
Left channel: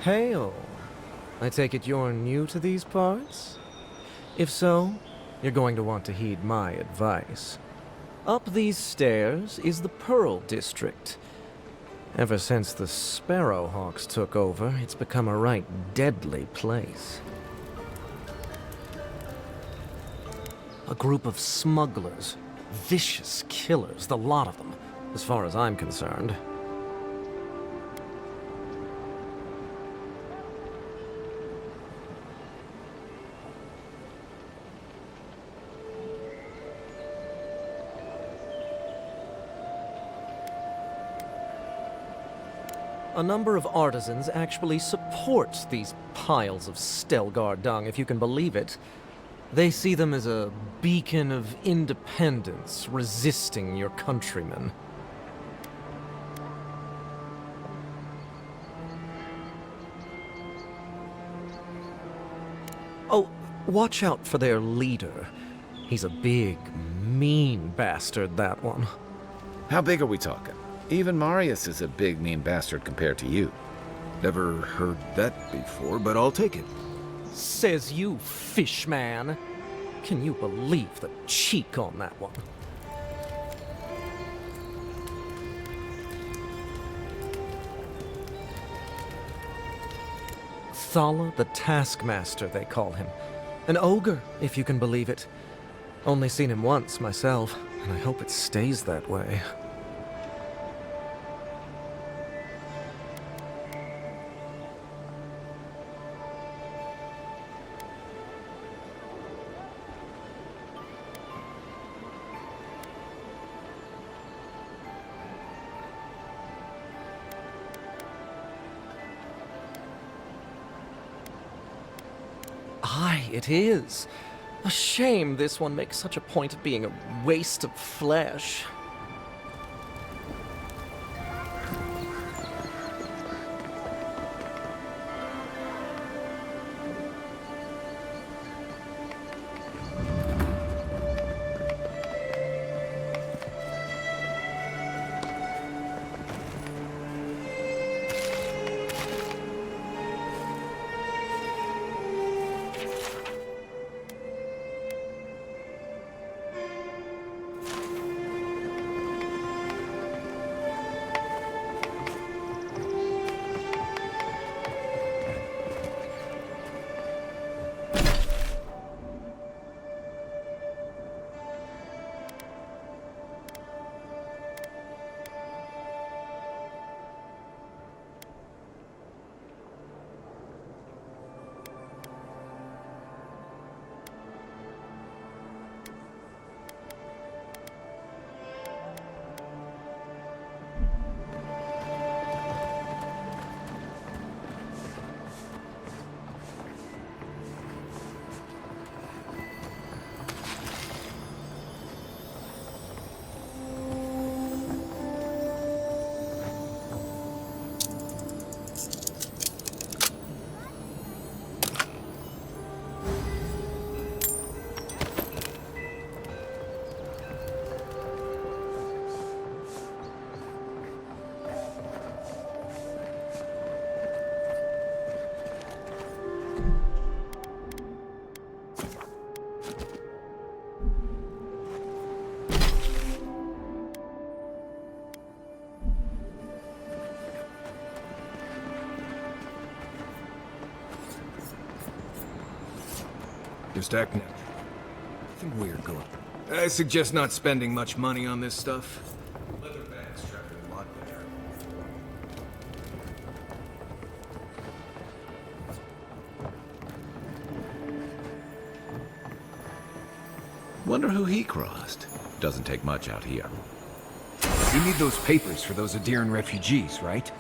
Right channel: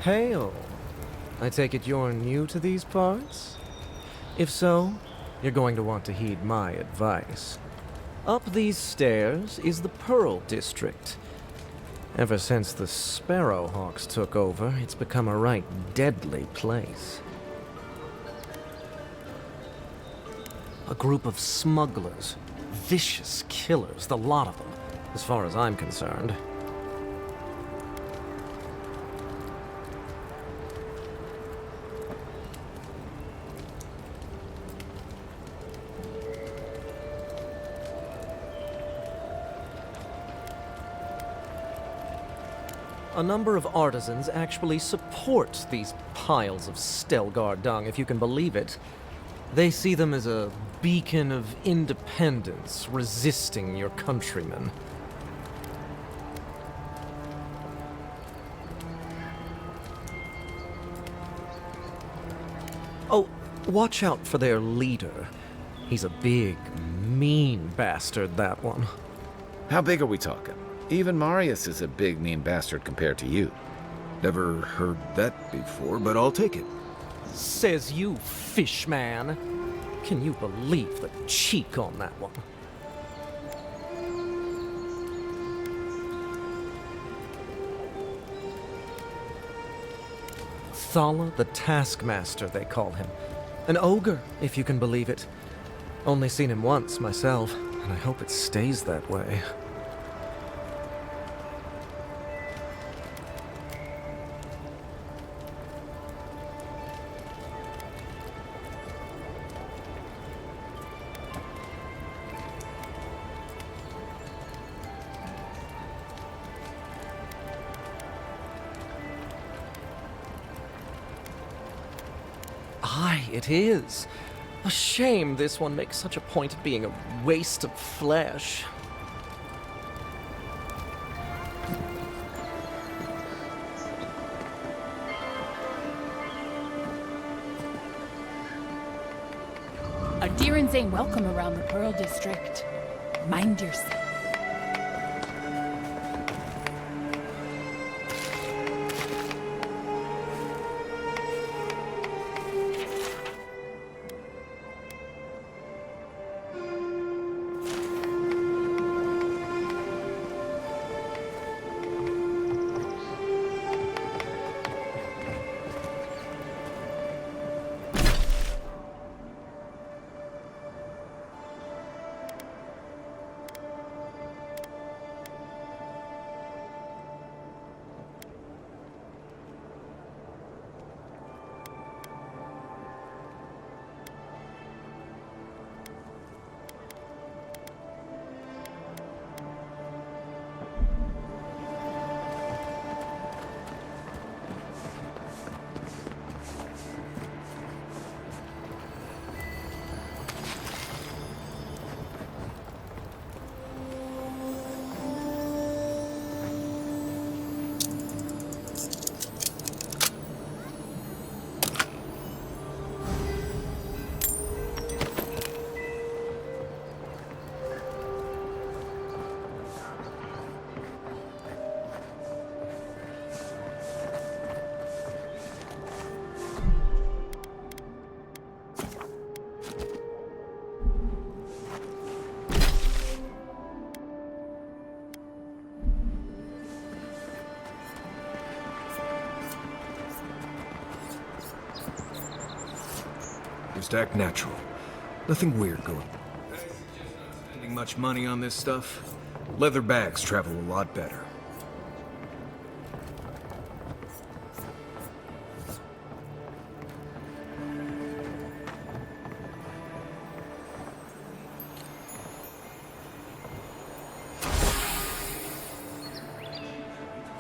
Hail! I take it you're new to these parts? If so, you're going to want to heed my advice. Up these stairs is the Pearl District. Ever since the Sparrowhawks took over, it's become a right deadly place. A group of smugglers, vicious killers, the lot of them, as far as I'm concerned. A number of artisans actually support these piles of Stelgar dung, if you can believe it. They see them as a beacon of independence, resisting your countrymen. Oh, watch out for their leader. He's a big, mean bastard, that one. How big are we talking? Even Marius is a big, mean bastard compared to you. Never heard that before, but I'll take it. Says you, fishman. Can you believe the cheek on that one? Thala the Taskmaster, they call him. An ogre, if you can believe it. Only seen him once, myself, and I hope it stays that way. Aye, it is. A shame this one makes such a point of being a waste of flesh. Ardirans ain't welcome around the Pearl District. Mind yourself. Just act natural. Nothing weird going. I suggest not spending much money on this stuff. Leather bags travel a lot better. Wonder who he crossed. Doesn't take much out here. You need those papers for those Adiran refugees, right?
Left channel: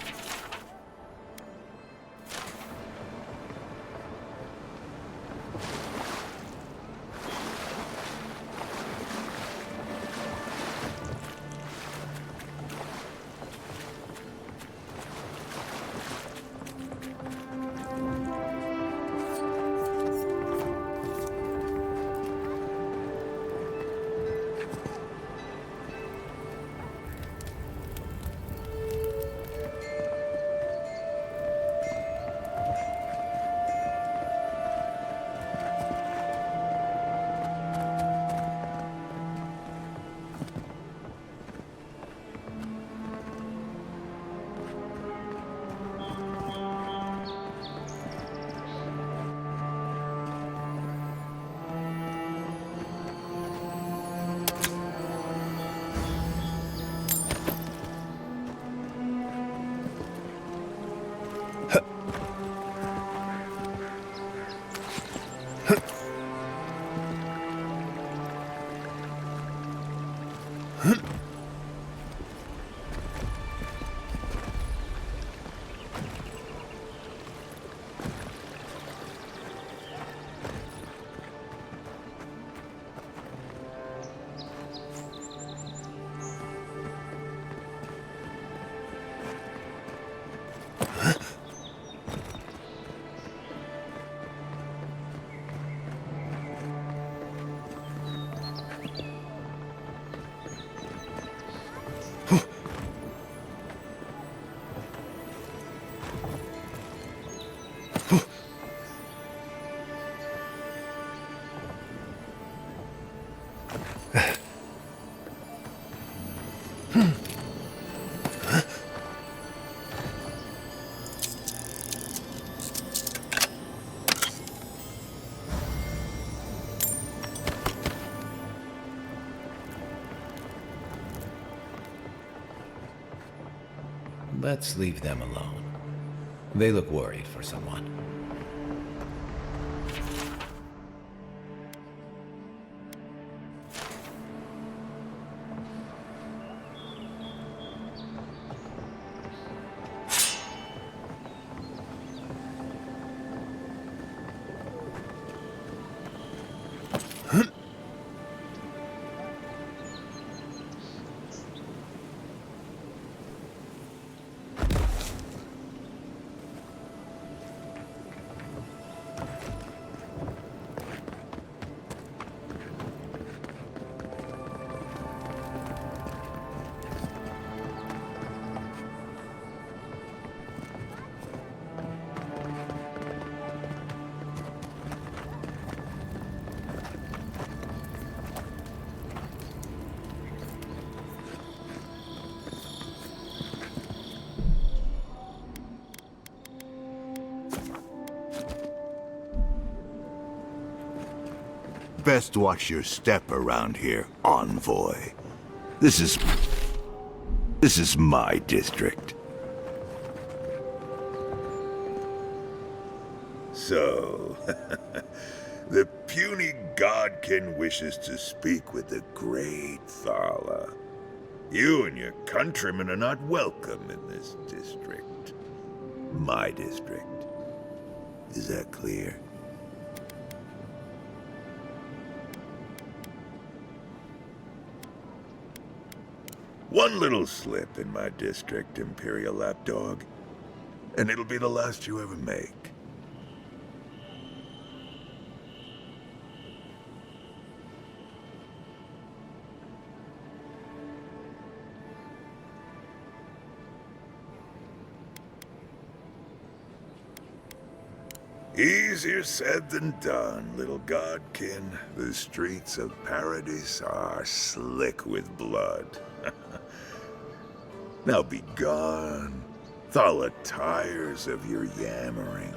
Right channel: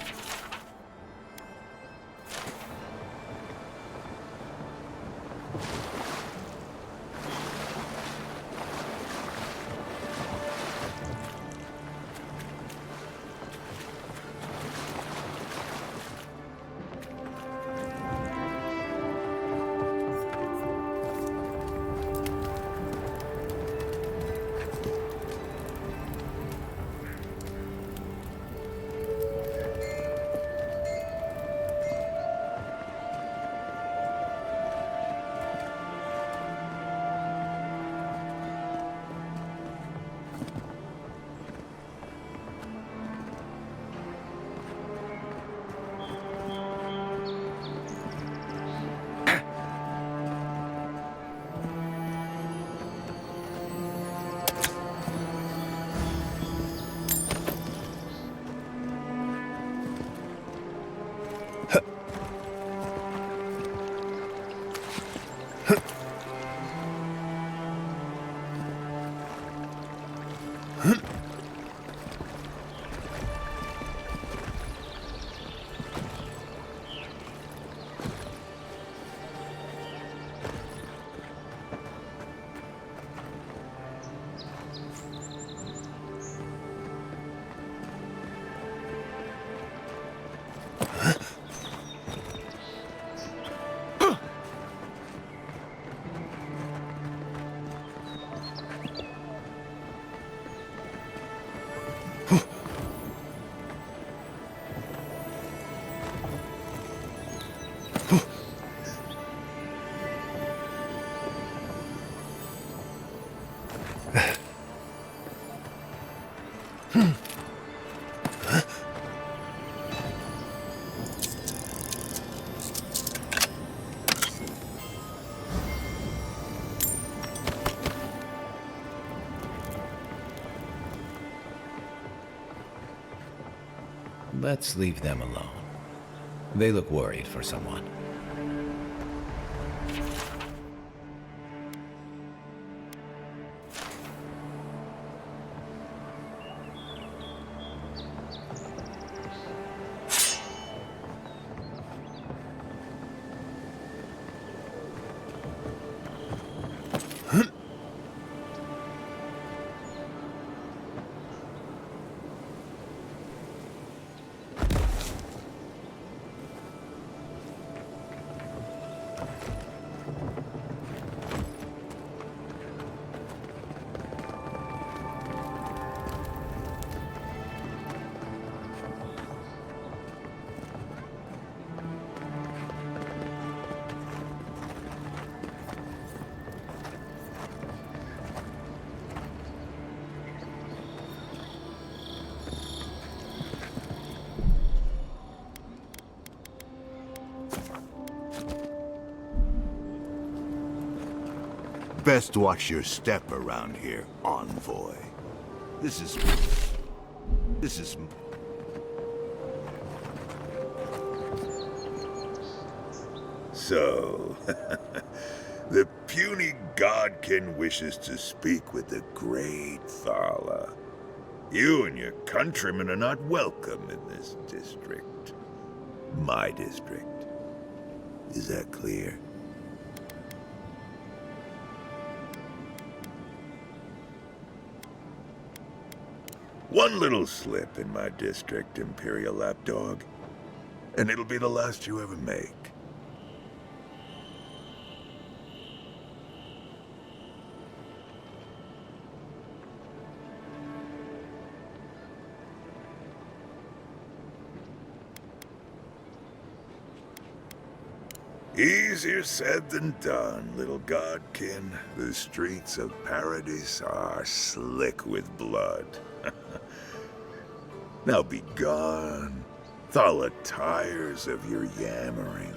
Let's leave them alone. They look worried for someone. Best watch your step around here, envoy. This is my district. So, the puny godkin wishes to speak with the great Thala. You and your countrymen are not welcome in this district. My district. Is that clear? One little slip in my district, Imperial Lapdog, and it'll be the last you ever make. Easier said than done, little godkin. The streets of Paradis are slick with blood. Now be gone. Thala tires of your yammering.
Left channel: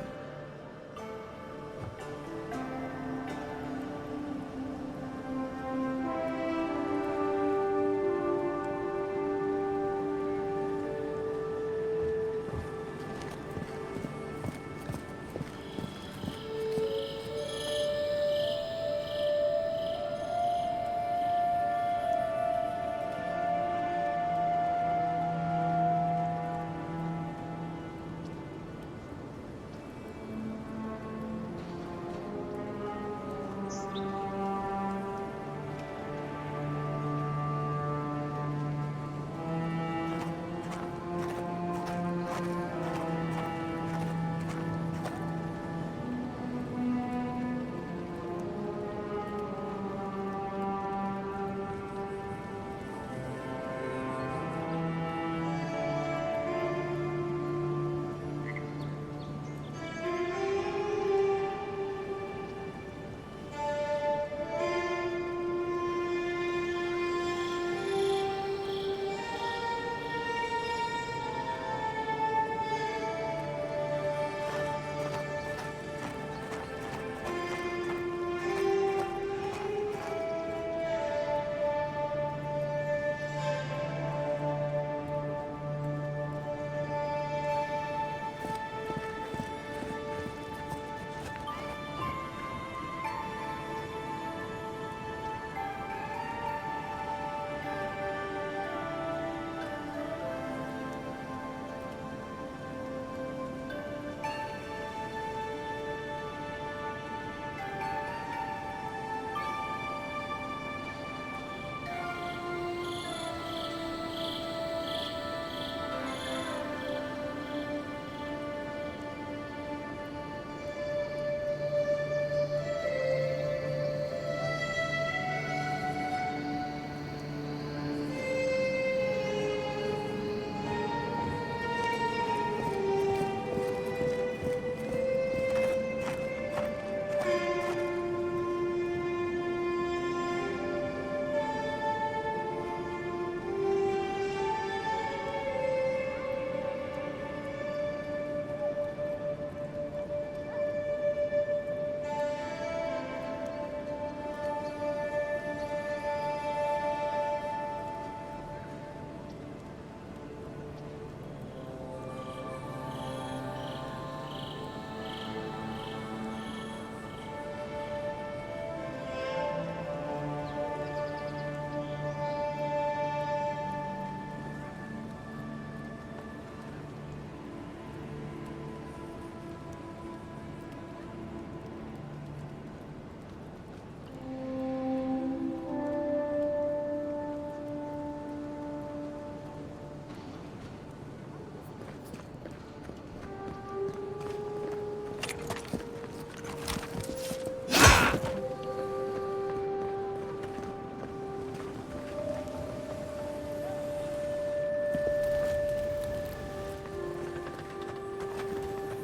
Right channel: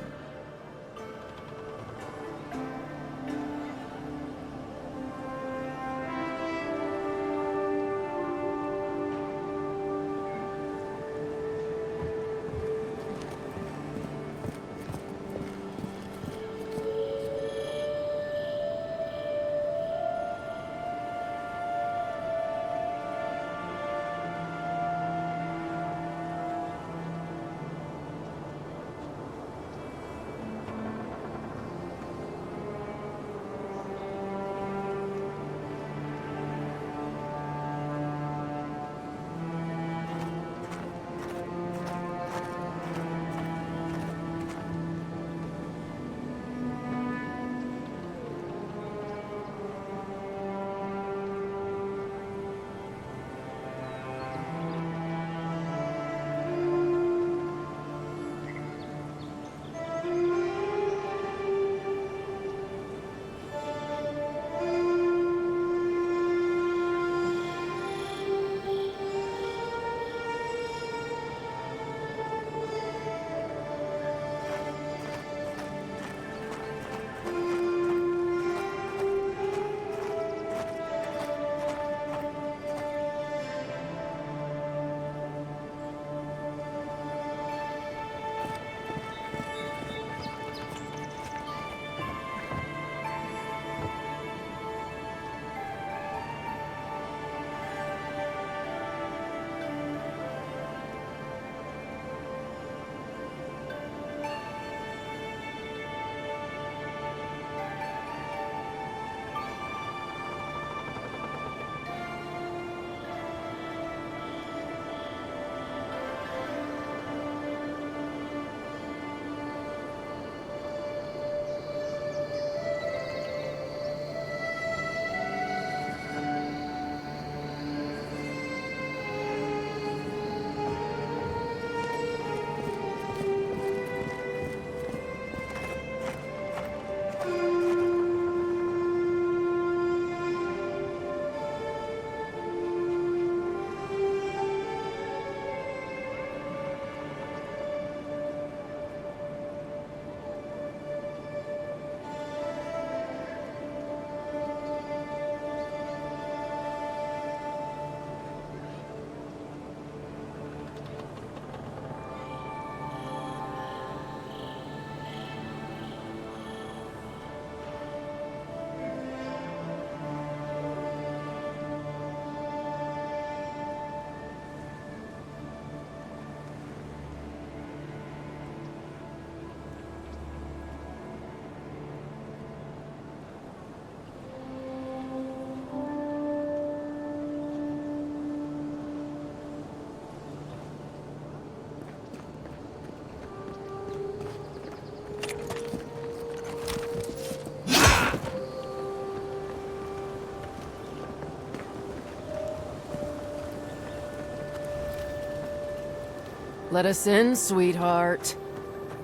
Let us in, sweetheart.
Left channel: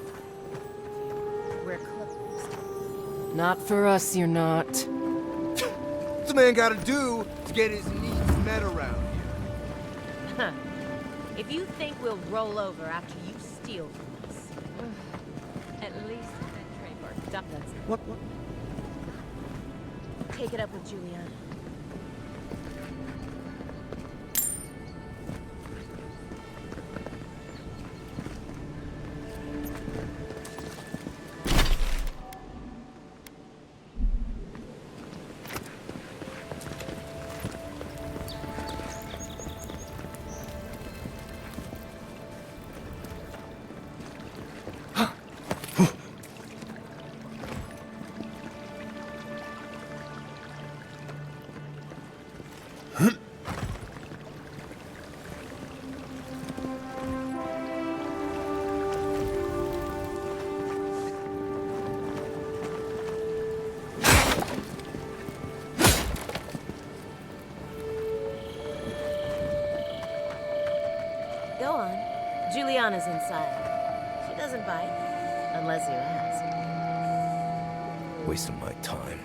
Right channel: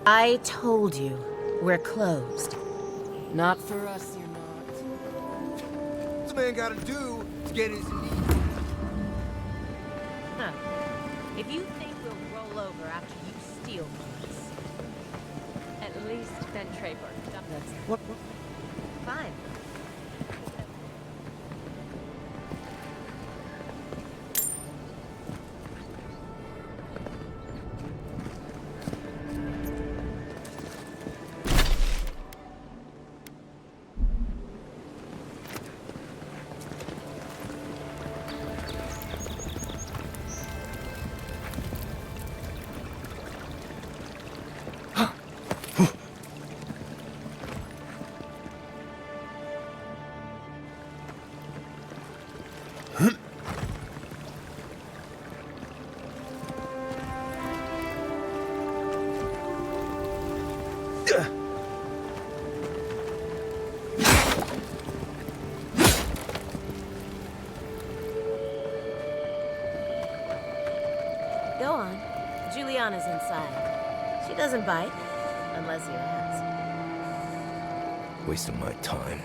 I told you, we're closed. Not for us, you're not. What's a man gotta do to get his needs met around? Huh. If you think we'll roll over after you steal from us, at least then Treyberg dump us. What? Fine. Take it up with Julian. Go on. Juliana's inside. She doesn't bite, unless you ask. Wasting my time.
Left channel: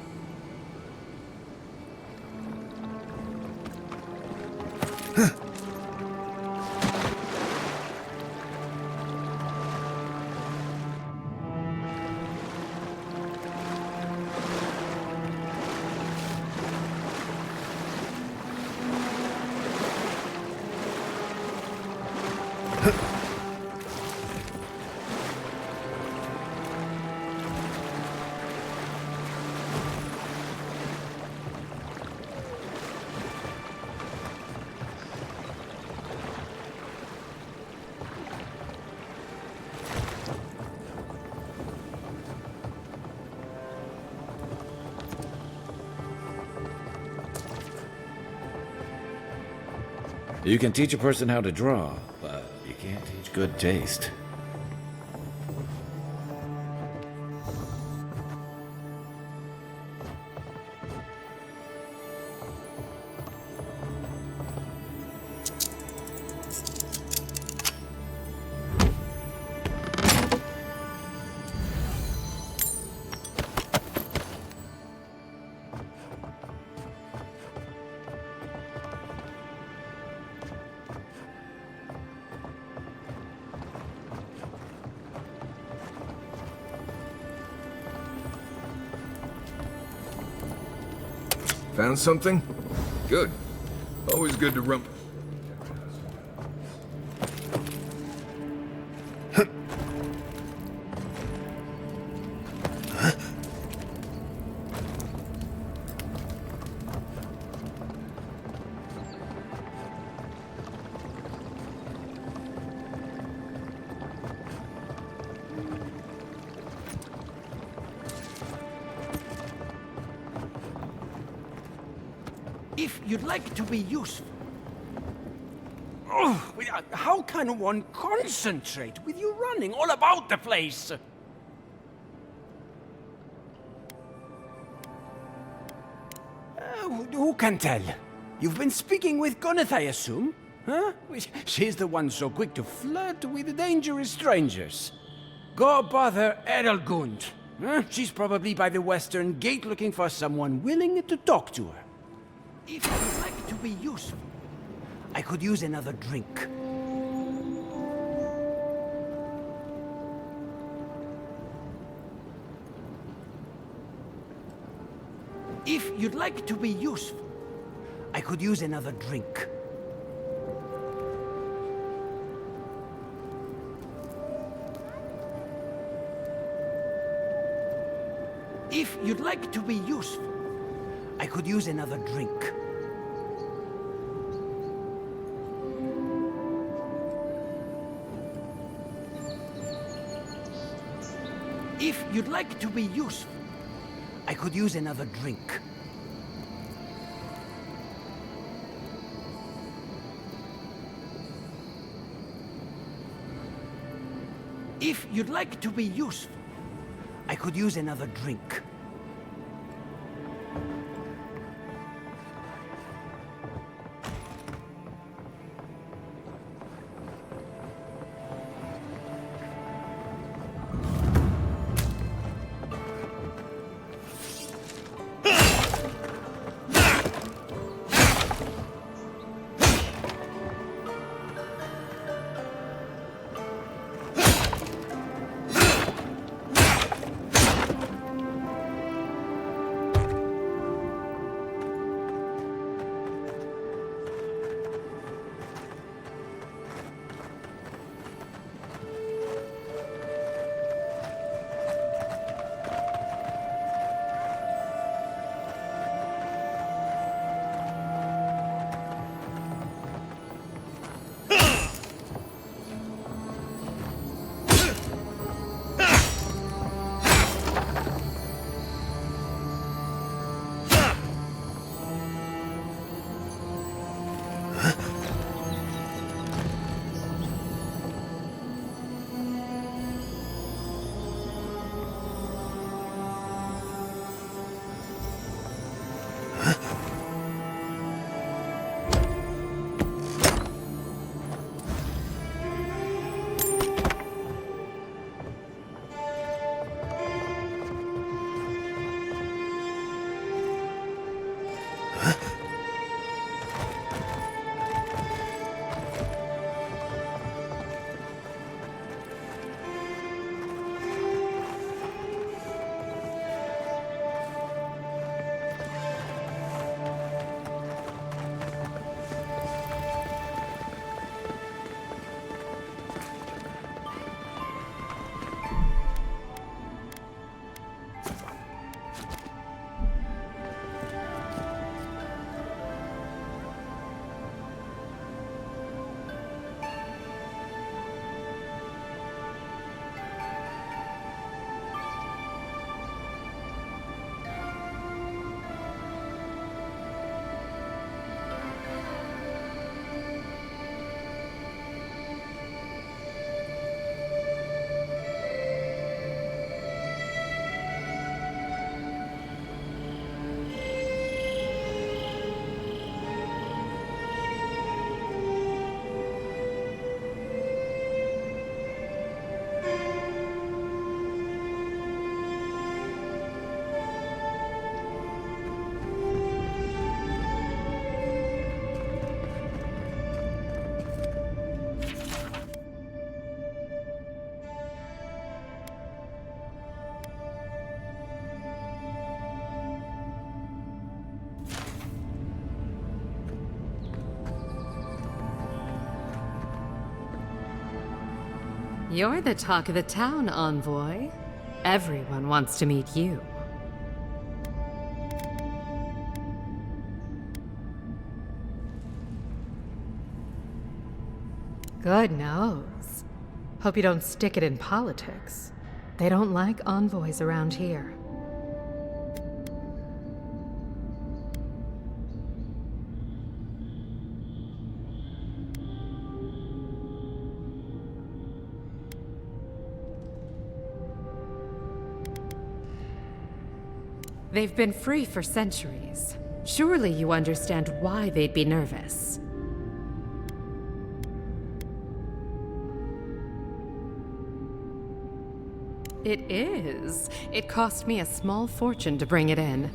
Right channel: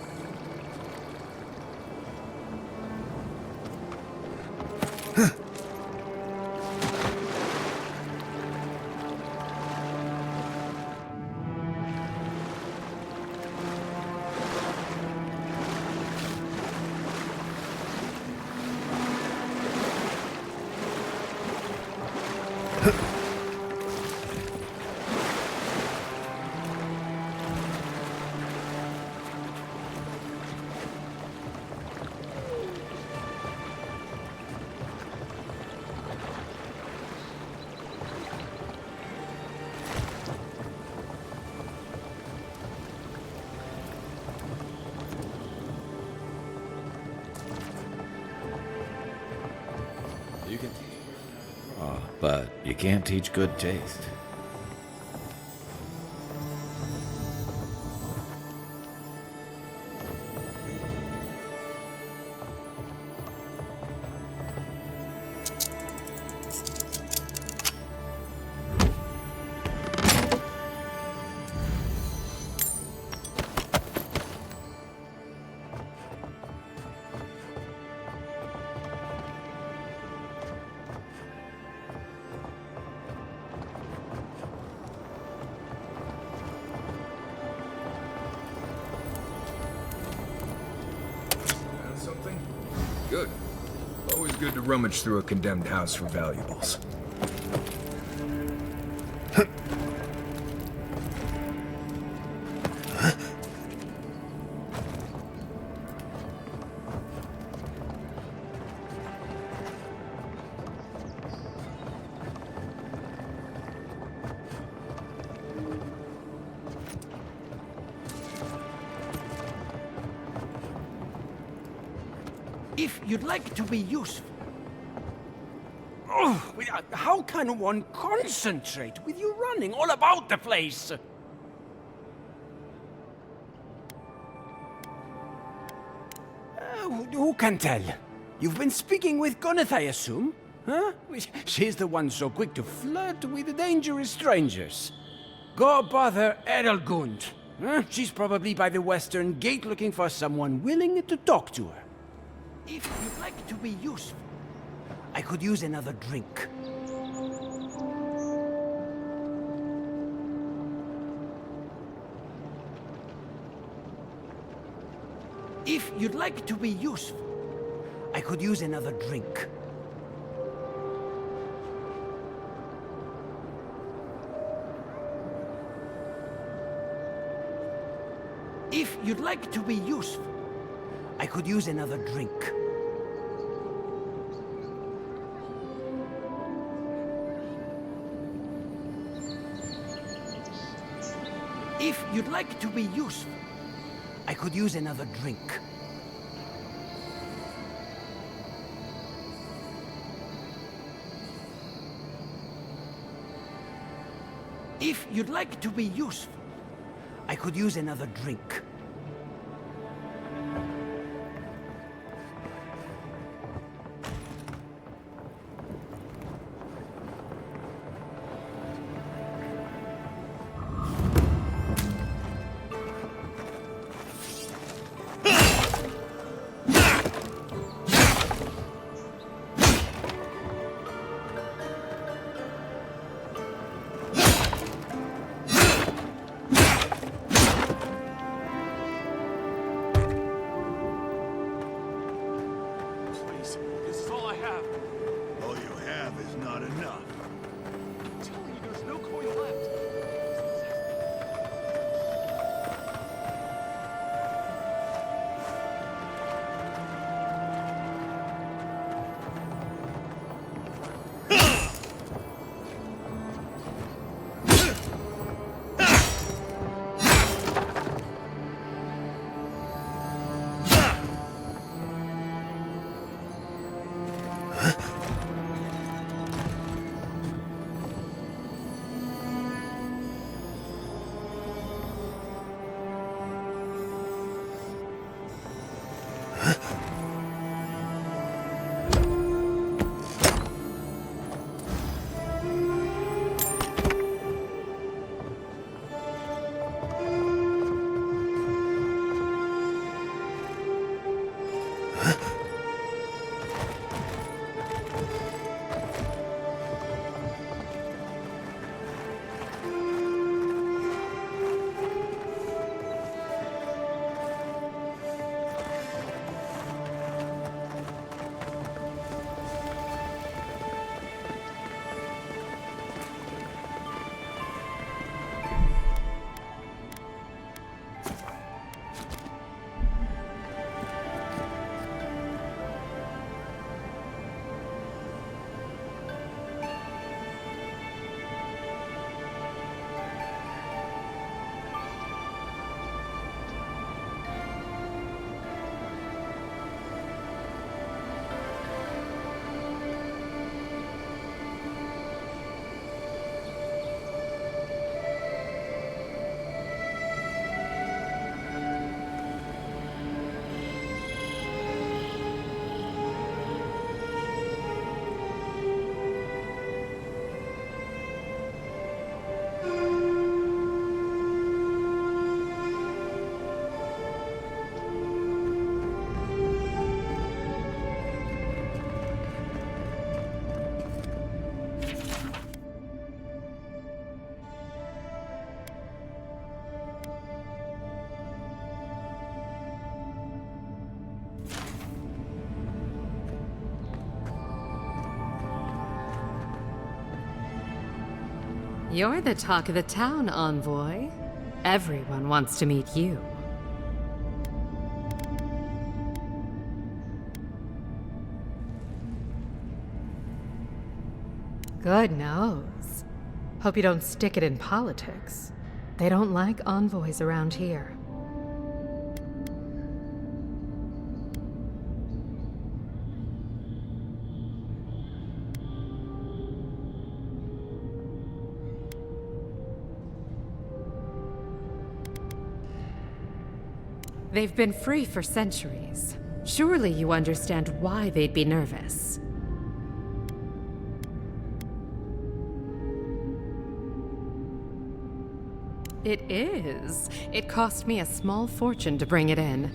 You can teach a person how to draw, but you can't teach good taste. Found something? Good. Always good to rummage through a condemned house for valuables. If you'd like to be useful... Oh, how can one concentrate with you running all about the place? Who can tell? You've been speaking with Gwyneth, I assume? Huh? She's the one so quick to flirt with dangerous strangers. Go bother Edelgund. Huh? She's probably by the western gate looking for someone willing to talk to her. If you'd like to be useful, I could use another drink. If you'd like to be useful, I could use another drink. If you'd like to be useful, I could use another drink. If you'd like to be useful, I could use another drink. If you'd like to be useful, I could use another drink. You're the talk of the town, Envoy. Everyone wants to meet you. Good nose. Hope you don't stick it in politics. They don't like envoys around here. They've been free for centuries. Surely you understand why they'd be nervous. It is. It cost me a small fortune to bring it in.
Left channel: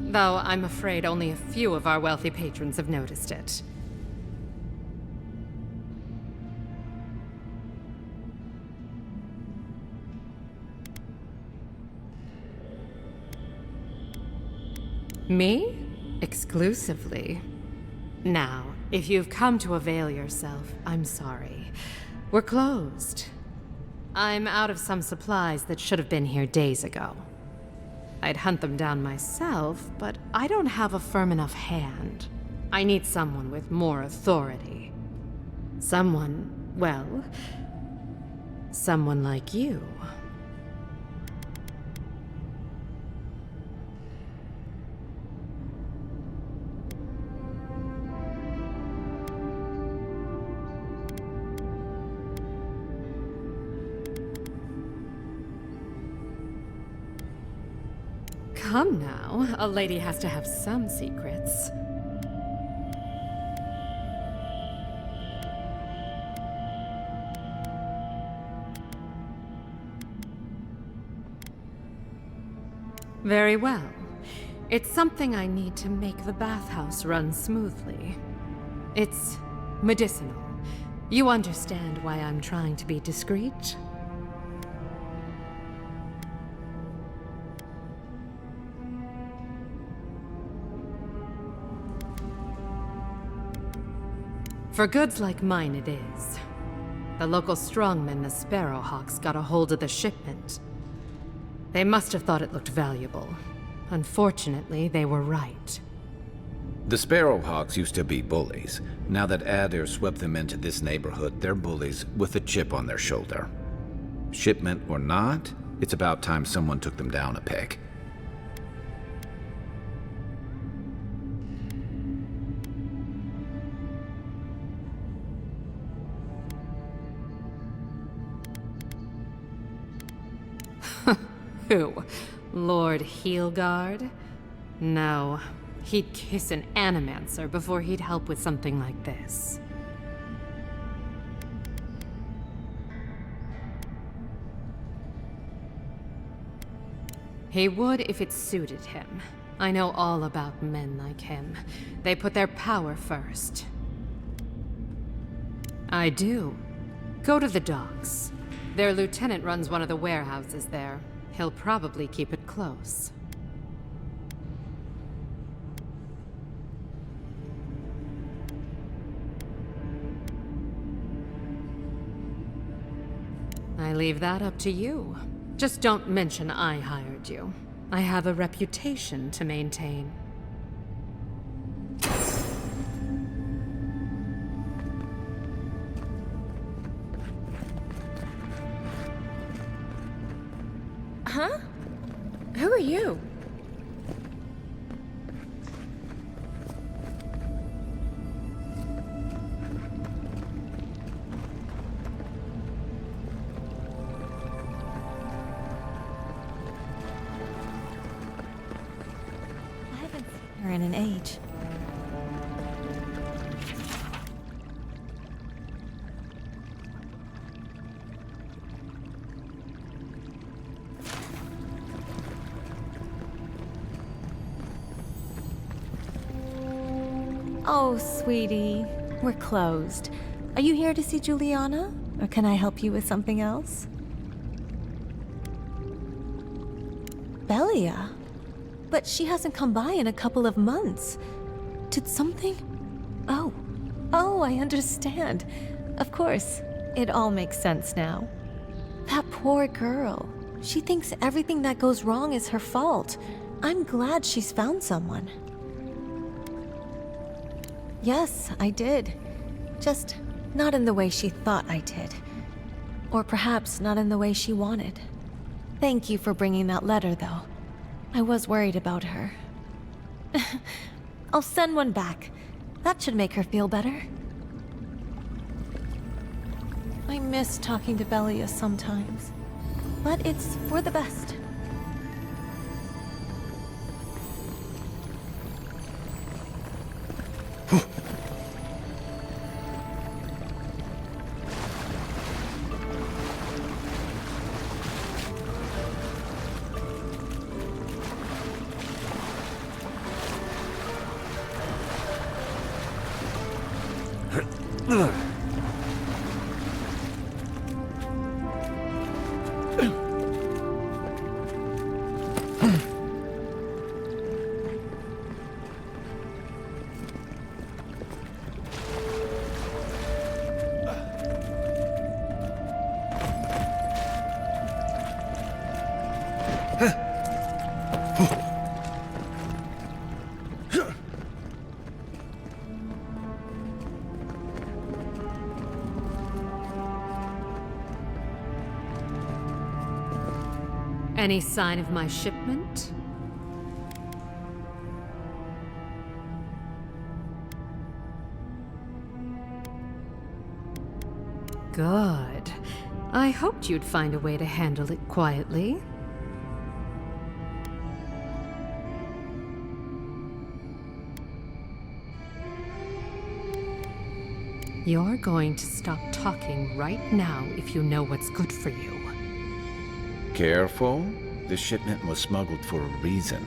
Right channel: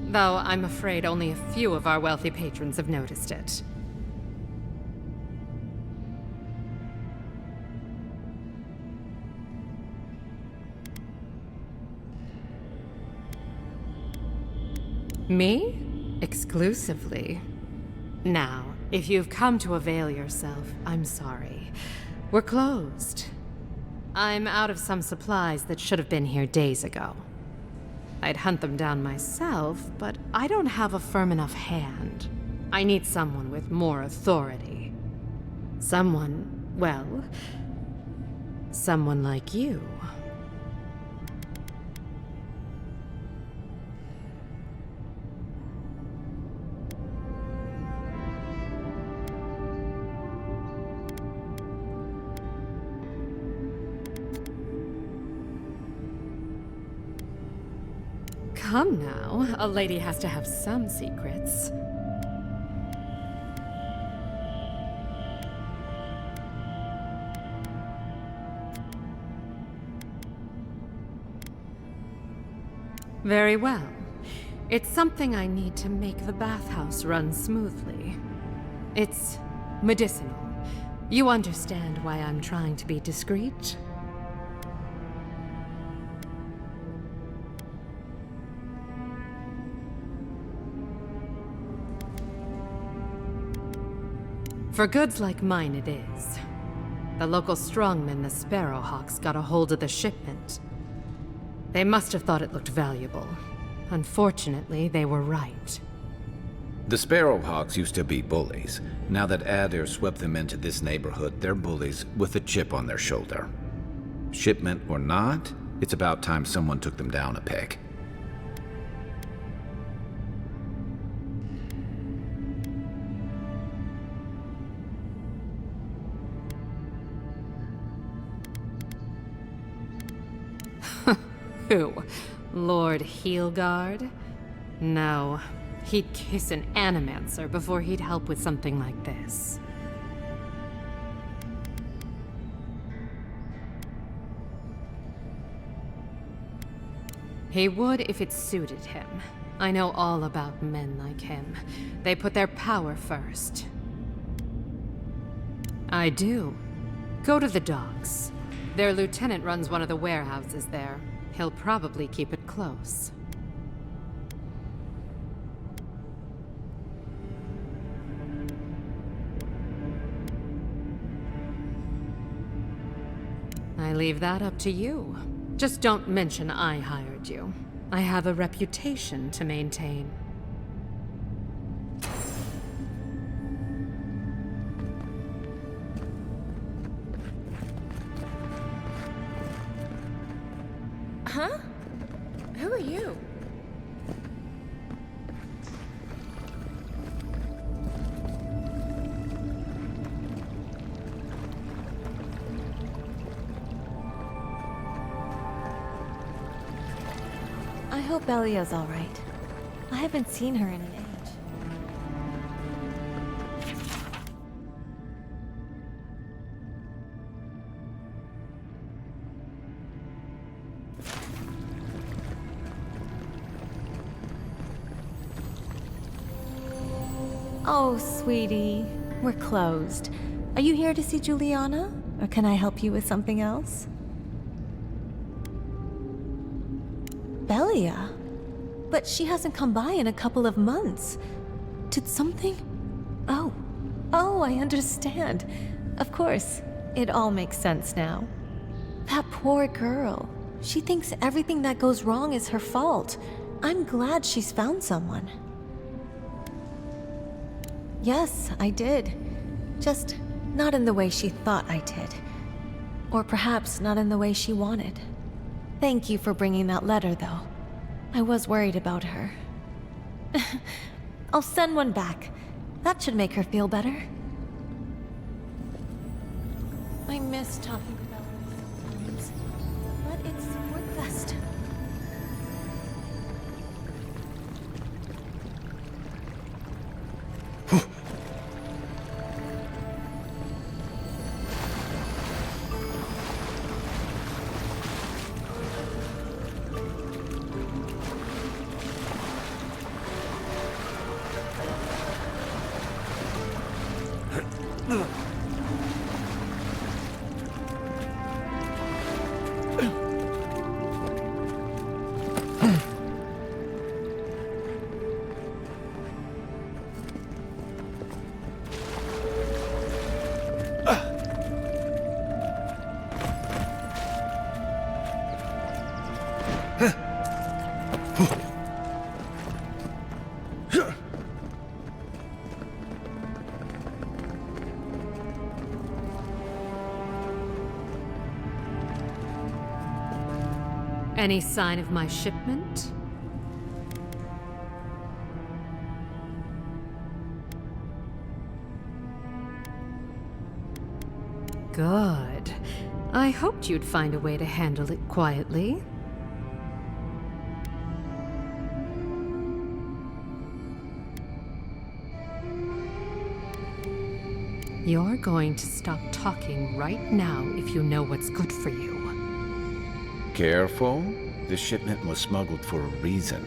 Though I'm afraid only a few of our wealthy patrons have noticed it. Me? Exclusively. Now, if you've come to avail yourself, I'm sorry. We're closed. I'm out of some supplies that should have been here days ago. I'd hunt them down myself, but I don't have a firm enough hand. I need someone with more authority. Someone, well, someone like you. Come now, a lady has to have some secrets. Very well. It's something I need to make the bathhouse run smoothly. It's medicinal. You understand why I'm trying to be discreet? For goods like mine, it is. The local strongmen, the Sparrowhawks, got a hold of the shipment. They must have thought it looked valuable. Unfortunately, they were right. The Sparrowhawks used to be bullies. Now that Adair swept them into this neighborhood, they're bullies with a chip on their shoulder. Shipment or not, it's about time someone took them down a peg. Who? Lord Heelguard? No. He'd kiss an animancer before he'd help with something like this. He would if it suited him. I know all about men like him. They put their power first. I do. Go to the docks. Their lieutenant runs one of the warehouses there. He'll probably keep it close. I leave that up to you. Just don't mention I hired you. I have a reputation to maintain. Huh? Who are you? I hope Belia's all right. I haven't seen her in an age. Oh, sweetie. We're closed. Are you here to see Juliana? Or can I help you with something else? Belia? But she hasn't come by in a couple of months. Did something? Oh. Oh, I understand. Of course. It all makes sense now. That poor girl. She thinks everything that goes wrong is her fault. I'm glad she's found someone. Yes, I did. Just not in the way she thought I did. Or perhaps not in the way she wanted. Thank you for bringing that letter, though. I was worried about her. I'll send one back. That should make her feel better. I miss talking to Bellius sometimes, but it's for the best. Any sign of my shipment? Good. I hoped you'd find a way to handle it quietly. You're going to stop talking right now if you know what's good for you. Careful. This shipment was smuggled for a reason.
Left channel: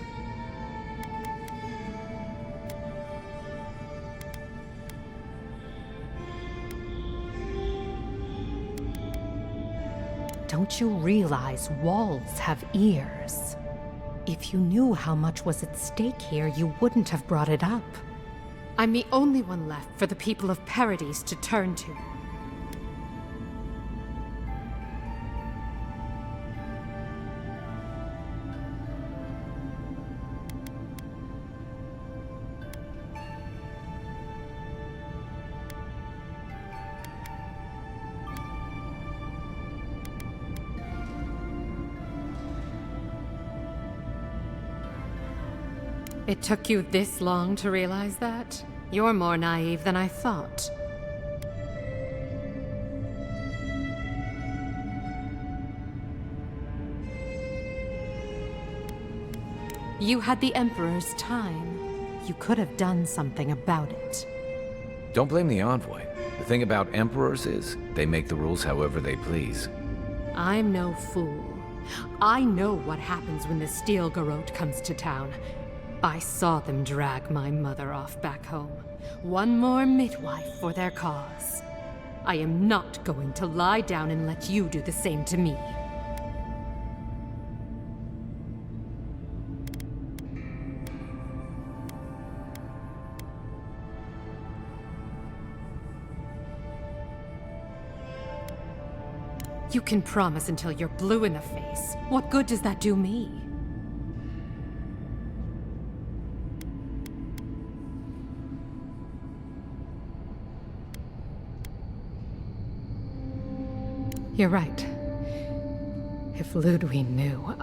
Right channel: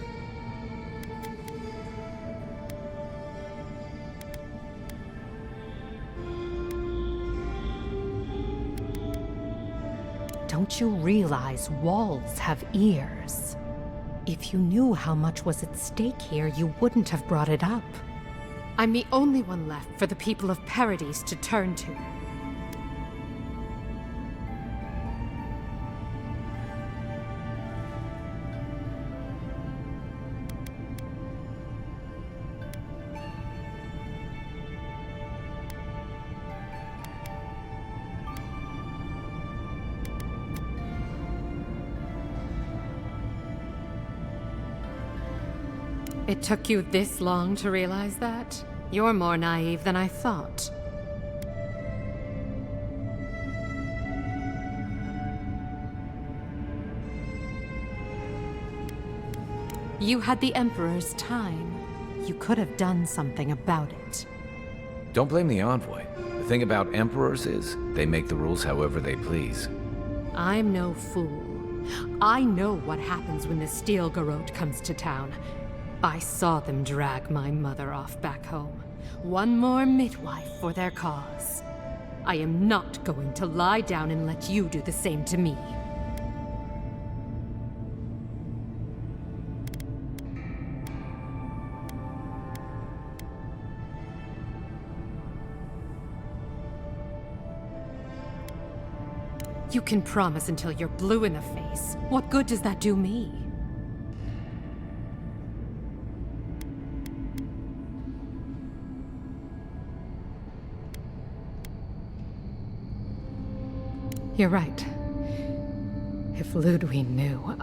Don't you realize walls have ears? If you knew how much was at stake here, you wouldn't have brought it up. I'm the only one left for the people of Paradise to turn to. It took you this long to realize that? You're more naive than I thought. You had the Emperor's time. You could have done something about it. Don't blame the envoy. The thing about emperors is, they make the rules however they please. I'm no fool. I know what happens when the Steel Garrote comes to town. I saw them drag my mother off back home. One more midwife for their cause. I am not going to lie down and let you do the same to me. You can promise until you're blue in the face. What good does that do me? You're right. If Ludwig knew,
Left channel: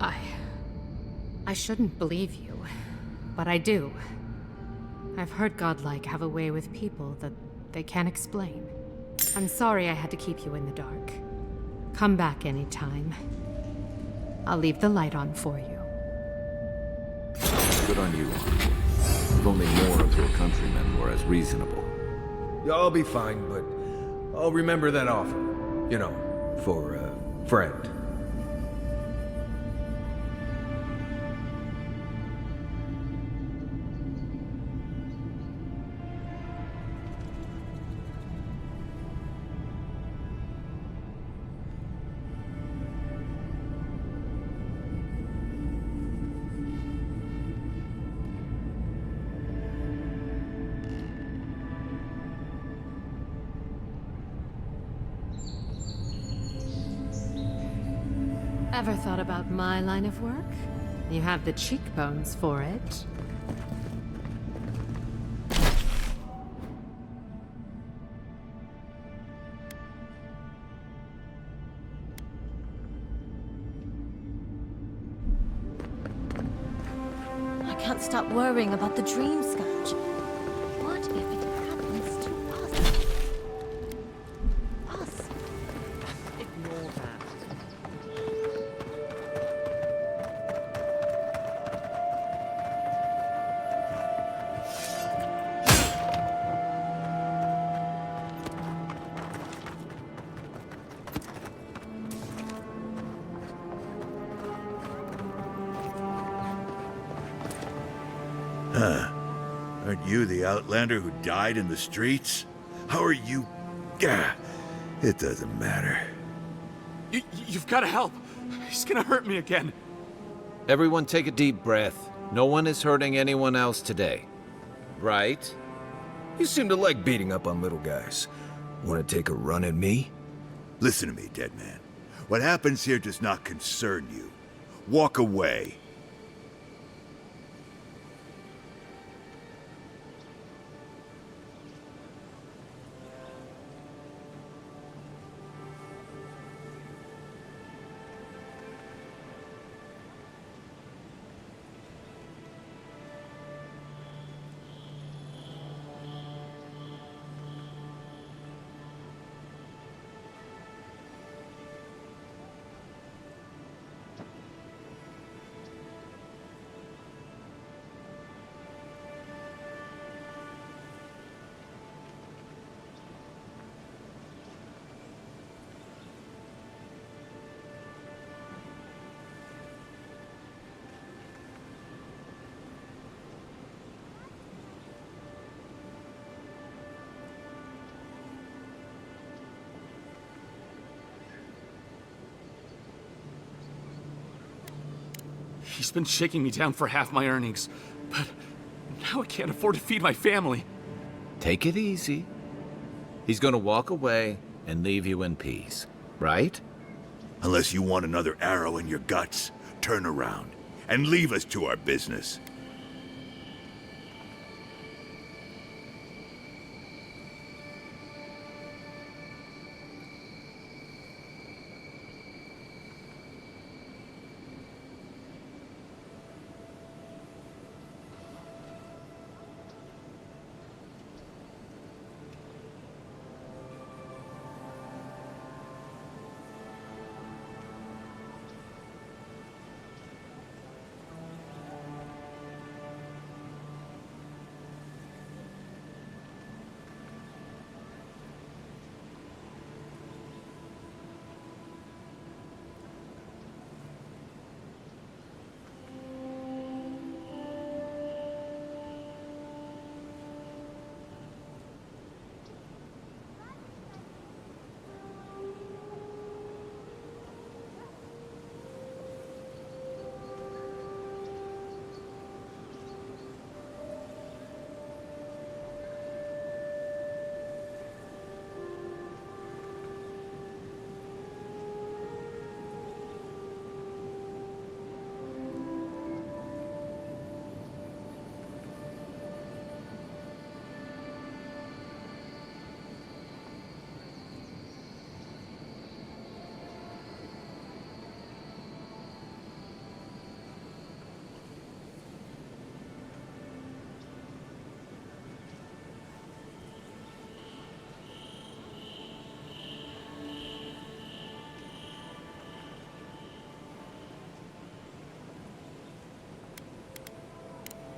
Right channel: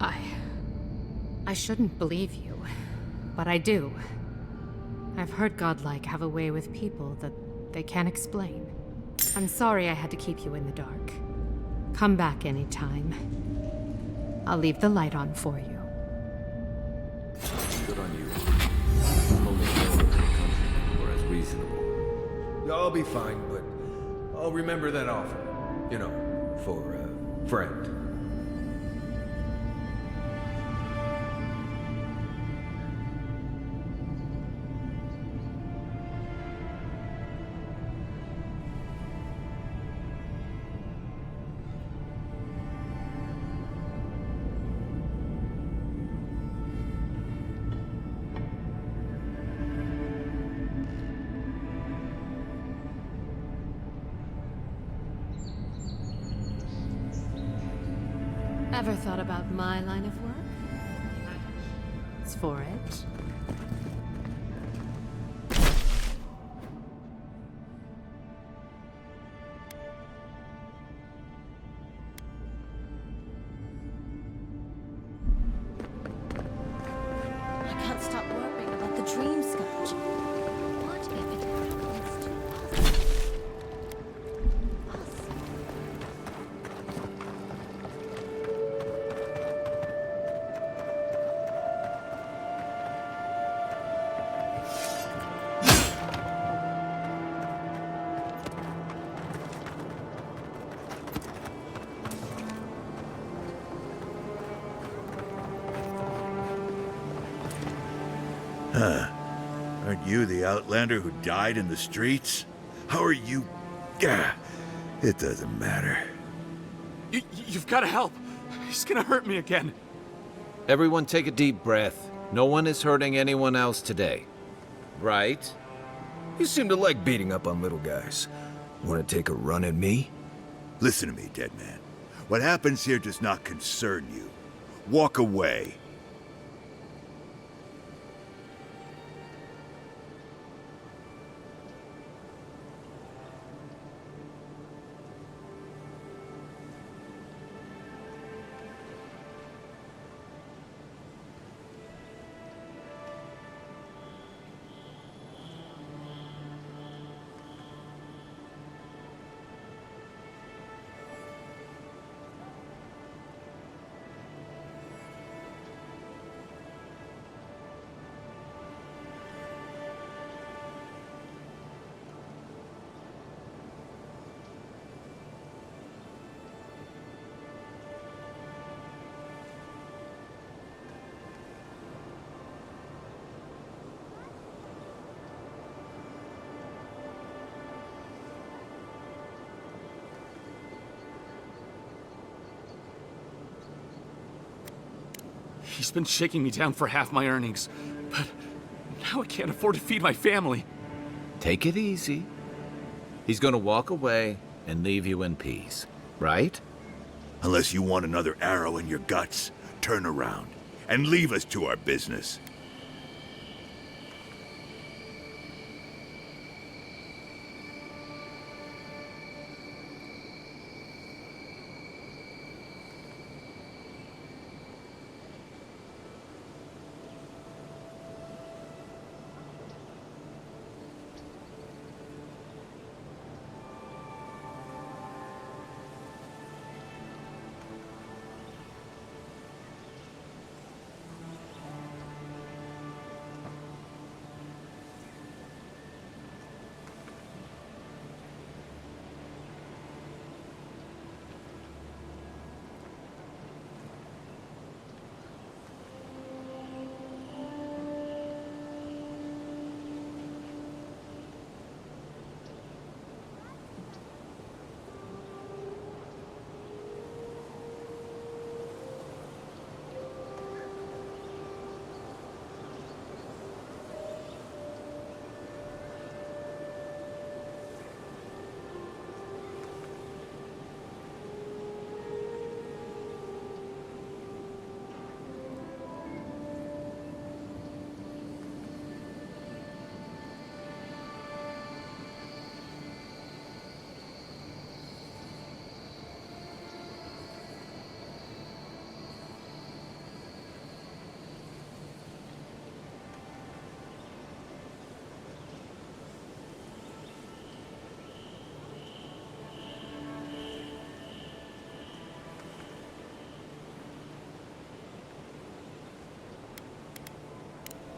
I shouldn't believe you. But I do. I've heard godlike have a way with people that they can't explain. I'm sorry I had to keep you in the dark. Come back anytime. I'll leave the light on for you. Good on you. If only more of your countrymen were as reasonable. I'll be fine, but I'll remember that offer. You know, for a friend. Ever thought about my line of work? You have the cheekbones for it. I can't stop worrying about the dream scourge. What if it happens to us? Us? Huh. Aren't you the Outlander who died in the streets? How are you... Gah, it doesn't matter. You've got to help. He's gonna hurt me again. Everyone take a deep breath. No one is hurting anyone else today. Right? You seem to like beating up on little guys. Want to take a run at me? Listen to me, dead man. What happens here does not concern you. Walk away. He's been shaking me down for half my earnings, but now I can't afford to feed my family. Take it easy. He's gonna walk away and leave you in peace, right? Unless you want another arrow in your guts, turn around and leave us to our business.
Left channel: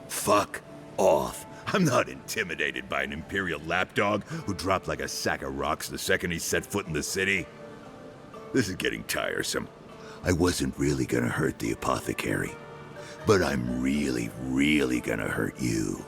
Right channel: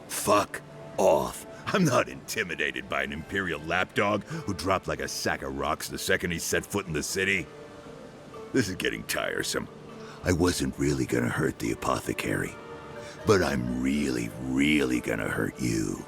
Fuck off. I'm not intimidated by an Imperial lapdog who dropped like a sack of rocks the second he set foot in the city. This is getting tiresome. I wasn't really gonna hurt the apothecary, but I'm really, really gonna hurt you.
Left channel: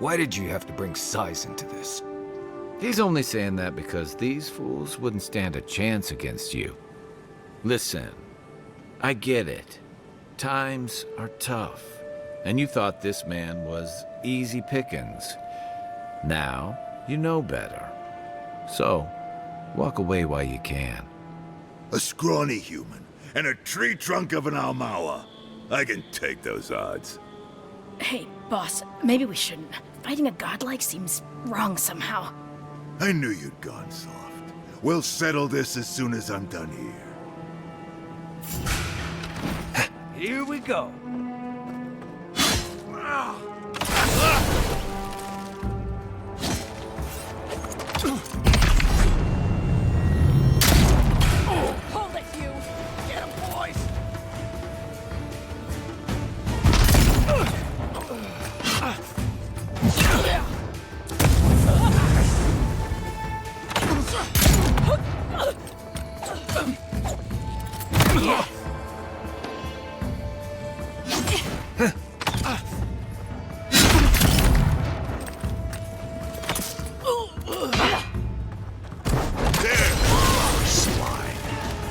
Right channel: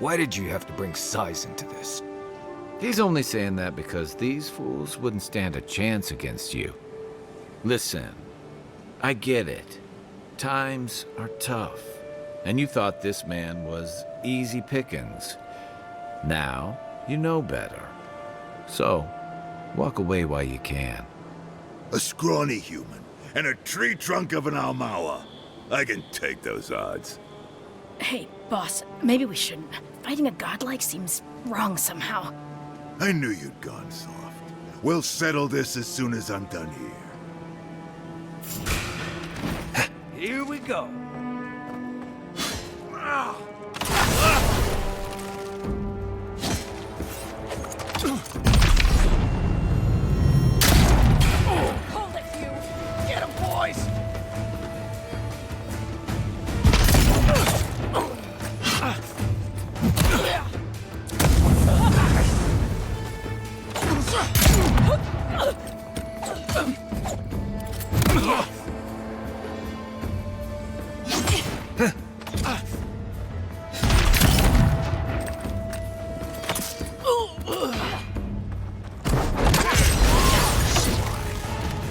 Why did you have to bring size into this? He's only saying that because these fools wouldn't stand a chance against you. Listen, I get it. Times are tough, and you thought this man was easy pickings. Now, you know better. So, walk away while you can. A scrawny human and a tree trunk of an Almawa. I can take those odds. Hey, boss, maybe we shouldn't. Fighting a godlike seems wrong somehow. I knew you'd gone soft. We'll settle this as soon as I'm done here. Here we go. Hold it, you! Get him, boys!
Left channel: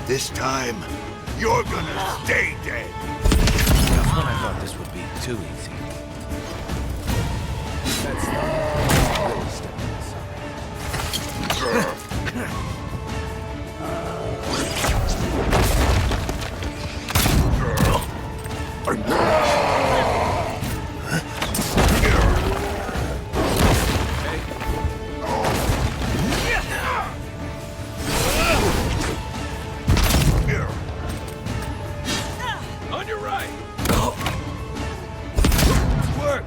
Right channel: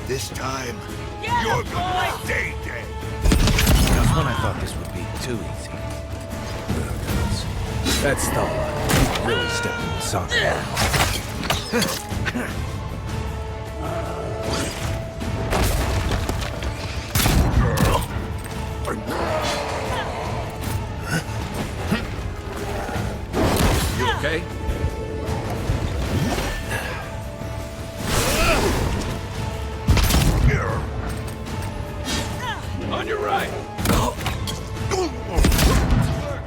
This time, you're gonna stay dead. Just when I thought this would be too easy. That's the really stepped in the soccer. You okay? On your right. Work.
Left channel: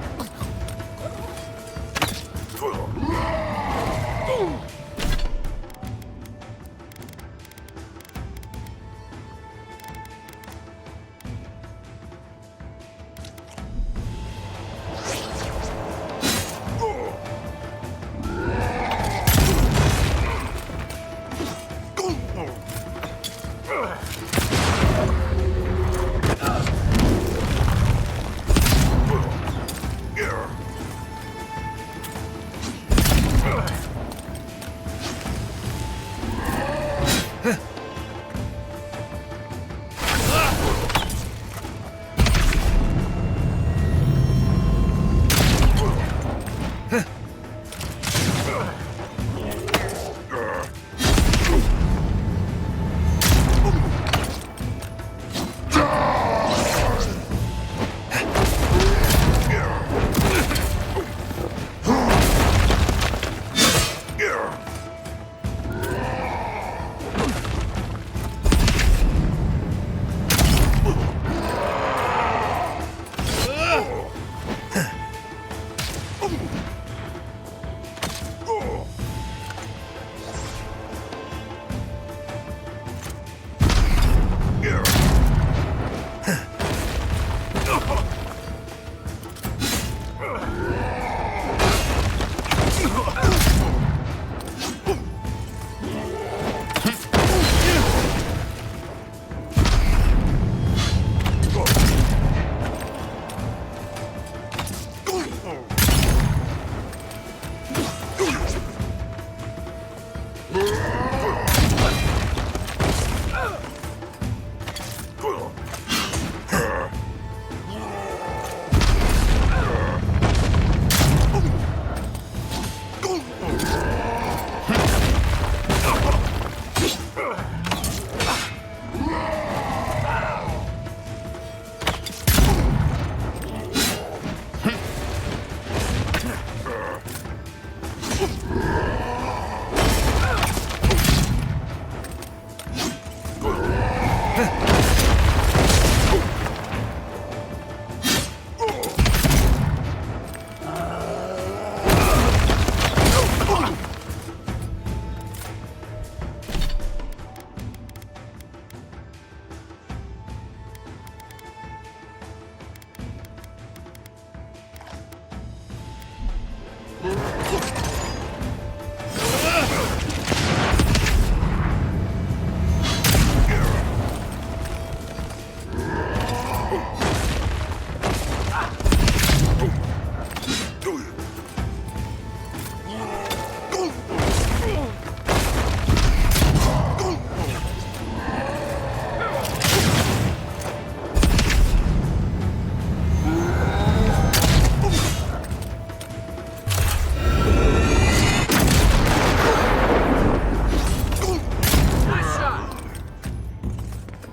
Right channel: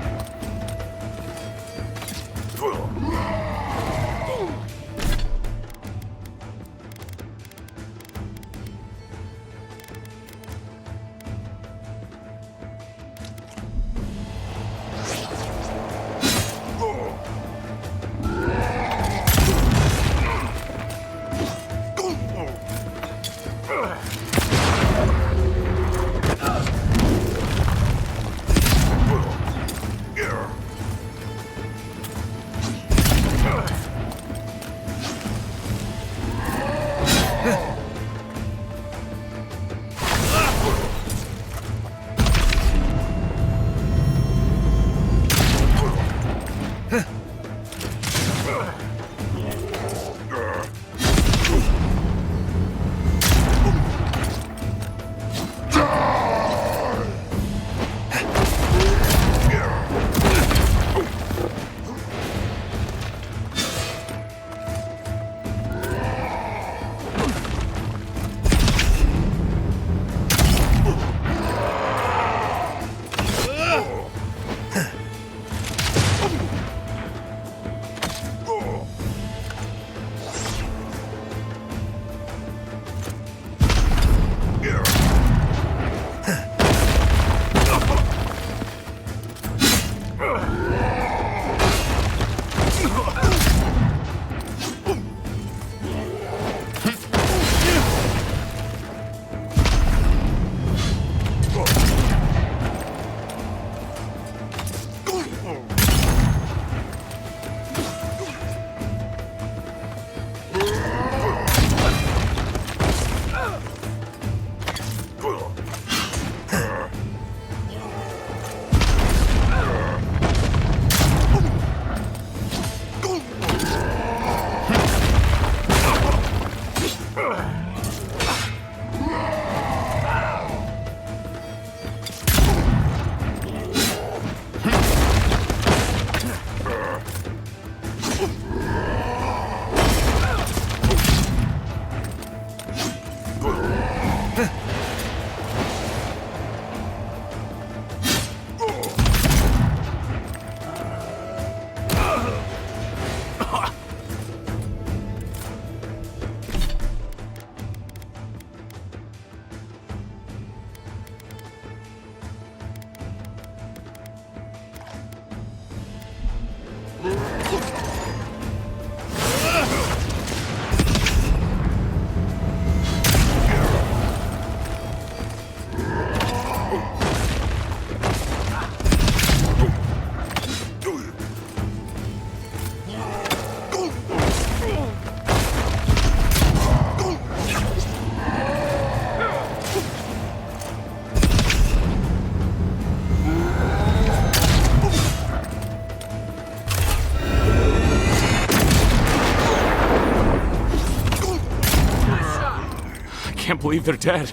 believe they're dead.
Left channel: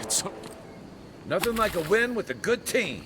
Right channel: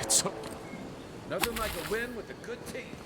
It's so... Nothing like a win with a good team.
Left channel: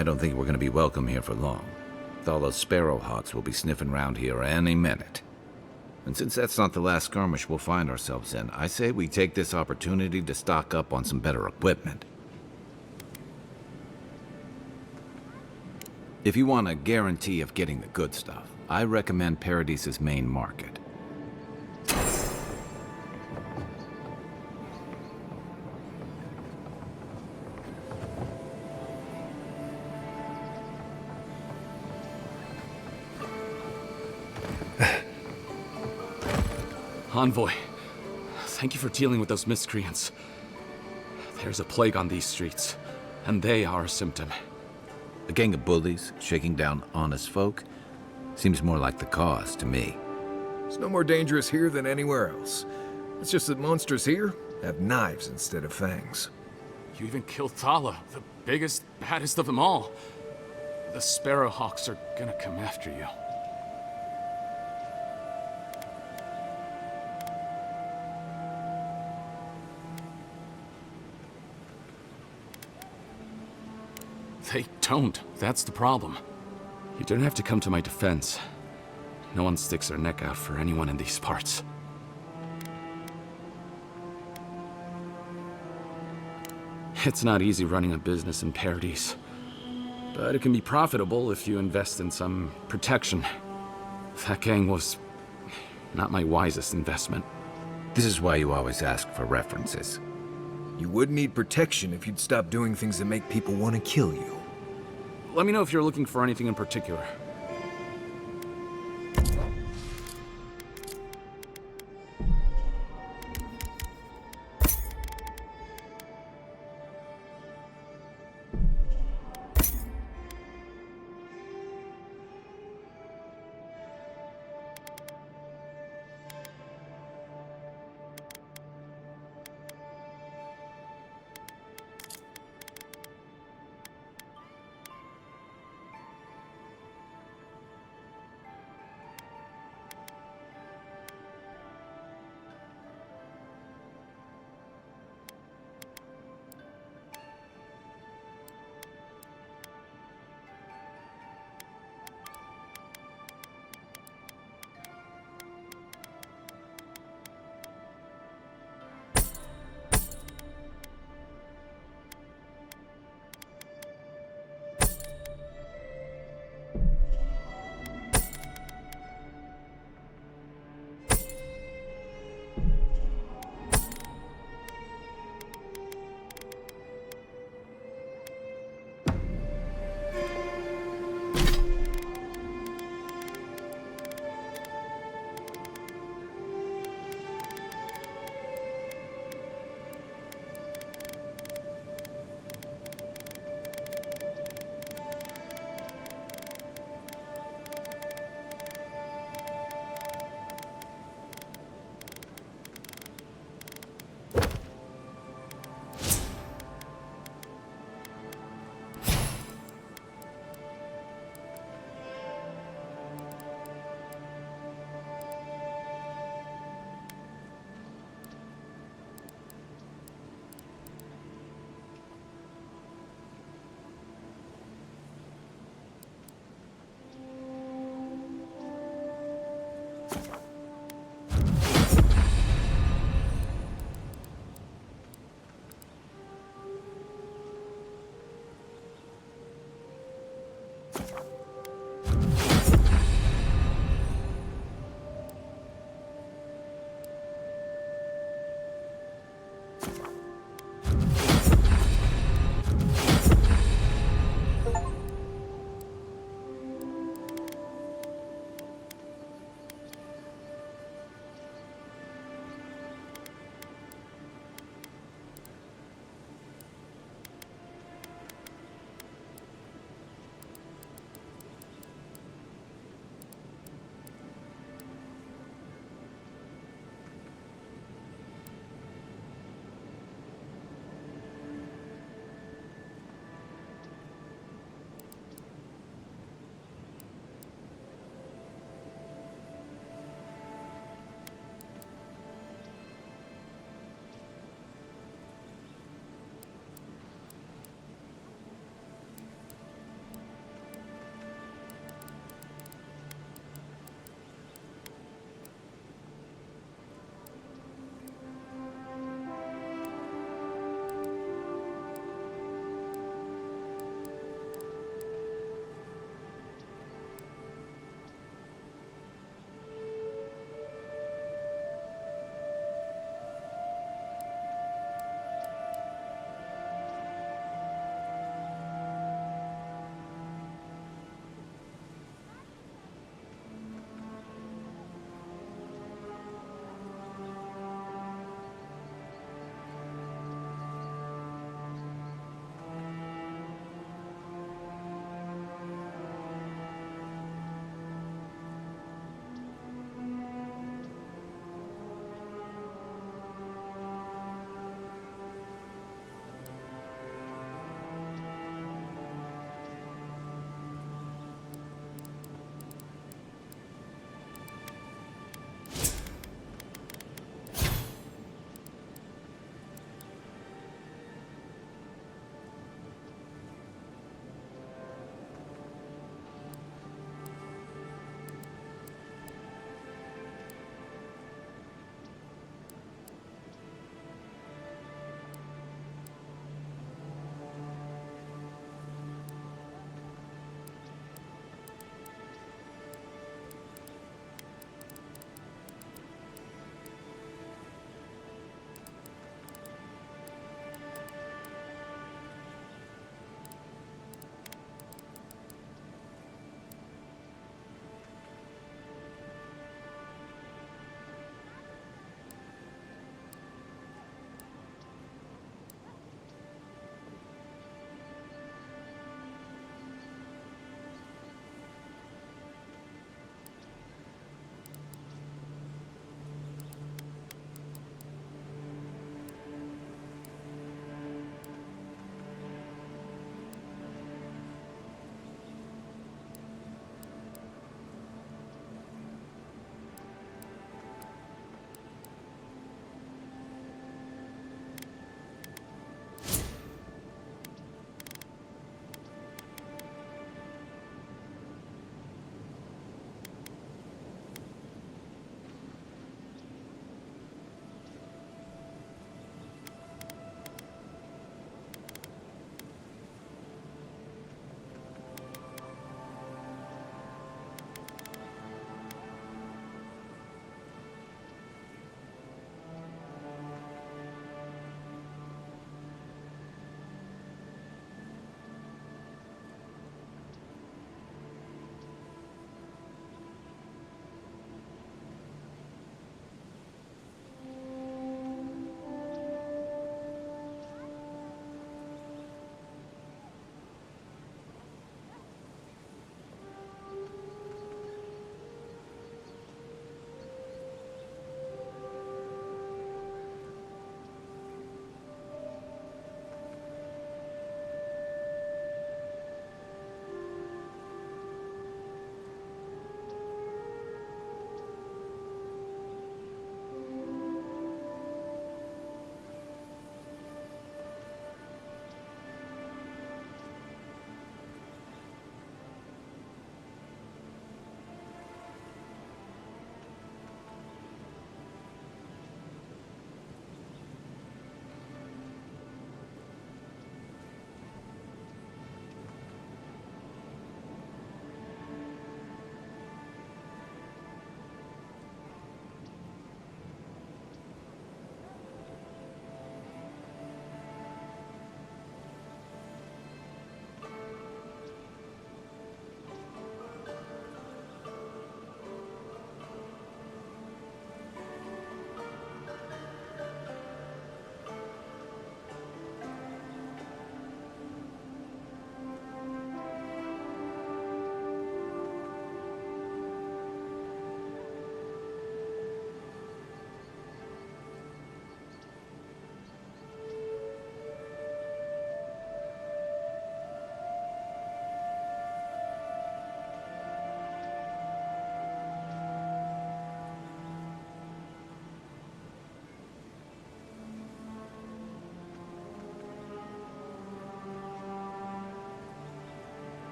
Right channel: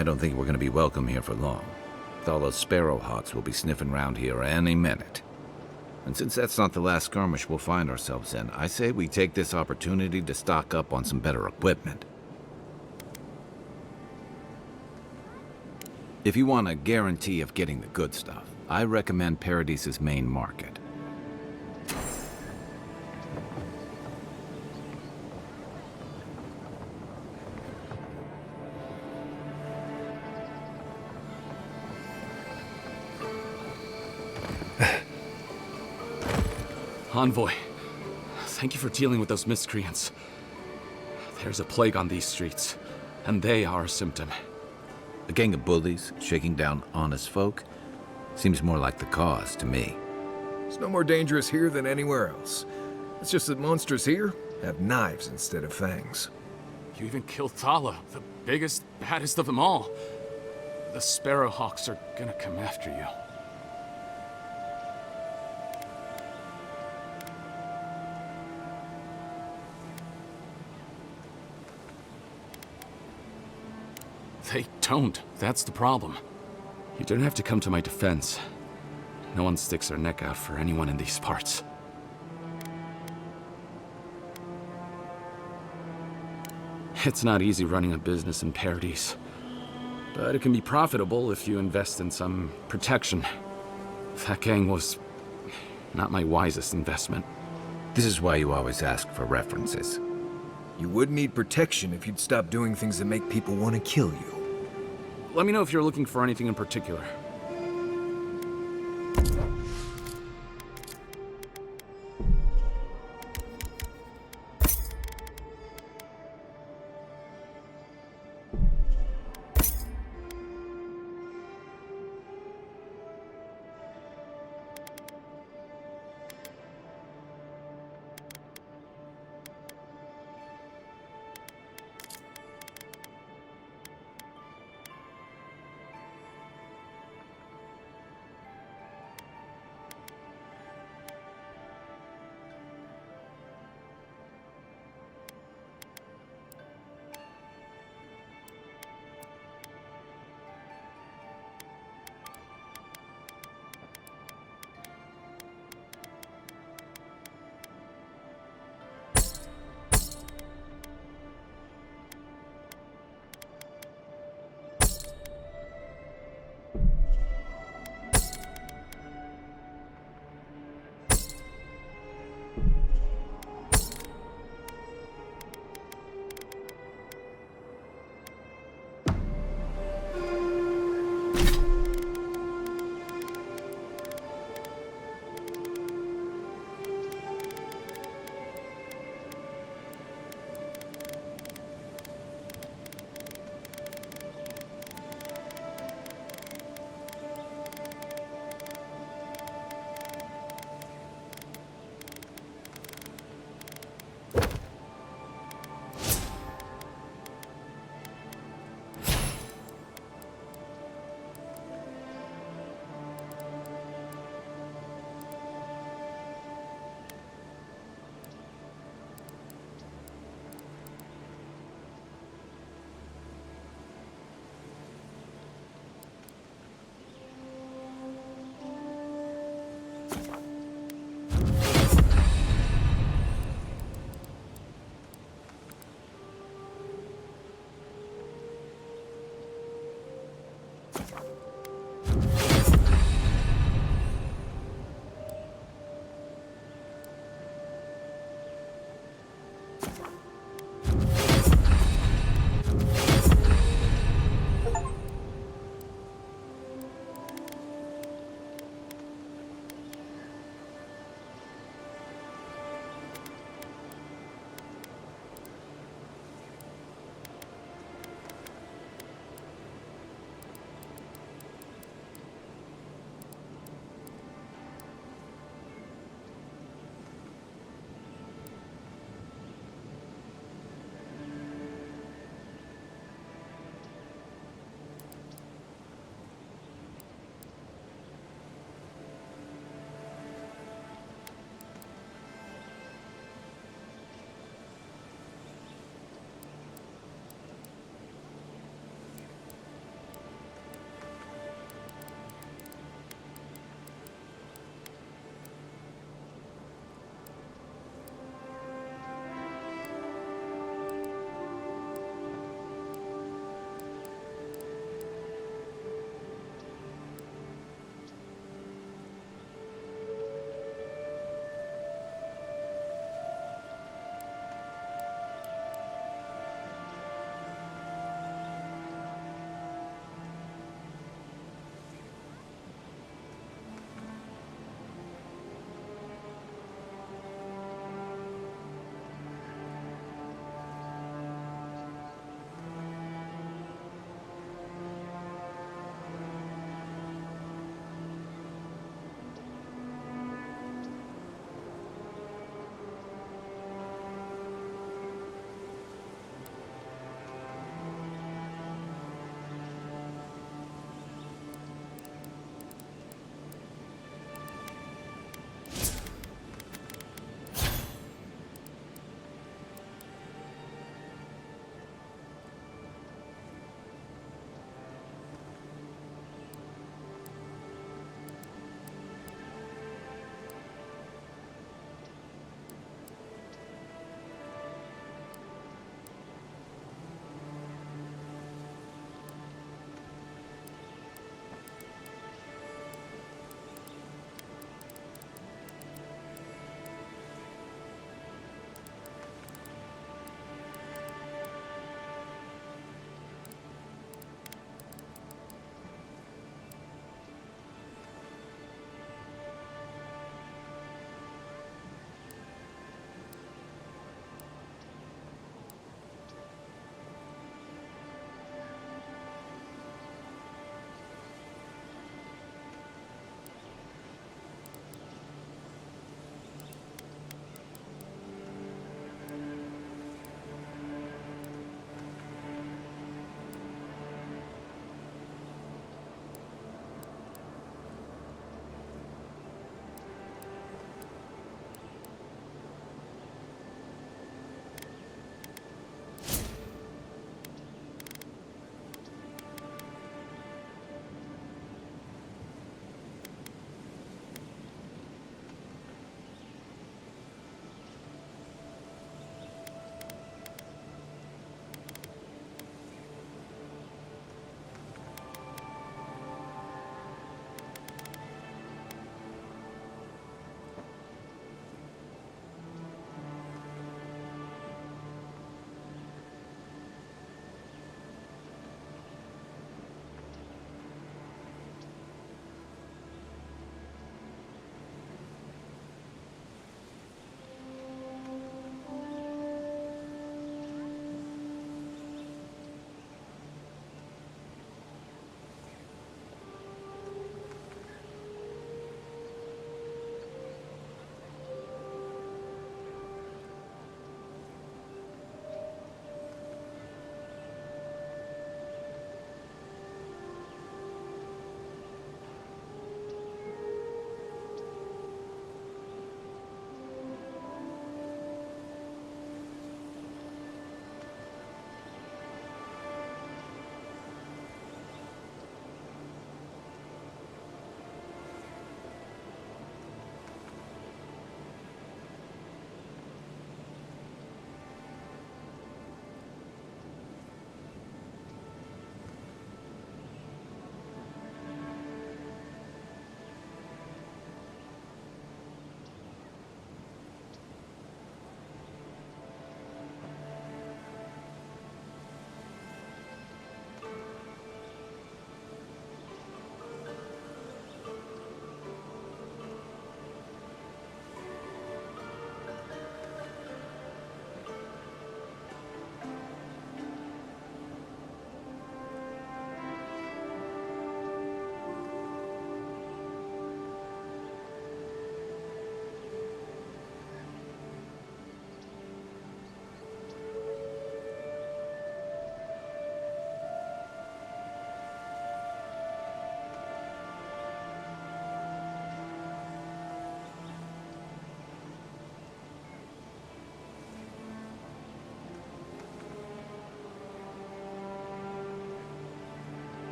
I don't think we're going to be welcome here for long. Thala's sparrowhawks will be sniffing around here any minute. And since that's not the last skirmish we'll find ourselves in, I say we take this opportunity to stock up on some better equipment. If you want a guarantee of getting the good stuff, I recommend Paradise's main market. Envoy, thank you for dealing with those miscreants. There's a plague on these streets, and they are a symptom. A gang of bullies shaking down honest folk? Seems more like the cause to me. It's no more dangerous here than anywhere else. It's just that monsters here have knives instead of fangs. You even killed Thala, the biggest, baddest of them all. The Sparrowhawks are gonna come after you. They don't. That's the problem. You don't have to come to my defense. No one sticks their neck out for anyone in these parts. It's not easy running a business in Paradise, but it can be profitable if you invest in some protection. That gang was not my wisest investment. This is why you always ask for references. You would need protection if you'd stop doing things that make people want to kill you. Let me know if you're looking for anything in particular.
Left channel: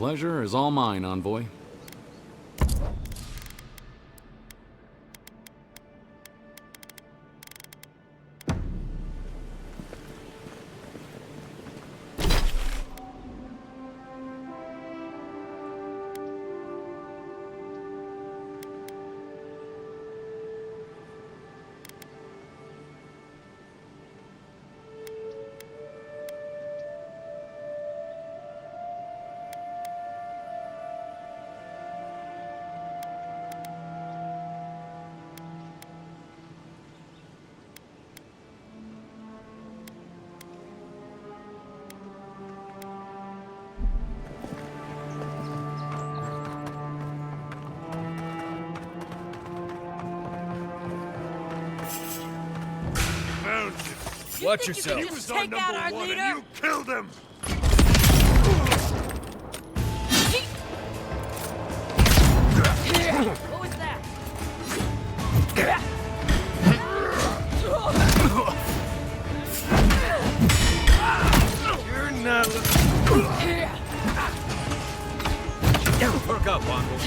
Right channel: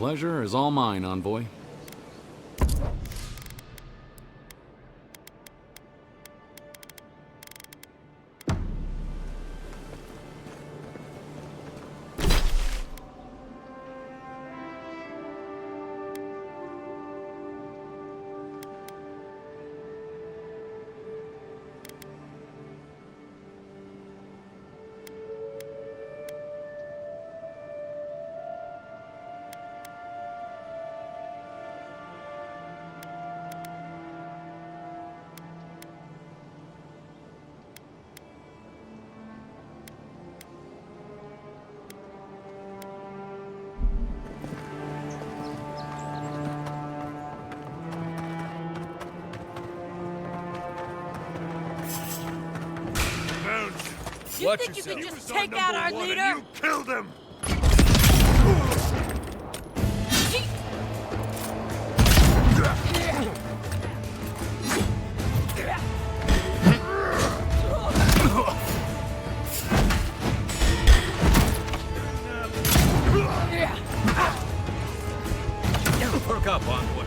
pleasure is all mine, Envoy. Found you. Watch yourself. You just take out our leader? You killed him. What was that? You're not looking. Perk up, Envoy.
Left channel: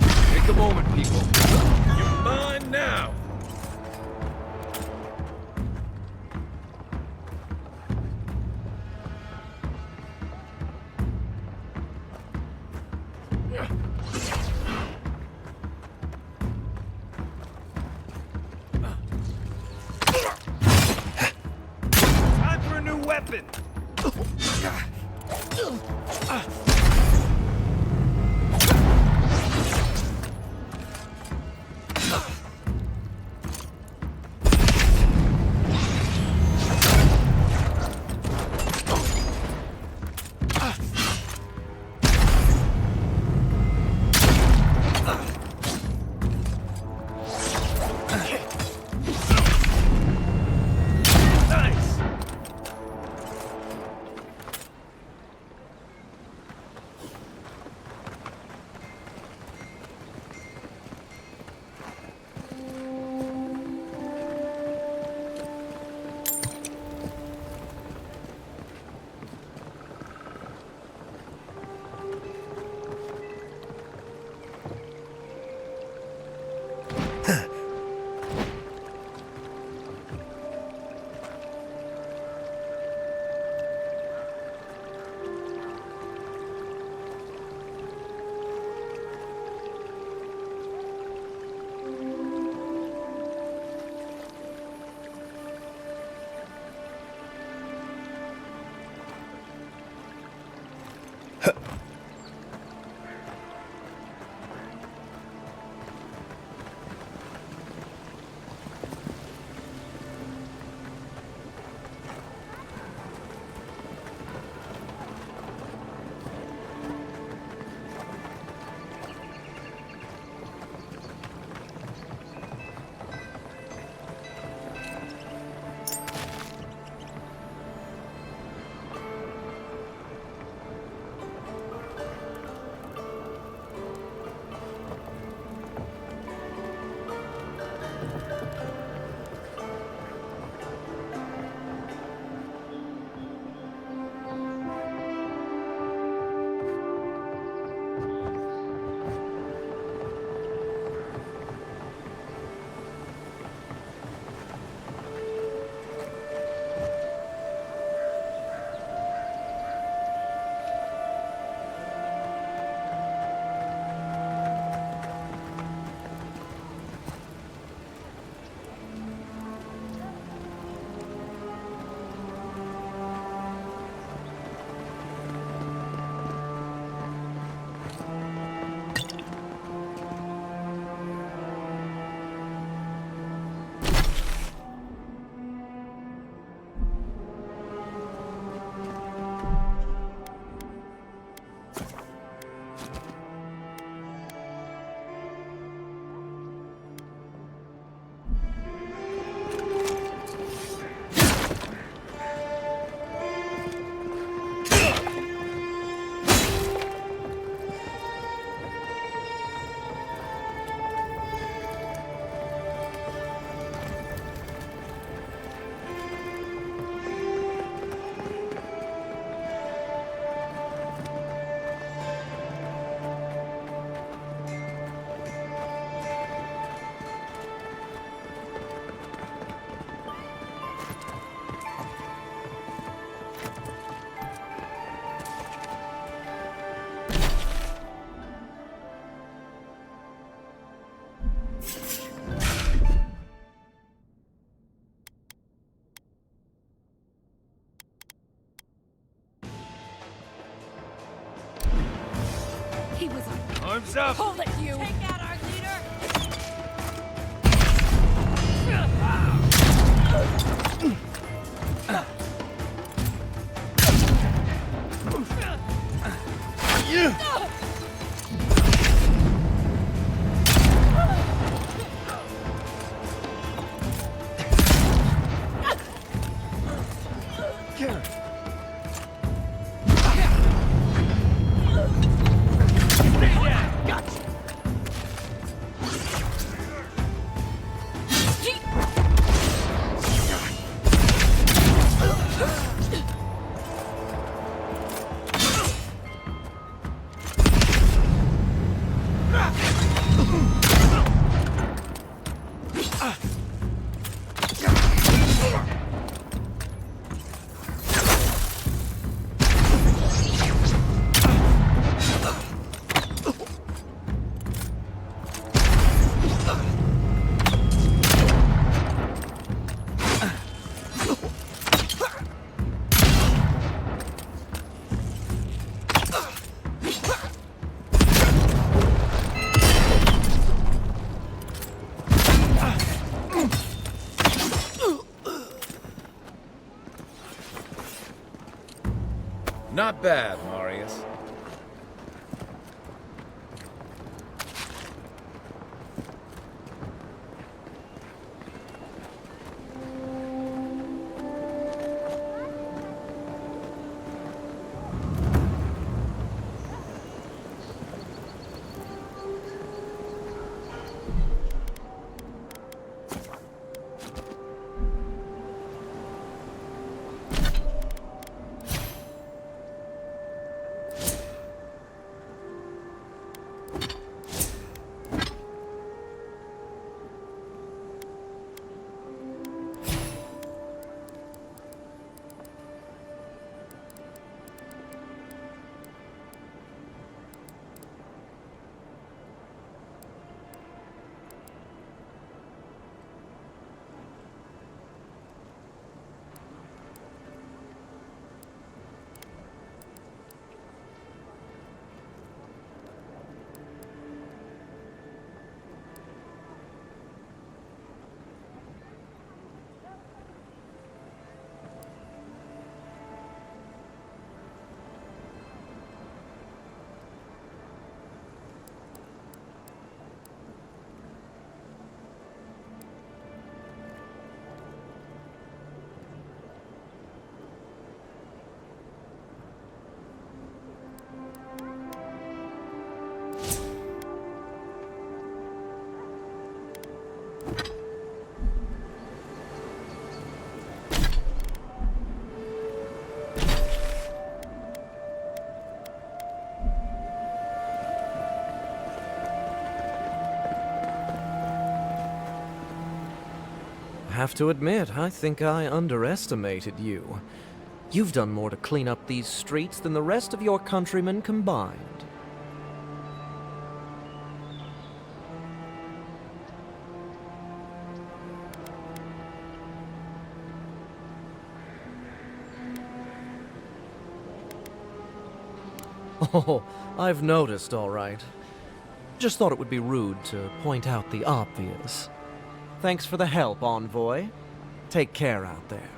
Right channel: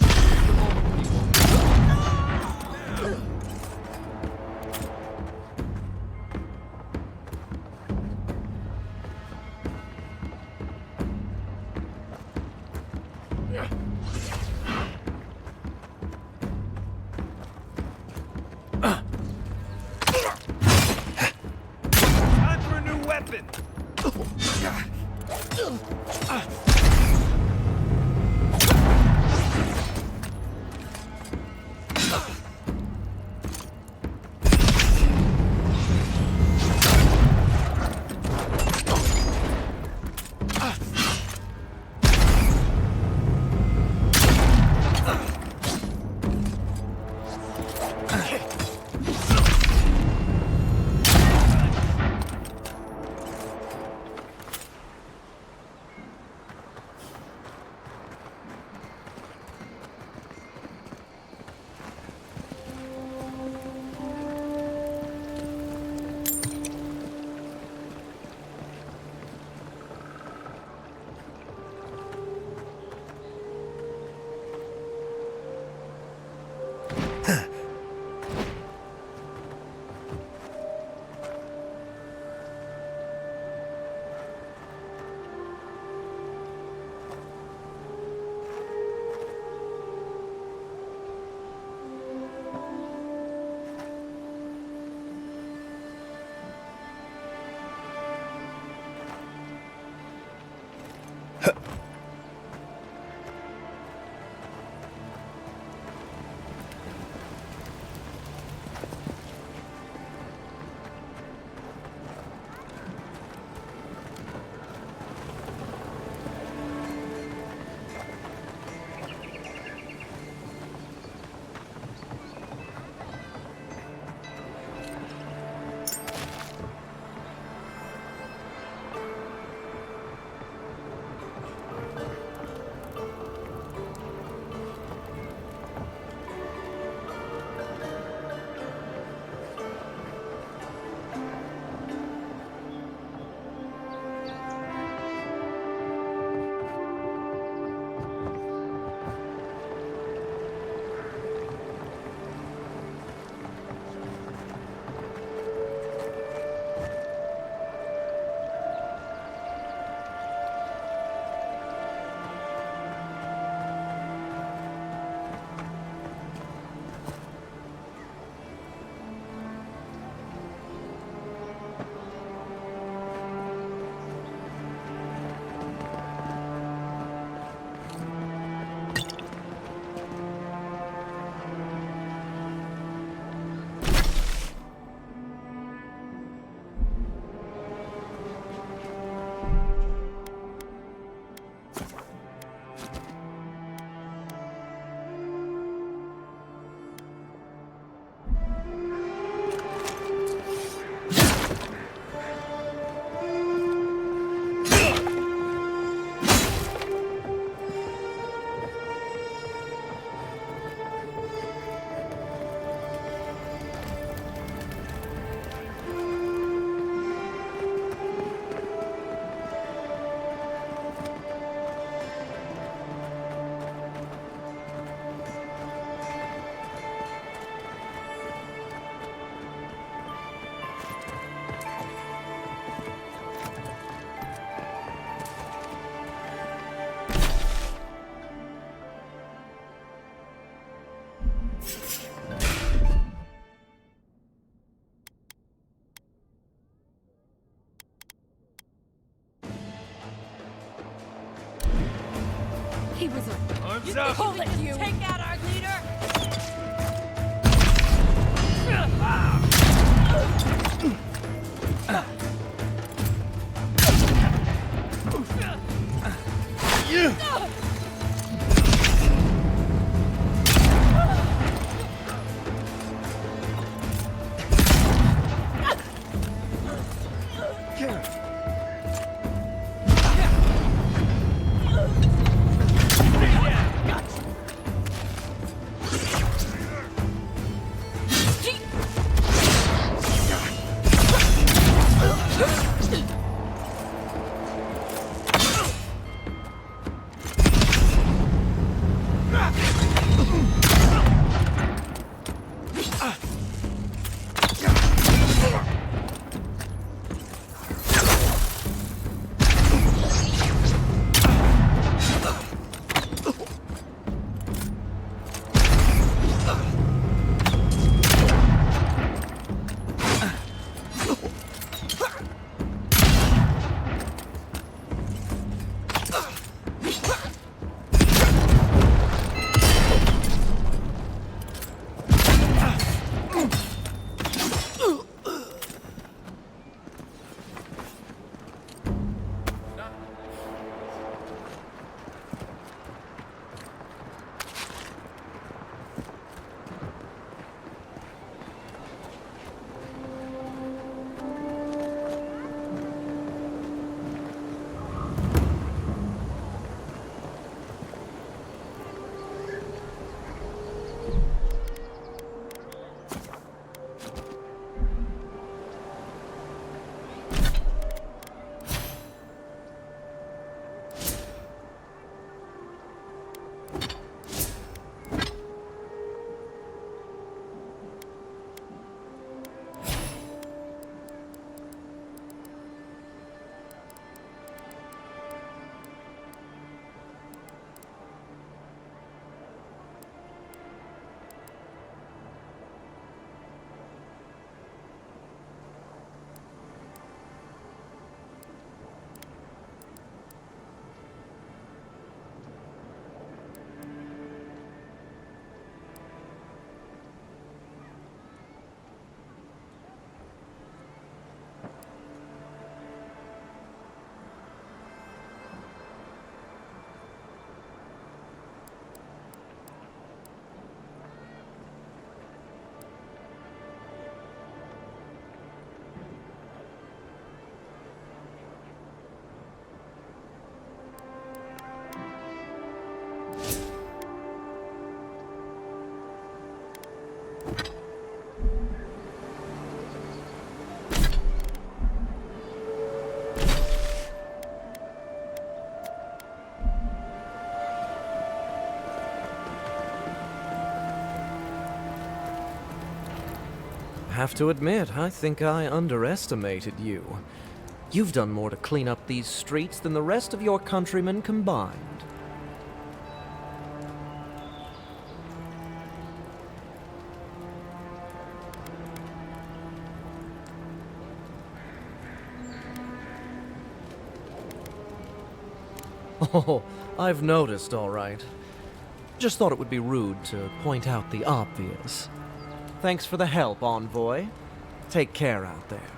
Take a moment, people. Come on now. Time for a new weapon. He was a... Arms up! Hold it, you! Take out our leader! Not bad, Marius. Have to admit, I think I underestimated you. You've done more to clean up these streets than the rest of your countrymen combined. Oh, I've noticed, all right. Just thought it would be rude to point out the obvious. Thanks for the help, Envoy. Take care out there.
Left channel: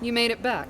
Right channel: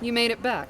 You made it back.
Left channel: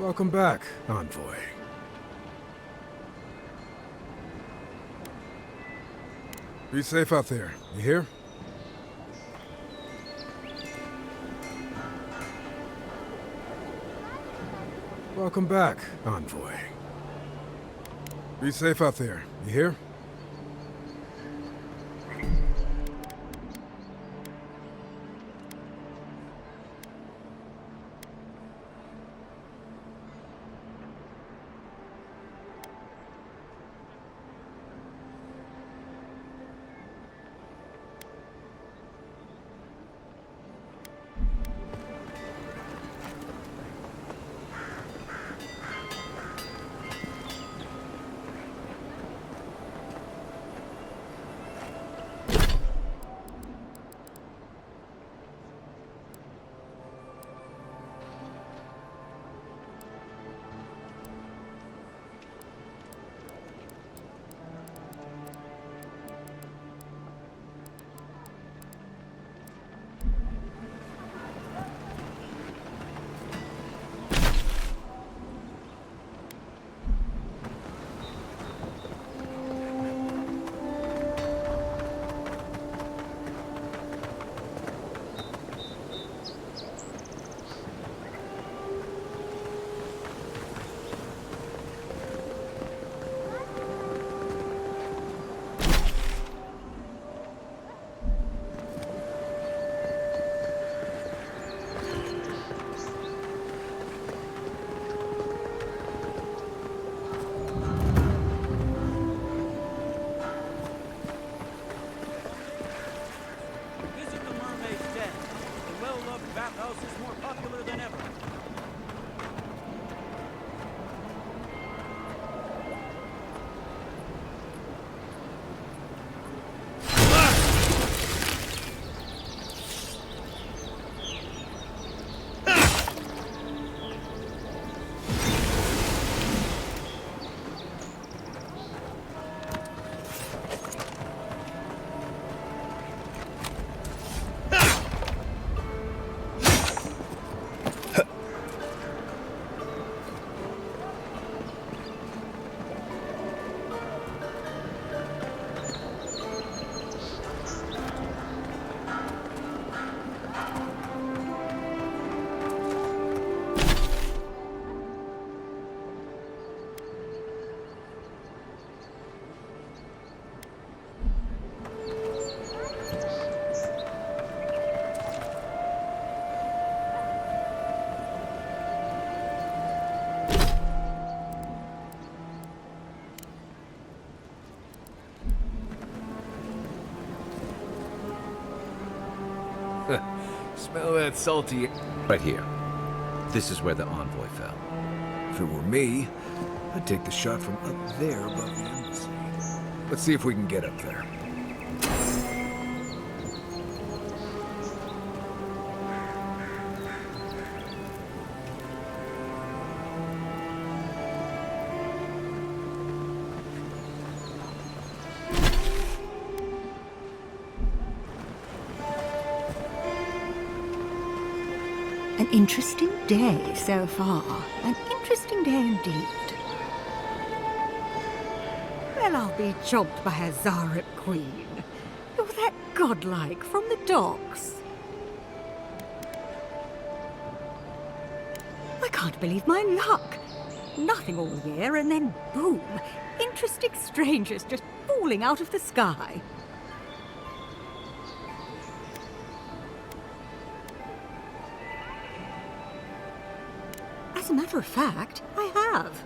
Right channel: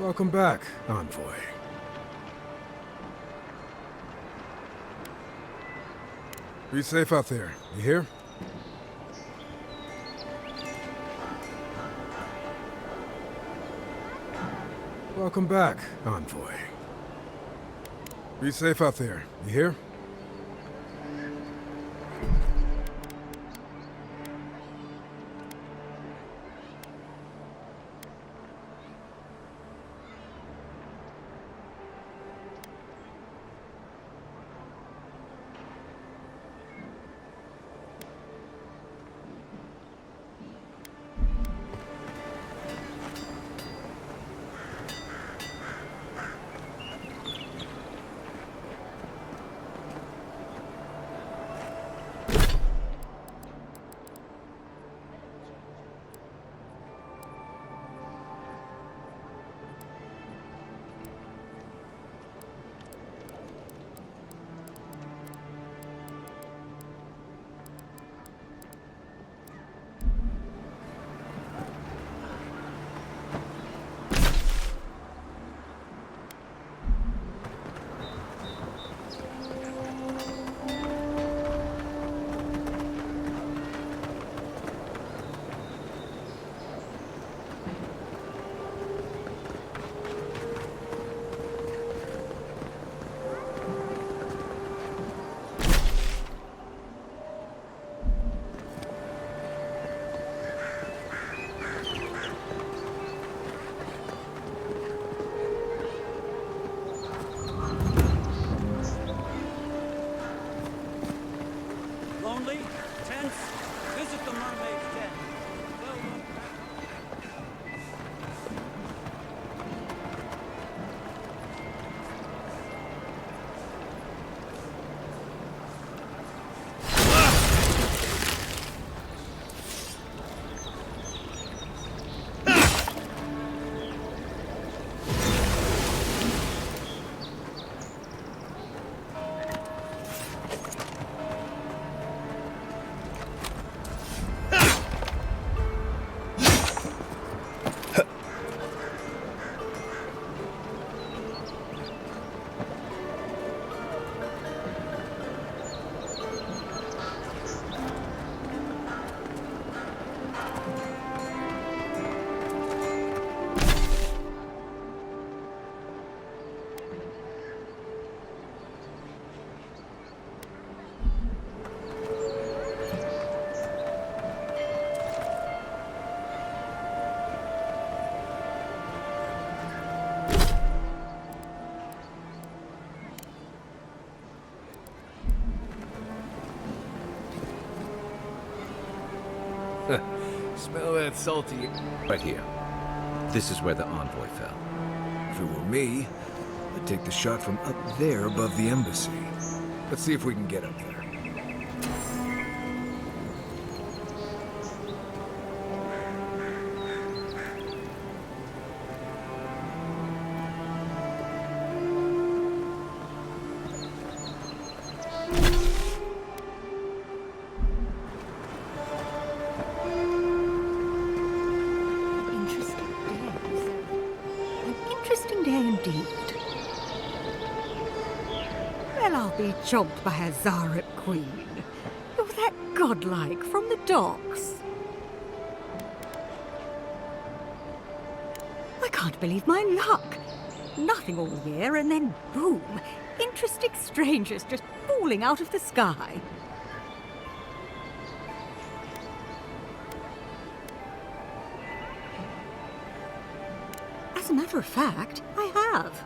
Welcome back, Envoy. Be safe out there, you hear? Welcome back, Envoy. Be safe out there, you hear? Lonely? Tense? Visit the Mermaid's Den. The well-loved bathhouse is more popular than ever. Smell that salty... Right here. This is where the envoy fell. If it were me, I'd take the shot from up there above the embassy. Let's see if we can get up there. An interesting day so far. An interesting day indeed. Well, I'll be chomped by a Zarep queen. You're that godlike from the docks. I can't believe my luck. Nothing all year, and then boom, interesting strangers just falling out of the sky. As a matter of fact, I have.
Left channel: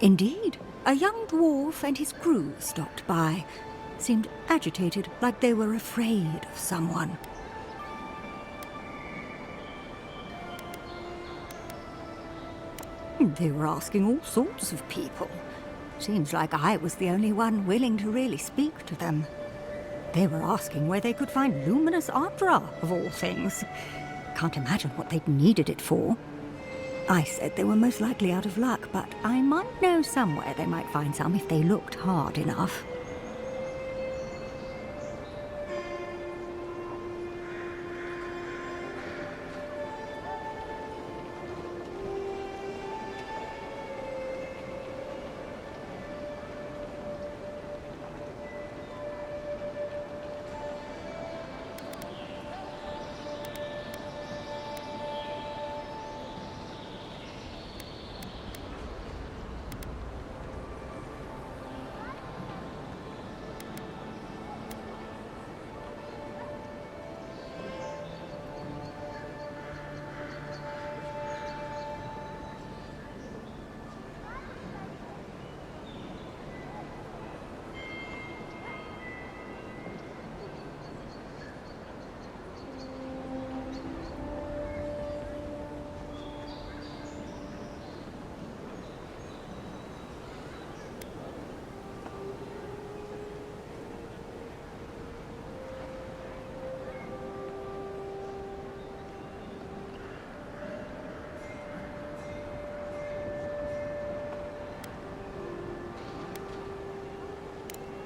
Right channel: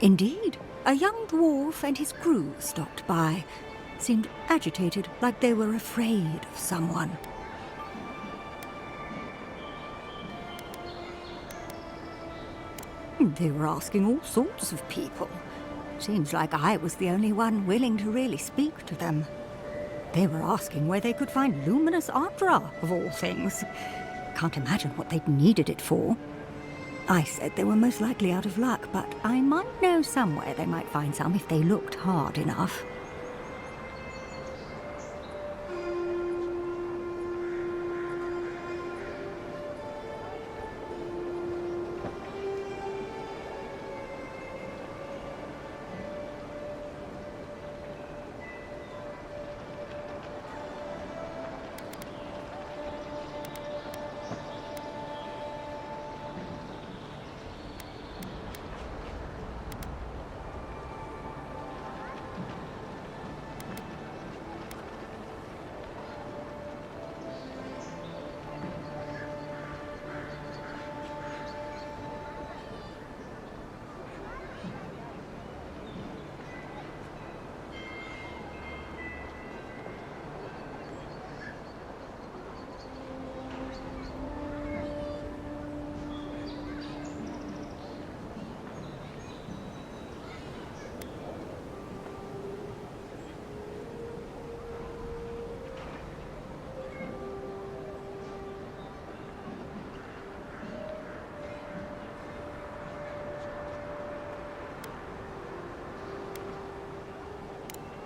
Indeed, a young dwarf and his crew stopped by. Seemed agitated, like they were afraid of someone. They were asking all sorts of people. Seems like I was the only one willing to really speak to them. They were asking where they could find luminous Ardra, of all things. Can't imagine what they'd needed it for. I said they were most likely out of luck, but I might know somewhere they might find some if they looked hard enough.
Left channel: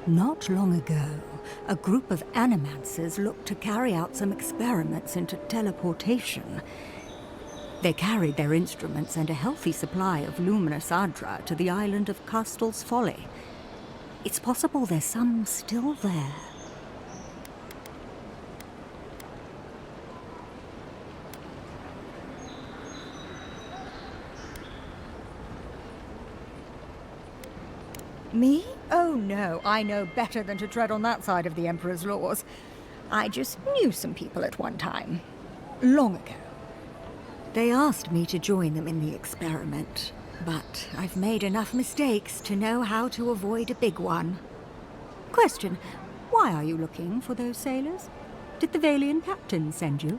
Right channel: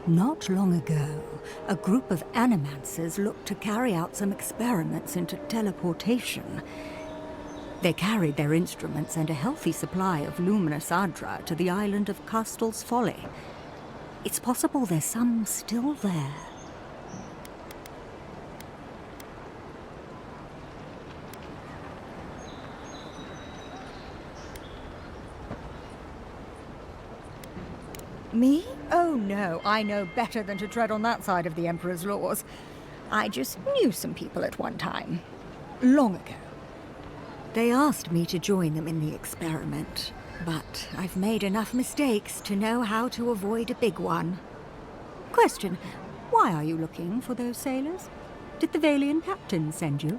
Not long ago, a group of animancers looked to carry out some experiments into teleportation. They carried their instruments and a healthy supply of luminous adra to the island of Castel's Folly. It's possible there's some still there. Me? Oh no, I know better than to tread on that side of the Emperor's laws. I just knew some people at one time. Long ago. They asked me to join them in the experiment, but I've made enough mistakes to know how to avoid a big one. Question, why are you looking for those sailors? Did the Valian captain send you?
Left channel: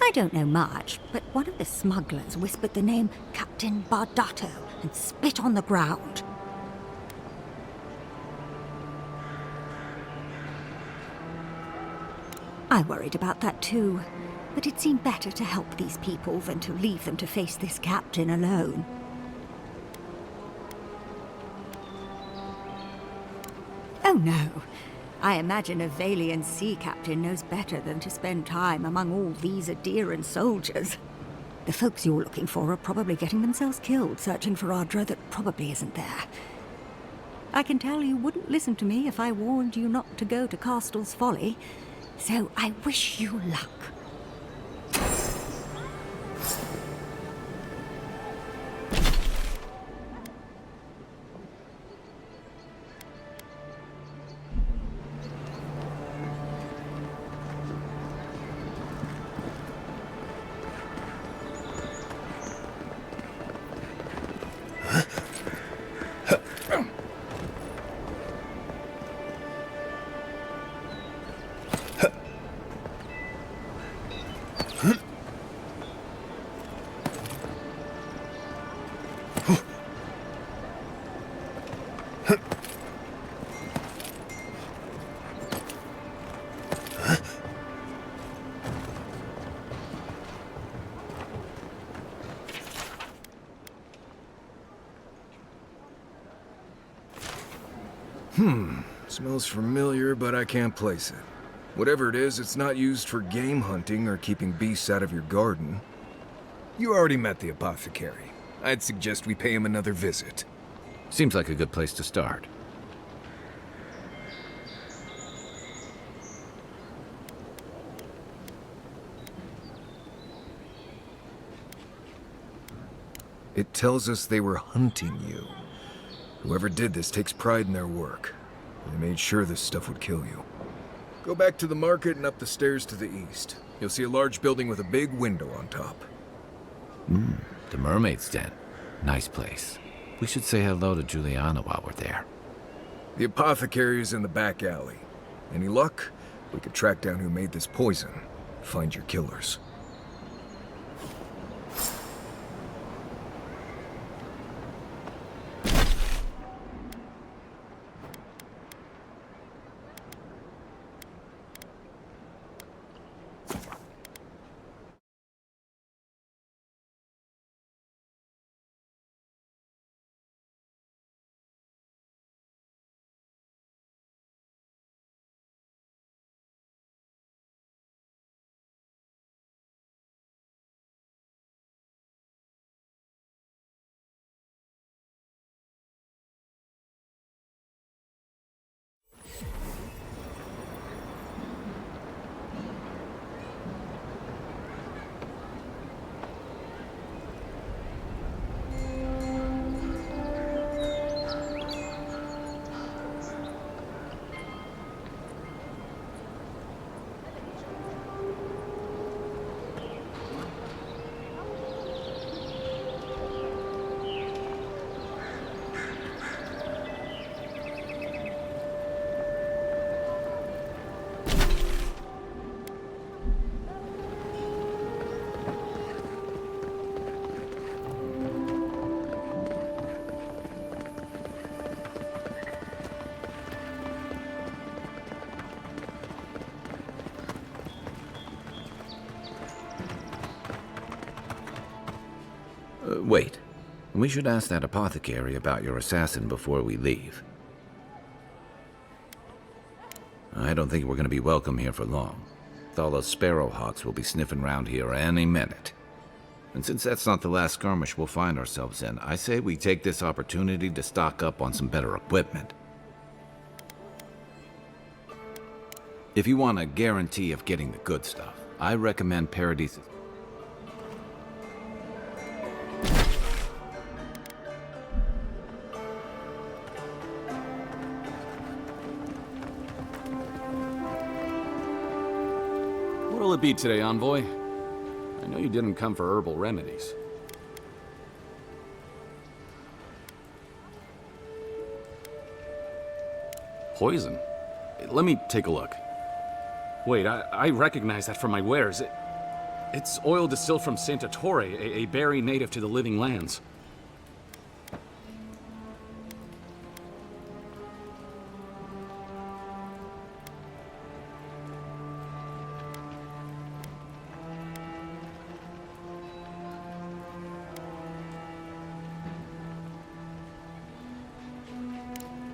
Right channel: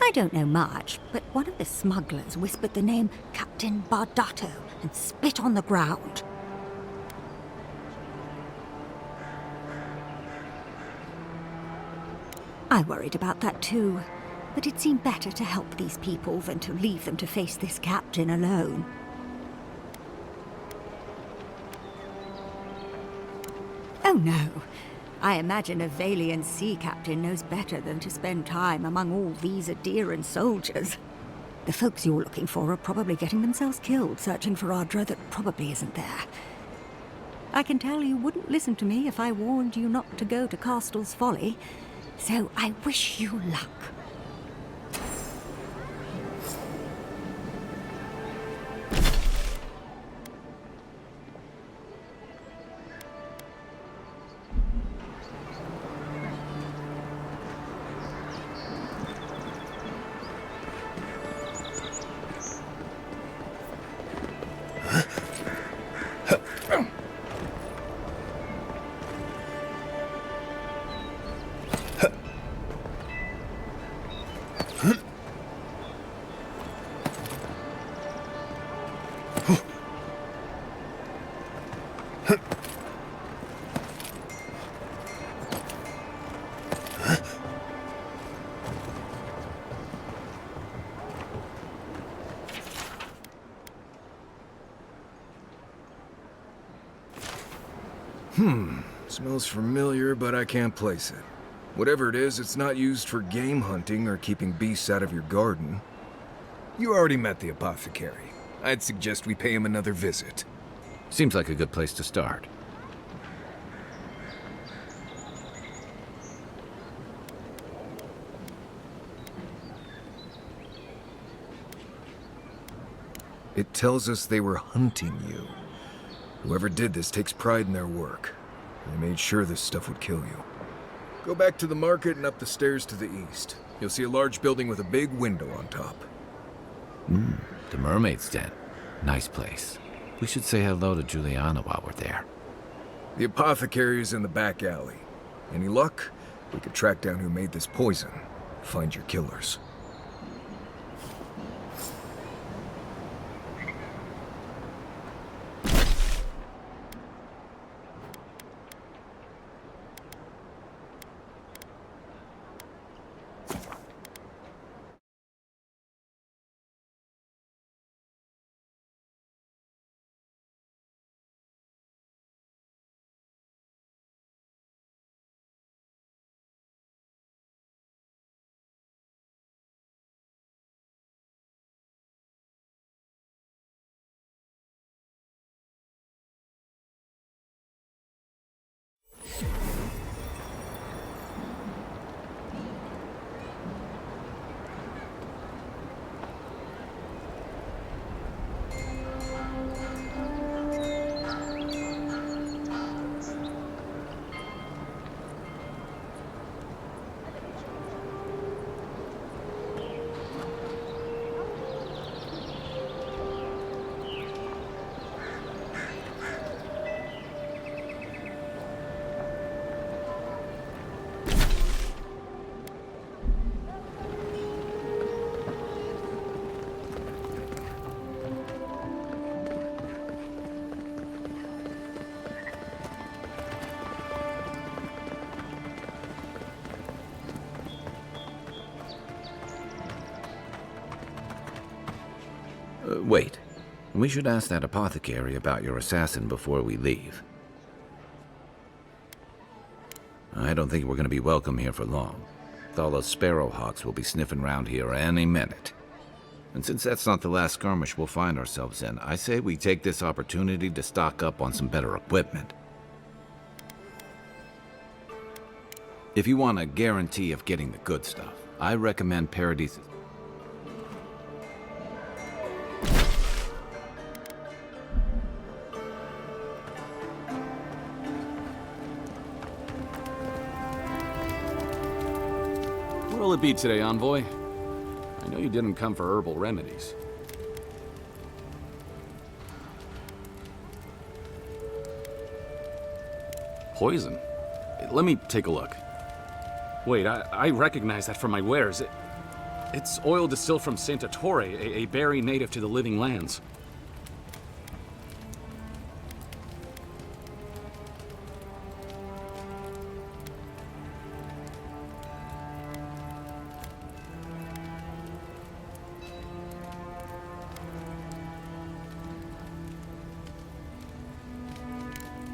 I don't know much, but one of the smugglers whispered the name Captain Bardato and spit on the ground. I worried about that too, but it seemed better to help these people than to leave them to face this captain alone. Oh no. I imagine a Valian sea captain knows better than to spend time among all these Adiran soldiers. The folks you're looking for are probably getting themselves killed searching for Adra that probably isn't there. I can tell you wouldn't listen to me if I warned you not to go to Castel's Folly, so I wish you luck. Smells familiar, but I can't place it. Whatever it is, it's not used for game hunting or keeping beasts out of your garden. You already met the apothecary. I'd suggest we pay him another visit. Seems like a good place to start. It tells us they were hunting you. Whoever did this takes pride in their work. They made sure this stuff would kill you. Go back to the market and up the stairs to the east. You'll see a large building with a big window on top. The Mermaid's Den. Nice place. We should say hello to Juliana while we're there. The apothecary is in the back alley. Any luck? We could track down who made this poison. Find your killers. Wait. We should ask that apothecary about your assassin before we leave. I don't think we're going to be welcome here for long. Thala's sparrowhawks will be sniffing around here any minute. And since that's not the last skirmish we'll find ourselves in, I say we take this opportunity to stock up on some better equipment. If you want a guarantee of getting the good stuff, I recommend Paradise's. What'll it be today, Envoy? I know you didn't come for herbal remedies. Poison? Let me take a look. Wait, I recognize that from my wares. It's oil distilled from Santa Torre, a berry native to the Living Lands.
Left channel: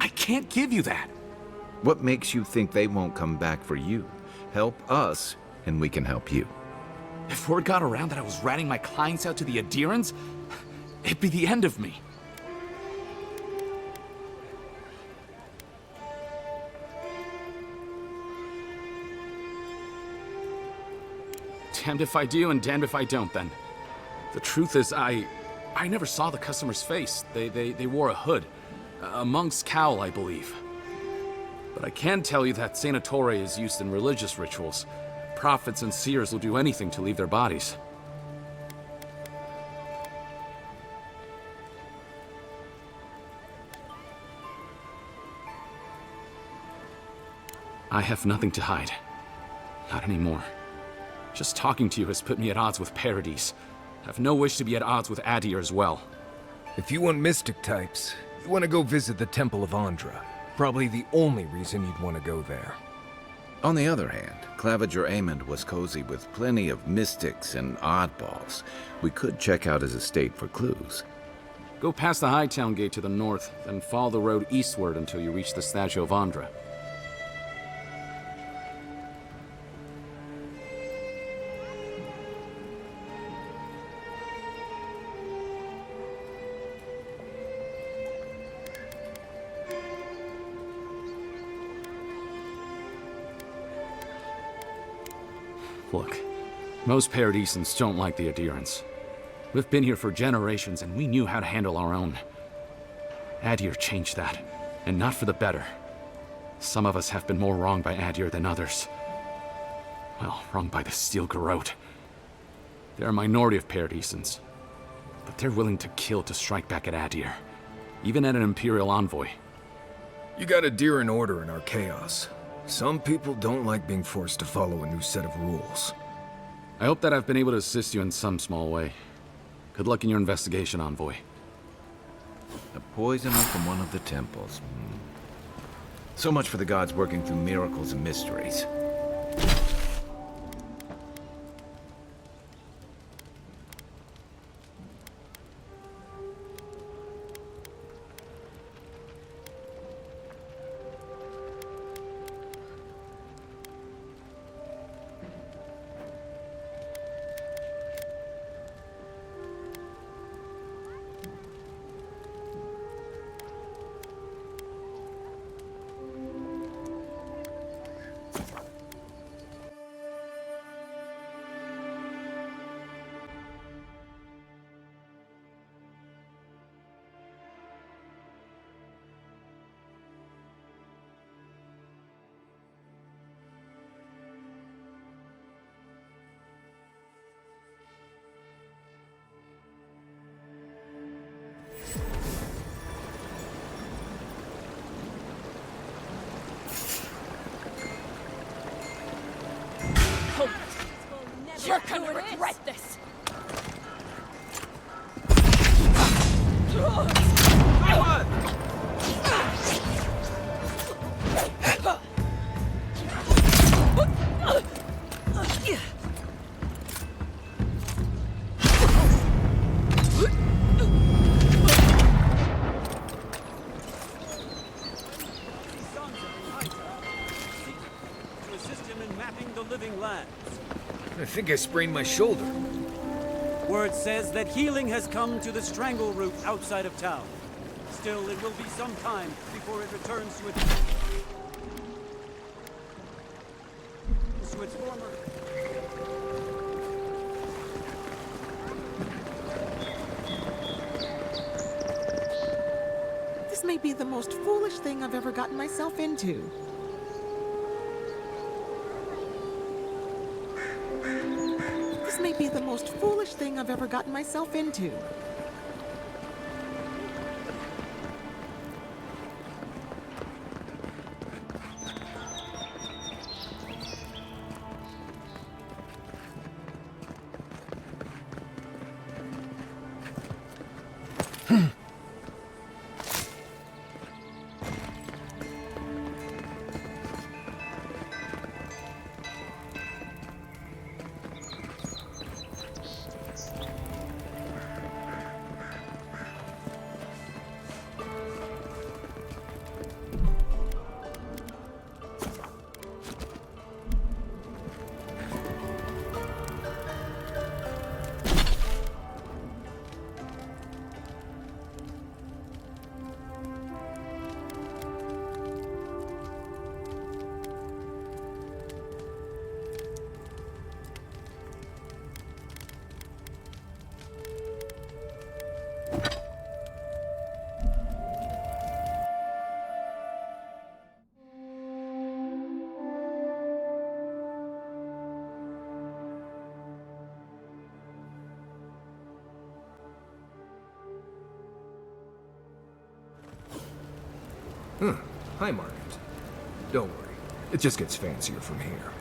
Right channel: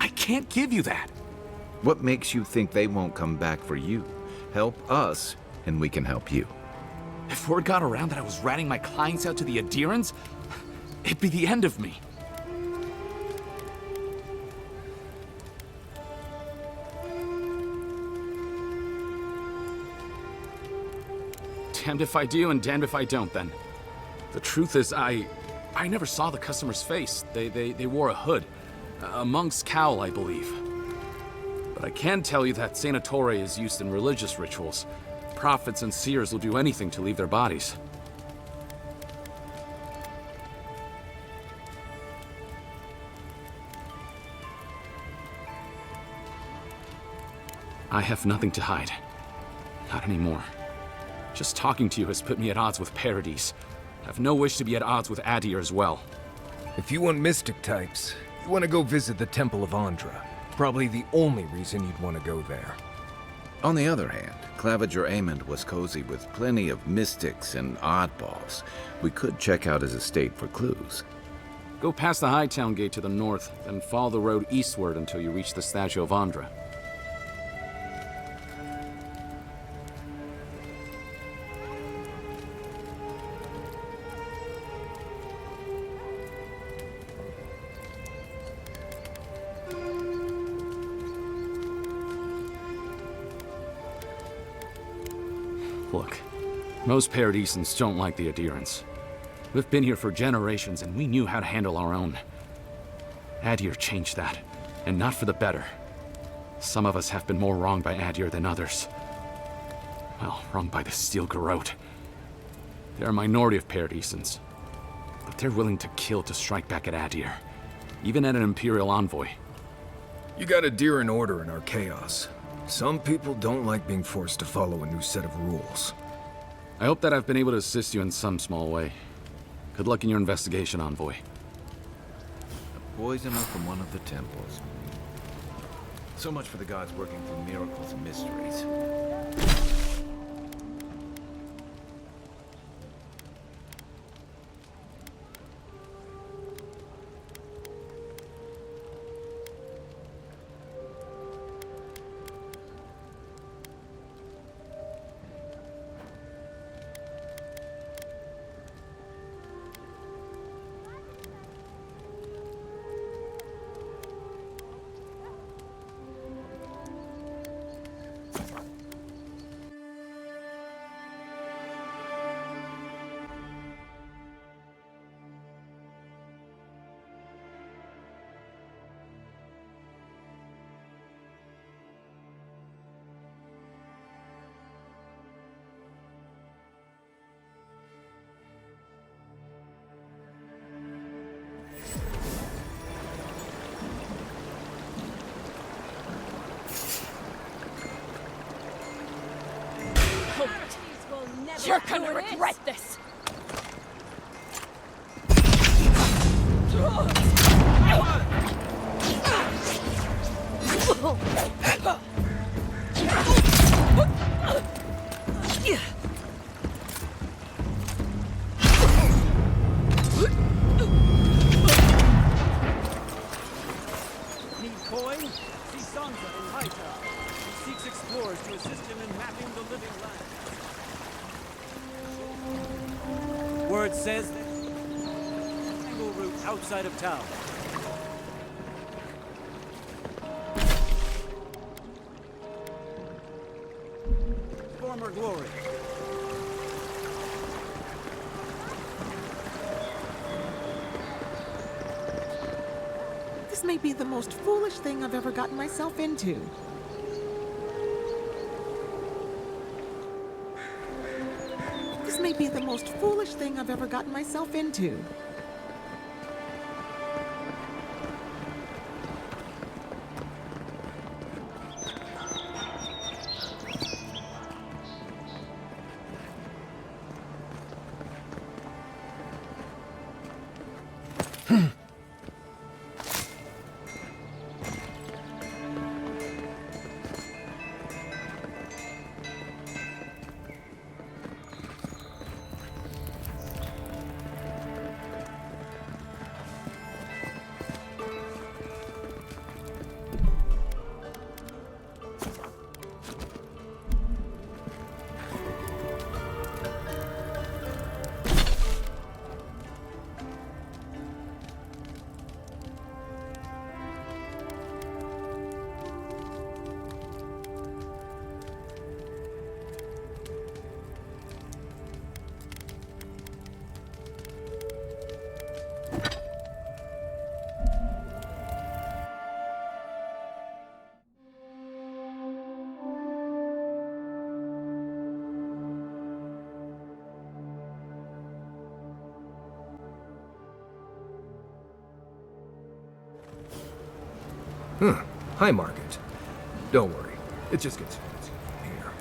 I can't give you that. What makes you think they won't come back for you? Help us, and we can help you. If word got around that I was ratting my clients out to the adherents, it'd be the end of me. Damned if I do and damned if I don't, then. The truth is, I never saw the customer's face. They wore a hood. A monk's cowl, I believe. But I can tell you that Santa Torre is used in religious rituals. Prophets and seers will do anything to leave their bodies. I have nothing to hide. Not anymore. Just talking to you has put me at odds with Paradise. I have no wish to be at odds with Adir as well. If you want mystic types, you want to go visit the Temple of Andra. Probably the only reason you'd want to go there. On the other hand, Claviger Amond was cozy with plenty of mystics and oddballs. We could check out his estate for clues. Go past the Hightown Gate to the north, then follow the road eastward until you reach the statue of Andra. Look, most Paradisans don't like the adherents. We've been here for generations, and we knew how to handle our own. Adir changed that, and not for the better. Some of us have been more wronged by Adir than others. Well, wronged by the Steel Garrote. They're a minority of Paradisans, but they're willing to kill to strike back at Adir, even at an Imperial envoy. You got Adir in order in our chaos. Some people don't like being forced to follow a new set of rules. I hope that I've been able to assist you in some small way. Good luck in your investigation, Envoy. A poisoner from one of the temples. So much for the gods working through miracles and mysteries. You're gonna regret this! I sprained my shoulder. Word says that healing has come to the strangle root outside of town. Still, it will be some time before it returns to its former glory. This may be the most foolish thing I've ever gotten myself into. This may be the most foolish thing I've ever gotten myself into. Huh. Hi, Market. Don't worry. It just gets fancier from here.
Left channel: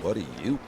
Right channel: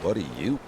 What are you?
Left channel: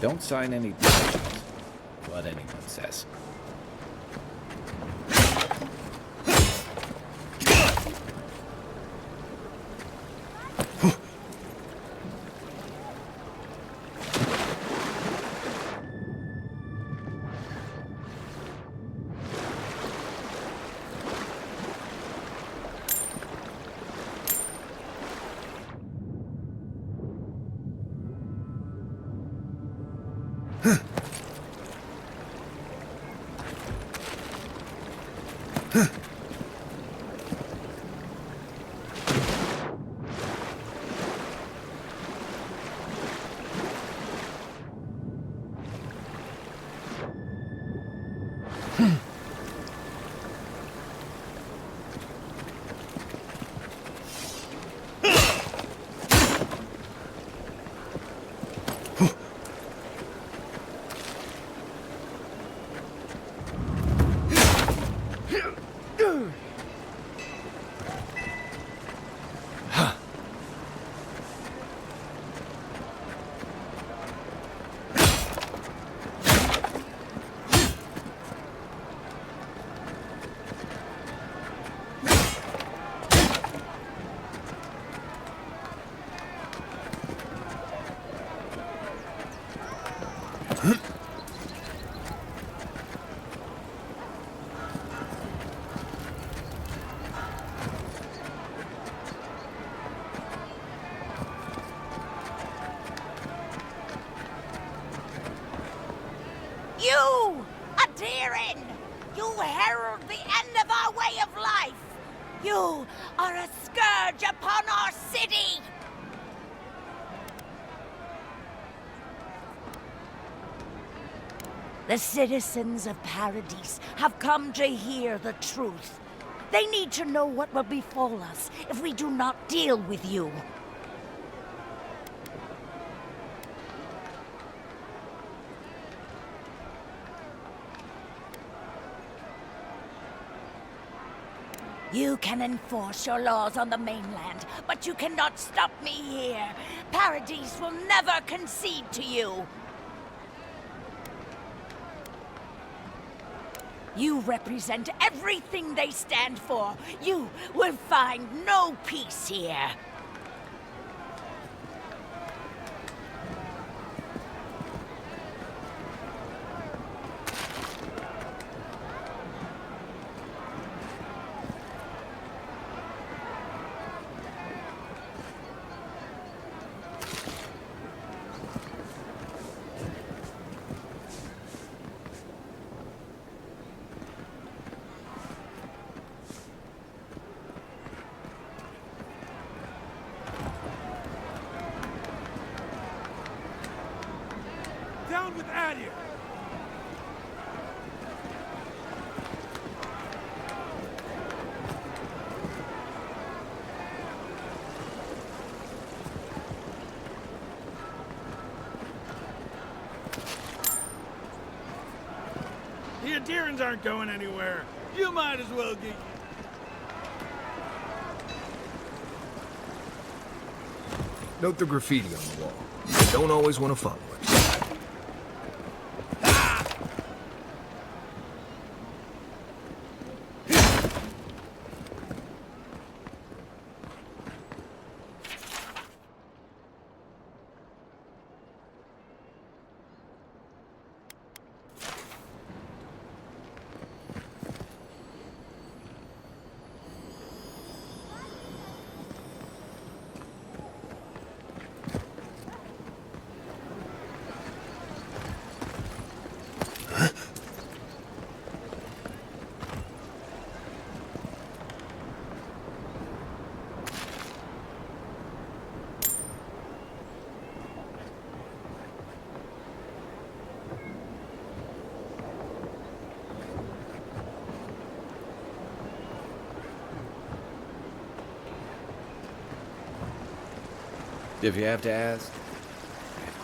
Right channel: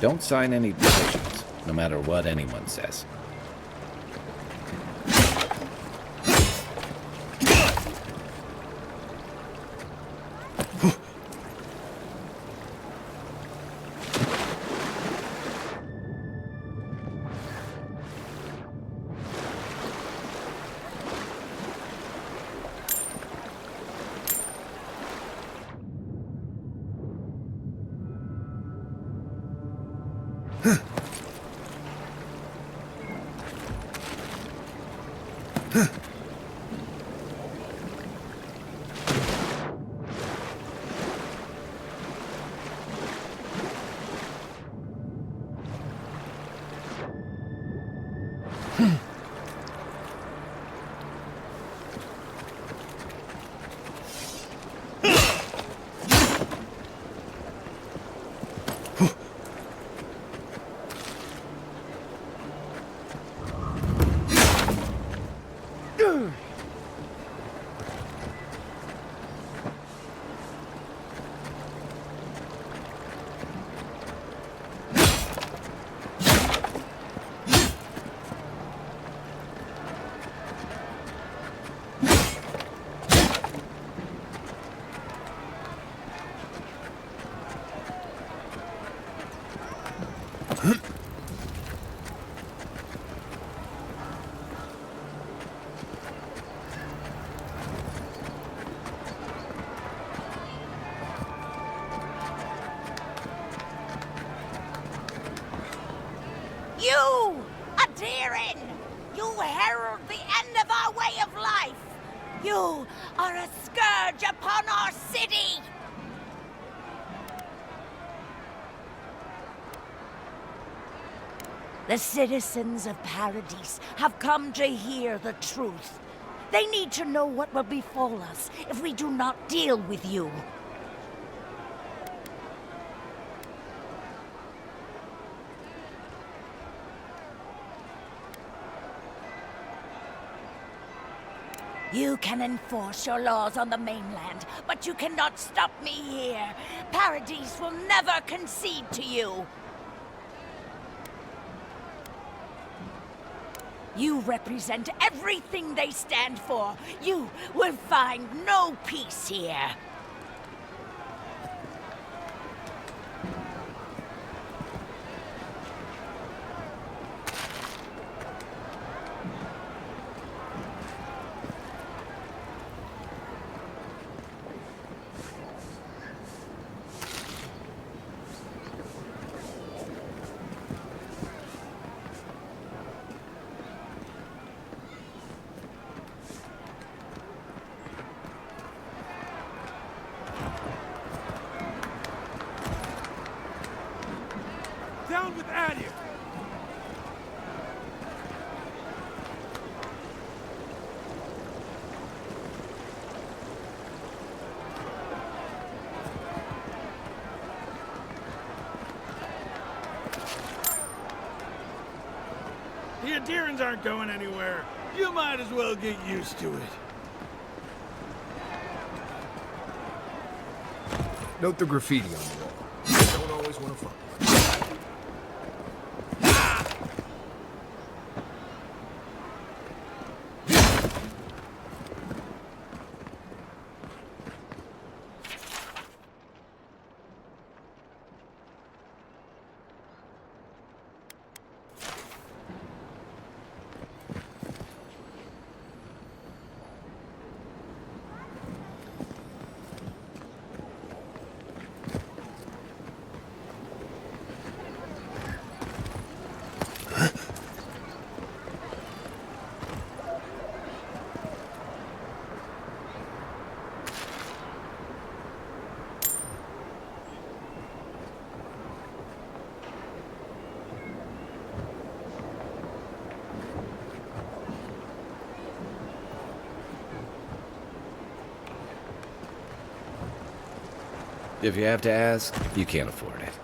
Don't sign any petitions, no matter what anyone says. You are a scourge upon our city! The citizens of Paradise have come to hear the truth. They need to know what will befall us if we do not deal with you. You can enforce your laws on the mainland, but you cannot stop me here. Paradise will never concede to you. You represent everything they stand for. You will find no peace here. Down with Adia! The Adirans aren't going anywhere. You might as well get used to it. Note the graffiti on the wall. I don't always want to follow it. If you have to ask, you can't afford it.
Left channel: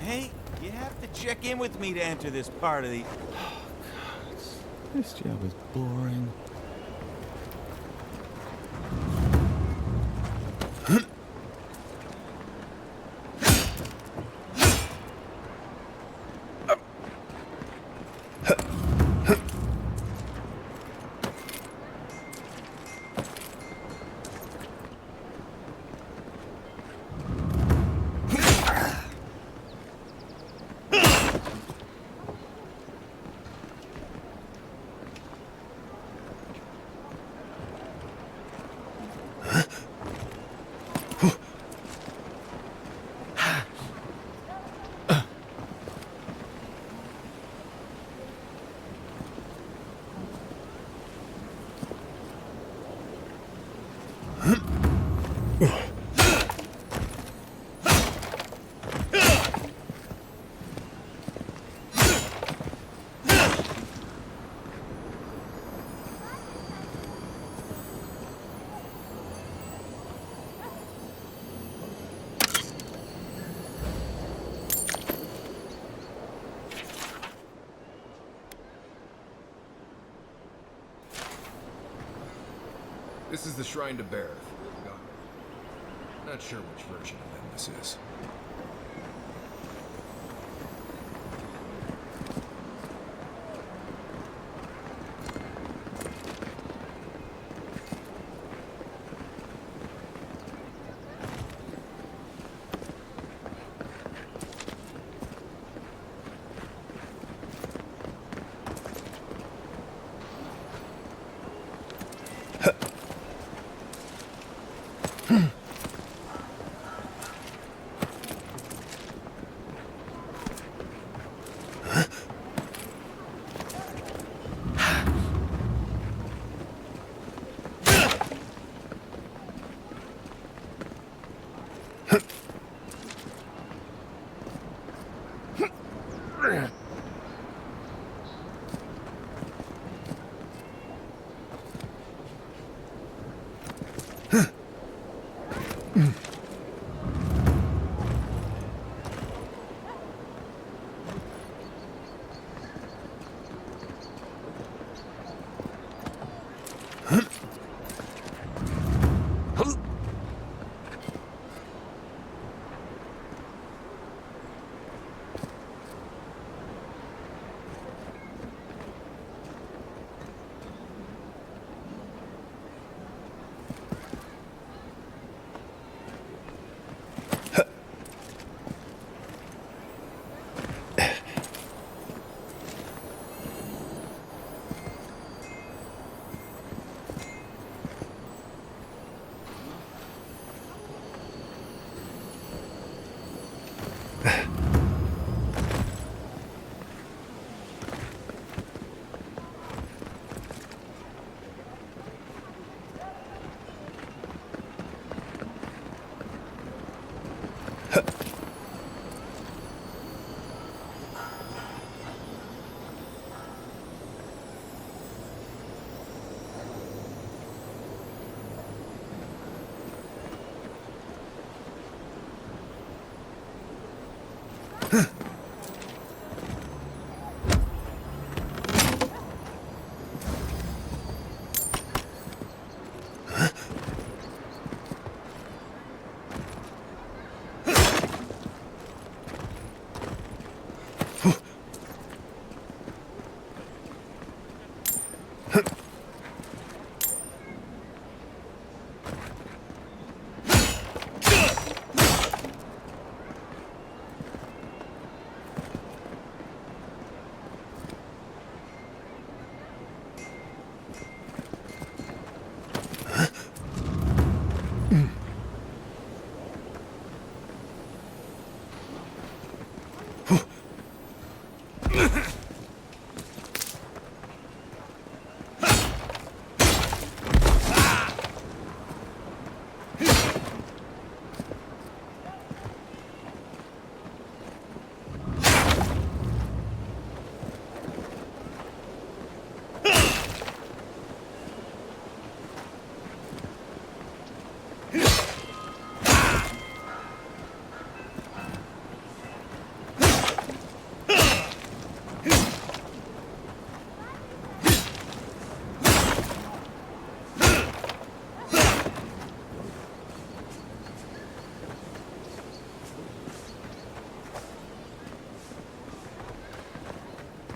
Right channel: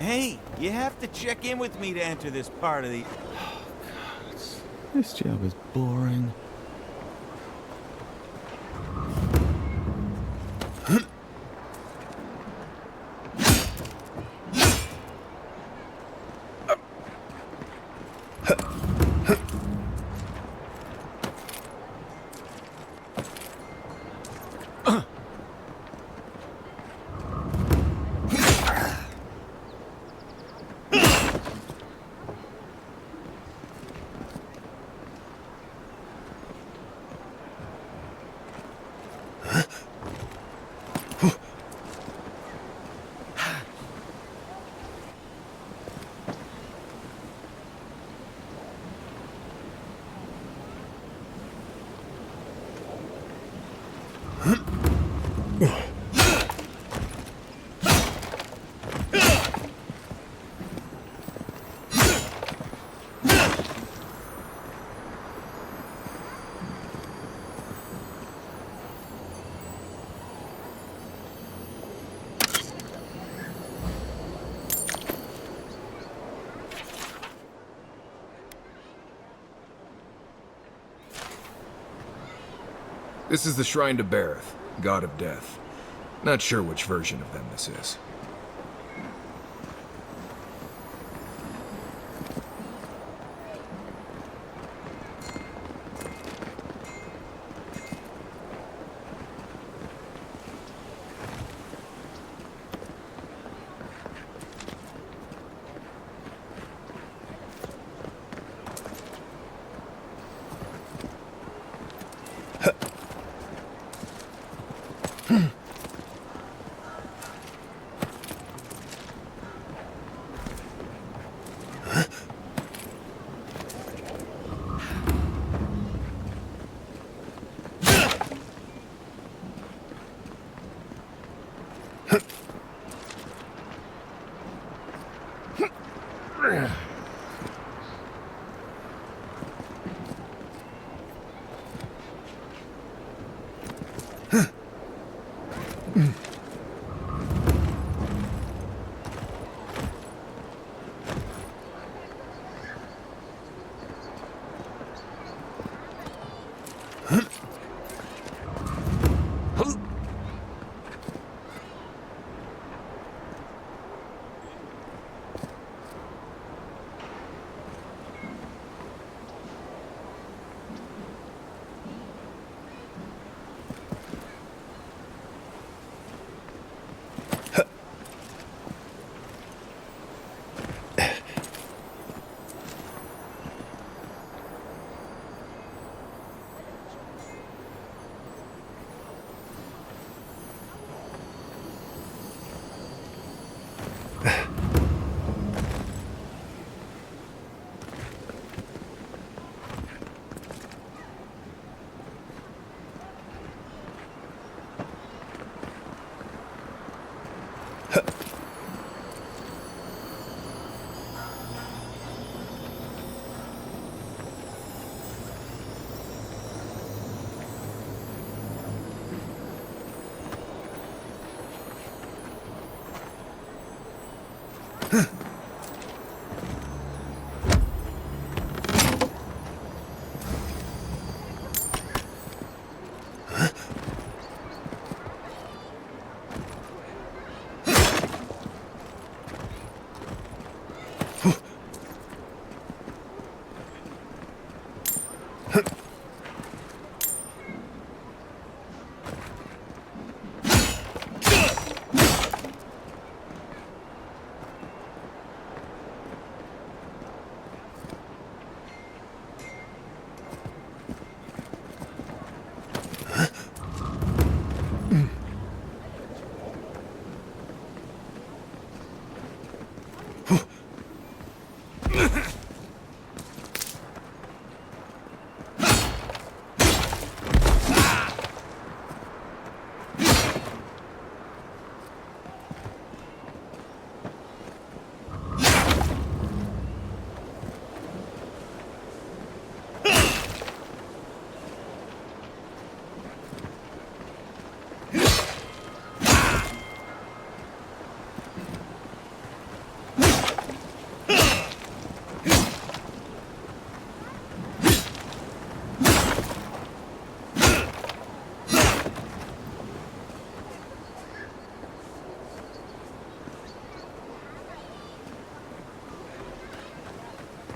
Hey, you have to check in with me to enter this part of the... Oh, God. This job is boring. This is the Shrine to Berith, god of death. Not sure which version of them this is.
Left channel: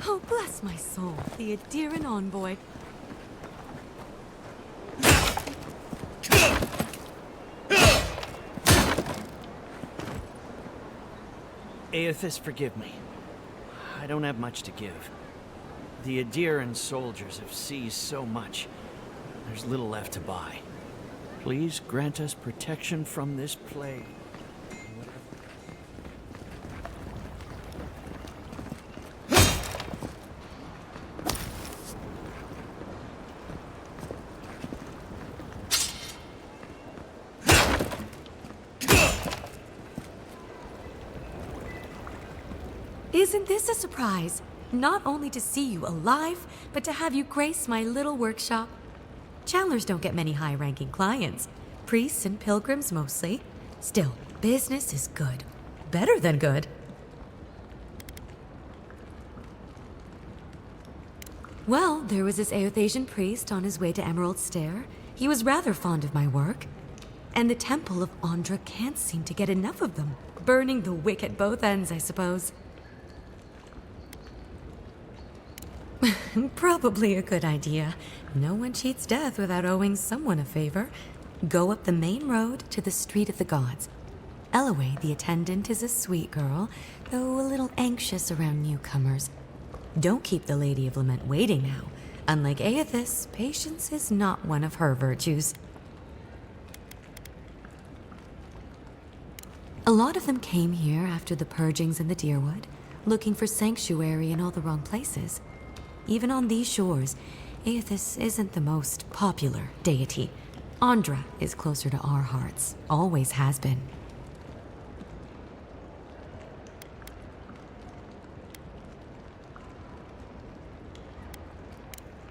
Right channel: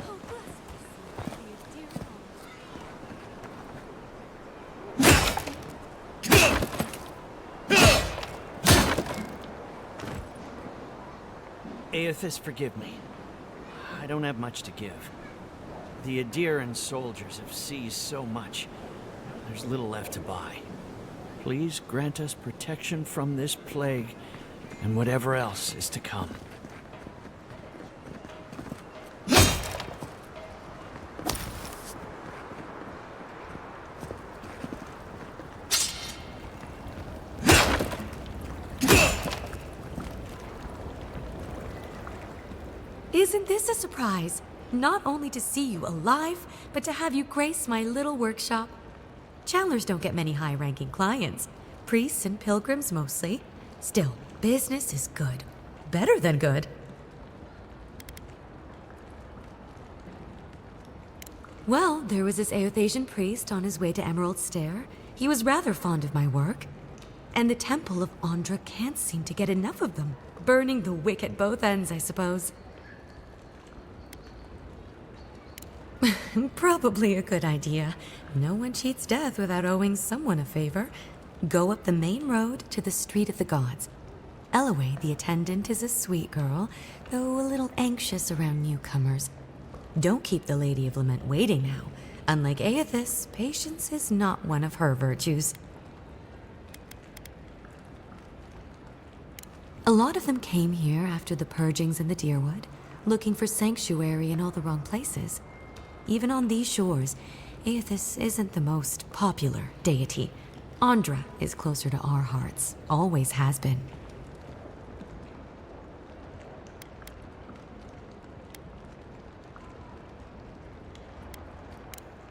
Oh, bless my soul, the Adiran envoy. Aethys, forgive me. I don't have much to give. The Adiran soldiers have seized so much, there's little left to buy. Please grant us protection from this plague and whatever else is to come. Isn't this a surprise? Not only to see you alive, but to have you grace my little workshop. Chandlers don't get many high-ranking clients. Priests and pilgrims mostly. Still, business is good. Better than good. Well, there was this Aethasian priest on his way to Emerald Stair. He was rather fond of my work. And the Temple of Andra can't seem to get enough of them. Burning the wick at both ends, I suppose. Probably a good idea. No one cheats death without owing someone a favor. Go up the main road to the Street of the Gods. Eloy, the attendant, is a sweet girl, though a little anxious around newcomers. Don't keep the Lady of Lament waiting now. Unlike Aethys, patience is not one of her virtues. A lot of them came here after the purgings in the Deerwood, looking for sanctuary in all the wrong places. Even on these shores, Aethys isn't the most popular deity. Andra is closer to our hearts, always has been.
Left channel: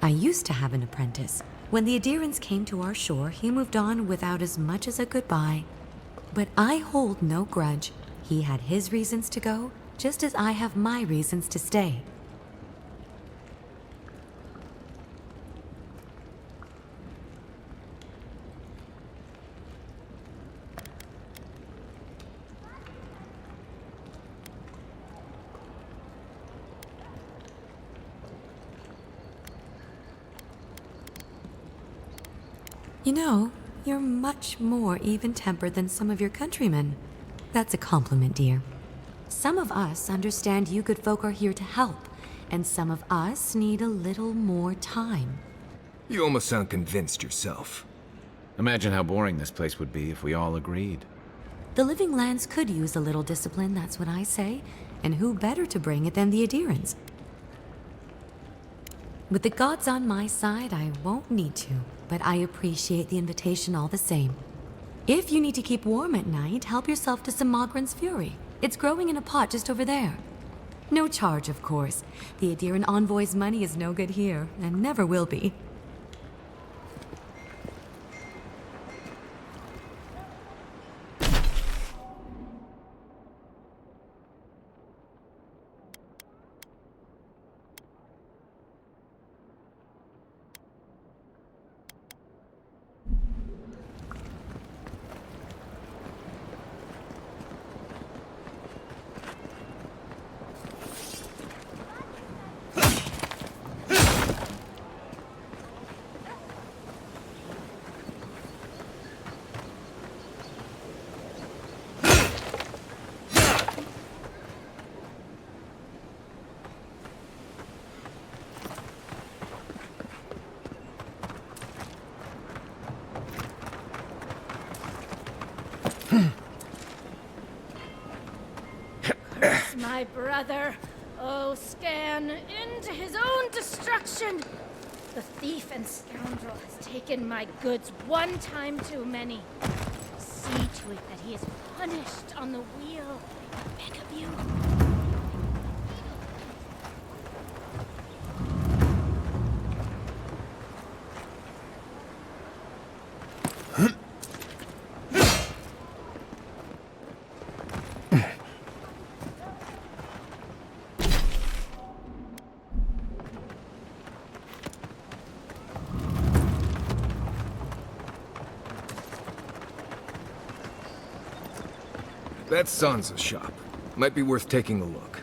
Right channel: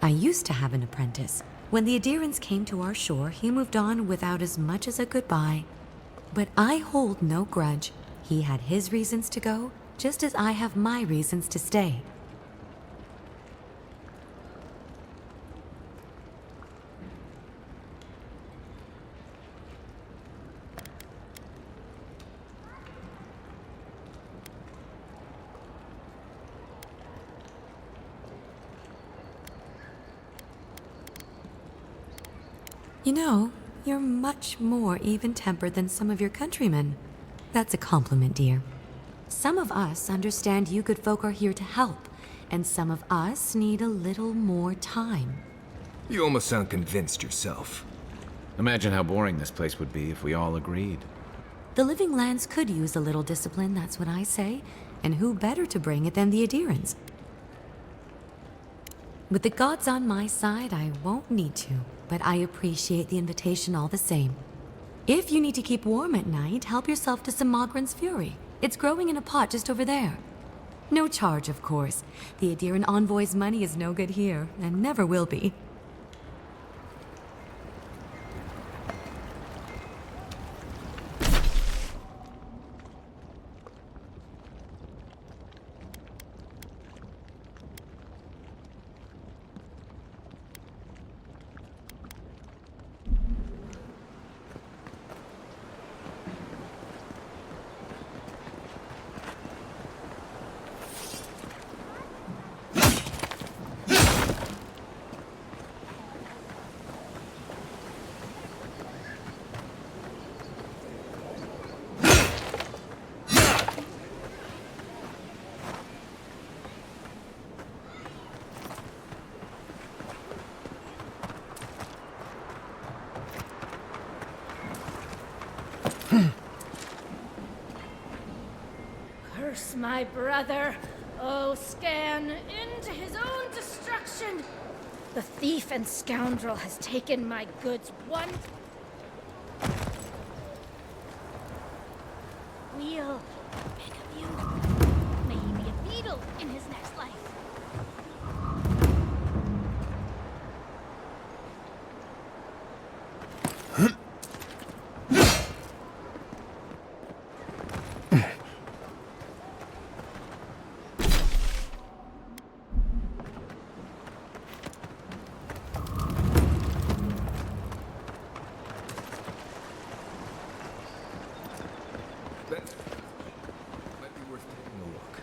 I used to have an apprentice. When the Adirans came to our shore, he moved on without as much as a goodbye. But I hold no grudge. He had his reasons to go, just as I have my reasons to stay. You know, you're much more even-tempered than some of your countrymen. That's a compliment, dear. Some of us understand you good folk are here to help, and some of us need a little more time. You almost sound convinced yourself. Imagine how boring this place would be if we all agreed. The living lands could use a little discipline, that's what I say. And who better to bring it than the Adirans? With the gods on my side, I won't need to, but I appreciate the invitation all the same. If you need to keep warm at night, help yourself to some Mogren's Fury. It's growing in a pot just over there. No charge, of course. The Adiran envoy's money is no good here, and never will be. Curse my brother, oh Scan, into his own destruction! The thief and scoundrel has taken my goods one time too many. See to it that he is punished on the wheel. I beg of you. May he be a beetle in his next life. That's Sansa's shop. Might be worth taking a look.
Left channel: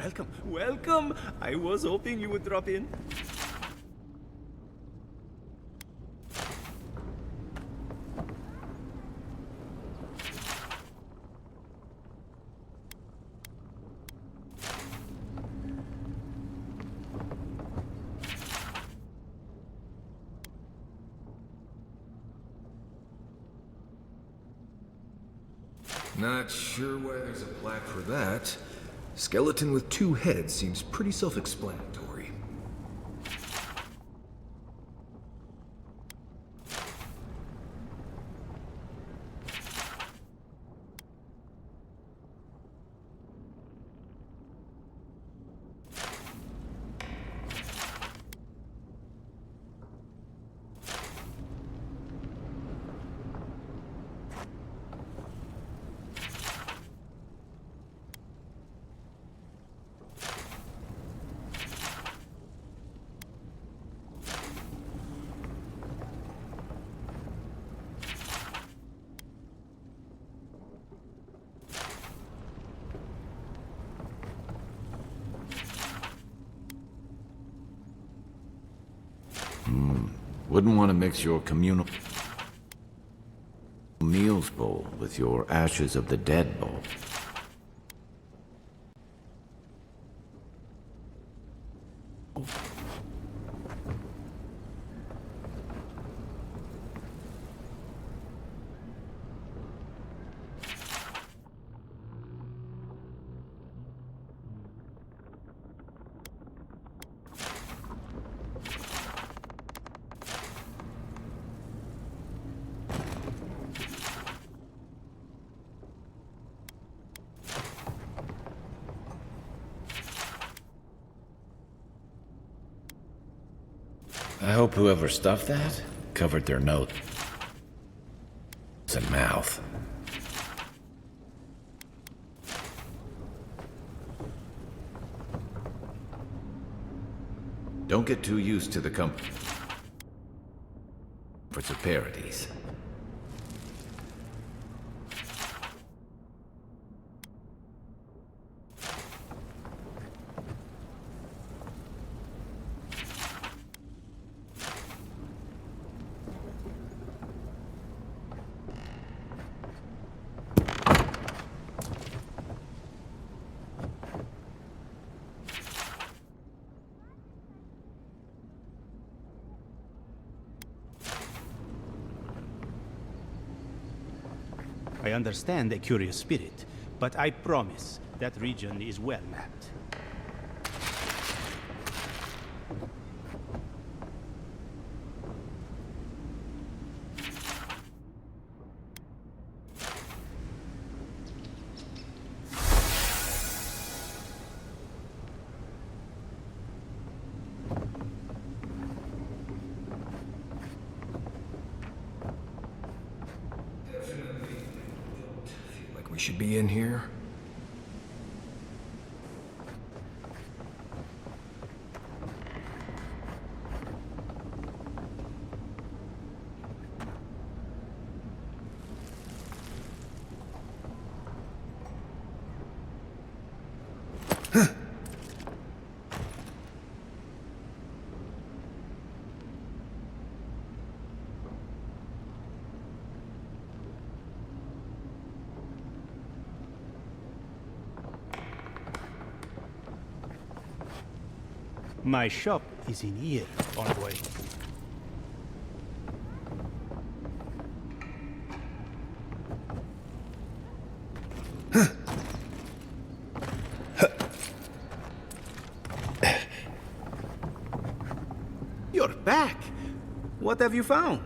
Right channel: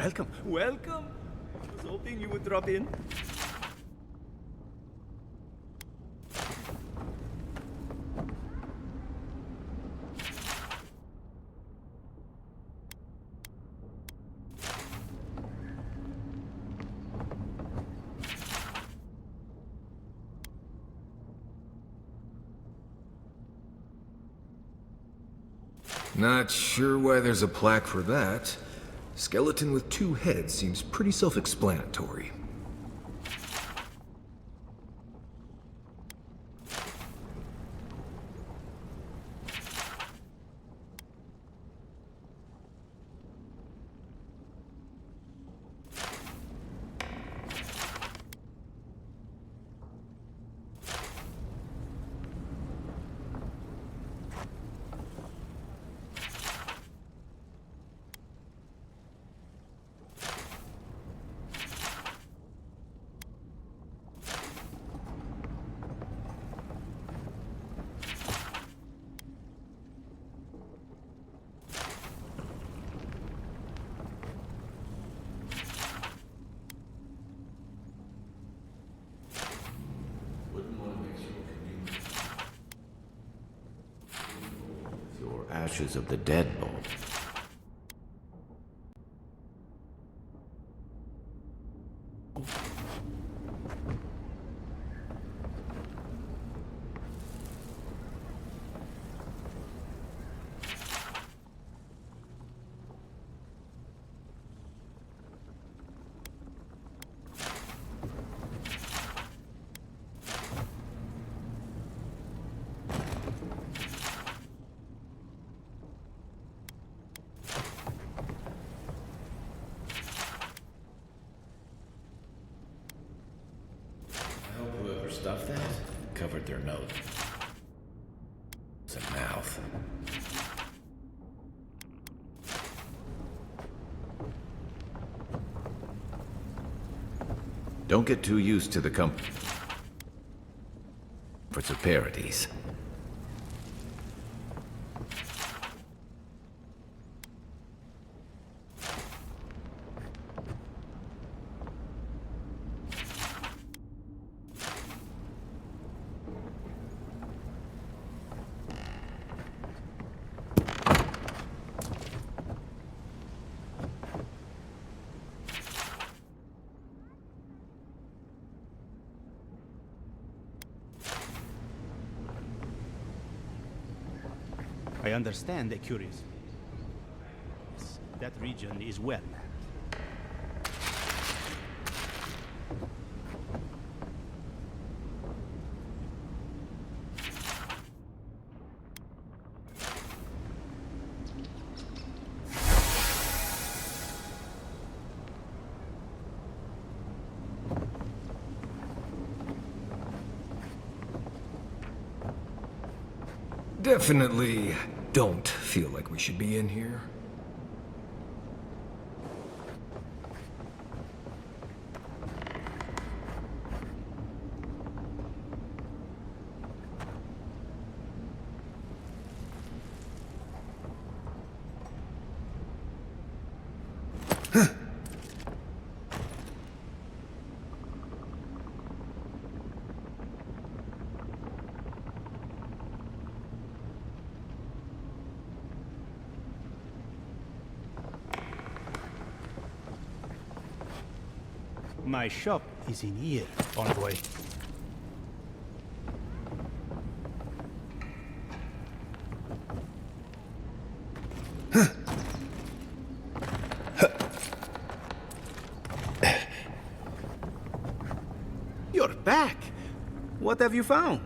welcome, welcome. I was hoping you would drop in. Not sure why there's a plaque for that. Skeleton with 2 heads seems pretty self-explanatory. Wouldn't want to mix your communal meals bowl with your ashes of the dead bowl. I hope whoever stuffed that covered their nose and mouth. Don't get too used to the comforts of Paradise. I understand a curious spirit, but I promise that region is well mapped. Definitely don't feel like we should be in here. My shop is in here, envoy. You're back. What have you found?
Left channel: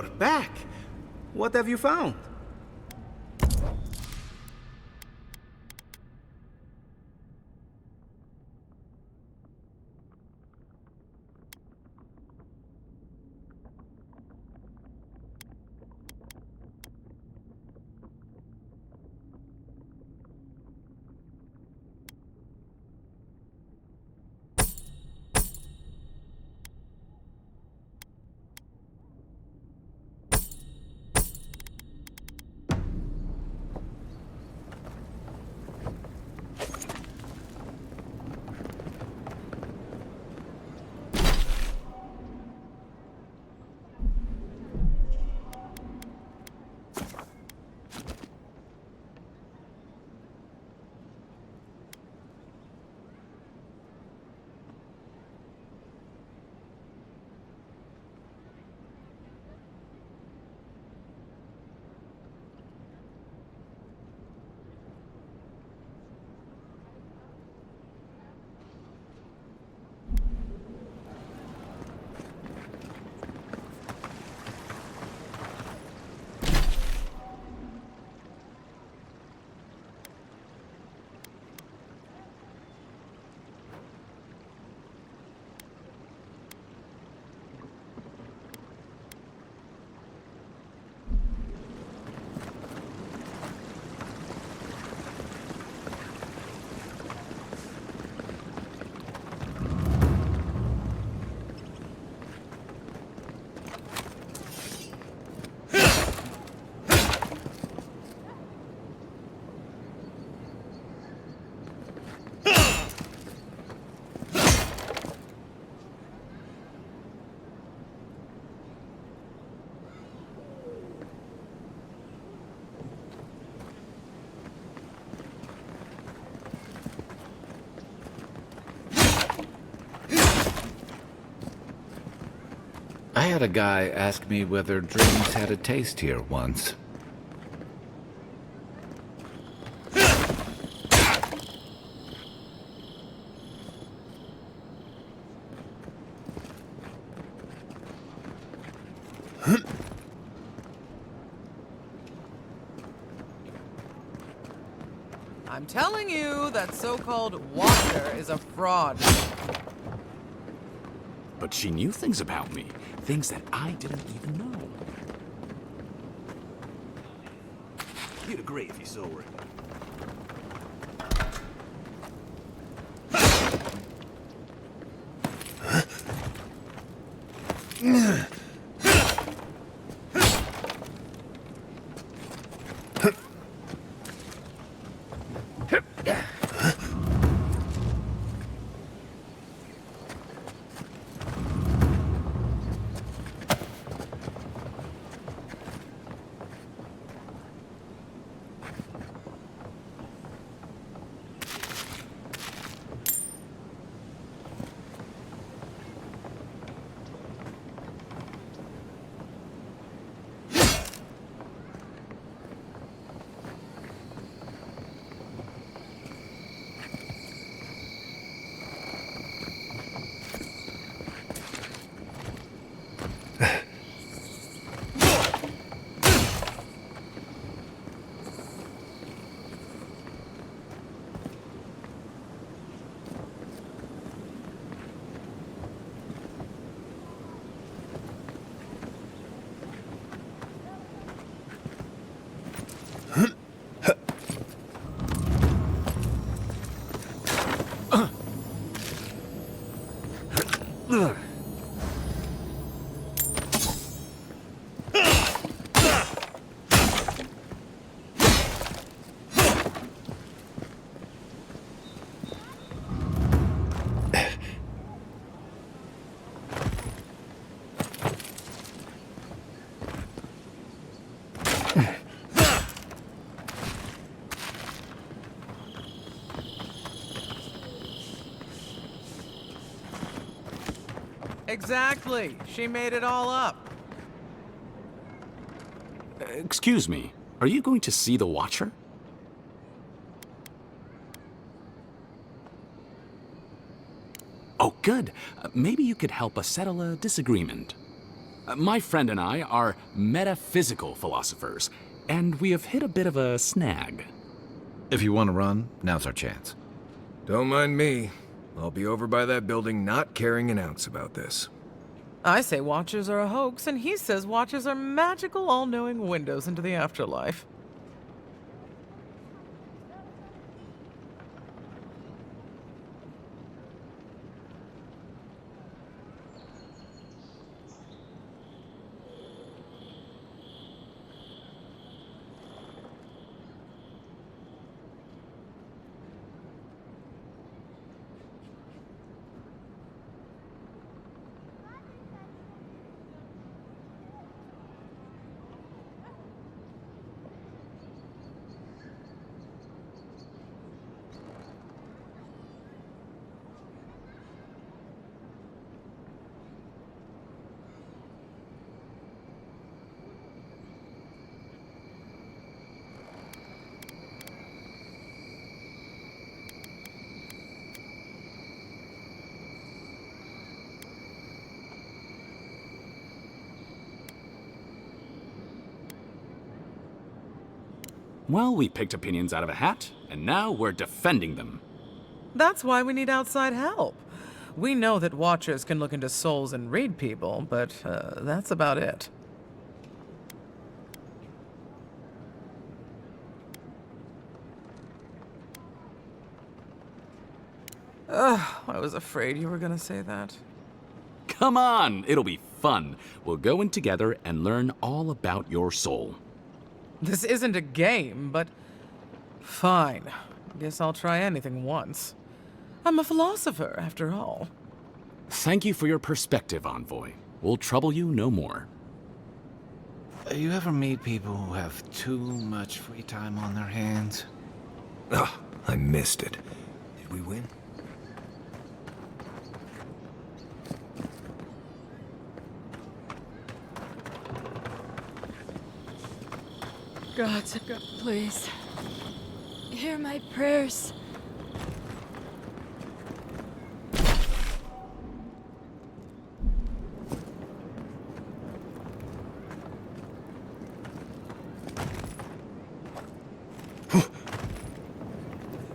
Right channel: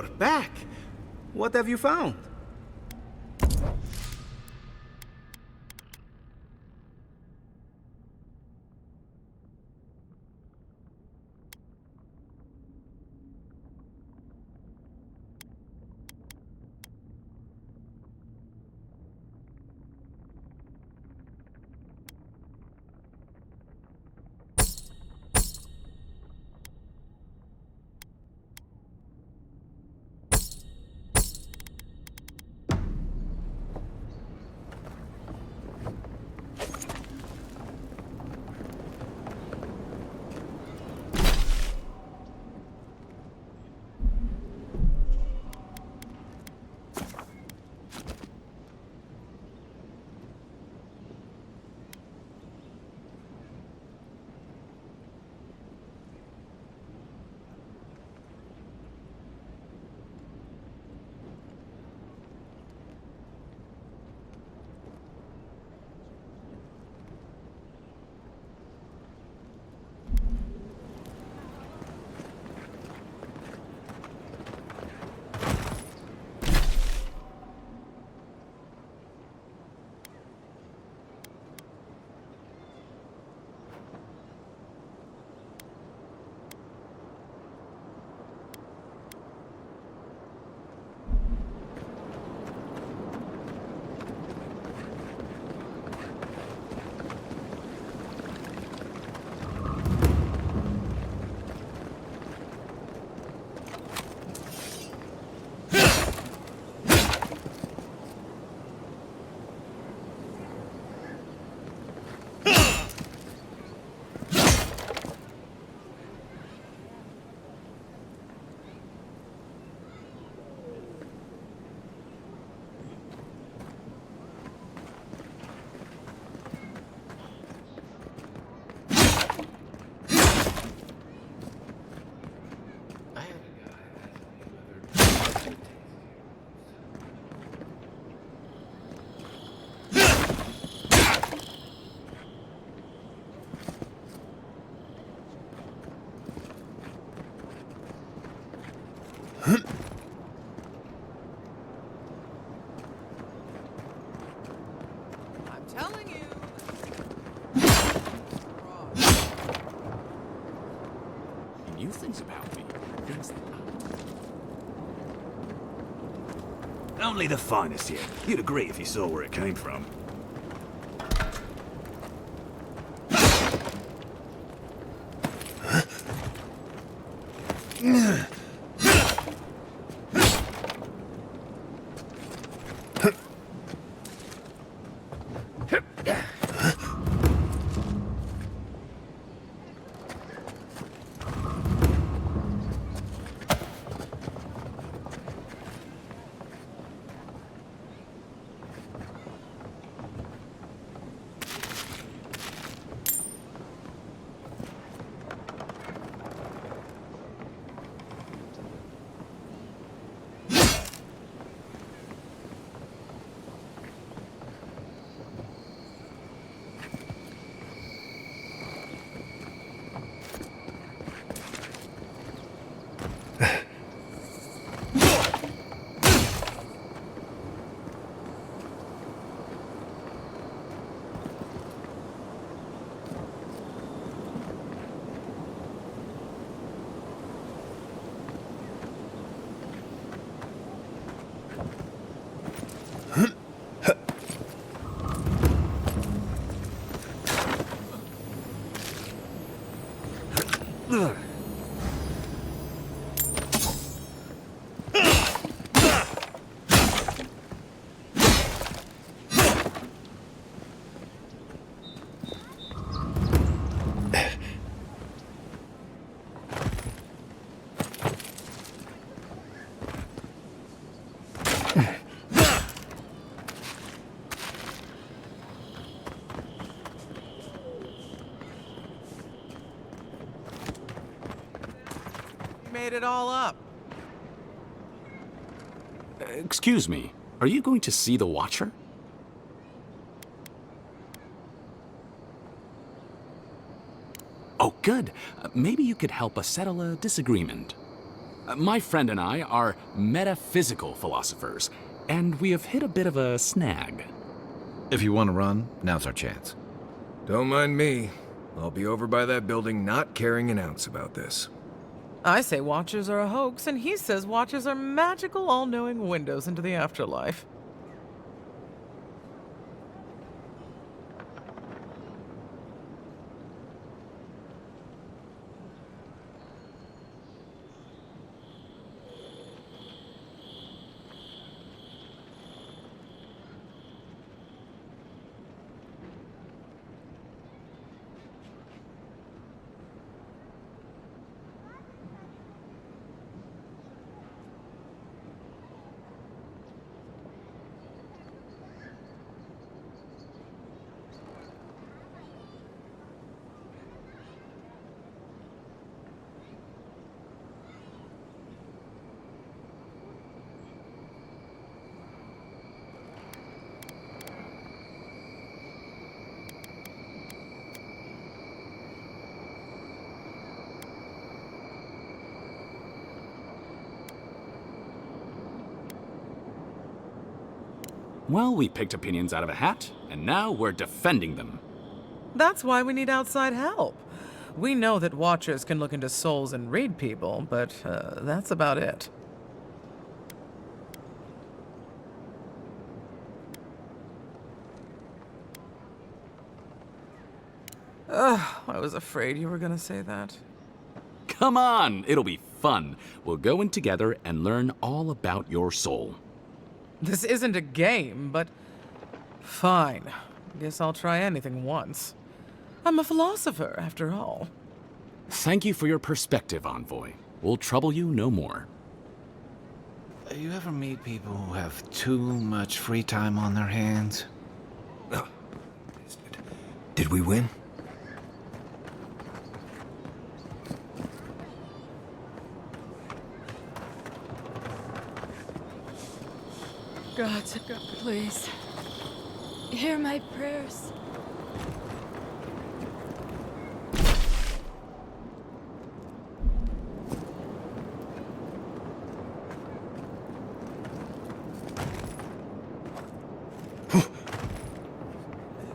You're back. What have you found? I had a guy ask me whether dreams had a taste here once. I'm telling you, that so-called Watcher is a fraud. But she knew things about me. Things that I didn't even know. Only the finest here. You'd agree if you saw where it came from. Exactly. She made it all up. Excuse me. Are you going to see the Watcher? Oh, good. Maybe you could help us settle a disagreement. My friend and I are metaphysical philosophers, and we have hit a bit of a snag. If you want to run, now's our chance. Don't mind me. I'll be over by that building not caring an ounce about this. I say Watchers are a hoax, and he says Watchers are magical, all-knowing windows into the afterlife. Well, we picked opinions out of a hat, and now we're defending them. That's why we need outside help. We know that Watchers can look into souls and read people, but that's about it. I was afraid you were gonna say that. Come on, it'll be fun. We'll go in together and learn all about your soul. This isn't a game, but fine. Guess I'll try anything once. I'm a philosopher, after all. Thank you for your perspective, Envoy. We'll trouble you no more. You ever meet people who have too much free time on their hands? Ah, I missed it. Did we win? God, please, hear my prayers.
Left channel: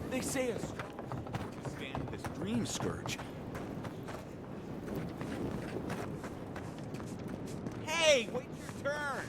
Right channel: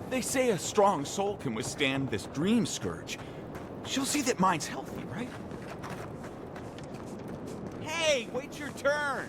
They say a strong soul can withstand this dream scourge. She'll see that mine's healthy, right? Hey, wait your turn!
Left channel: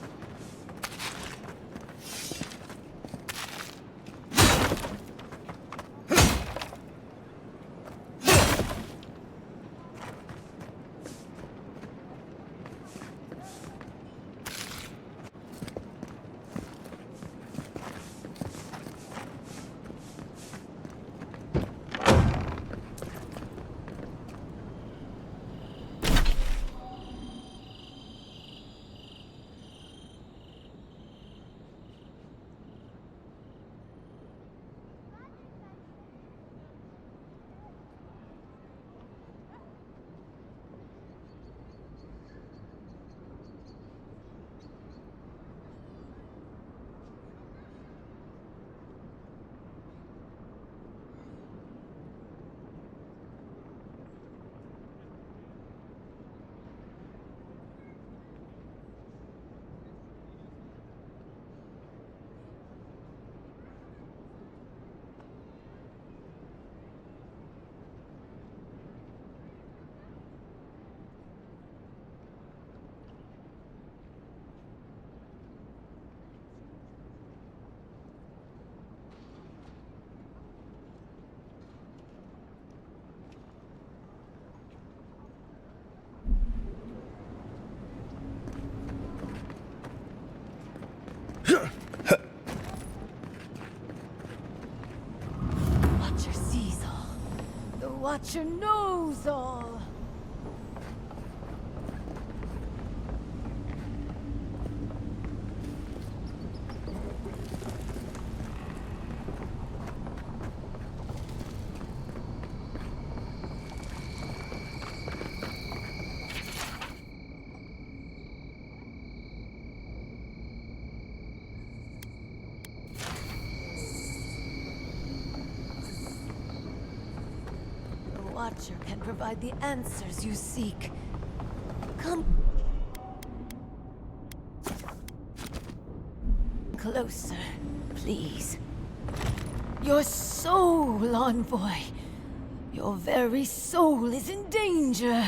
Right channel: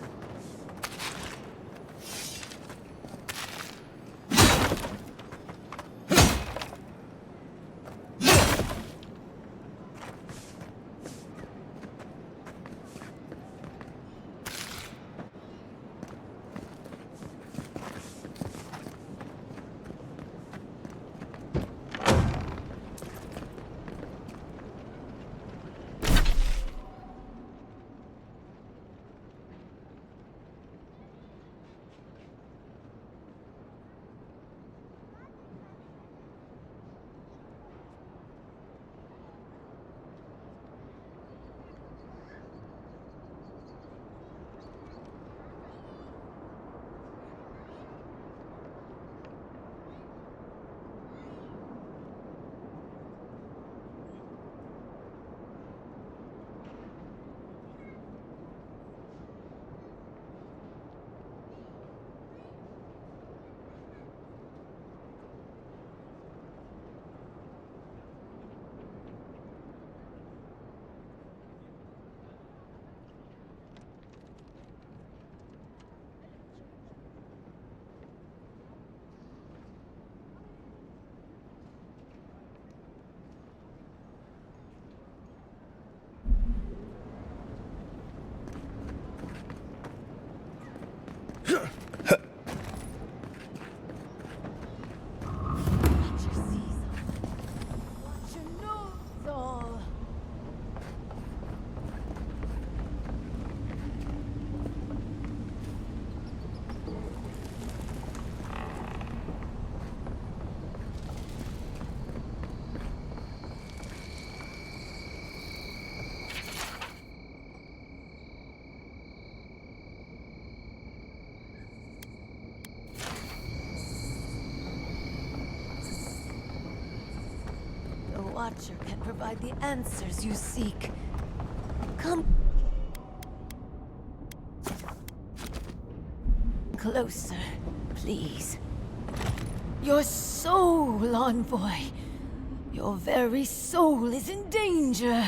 Watcher sees all. The Watcher knows all. The Watcher can provide the answers you seek. Come. closer, please. Your soul, Envoy. Your very soul is in danger.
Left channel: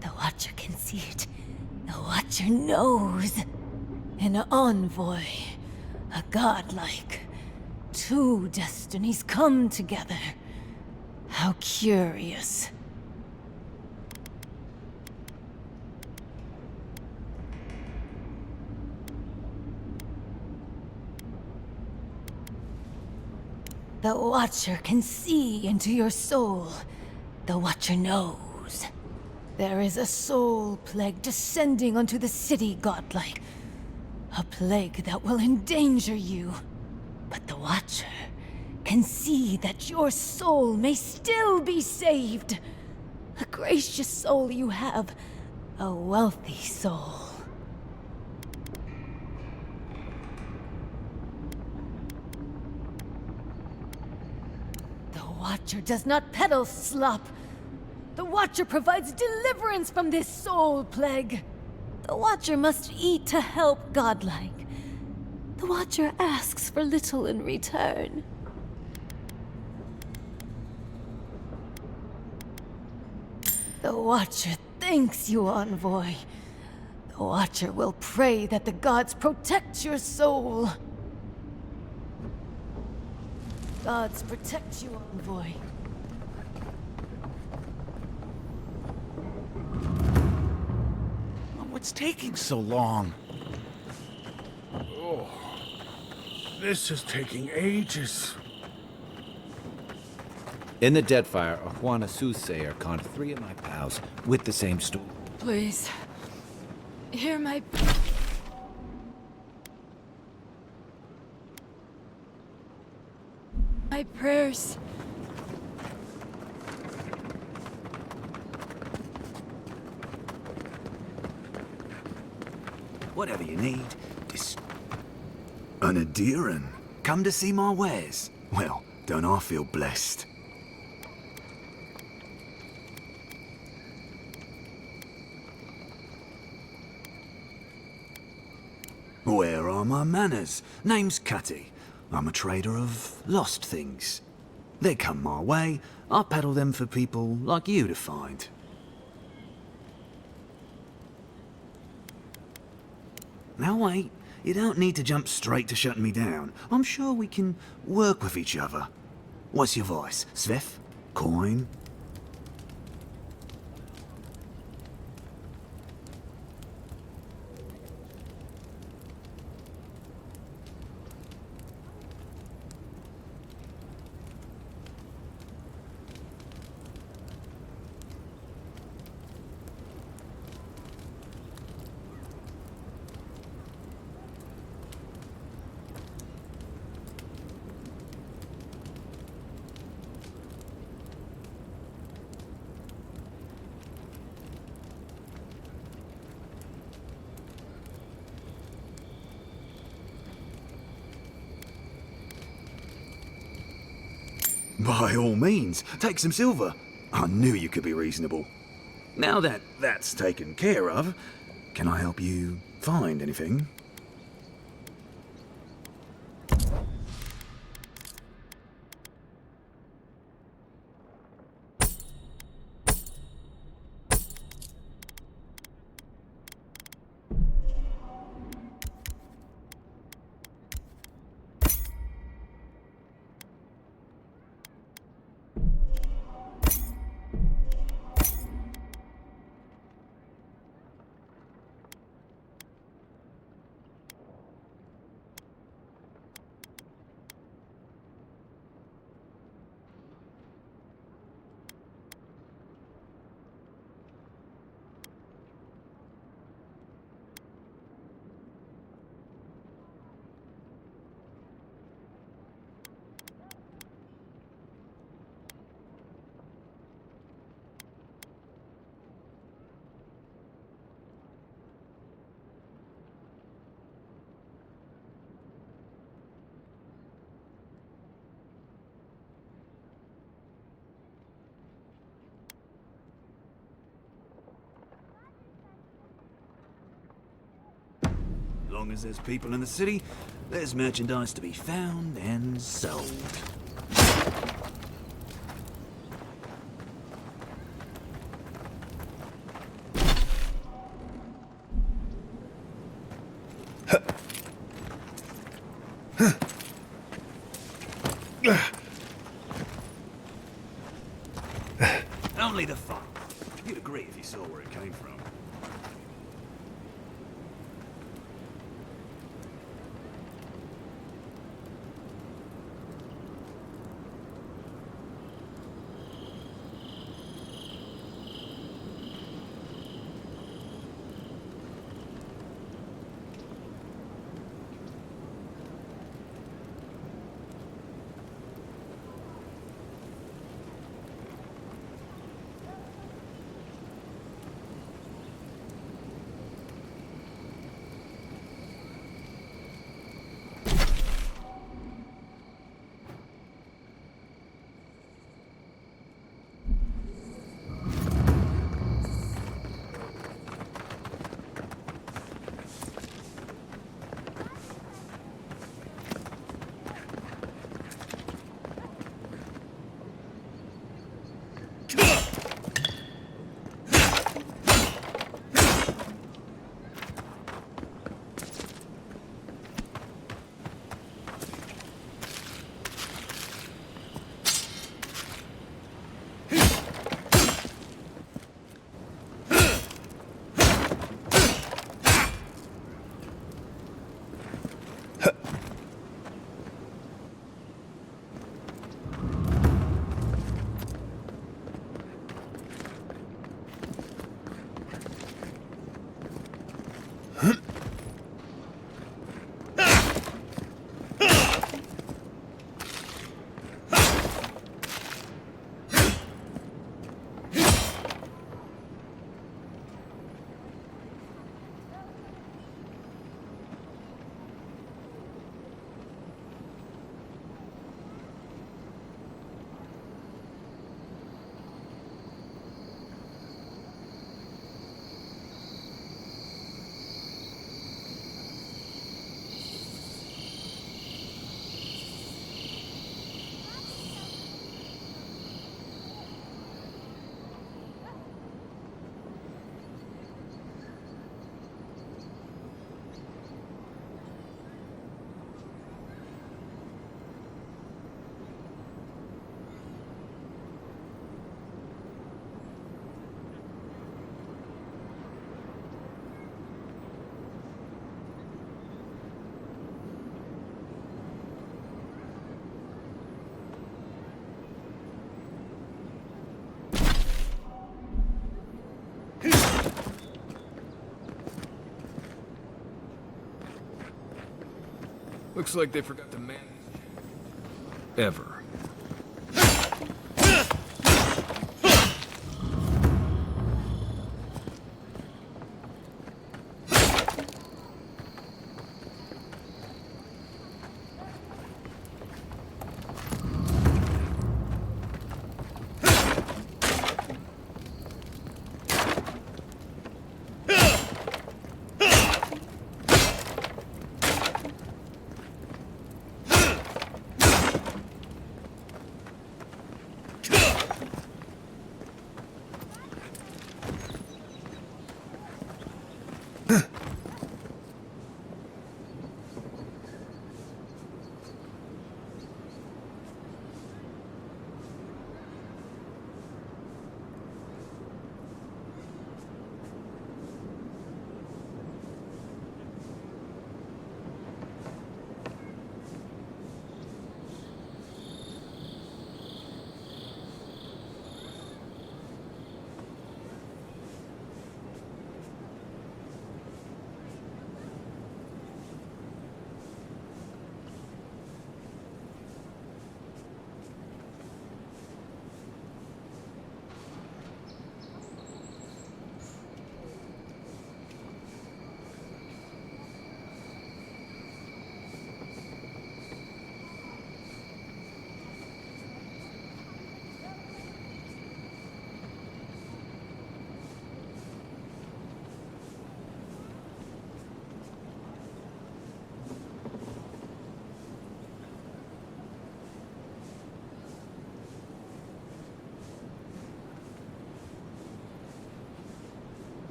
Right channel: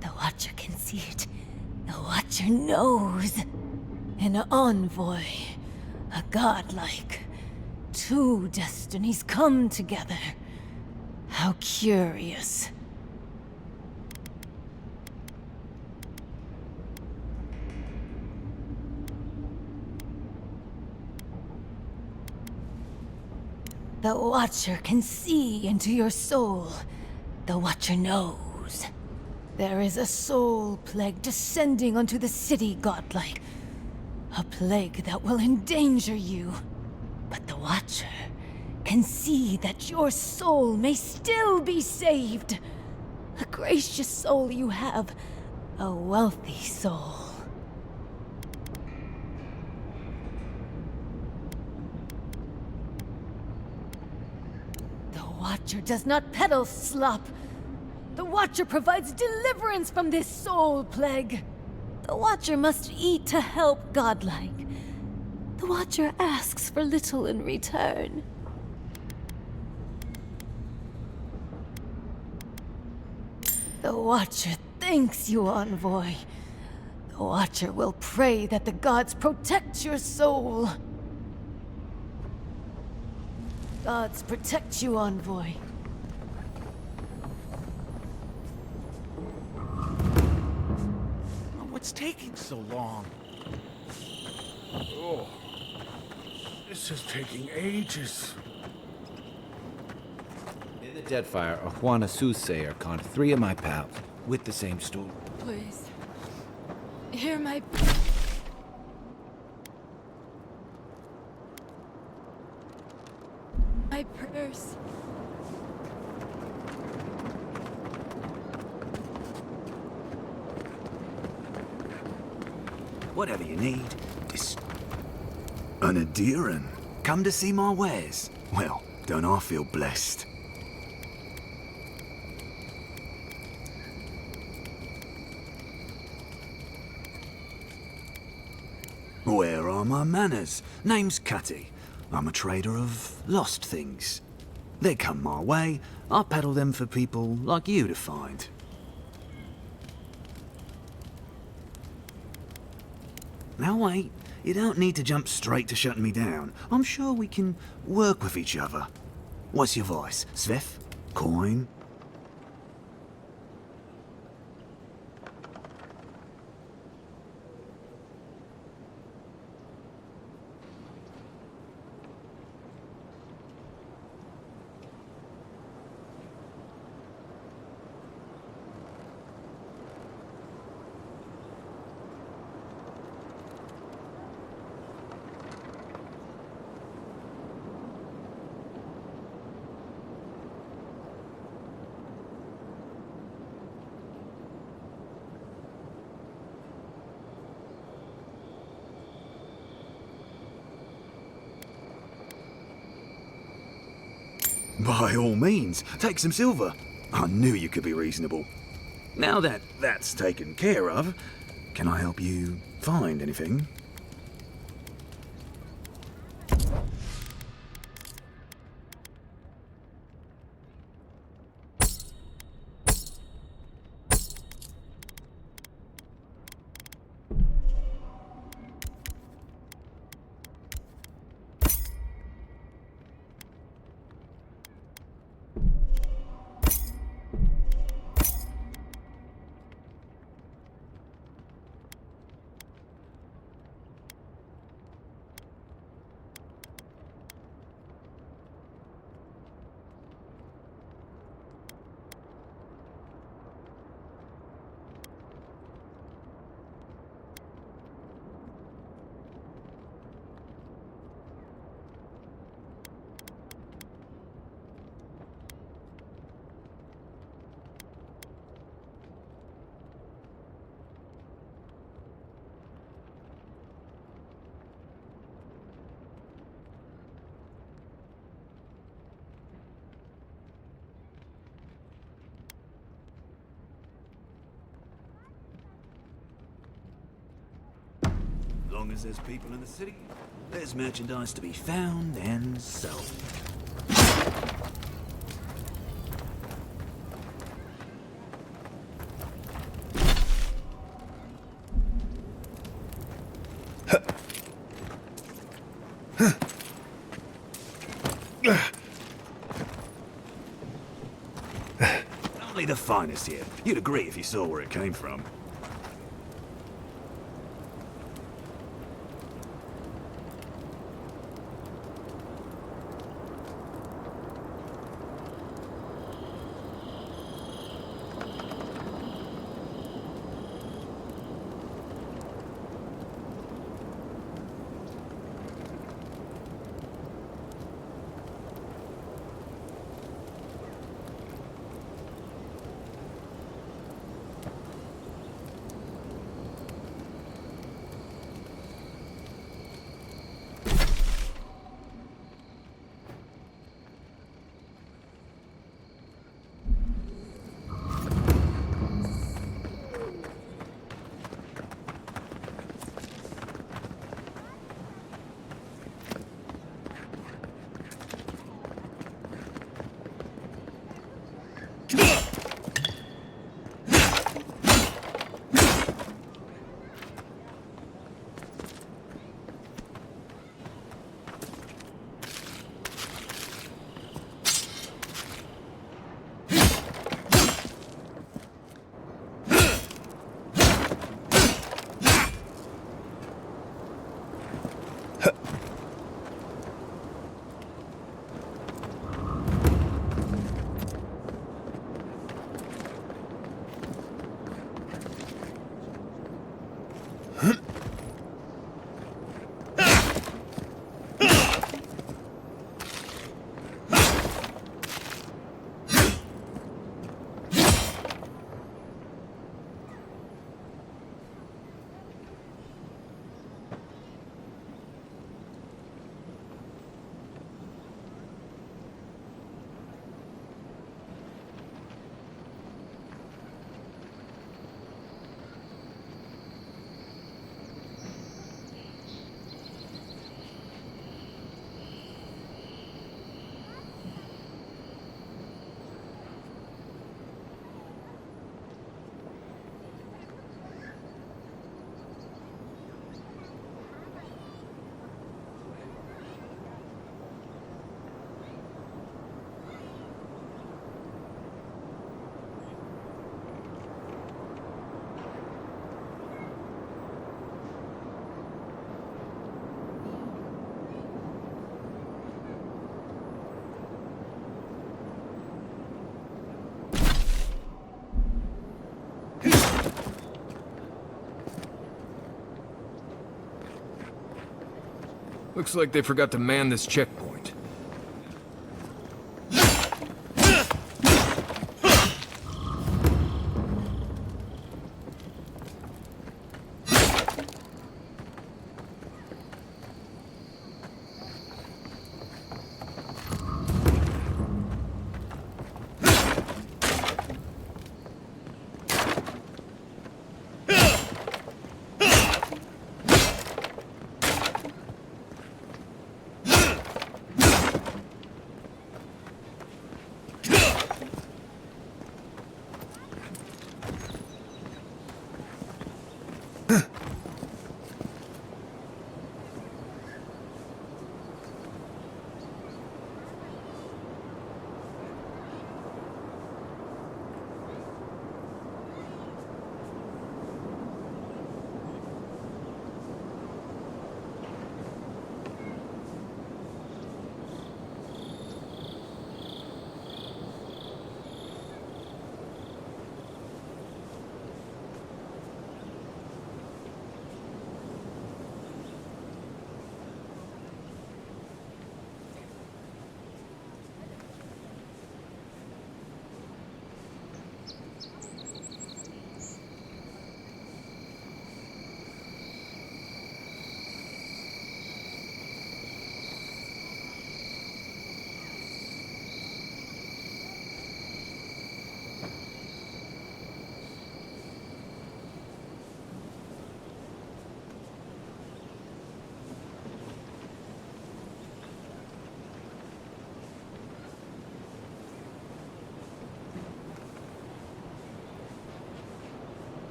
The Watcher can see it. The Watcher knows. An Envoy. A godlike. Two destinies come together. How curious. The Watcher can see into your soul. The Watcher knows. There is a soul plague descending onto the city, godlike. A plague that will endanger you. But the Watcher can see that your soul may still be saved. A gracious soul you have. A wealthy soul. The Watcher does not peddle slop. The Watcher provides deliverance from this soul plague. The Watcher must eat to help godlike. The Watcher asks for little in return. The Watcher thanks you, Envoy. The Watcher will pray that the gods protect your soul. Gods protect you, Envoy. What's taking so long? Oh, this is taking ages. In the Deadfire, a Juana soothsayer conned 3 of my pals with the same story. Please. Hear my... my prayers. Whatever you need, just... An Adiran? Come to see my wares? Well, don't I feel blessed? Where are my manners? Name's Cutty. I'm a trader of lost things. They come my way, I peddle them for people like you to find. Now wait, you don't need to jump straight to shutting me down. I'm sure we can work with each other. What's your voice? Sveth? Coin? By all means, take some silver. I knew you could be reasonable. Now that that's taken care of, can I help you find anything? long as there's people in the city, there's merchandise to be found and sold. Only the finest here. You'd agree if you saw where it came from. Looks like they forgot to man this checkpoint. Ever.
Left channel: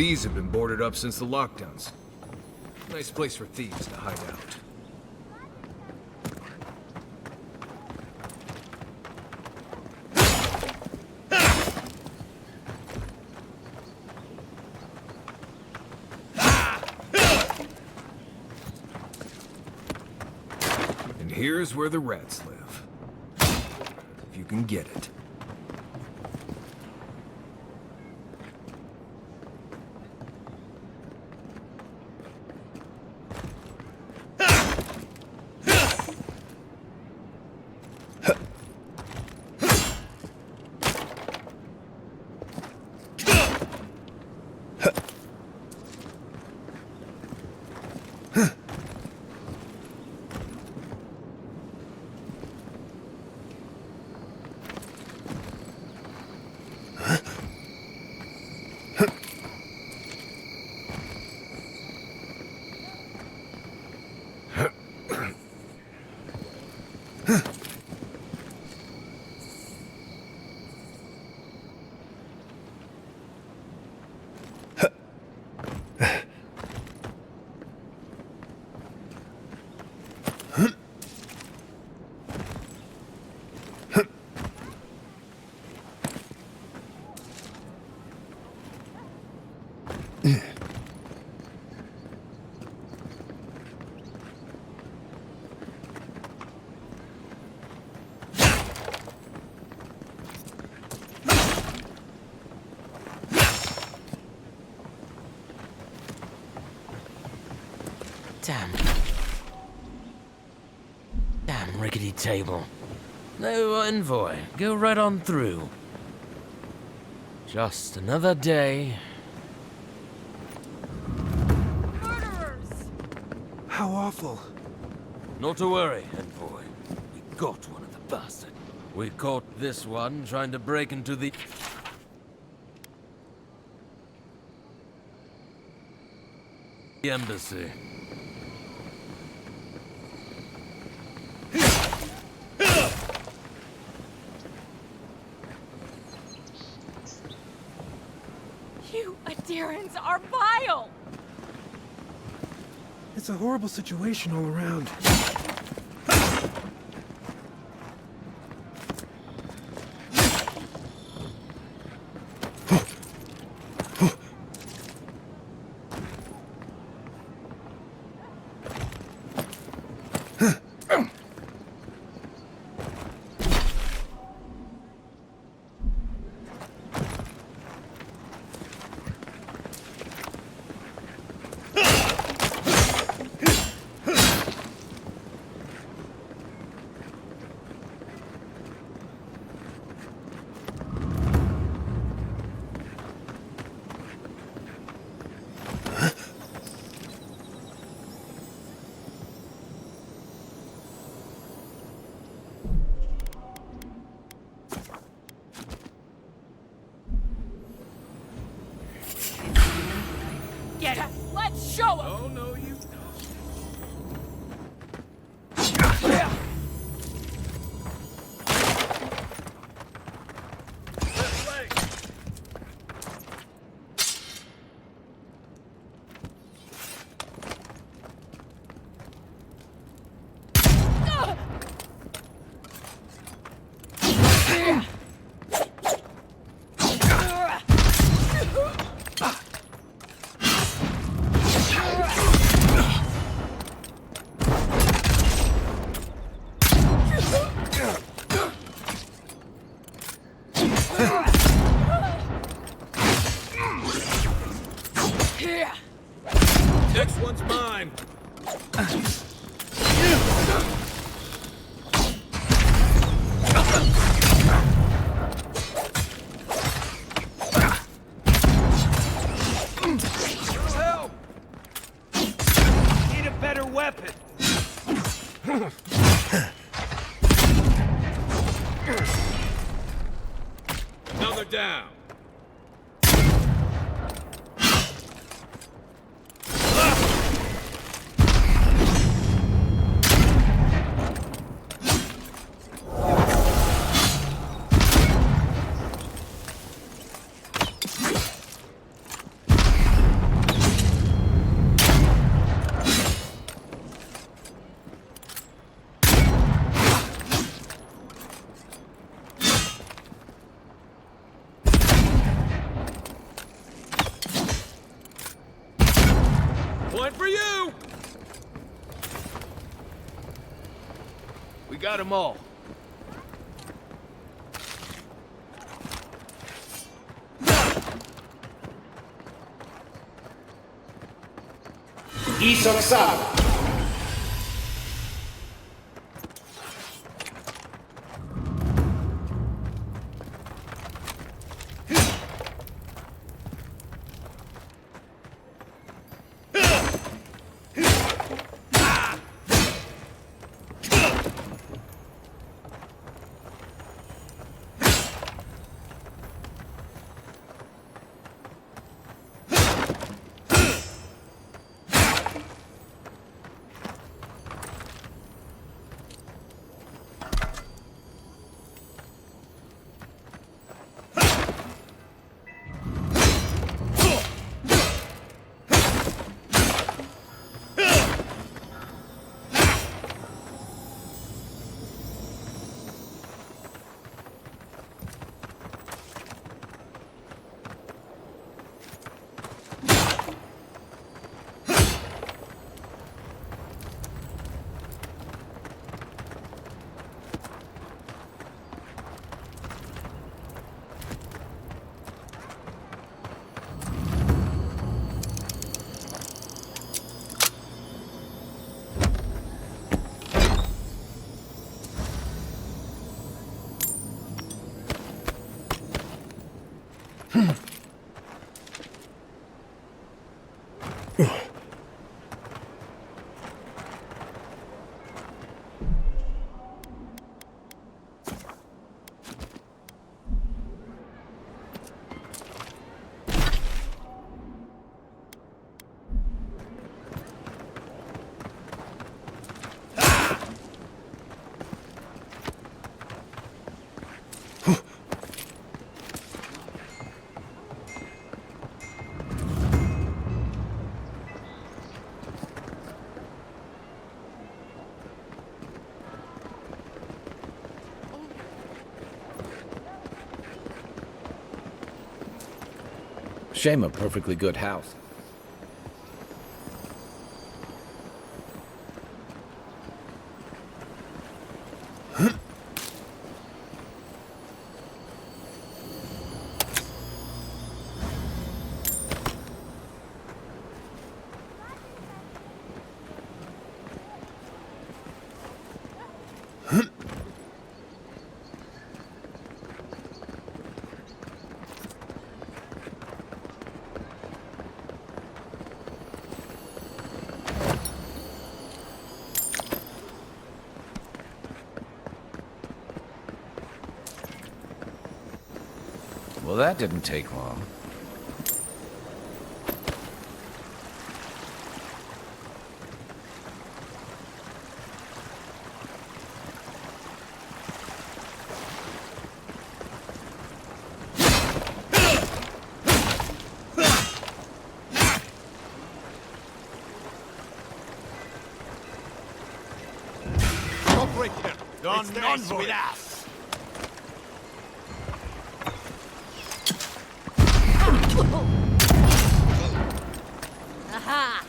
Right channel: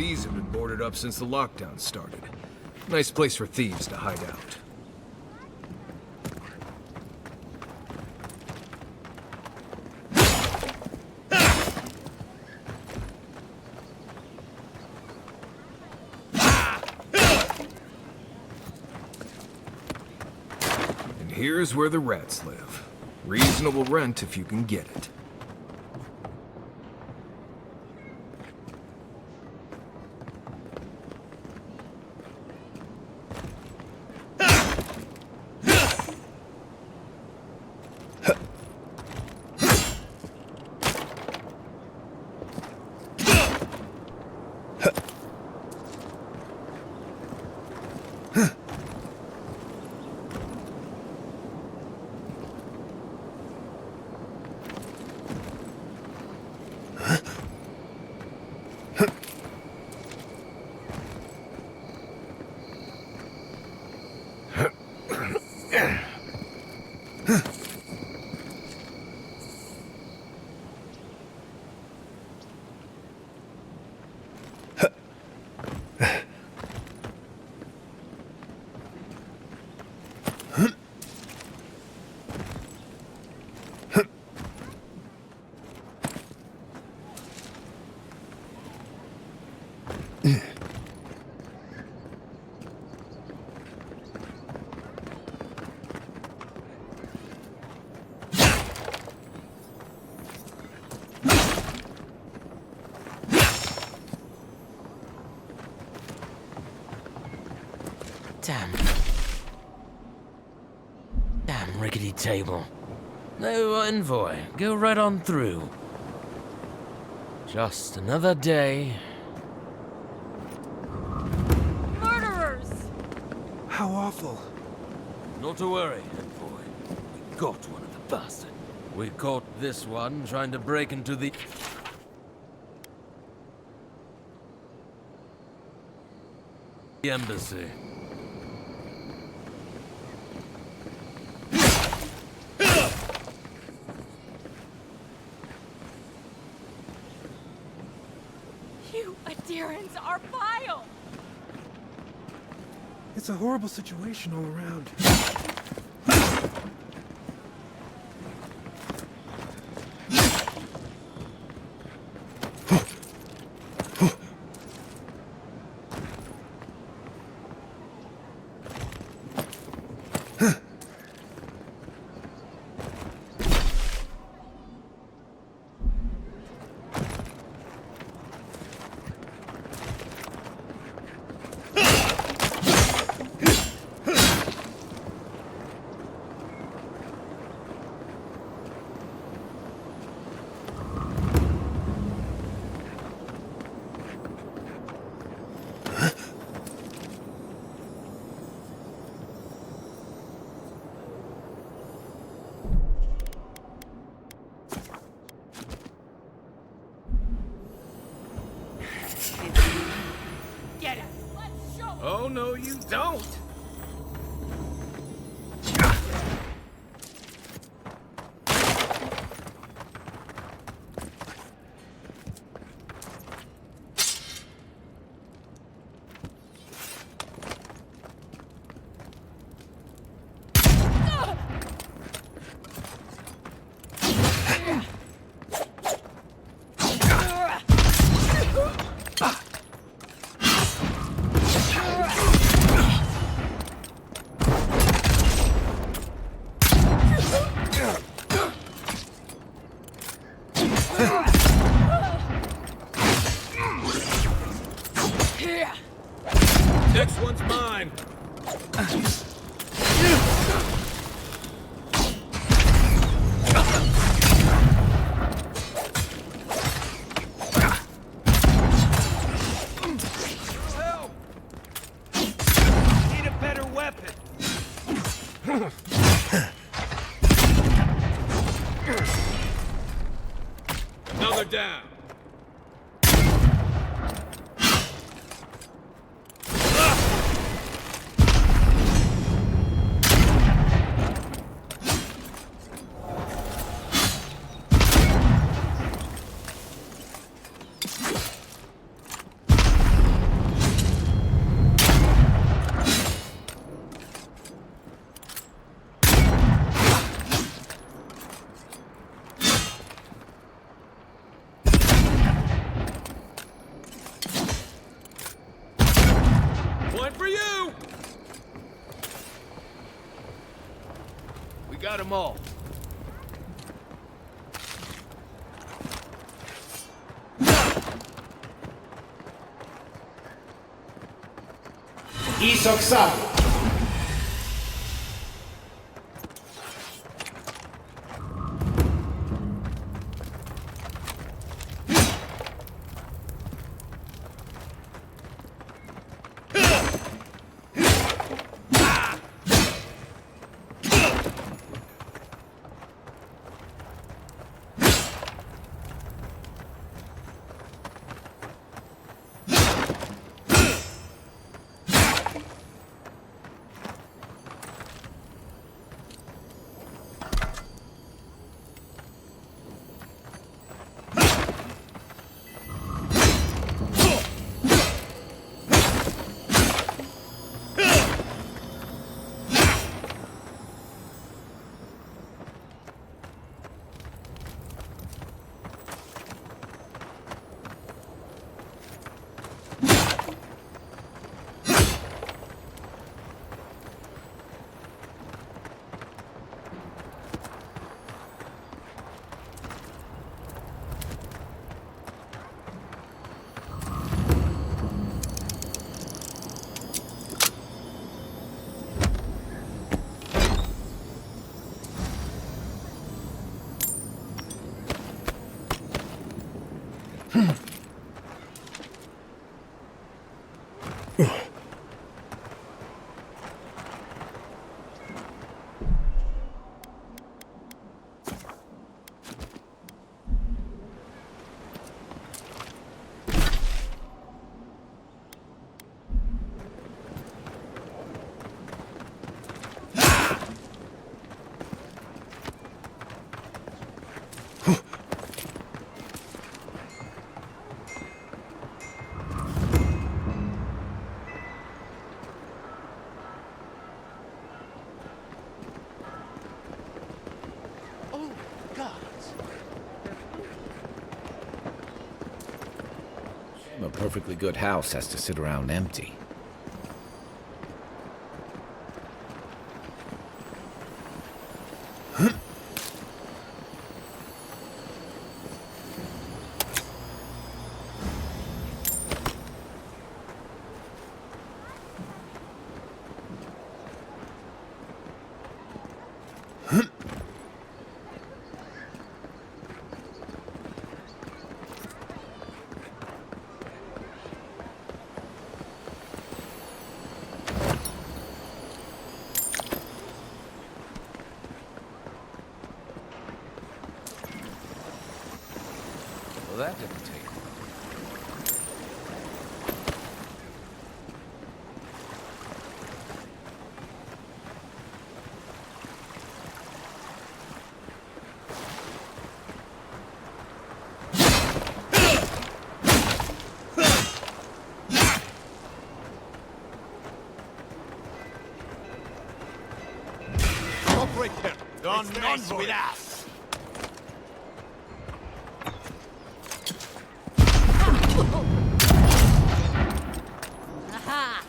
These have been boarded up since the lockdown started. Nice place for thieves to hide out. And here's where the rats live. Reasonable rent if you can get it. Damn rickety table. No envoy. Go right on through. Just another day. Murderers! How awful. Not to worry, envoy. We got one of the bastards. We caught this one trying to break into the embassy. You adherents are vile! It's a horrible situation all around. Get him! Let's show him! Oh, no, you don't! Next one's mine. Help! Need a better weapon. Another down. We got them all. Isoxal. Shame a perfectly good house has to sit around empty. Well, that didn't take long. Operate here. Don't mess with us. Aha!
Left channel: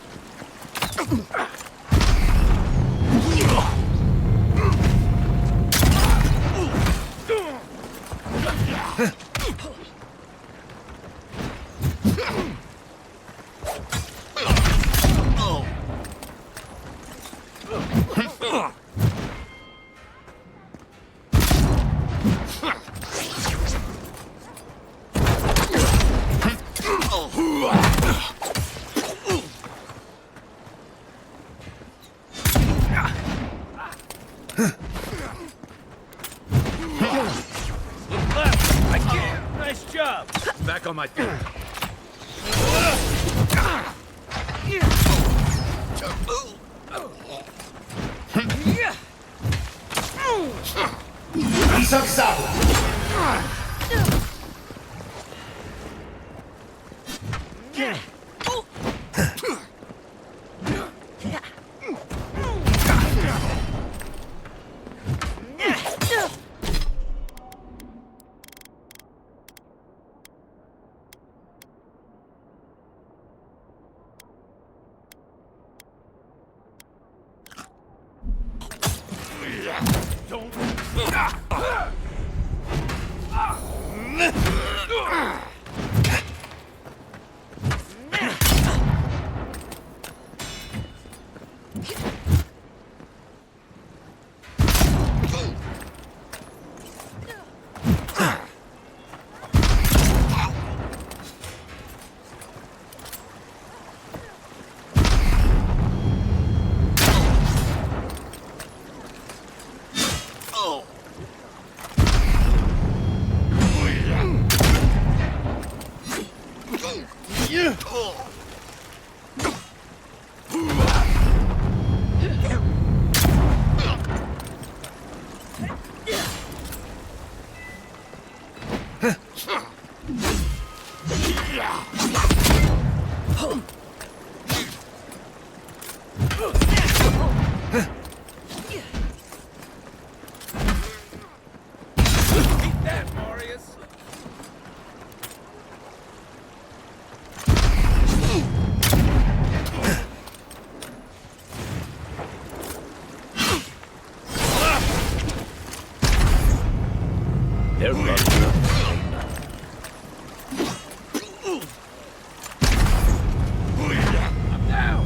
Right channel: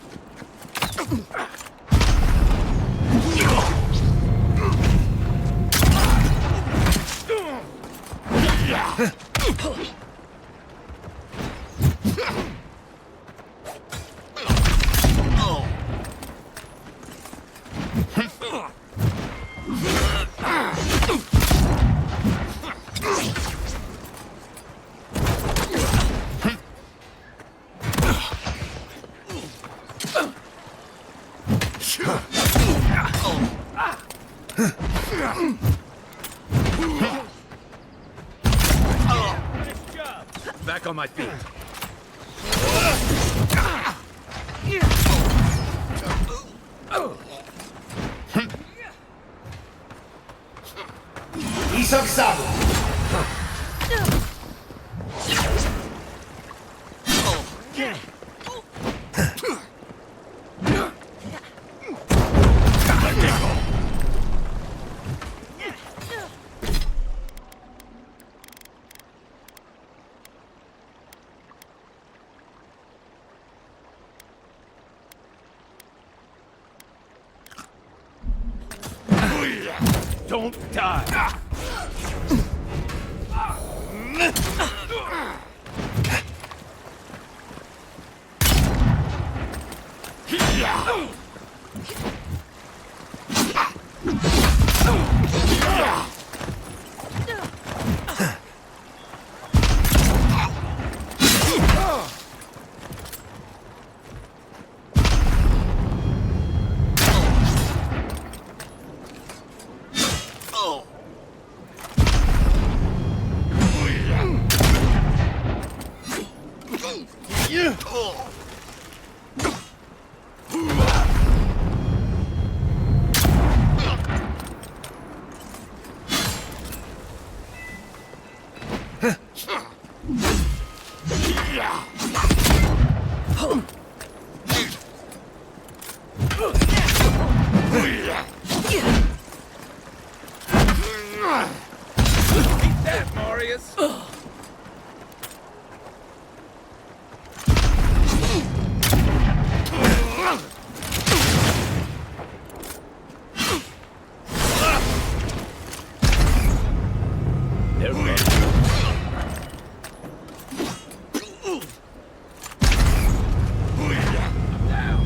Nice job. Back on my feet. Isoxal. Don't die! Eat that, Marius! They're running. I'm down!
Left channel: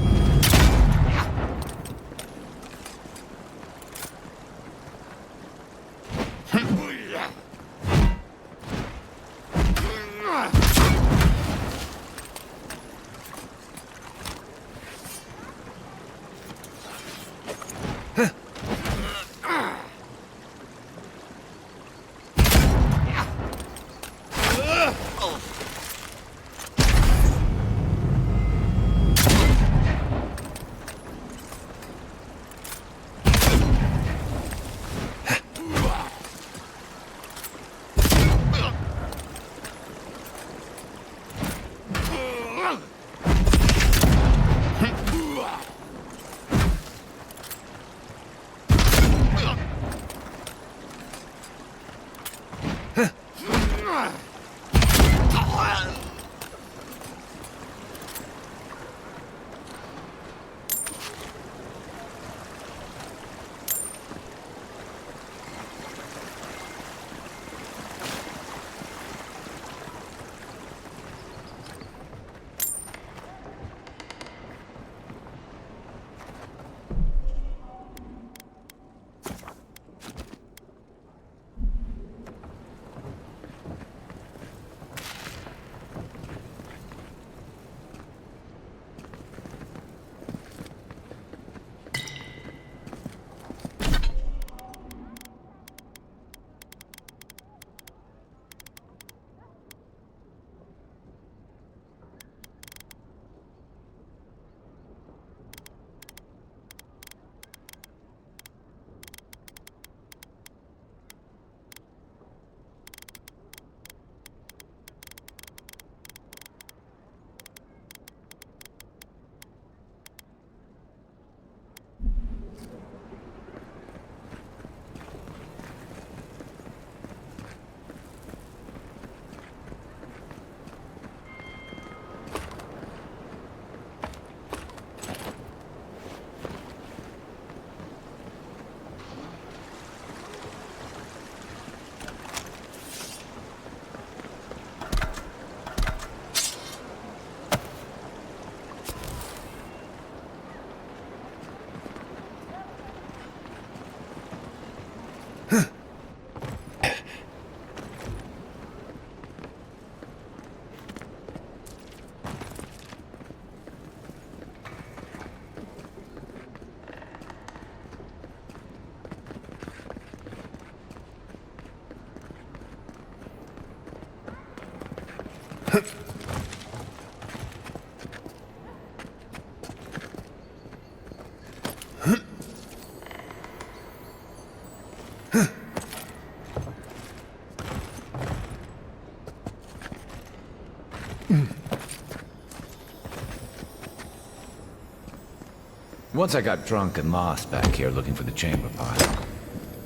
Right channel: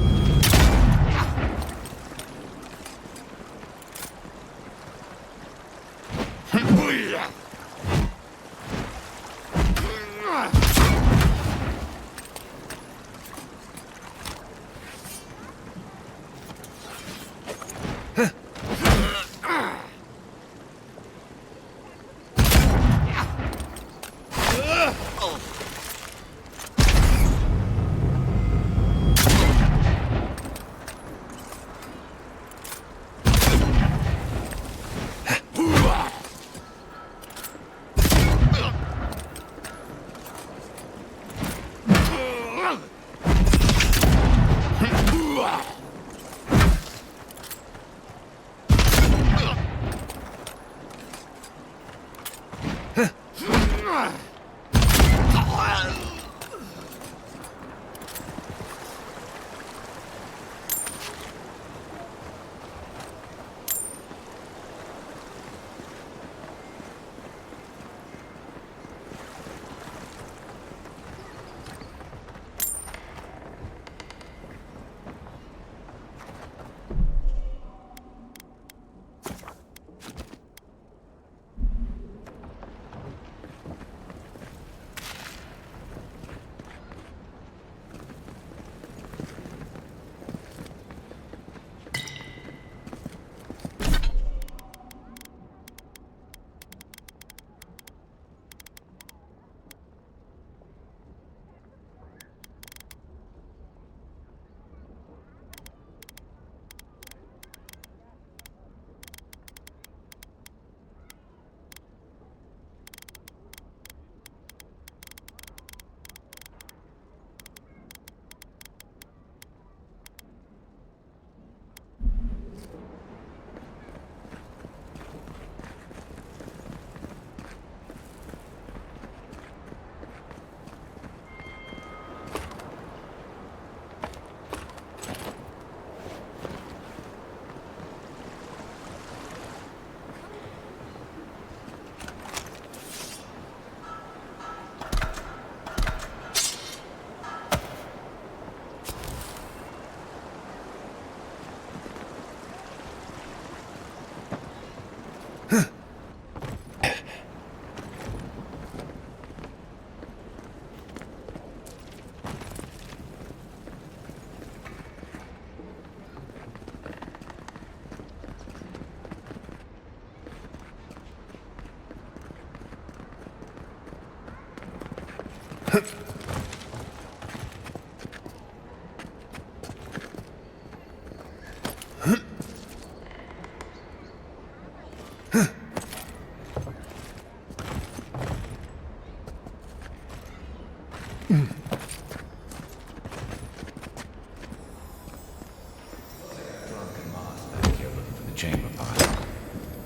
Once I got drunk and lost back here looking for the chamber pot.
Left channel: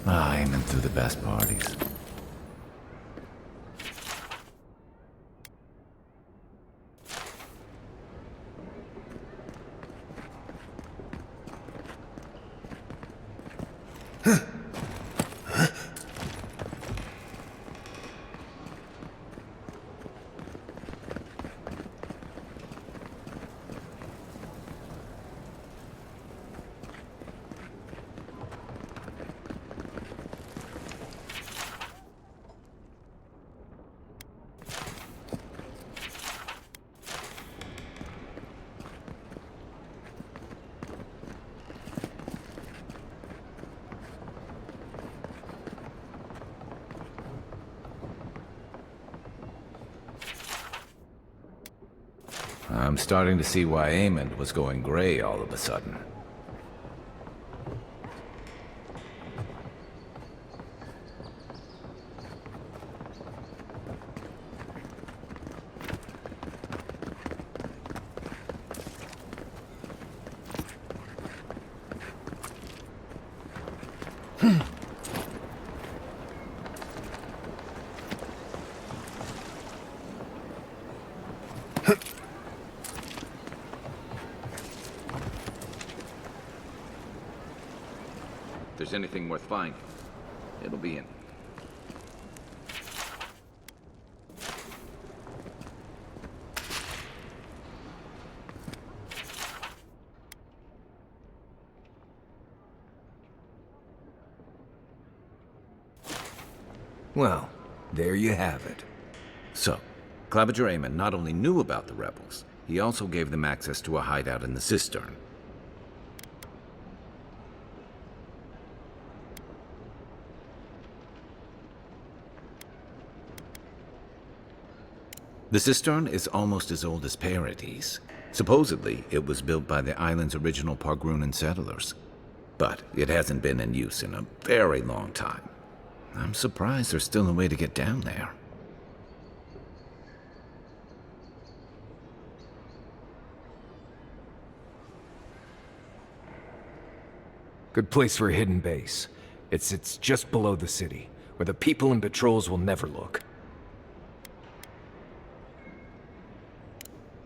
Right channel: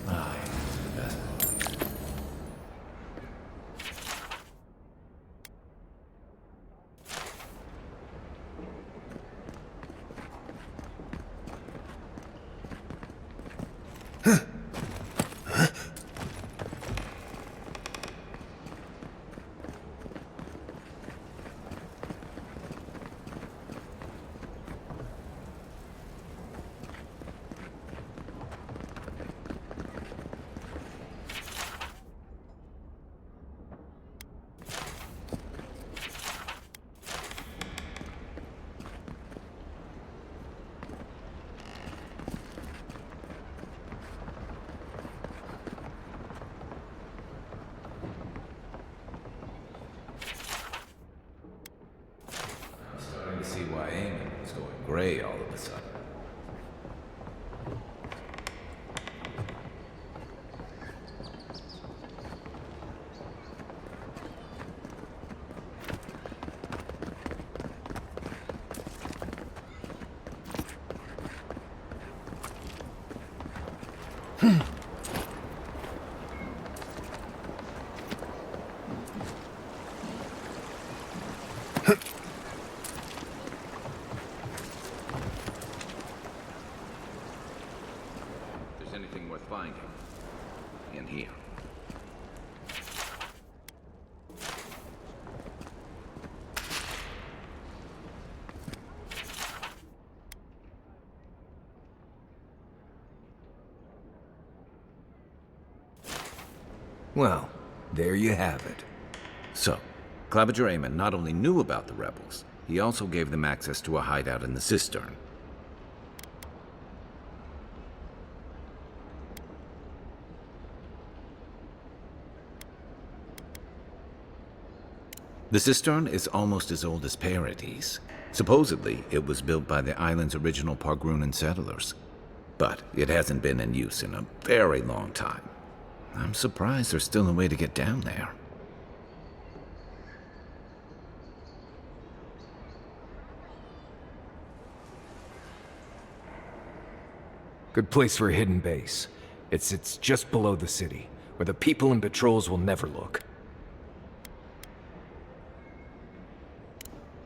Aiming through the best parties. starting to see why Eamon was going gray all of a sudden. If there's anything worth finding, it'll be in here. Well, there you have it. So, Claviger Eamon not only knew about the rebels, he also gave them access to a hideout in the cistern. The cistern is almost as old as Paradis. Supposedly, it was built by the island's original Pargrunan settlers. But it hasn't been in use in a very long time. I'm surprised there's still a way to get down there. Good place for a hidden base. It sits just below the city, where the people and patrols will never look.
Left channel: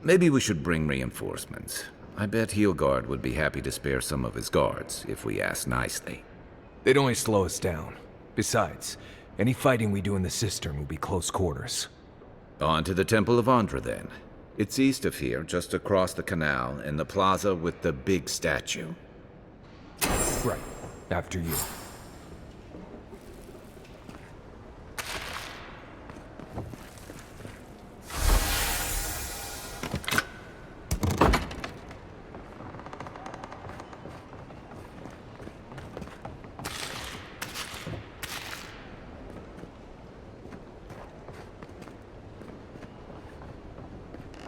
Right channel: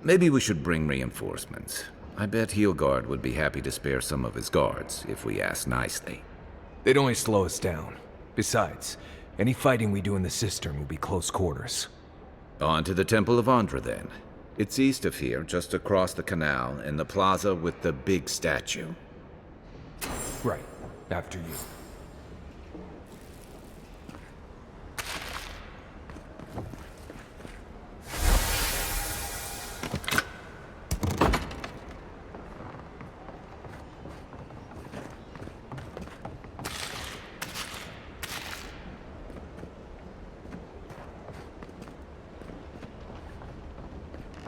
Maybe we should bring reinforcements. I bet Heelguard would be happy to spare some of his guards, if we ask nicely. They'd only slow us down. Besides, any fighting we do in the cistern will be close quarters. On to the Temple of Andra, then. It's east of here, just across the canal, in the plaza with the big statue. Right. After you.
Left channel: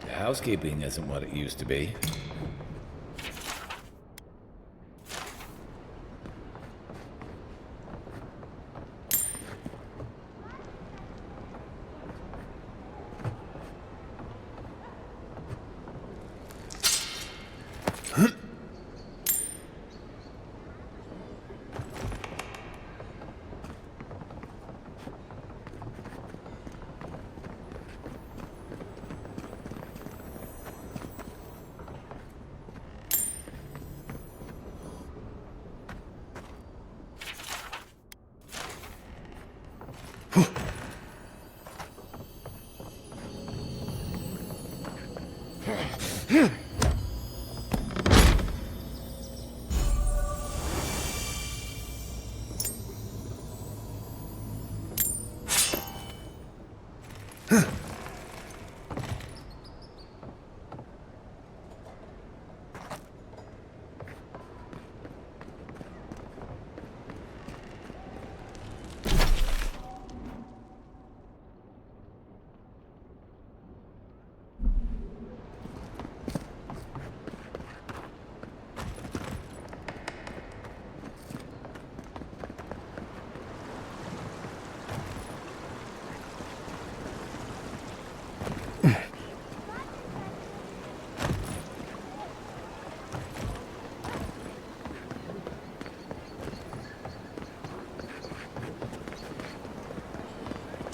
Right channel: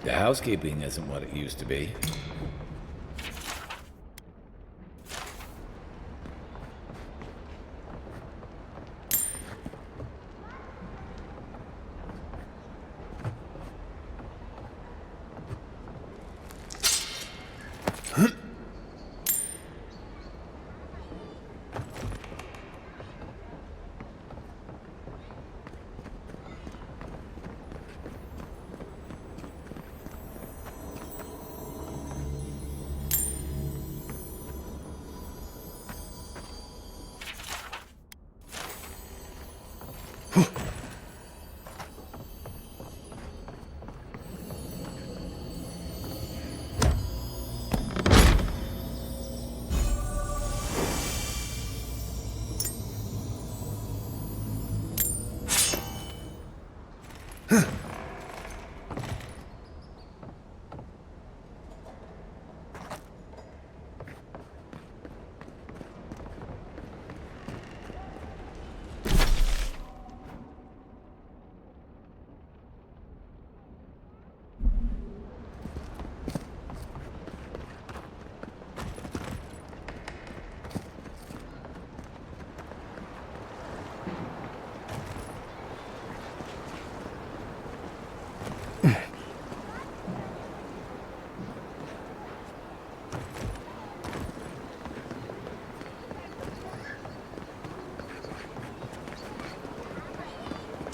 The housekeeping isn't what it used to be.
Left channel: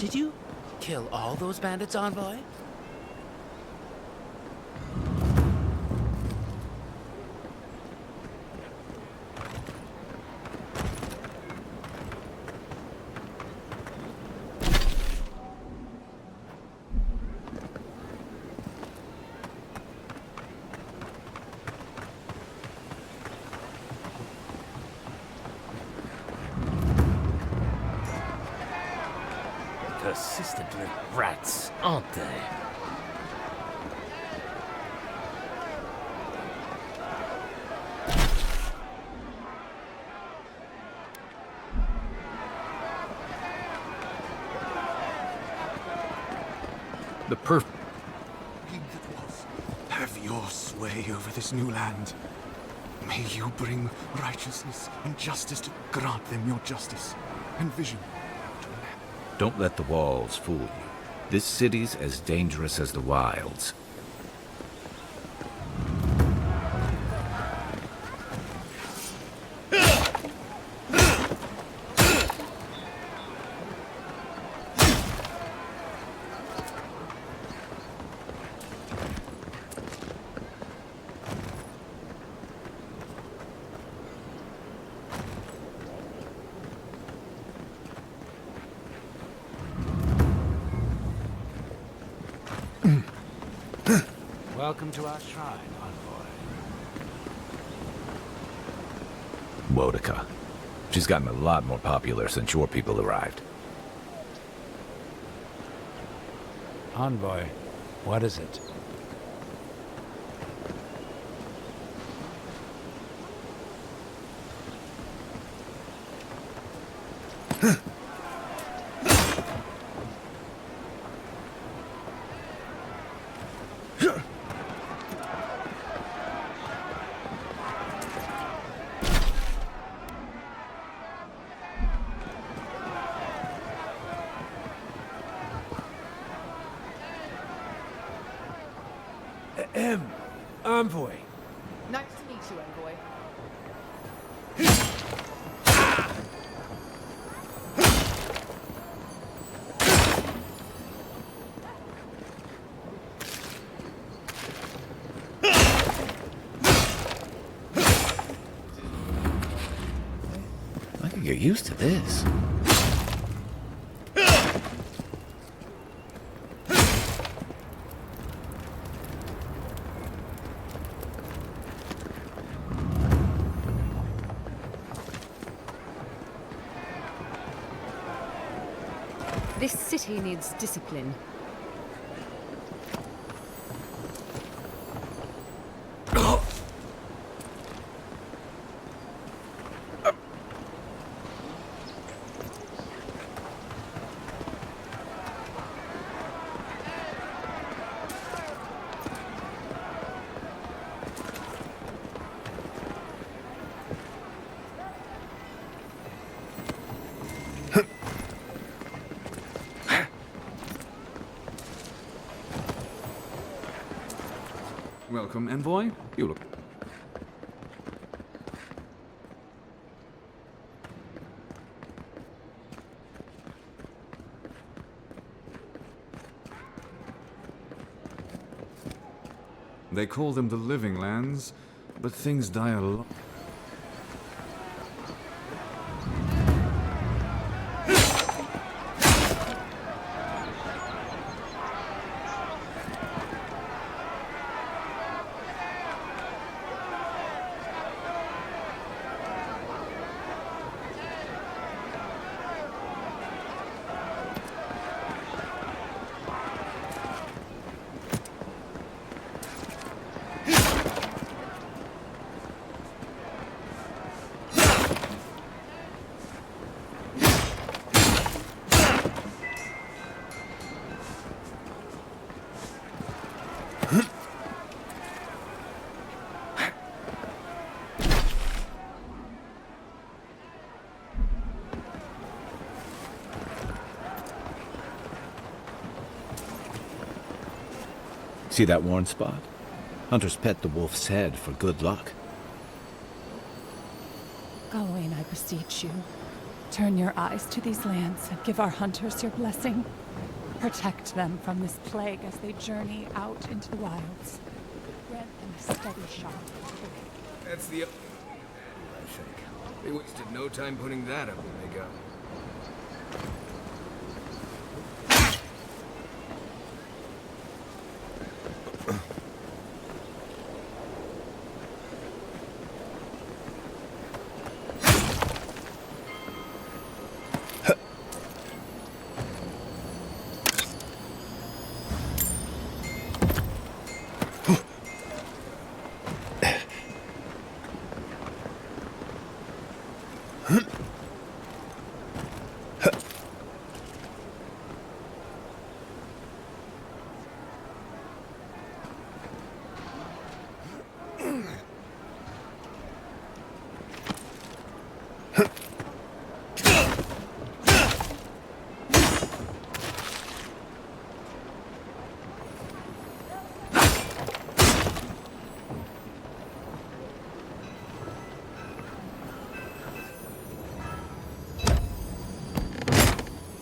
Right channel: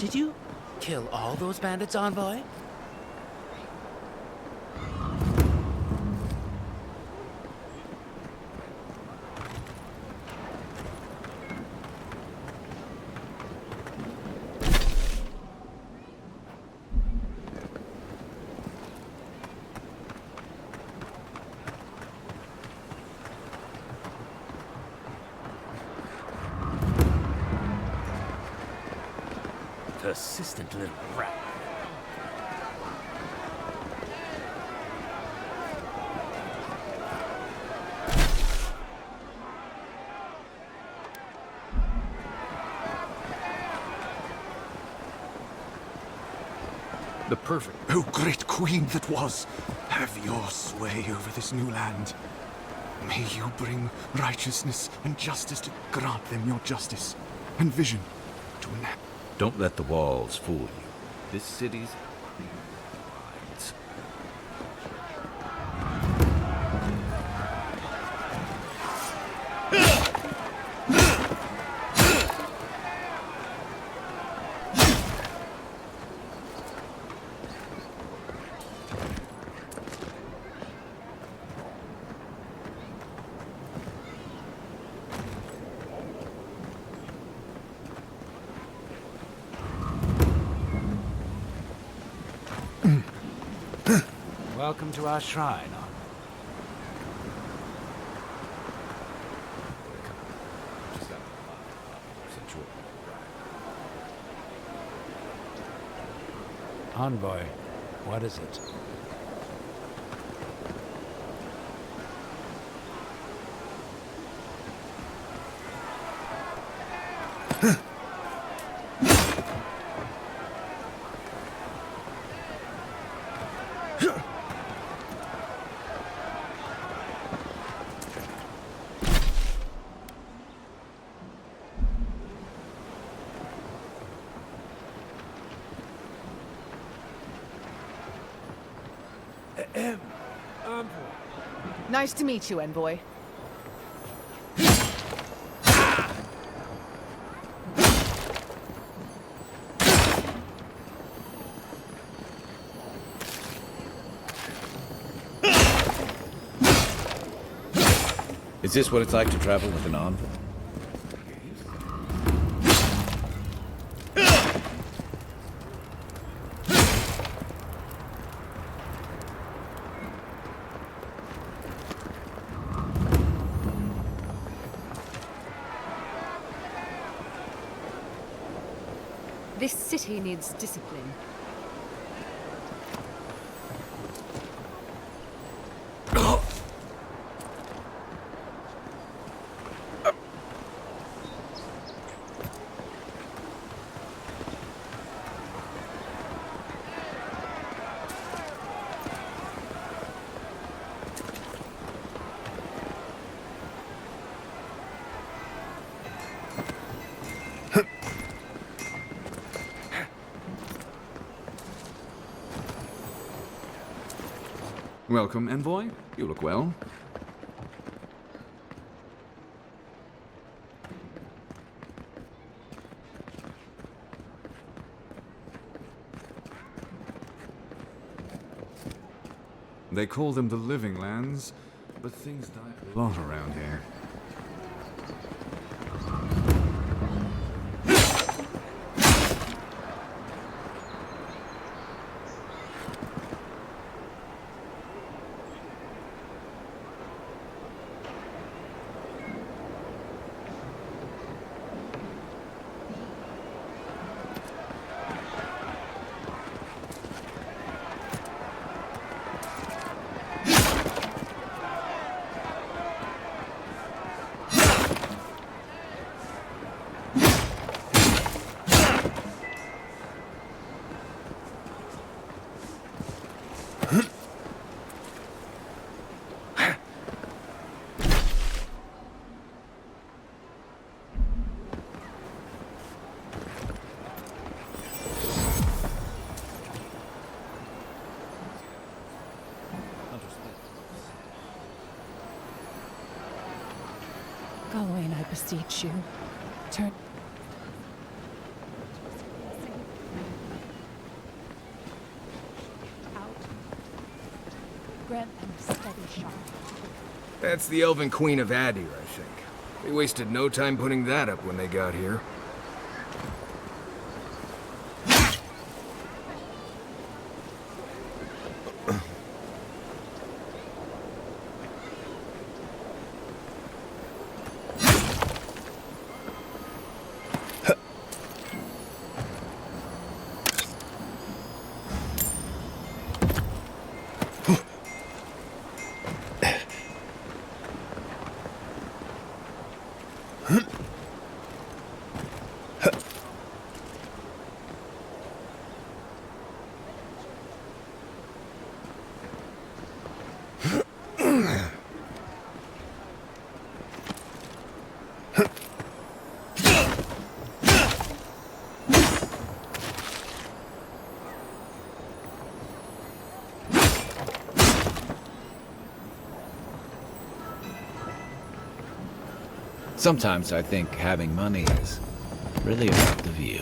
Did you kill all those bandits, Envoy? Persistent little rats, aren't they? The perfect... O great queen that was, have your sway over this new land. May you bring righteousness and justice to grant them your justice and vision to an end. Don't let the walls fool you. This city's as dangerous as the wilds. Welcome to our shrine, Envoy. Wodica. She's gotten a lot more popular since your people arrived. Envoy, what is it? Envoy. Nice to meet you, Envoy. Is this what it's like to travel with an envoy? I think you're used to this. This city needs discipline. Welcome, Envoy. You look well. They call them the Living Lands, but things die a lot around here. See that worn spot? Hunters pet the wolf's head for good luck. Gawain, I beseech you. Turn your eyes to these lands and give our hunters your blessing. Protect them from this plague as they journey out into the wilds. Grant them a steady shot. That's the Elven Queen of Adir, I think. They wasted no time putting that up when they got here. Sometimes I think having money is really all of you.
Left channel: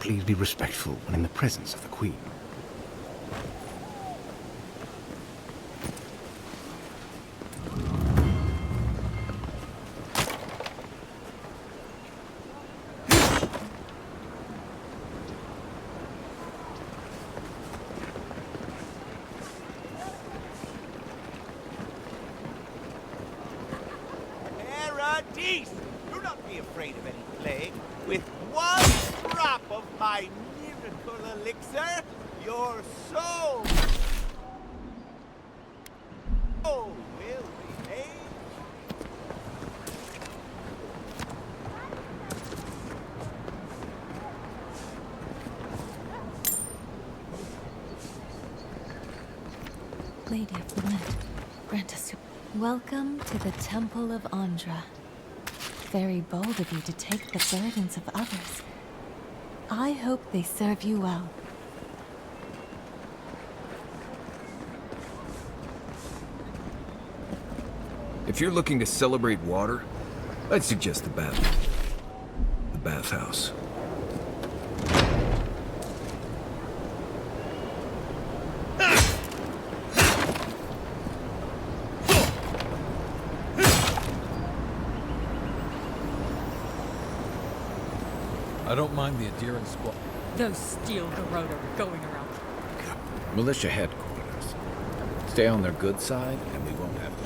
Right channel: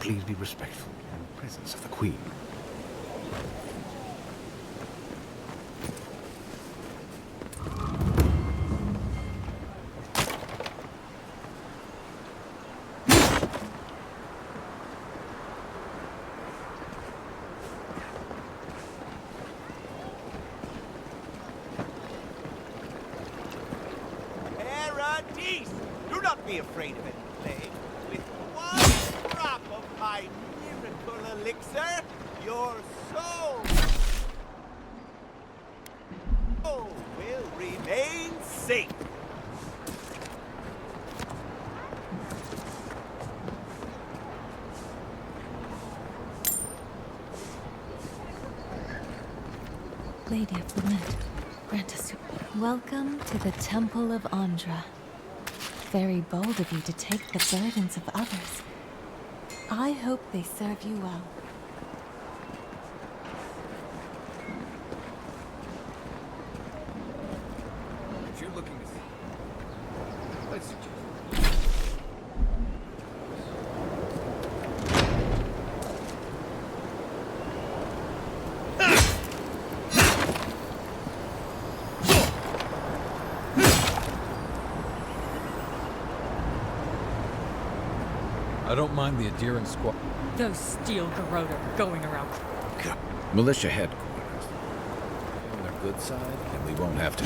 Please be respectful when in the presence of the Queen. Paradise! Do not be afraid of any plague. With one drop of my miracle elixir, your soul will remain safe. Lady of the Wind, grant us your... Welcome to the Temple of Andra. Very bold of you to take the burdens of others. I hope they serve you well. If you're looking to celebrate water, I'd suggest the bathhouse. I don't mind the adherence squad. Those steel garrote are going around. Militia headquarters. Stay on their good side, and we won't have to.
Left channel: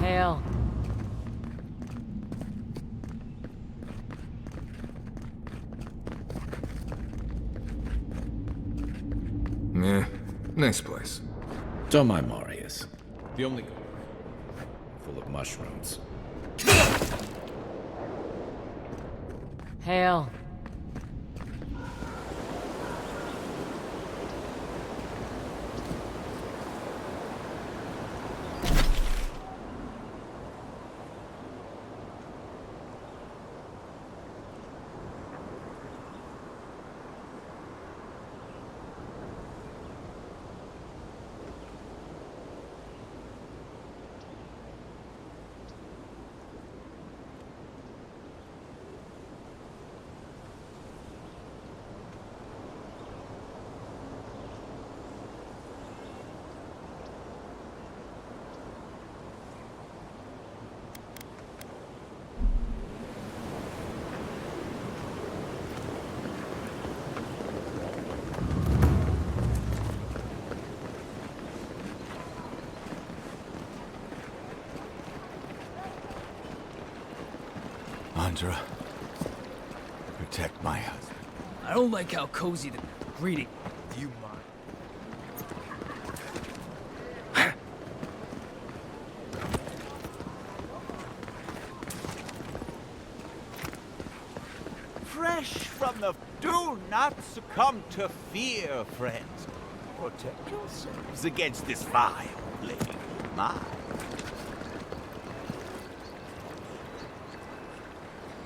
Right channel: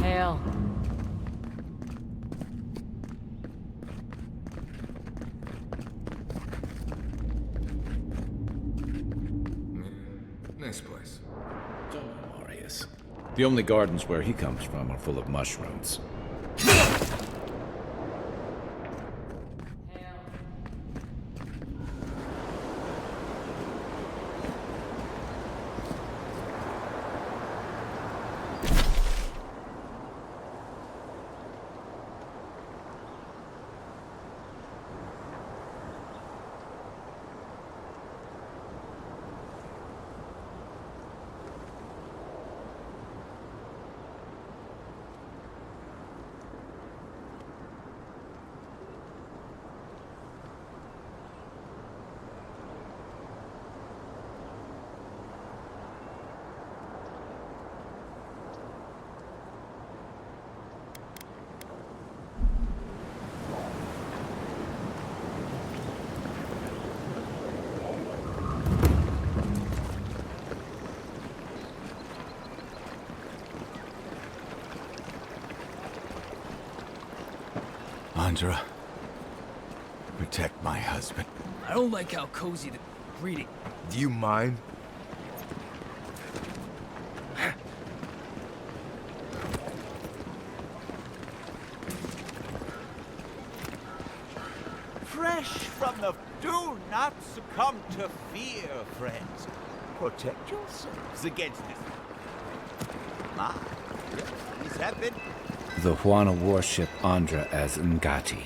Hail. Meh. Nice place. Don't mind Marius. The only gardens where he comes from are full of mushrooms. Hail. Andra. Protect my husband. I don't like how cozy the greeting. Do you mind? Fresh from the... Do not succumb to fear, friends. Protect yourselves against this fire. My... The Huana warship Andra as Ngati.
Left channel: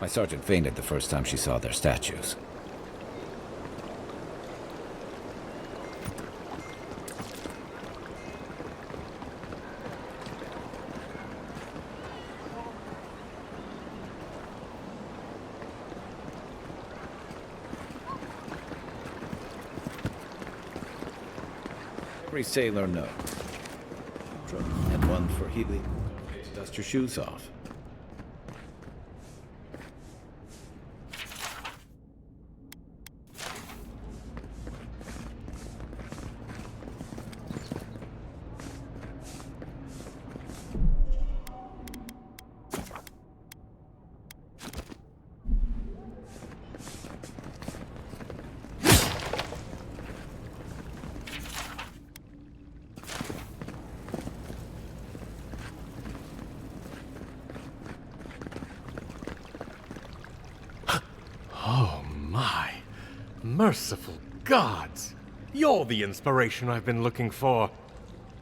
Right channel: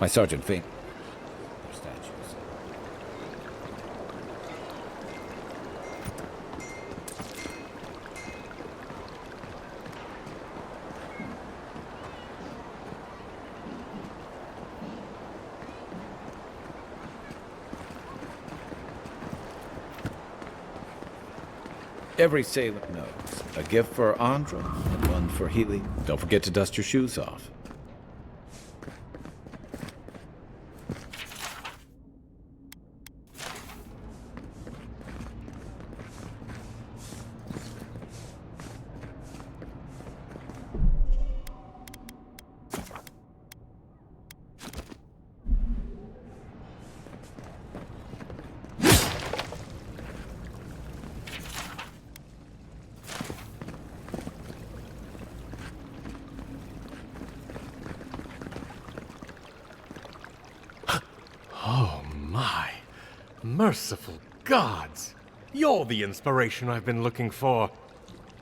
My sergeant fainted the first time she saw their statues. Every sailor knows. A gift for Andra and one for Healy. Don't forget to dust your shoes off. Oh my. Merciful gods! You're the inspiration I've been looking for.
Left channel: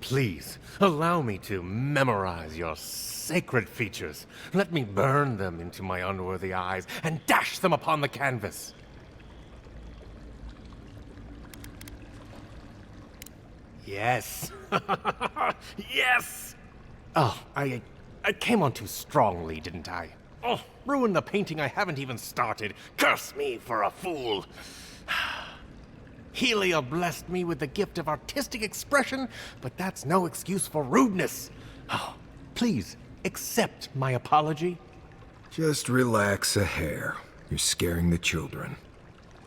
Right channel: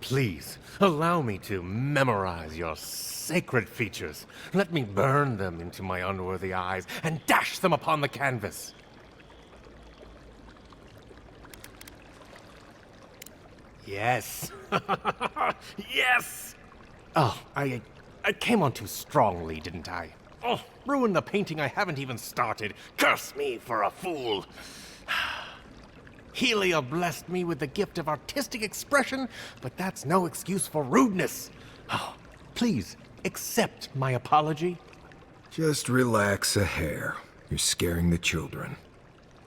Please, allow me to memorize your sacred features. Let me burn them into my unworthy eyes and dash them upon the canvas. Yes. Yes! Oh, I came on too strongly, didn't I? Oh, ruin the painting I haven't even started. Curse me for a fool. Helia blessed me with the gift of artistic expression, but that's no excuse for rudeness. Oh, please, accept my apology. Just relax a hair. You're scaring the children.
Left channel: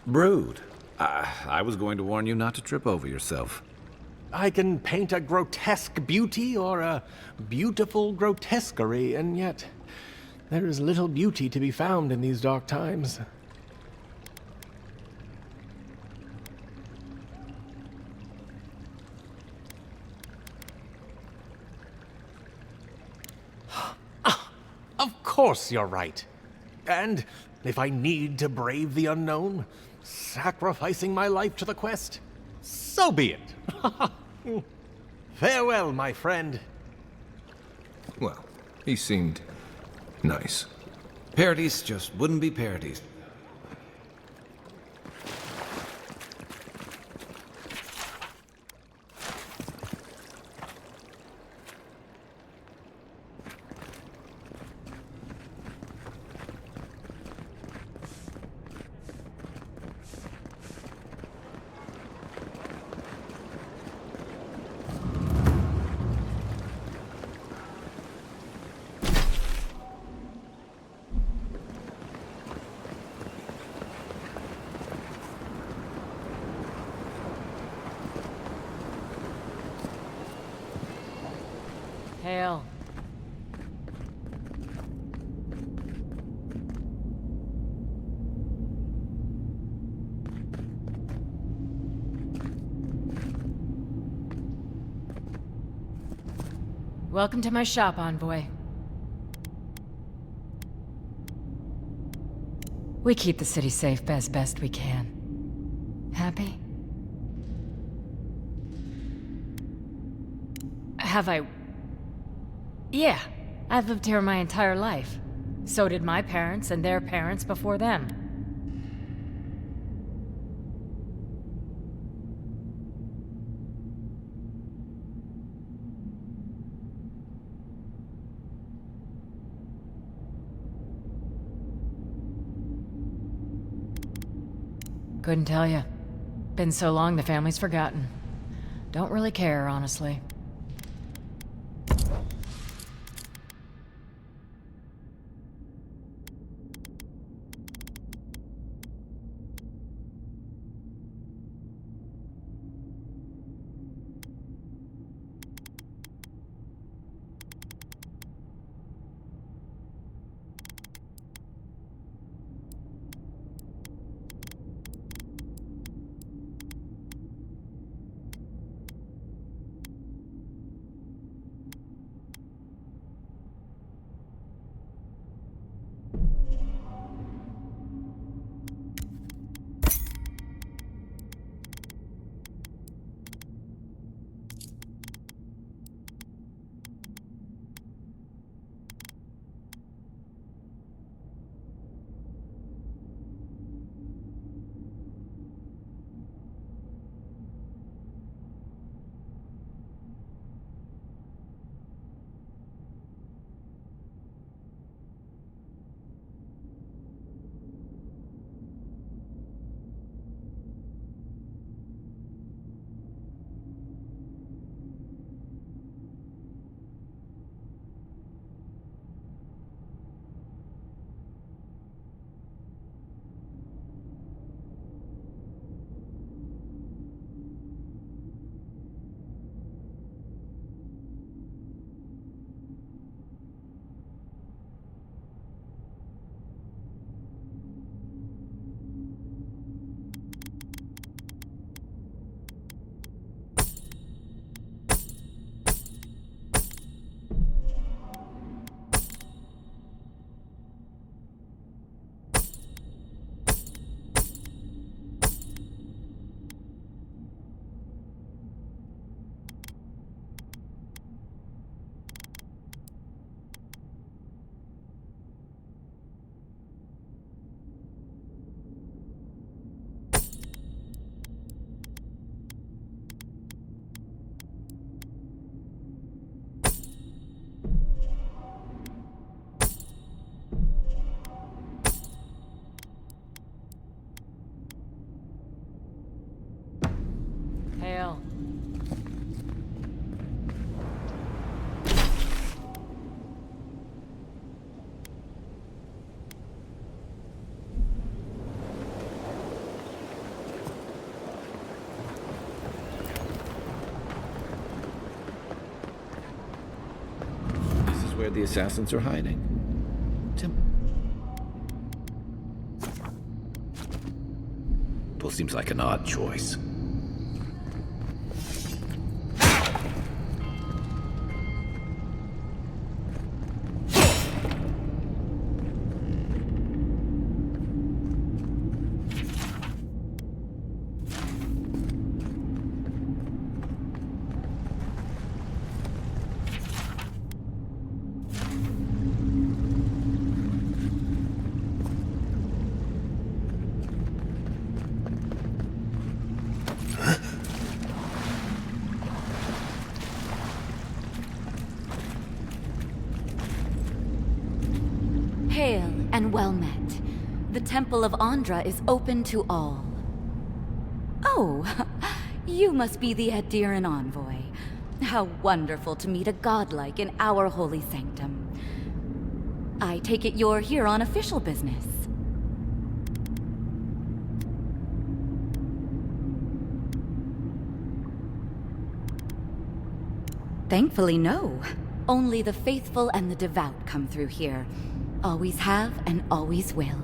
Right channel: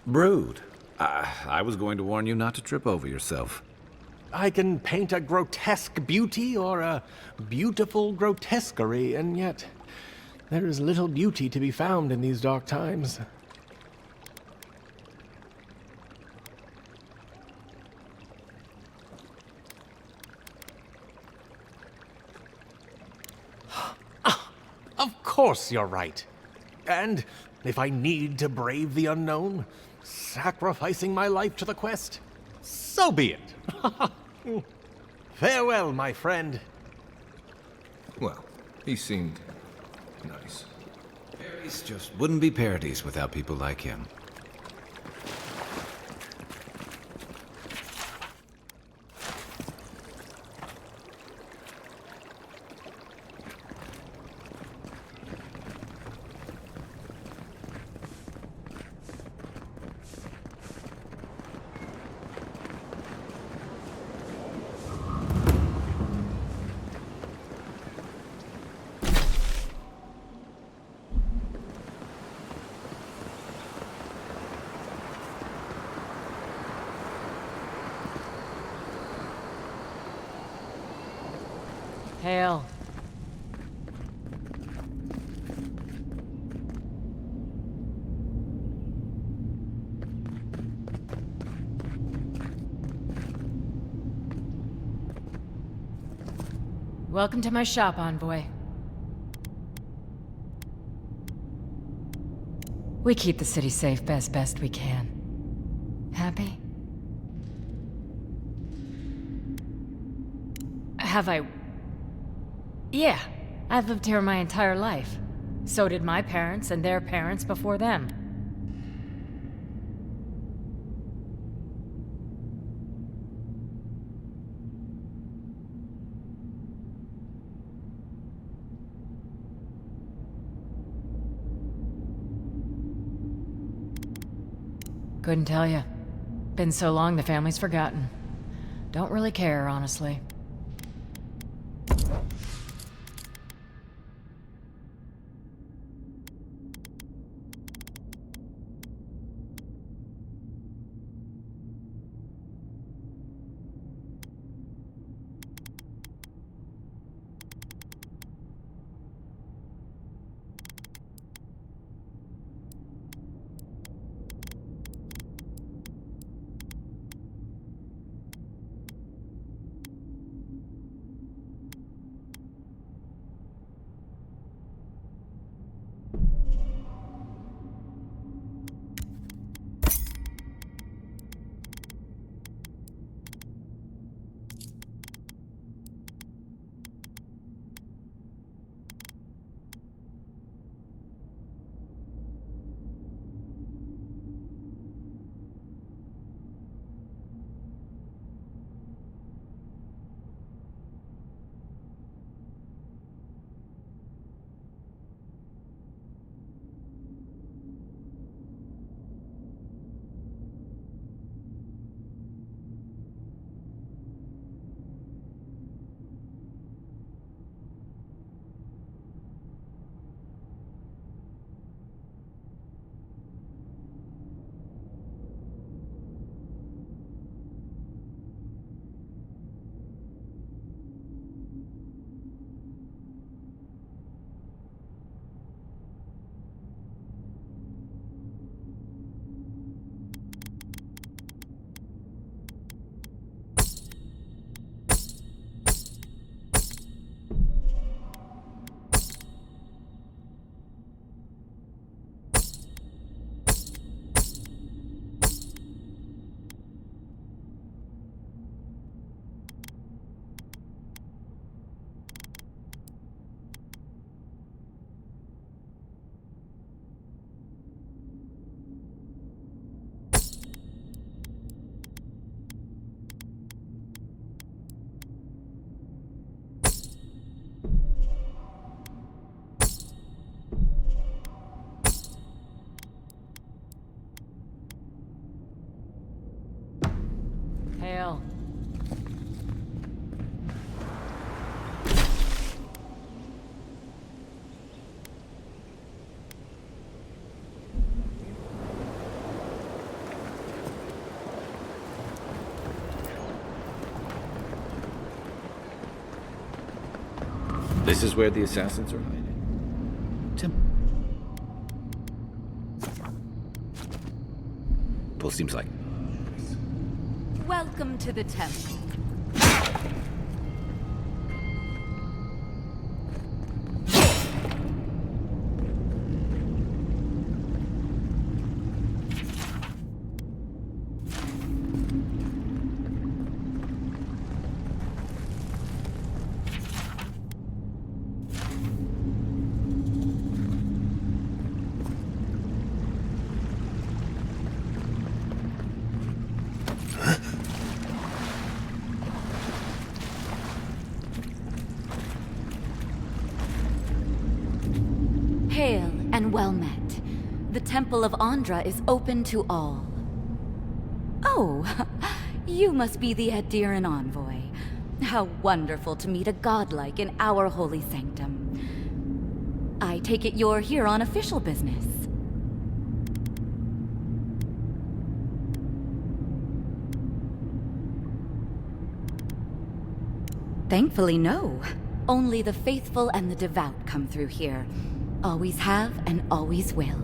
Brood. I was going to warn you not to trip over yourself. I can paint a grotesque beauty or a beautiful grotesquerie, and yet there is little beauty to be found in these dark times. Of course you're right. And if I need to brave the unknown, sacrificing my life to the quest, so be it. Farewell, my friend. Well, he seemed nice. Paradise just wouldn't be Paradise without people like him. Hail. Welcome to my shop, Envoy. We keep the city safe as best we can. Happy? Have I... Yeah, I've lived here my entire life. So did my parents and their parents before them. Couldn't tell you. Been so long the family's forgotten. Don't really care, honestly. This is where the assassins are hiding. Temple seems like an odd choice. Welcome to the temple. Hail and well met. The Temple of Andra is open to all. Oh, you must be the Adiran envoy. How wonderful to meet a godlike in our holy sanctum. I take it you're here on official business. Thankfully, no. Only the faithful and the devout come through here. Always have and always will.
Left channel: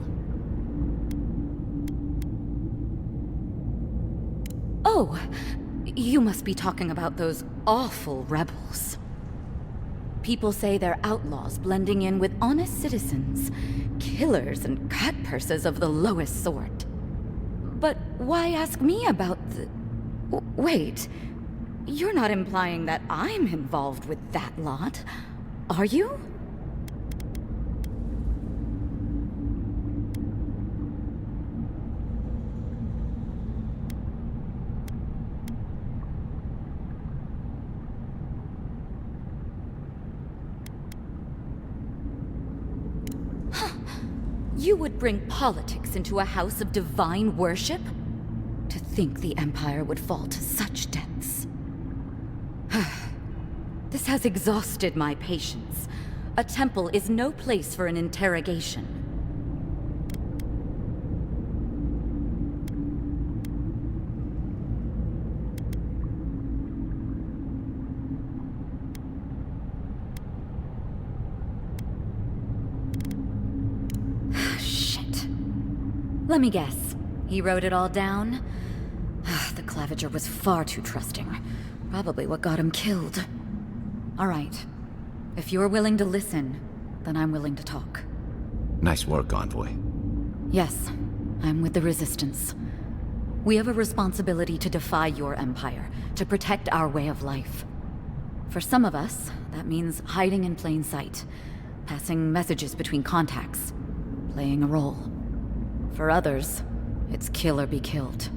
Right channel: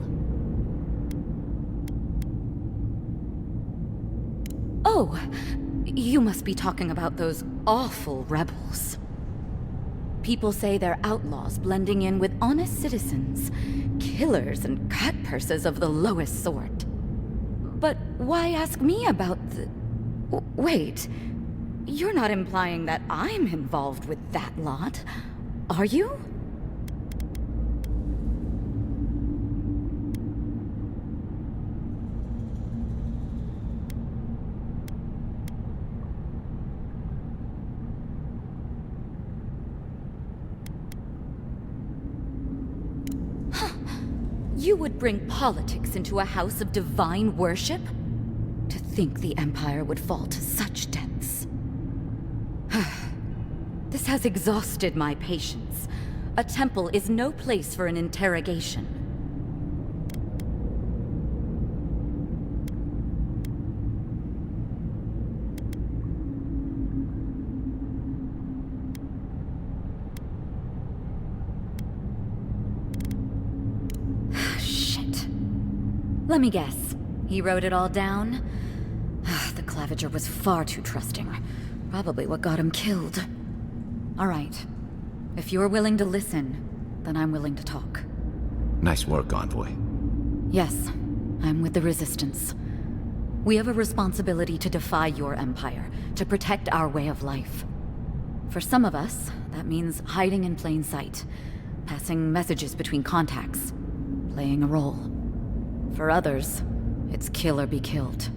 Oh, you must be talking about those awful rebels. People say they're outlaws blending in with honest citizens, killers and cutpurses of the lowest sort. But why ask me about the... Wait, you're not implying that I'm involved with that lot, are you? You would bring politics into a house of divine worship? To think the Empire would fall to such depths. This has exhausted my patience. A temple is no place for an interrogation. Let me guess. He wrote it all down? The Claviger was far too trusting. Probably what got him killed. All right. If you're willing to listen, then I'm willing to talk. Nice work, Envoy. Yes, I'm with the Resistance. We have a responsibility to defy your empire, to protect our way of life. For some of us, that means hiding in plain sight, passing messages between contacts, playing a role. For others, it's kill or be killed.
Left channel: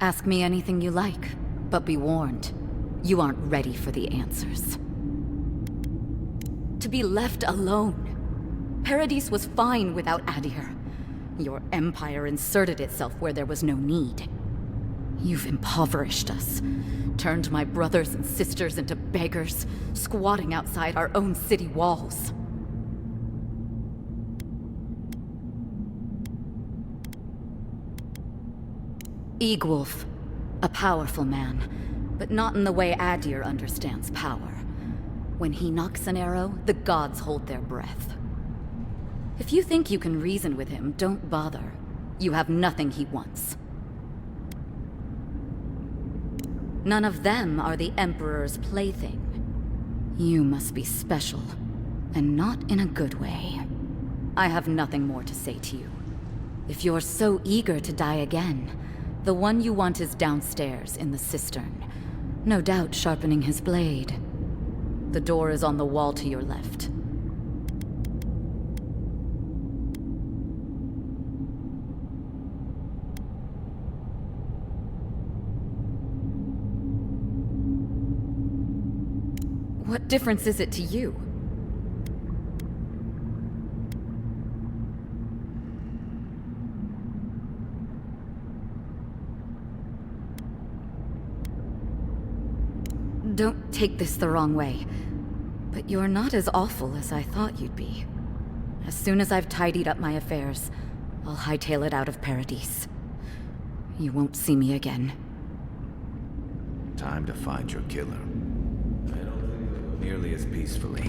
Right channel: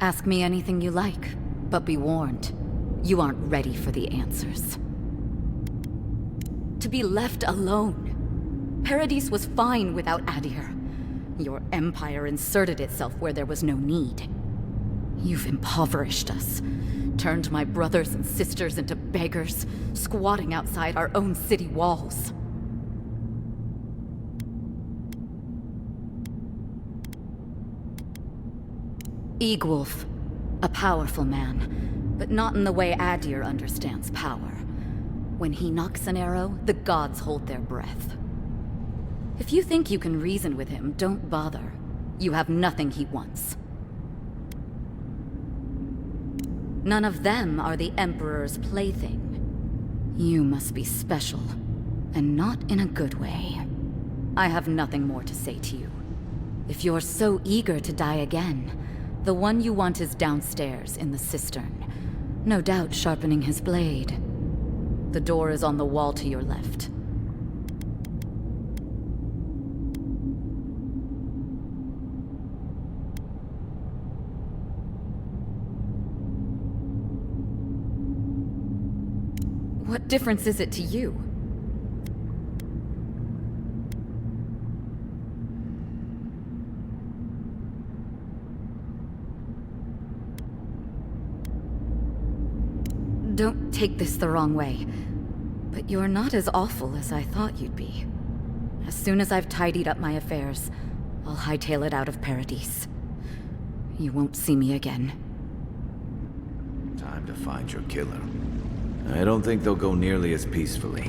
Ask me anything you like, but be warned. You aren't ready for the answers. To be left alone. Paradis was fine without Adir. Your empire inserted itself where there was no need. You've impoverished us. Turned my brothers and sisters into beggars, squatting outside our own city walls. Eagwolf, a powerful man, but not in the way Adir understands power. When he knocks an arrow, the gods hold their breath. If you think you can reason with him, don't bother. You have nothing he wants. None of them are the Emperor's plaything. You must be special, and not in a good way. I have nothing more to say to you. If you're so eager to die again, the one you want is downstairs in the cistern, no doubt sharpening his blade. The door is on the wall to your left. What difference is it to you? Don't take this the wrong way, but you're not as awful as I thought you'd be. As soon as I've tidied up my affairs, I'll hightail it out of Paradise. You won't see me again. Time to find your killer. I don't think they'll go nearly as peacefully.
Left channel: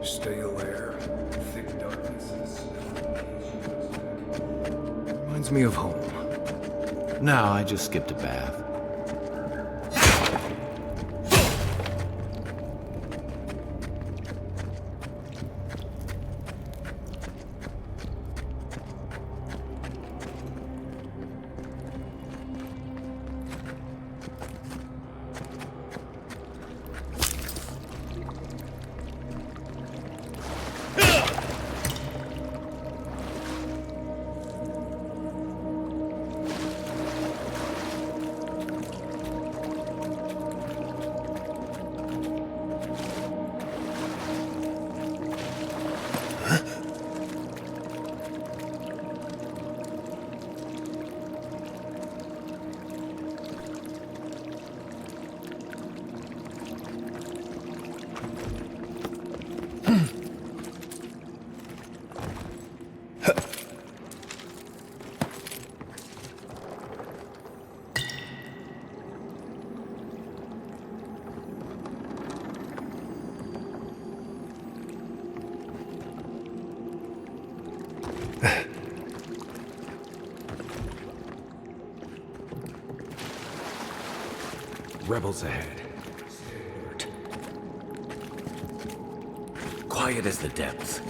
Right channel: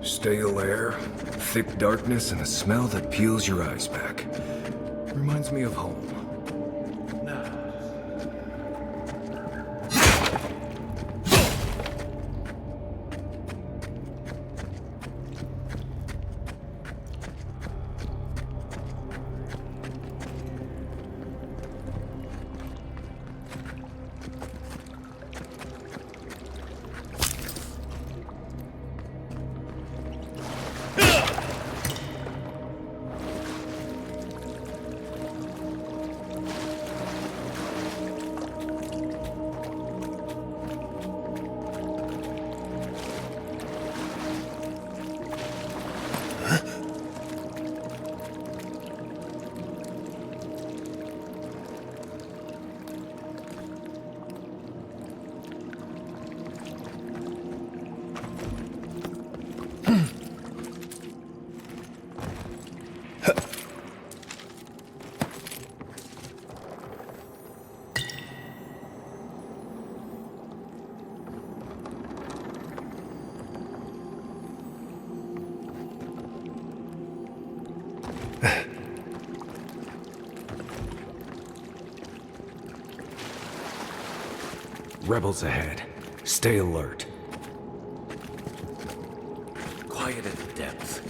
Stale air, thick darkness, and a smell that peels your eyes back. Reminds me of home. No, I just skipped a bath. Rebels ahead. Stay alert. Quiet as the depths.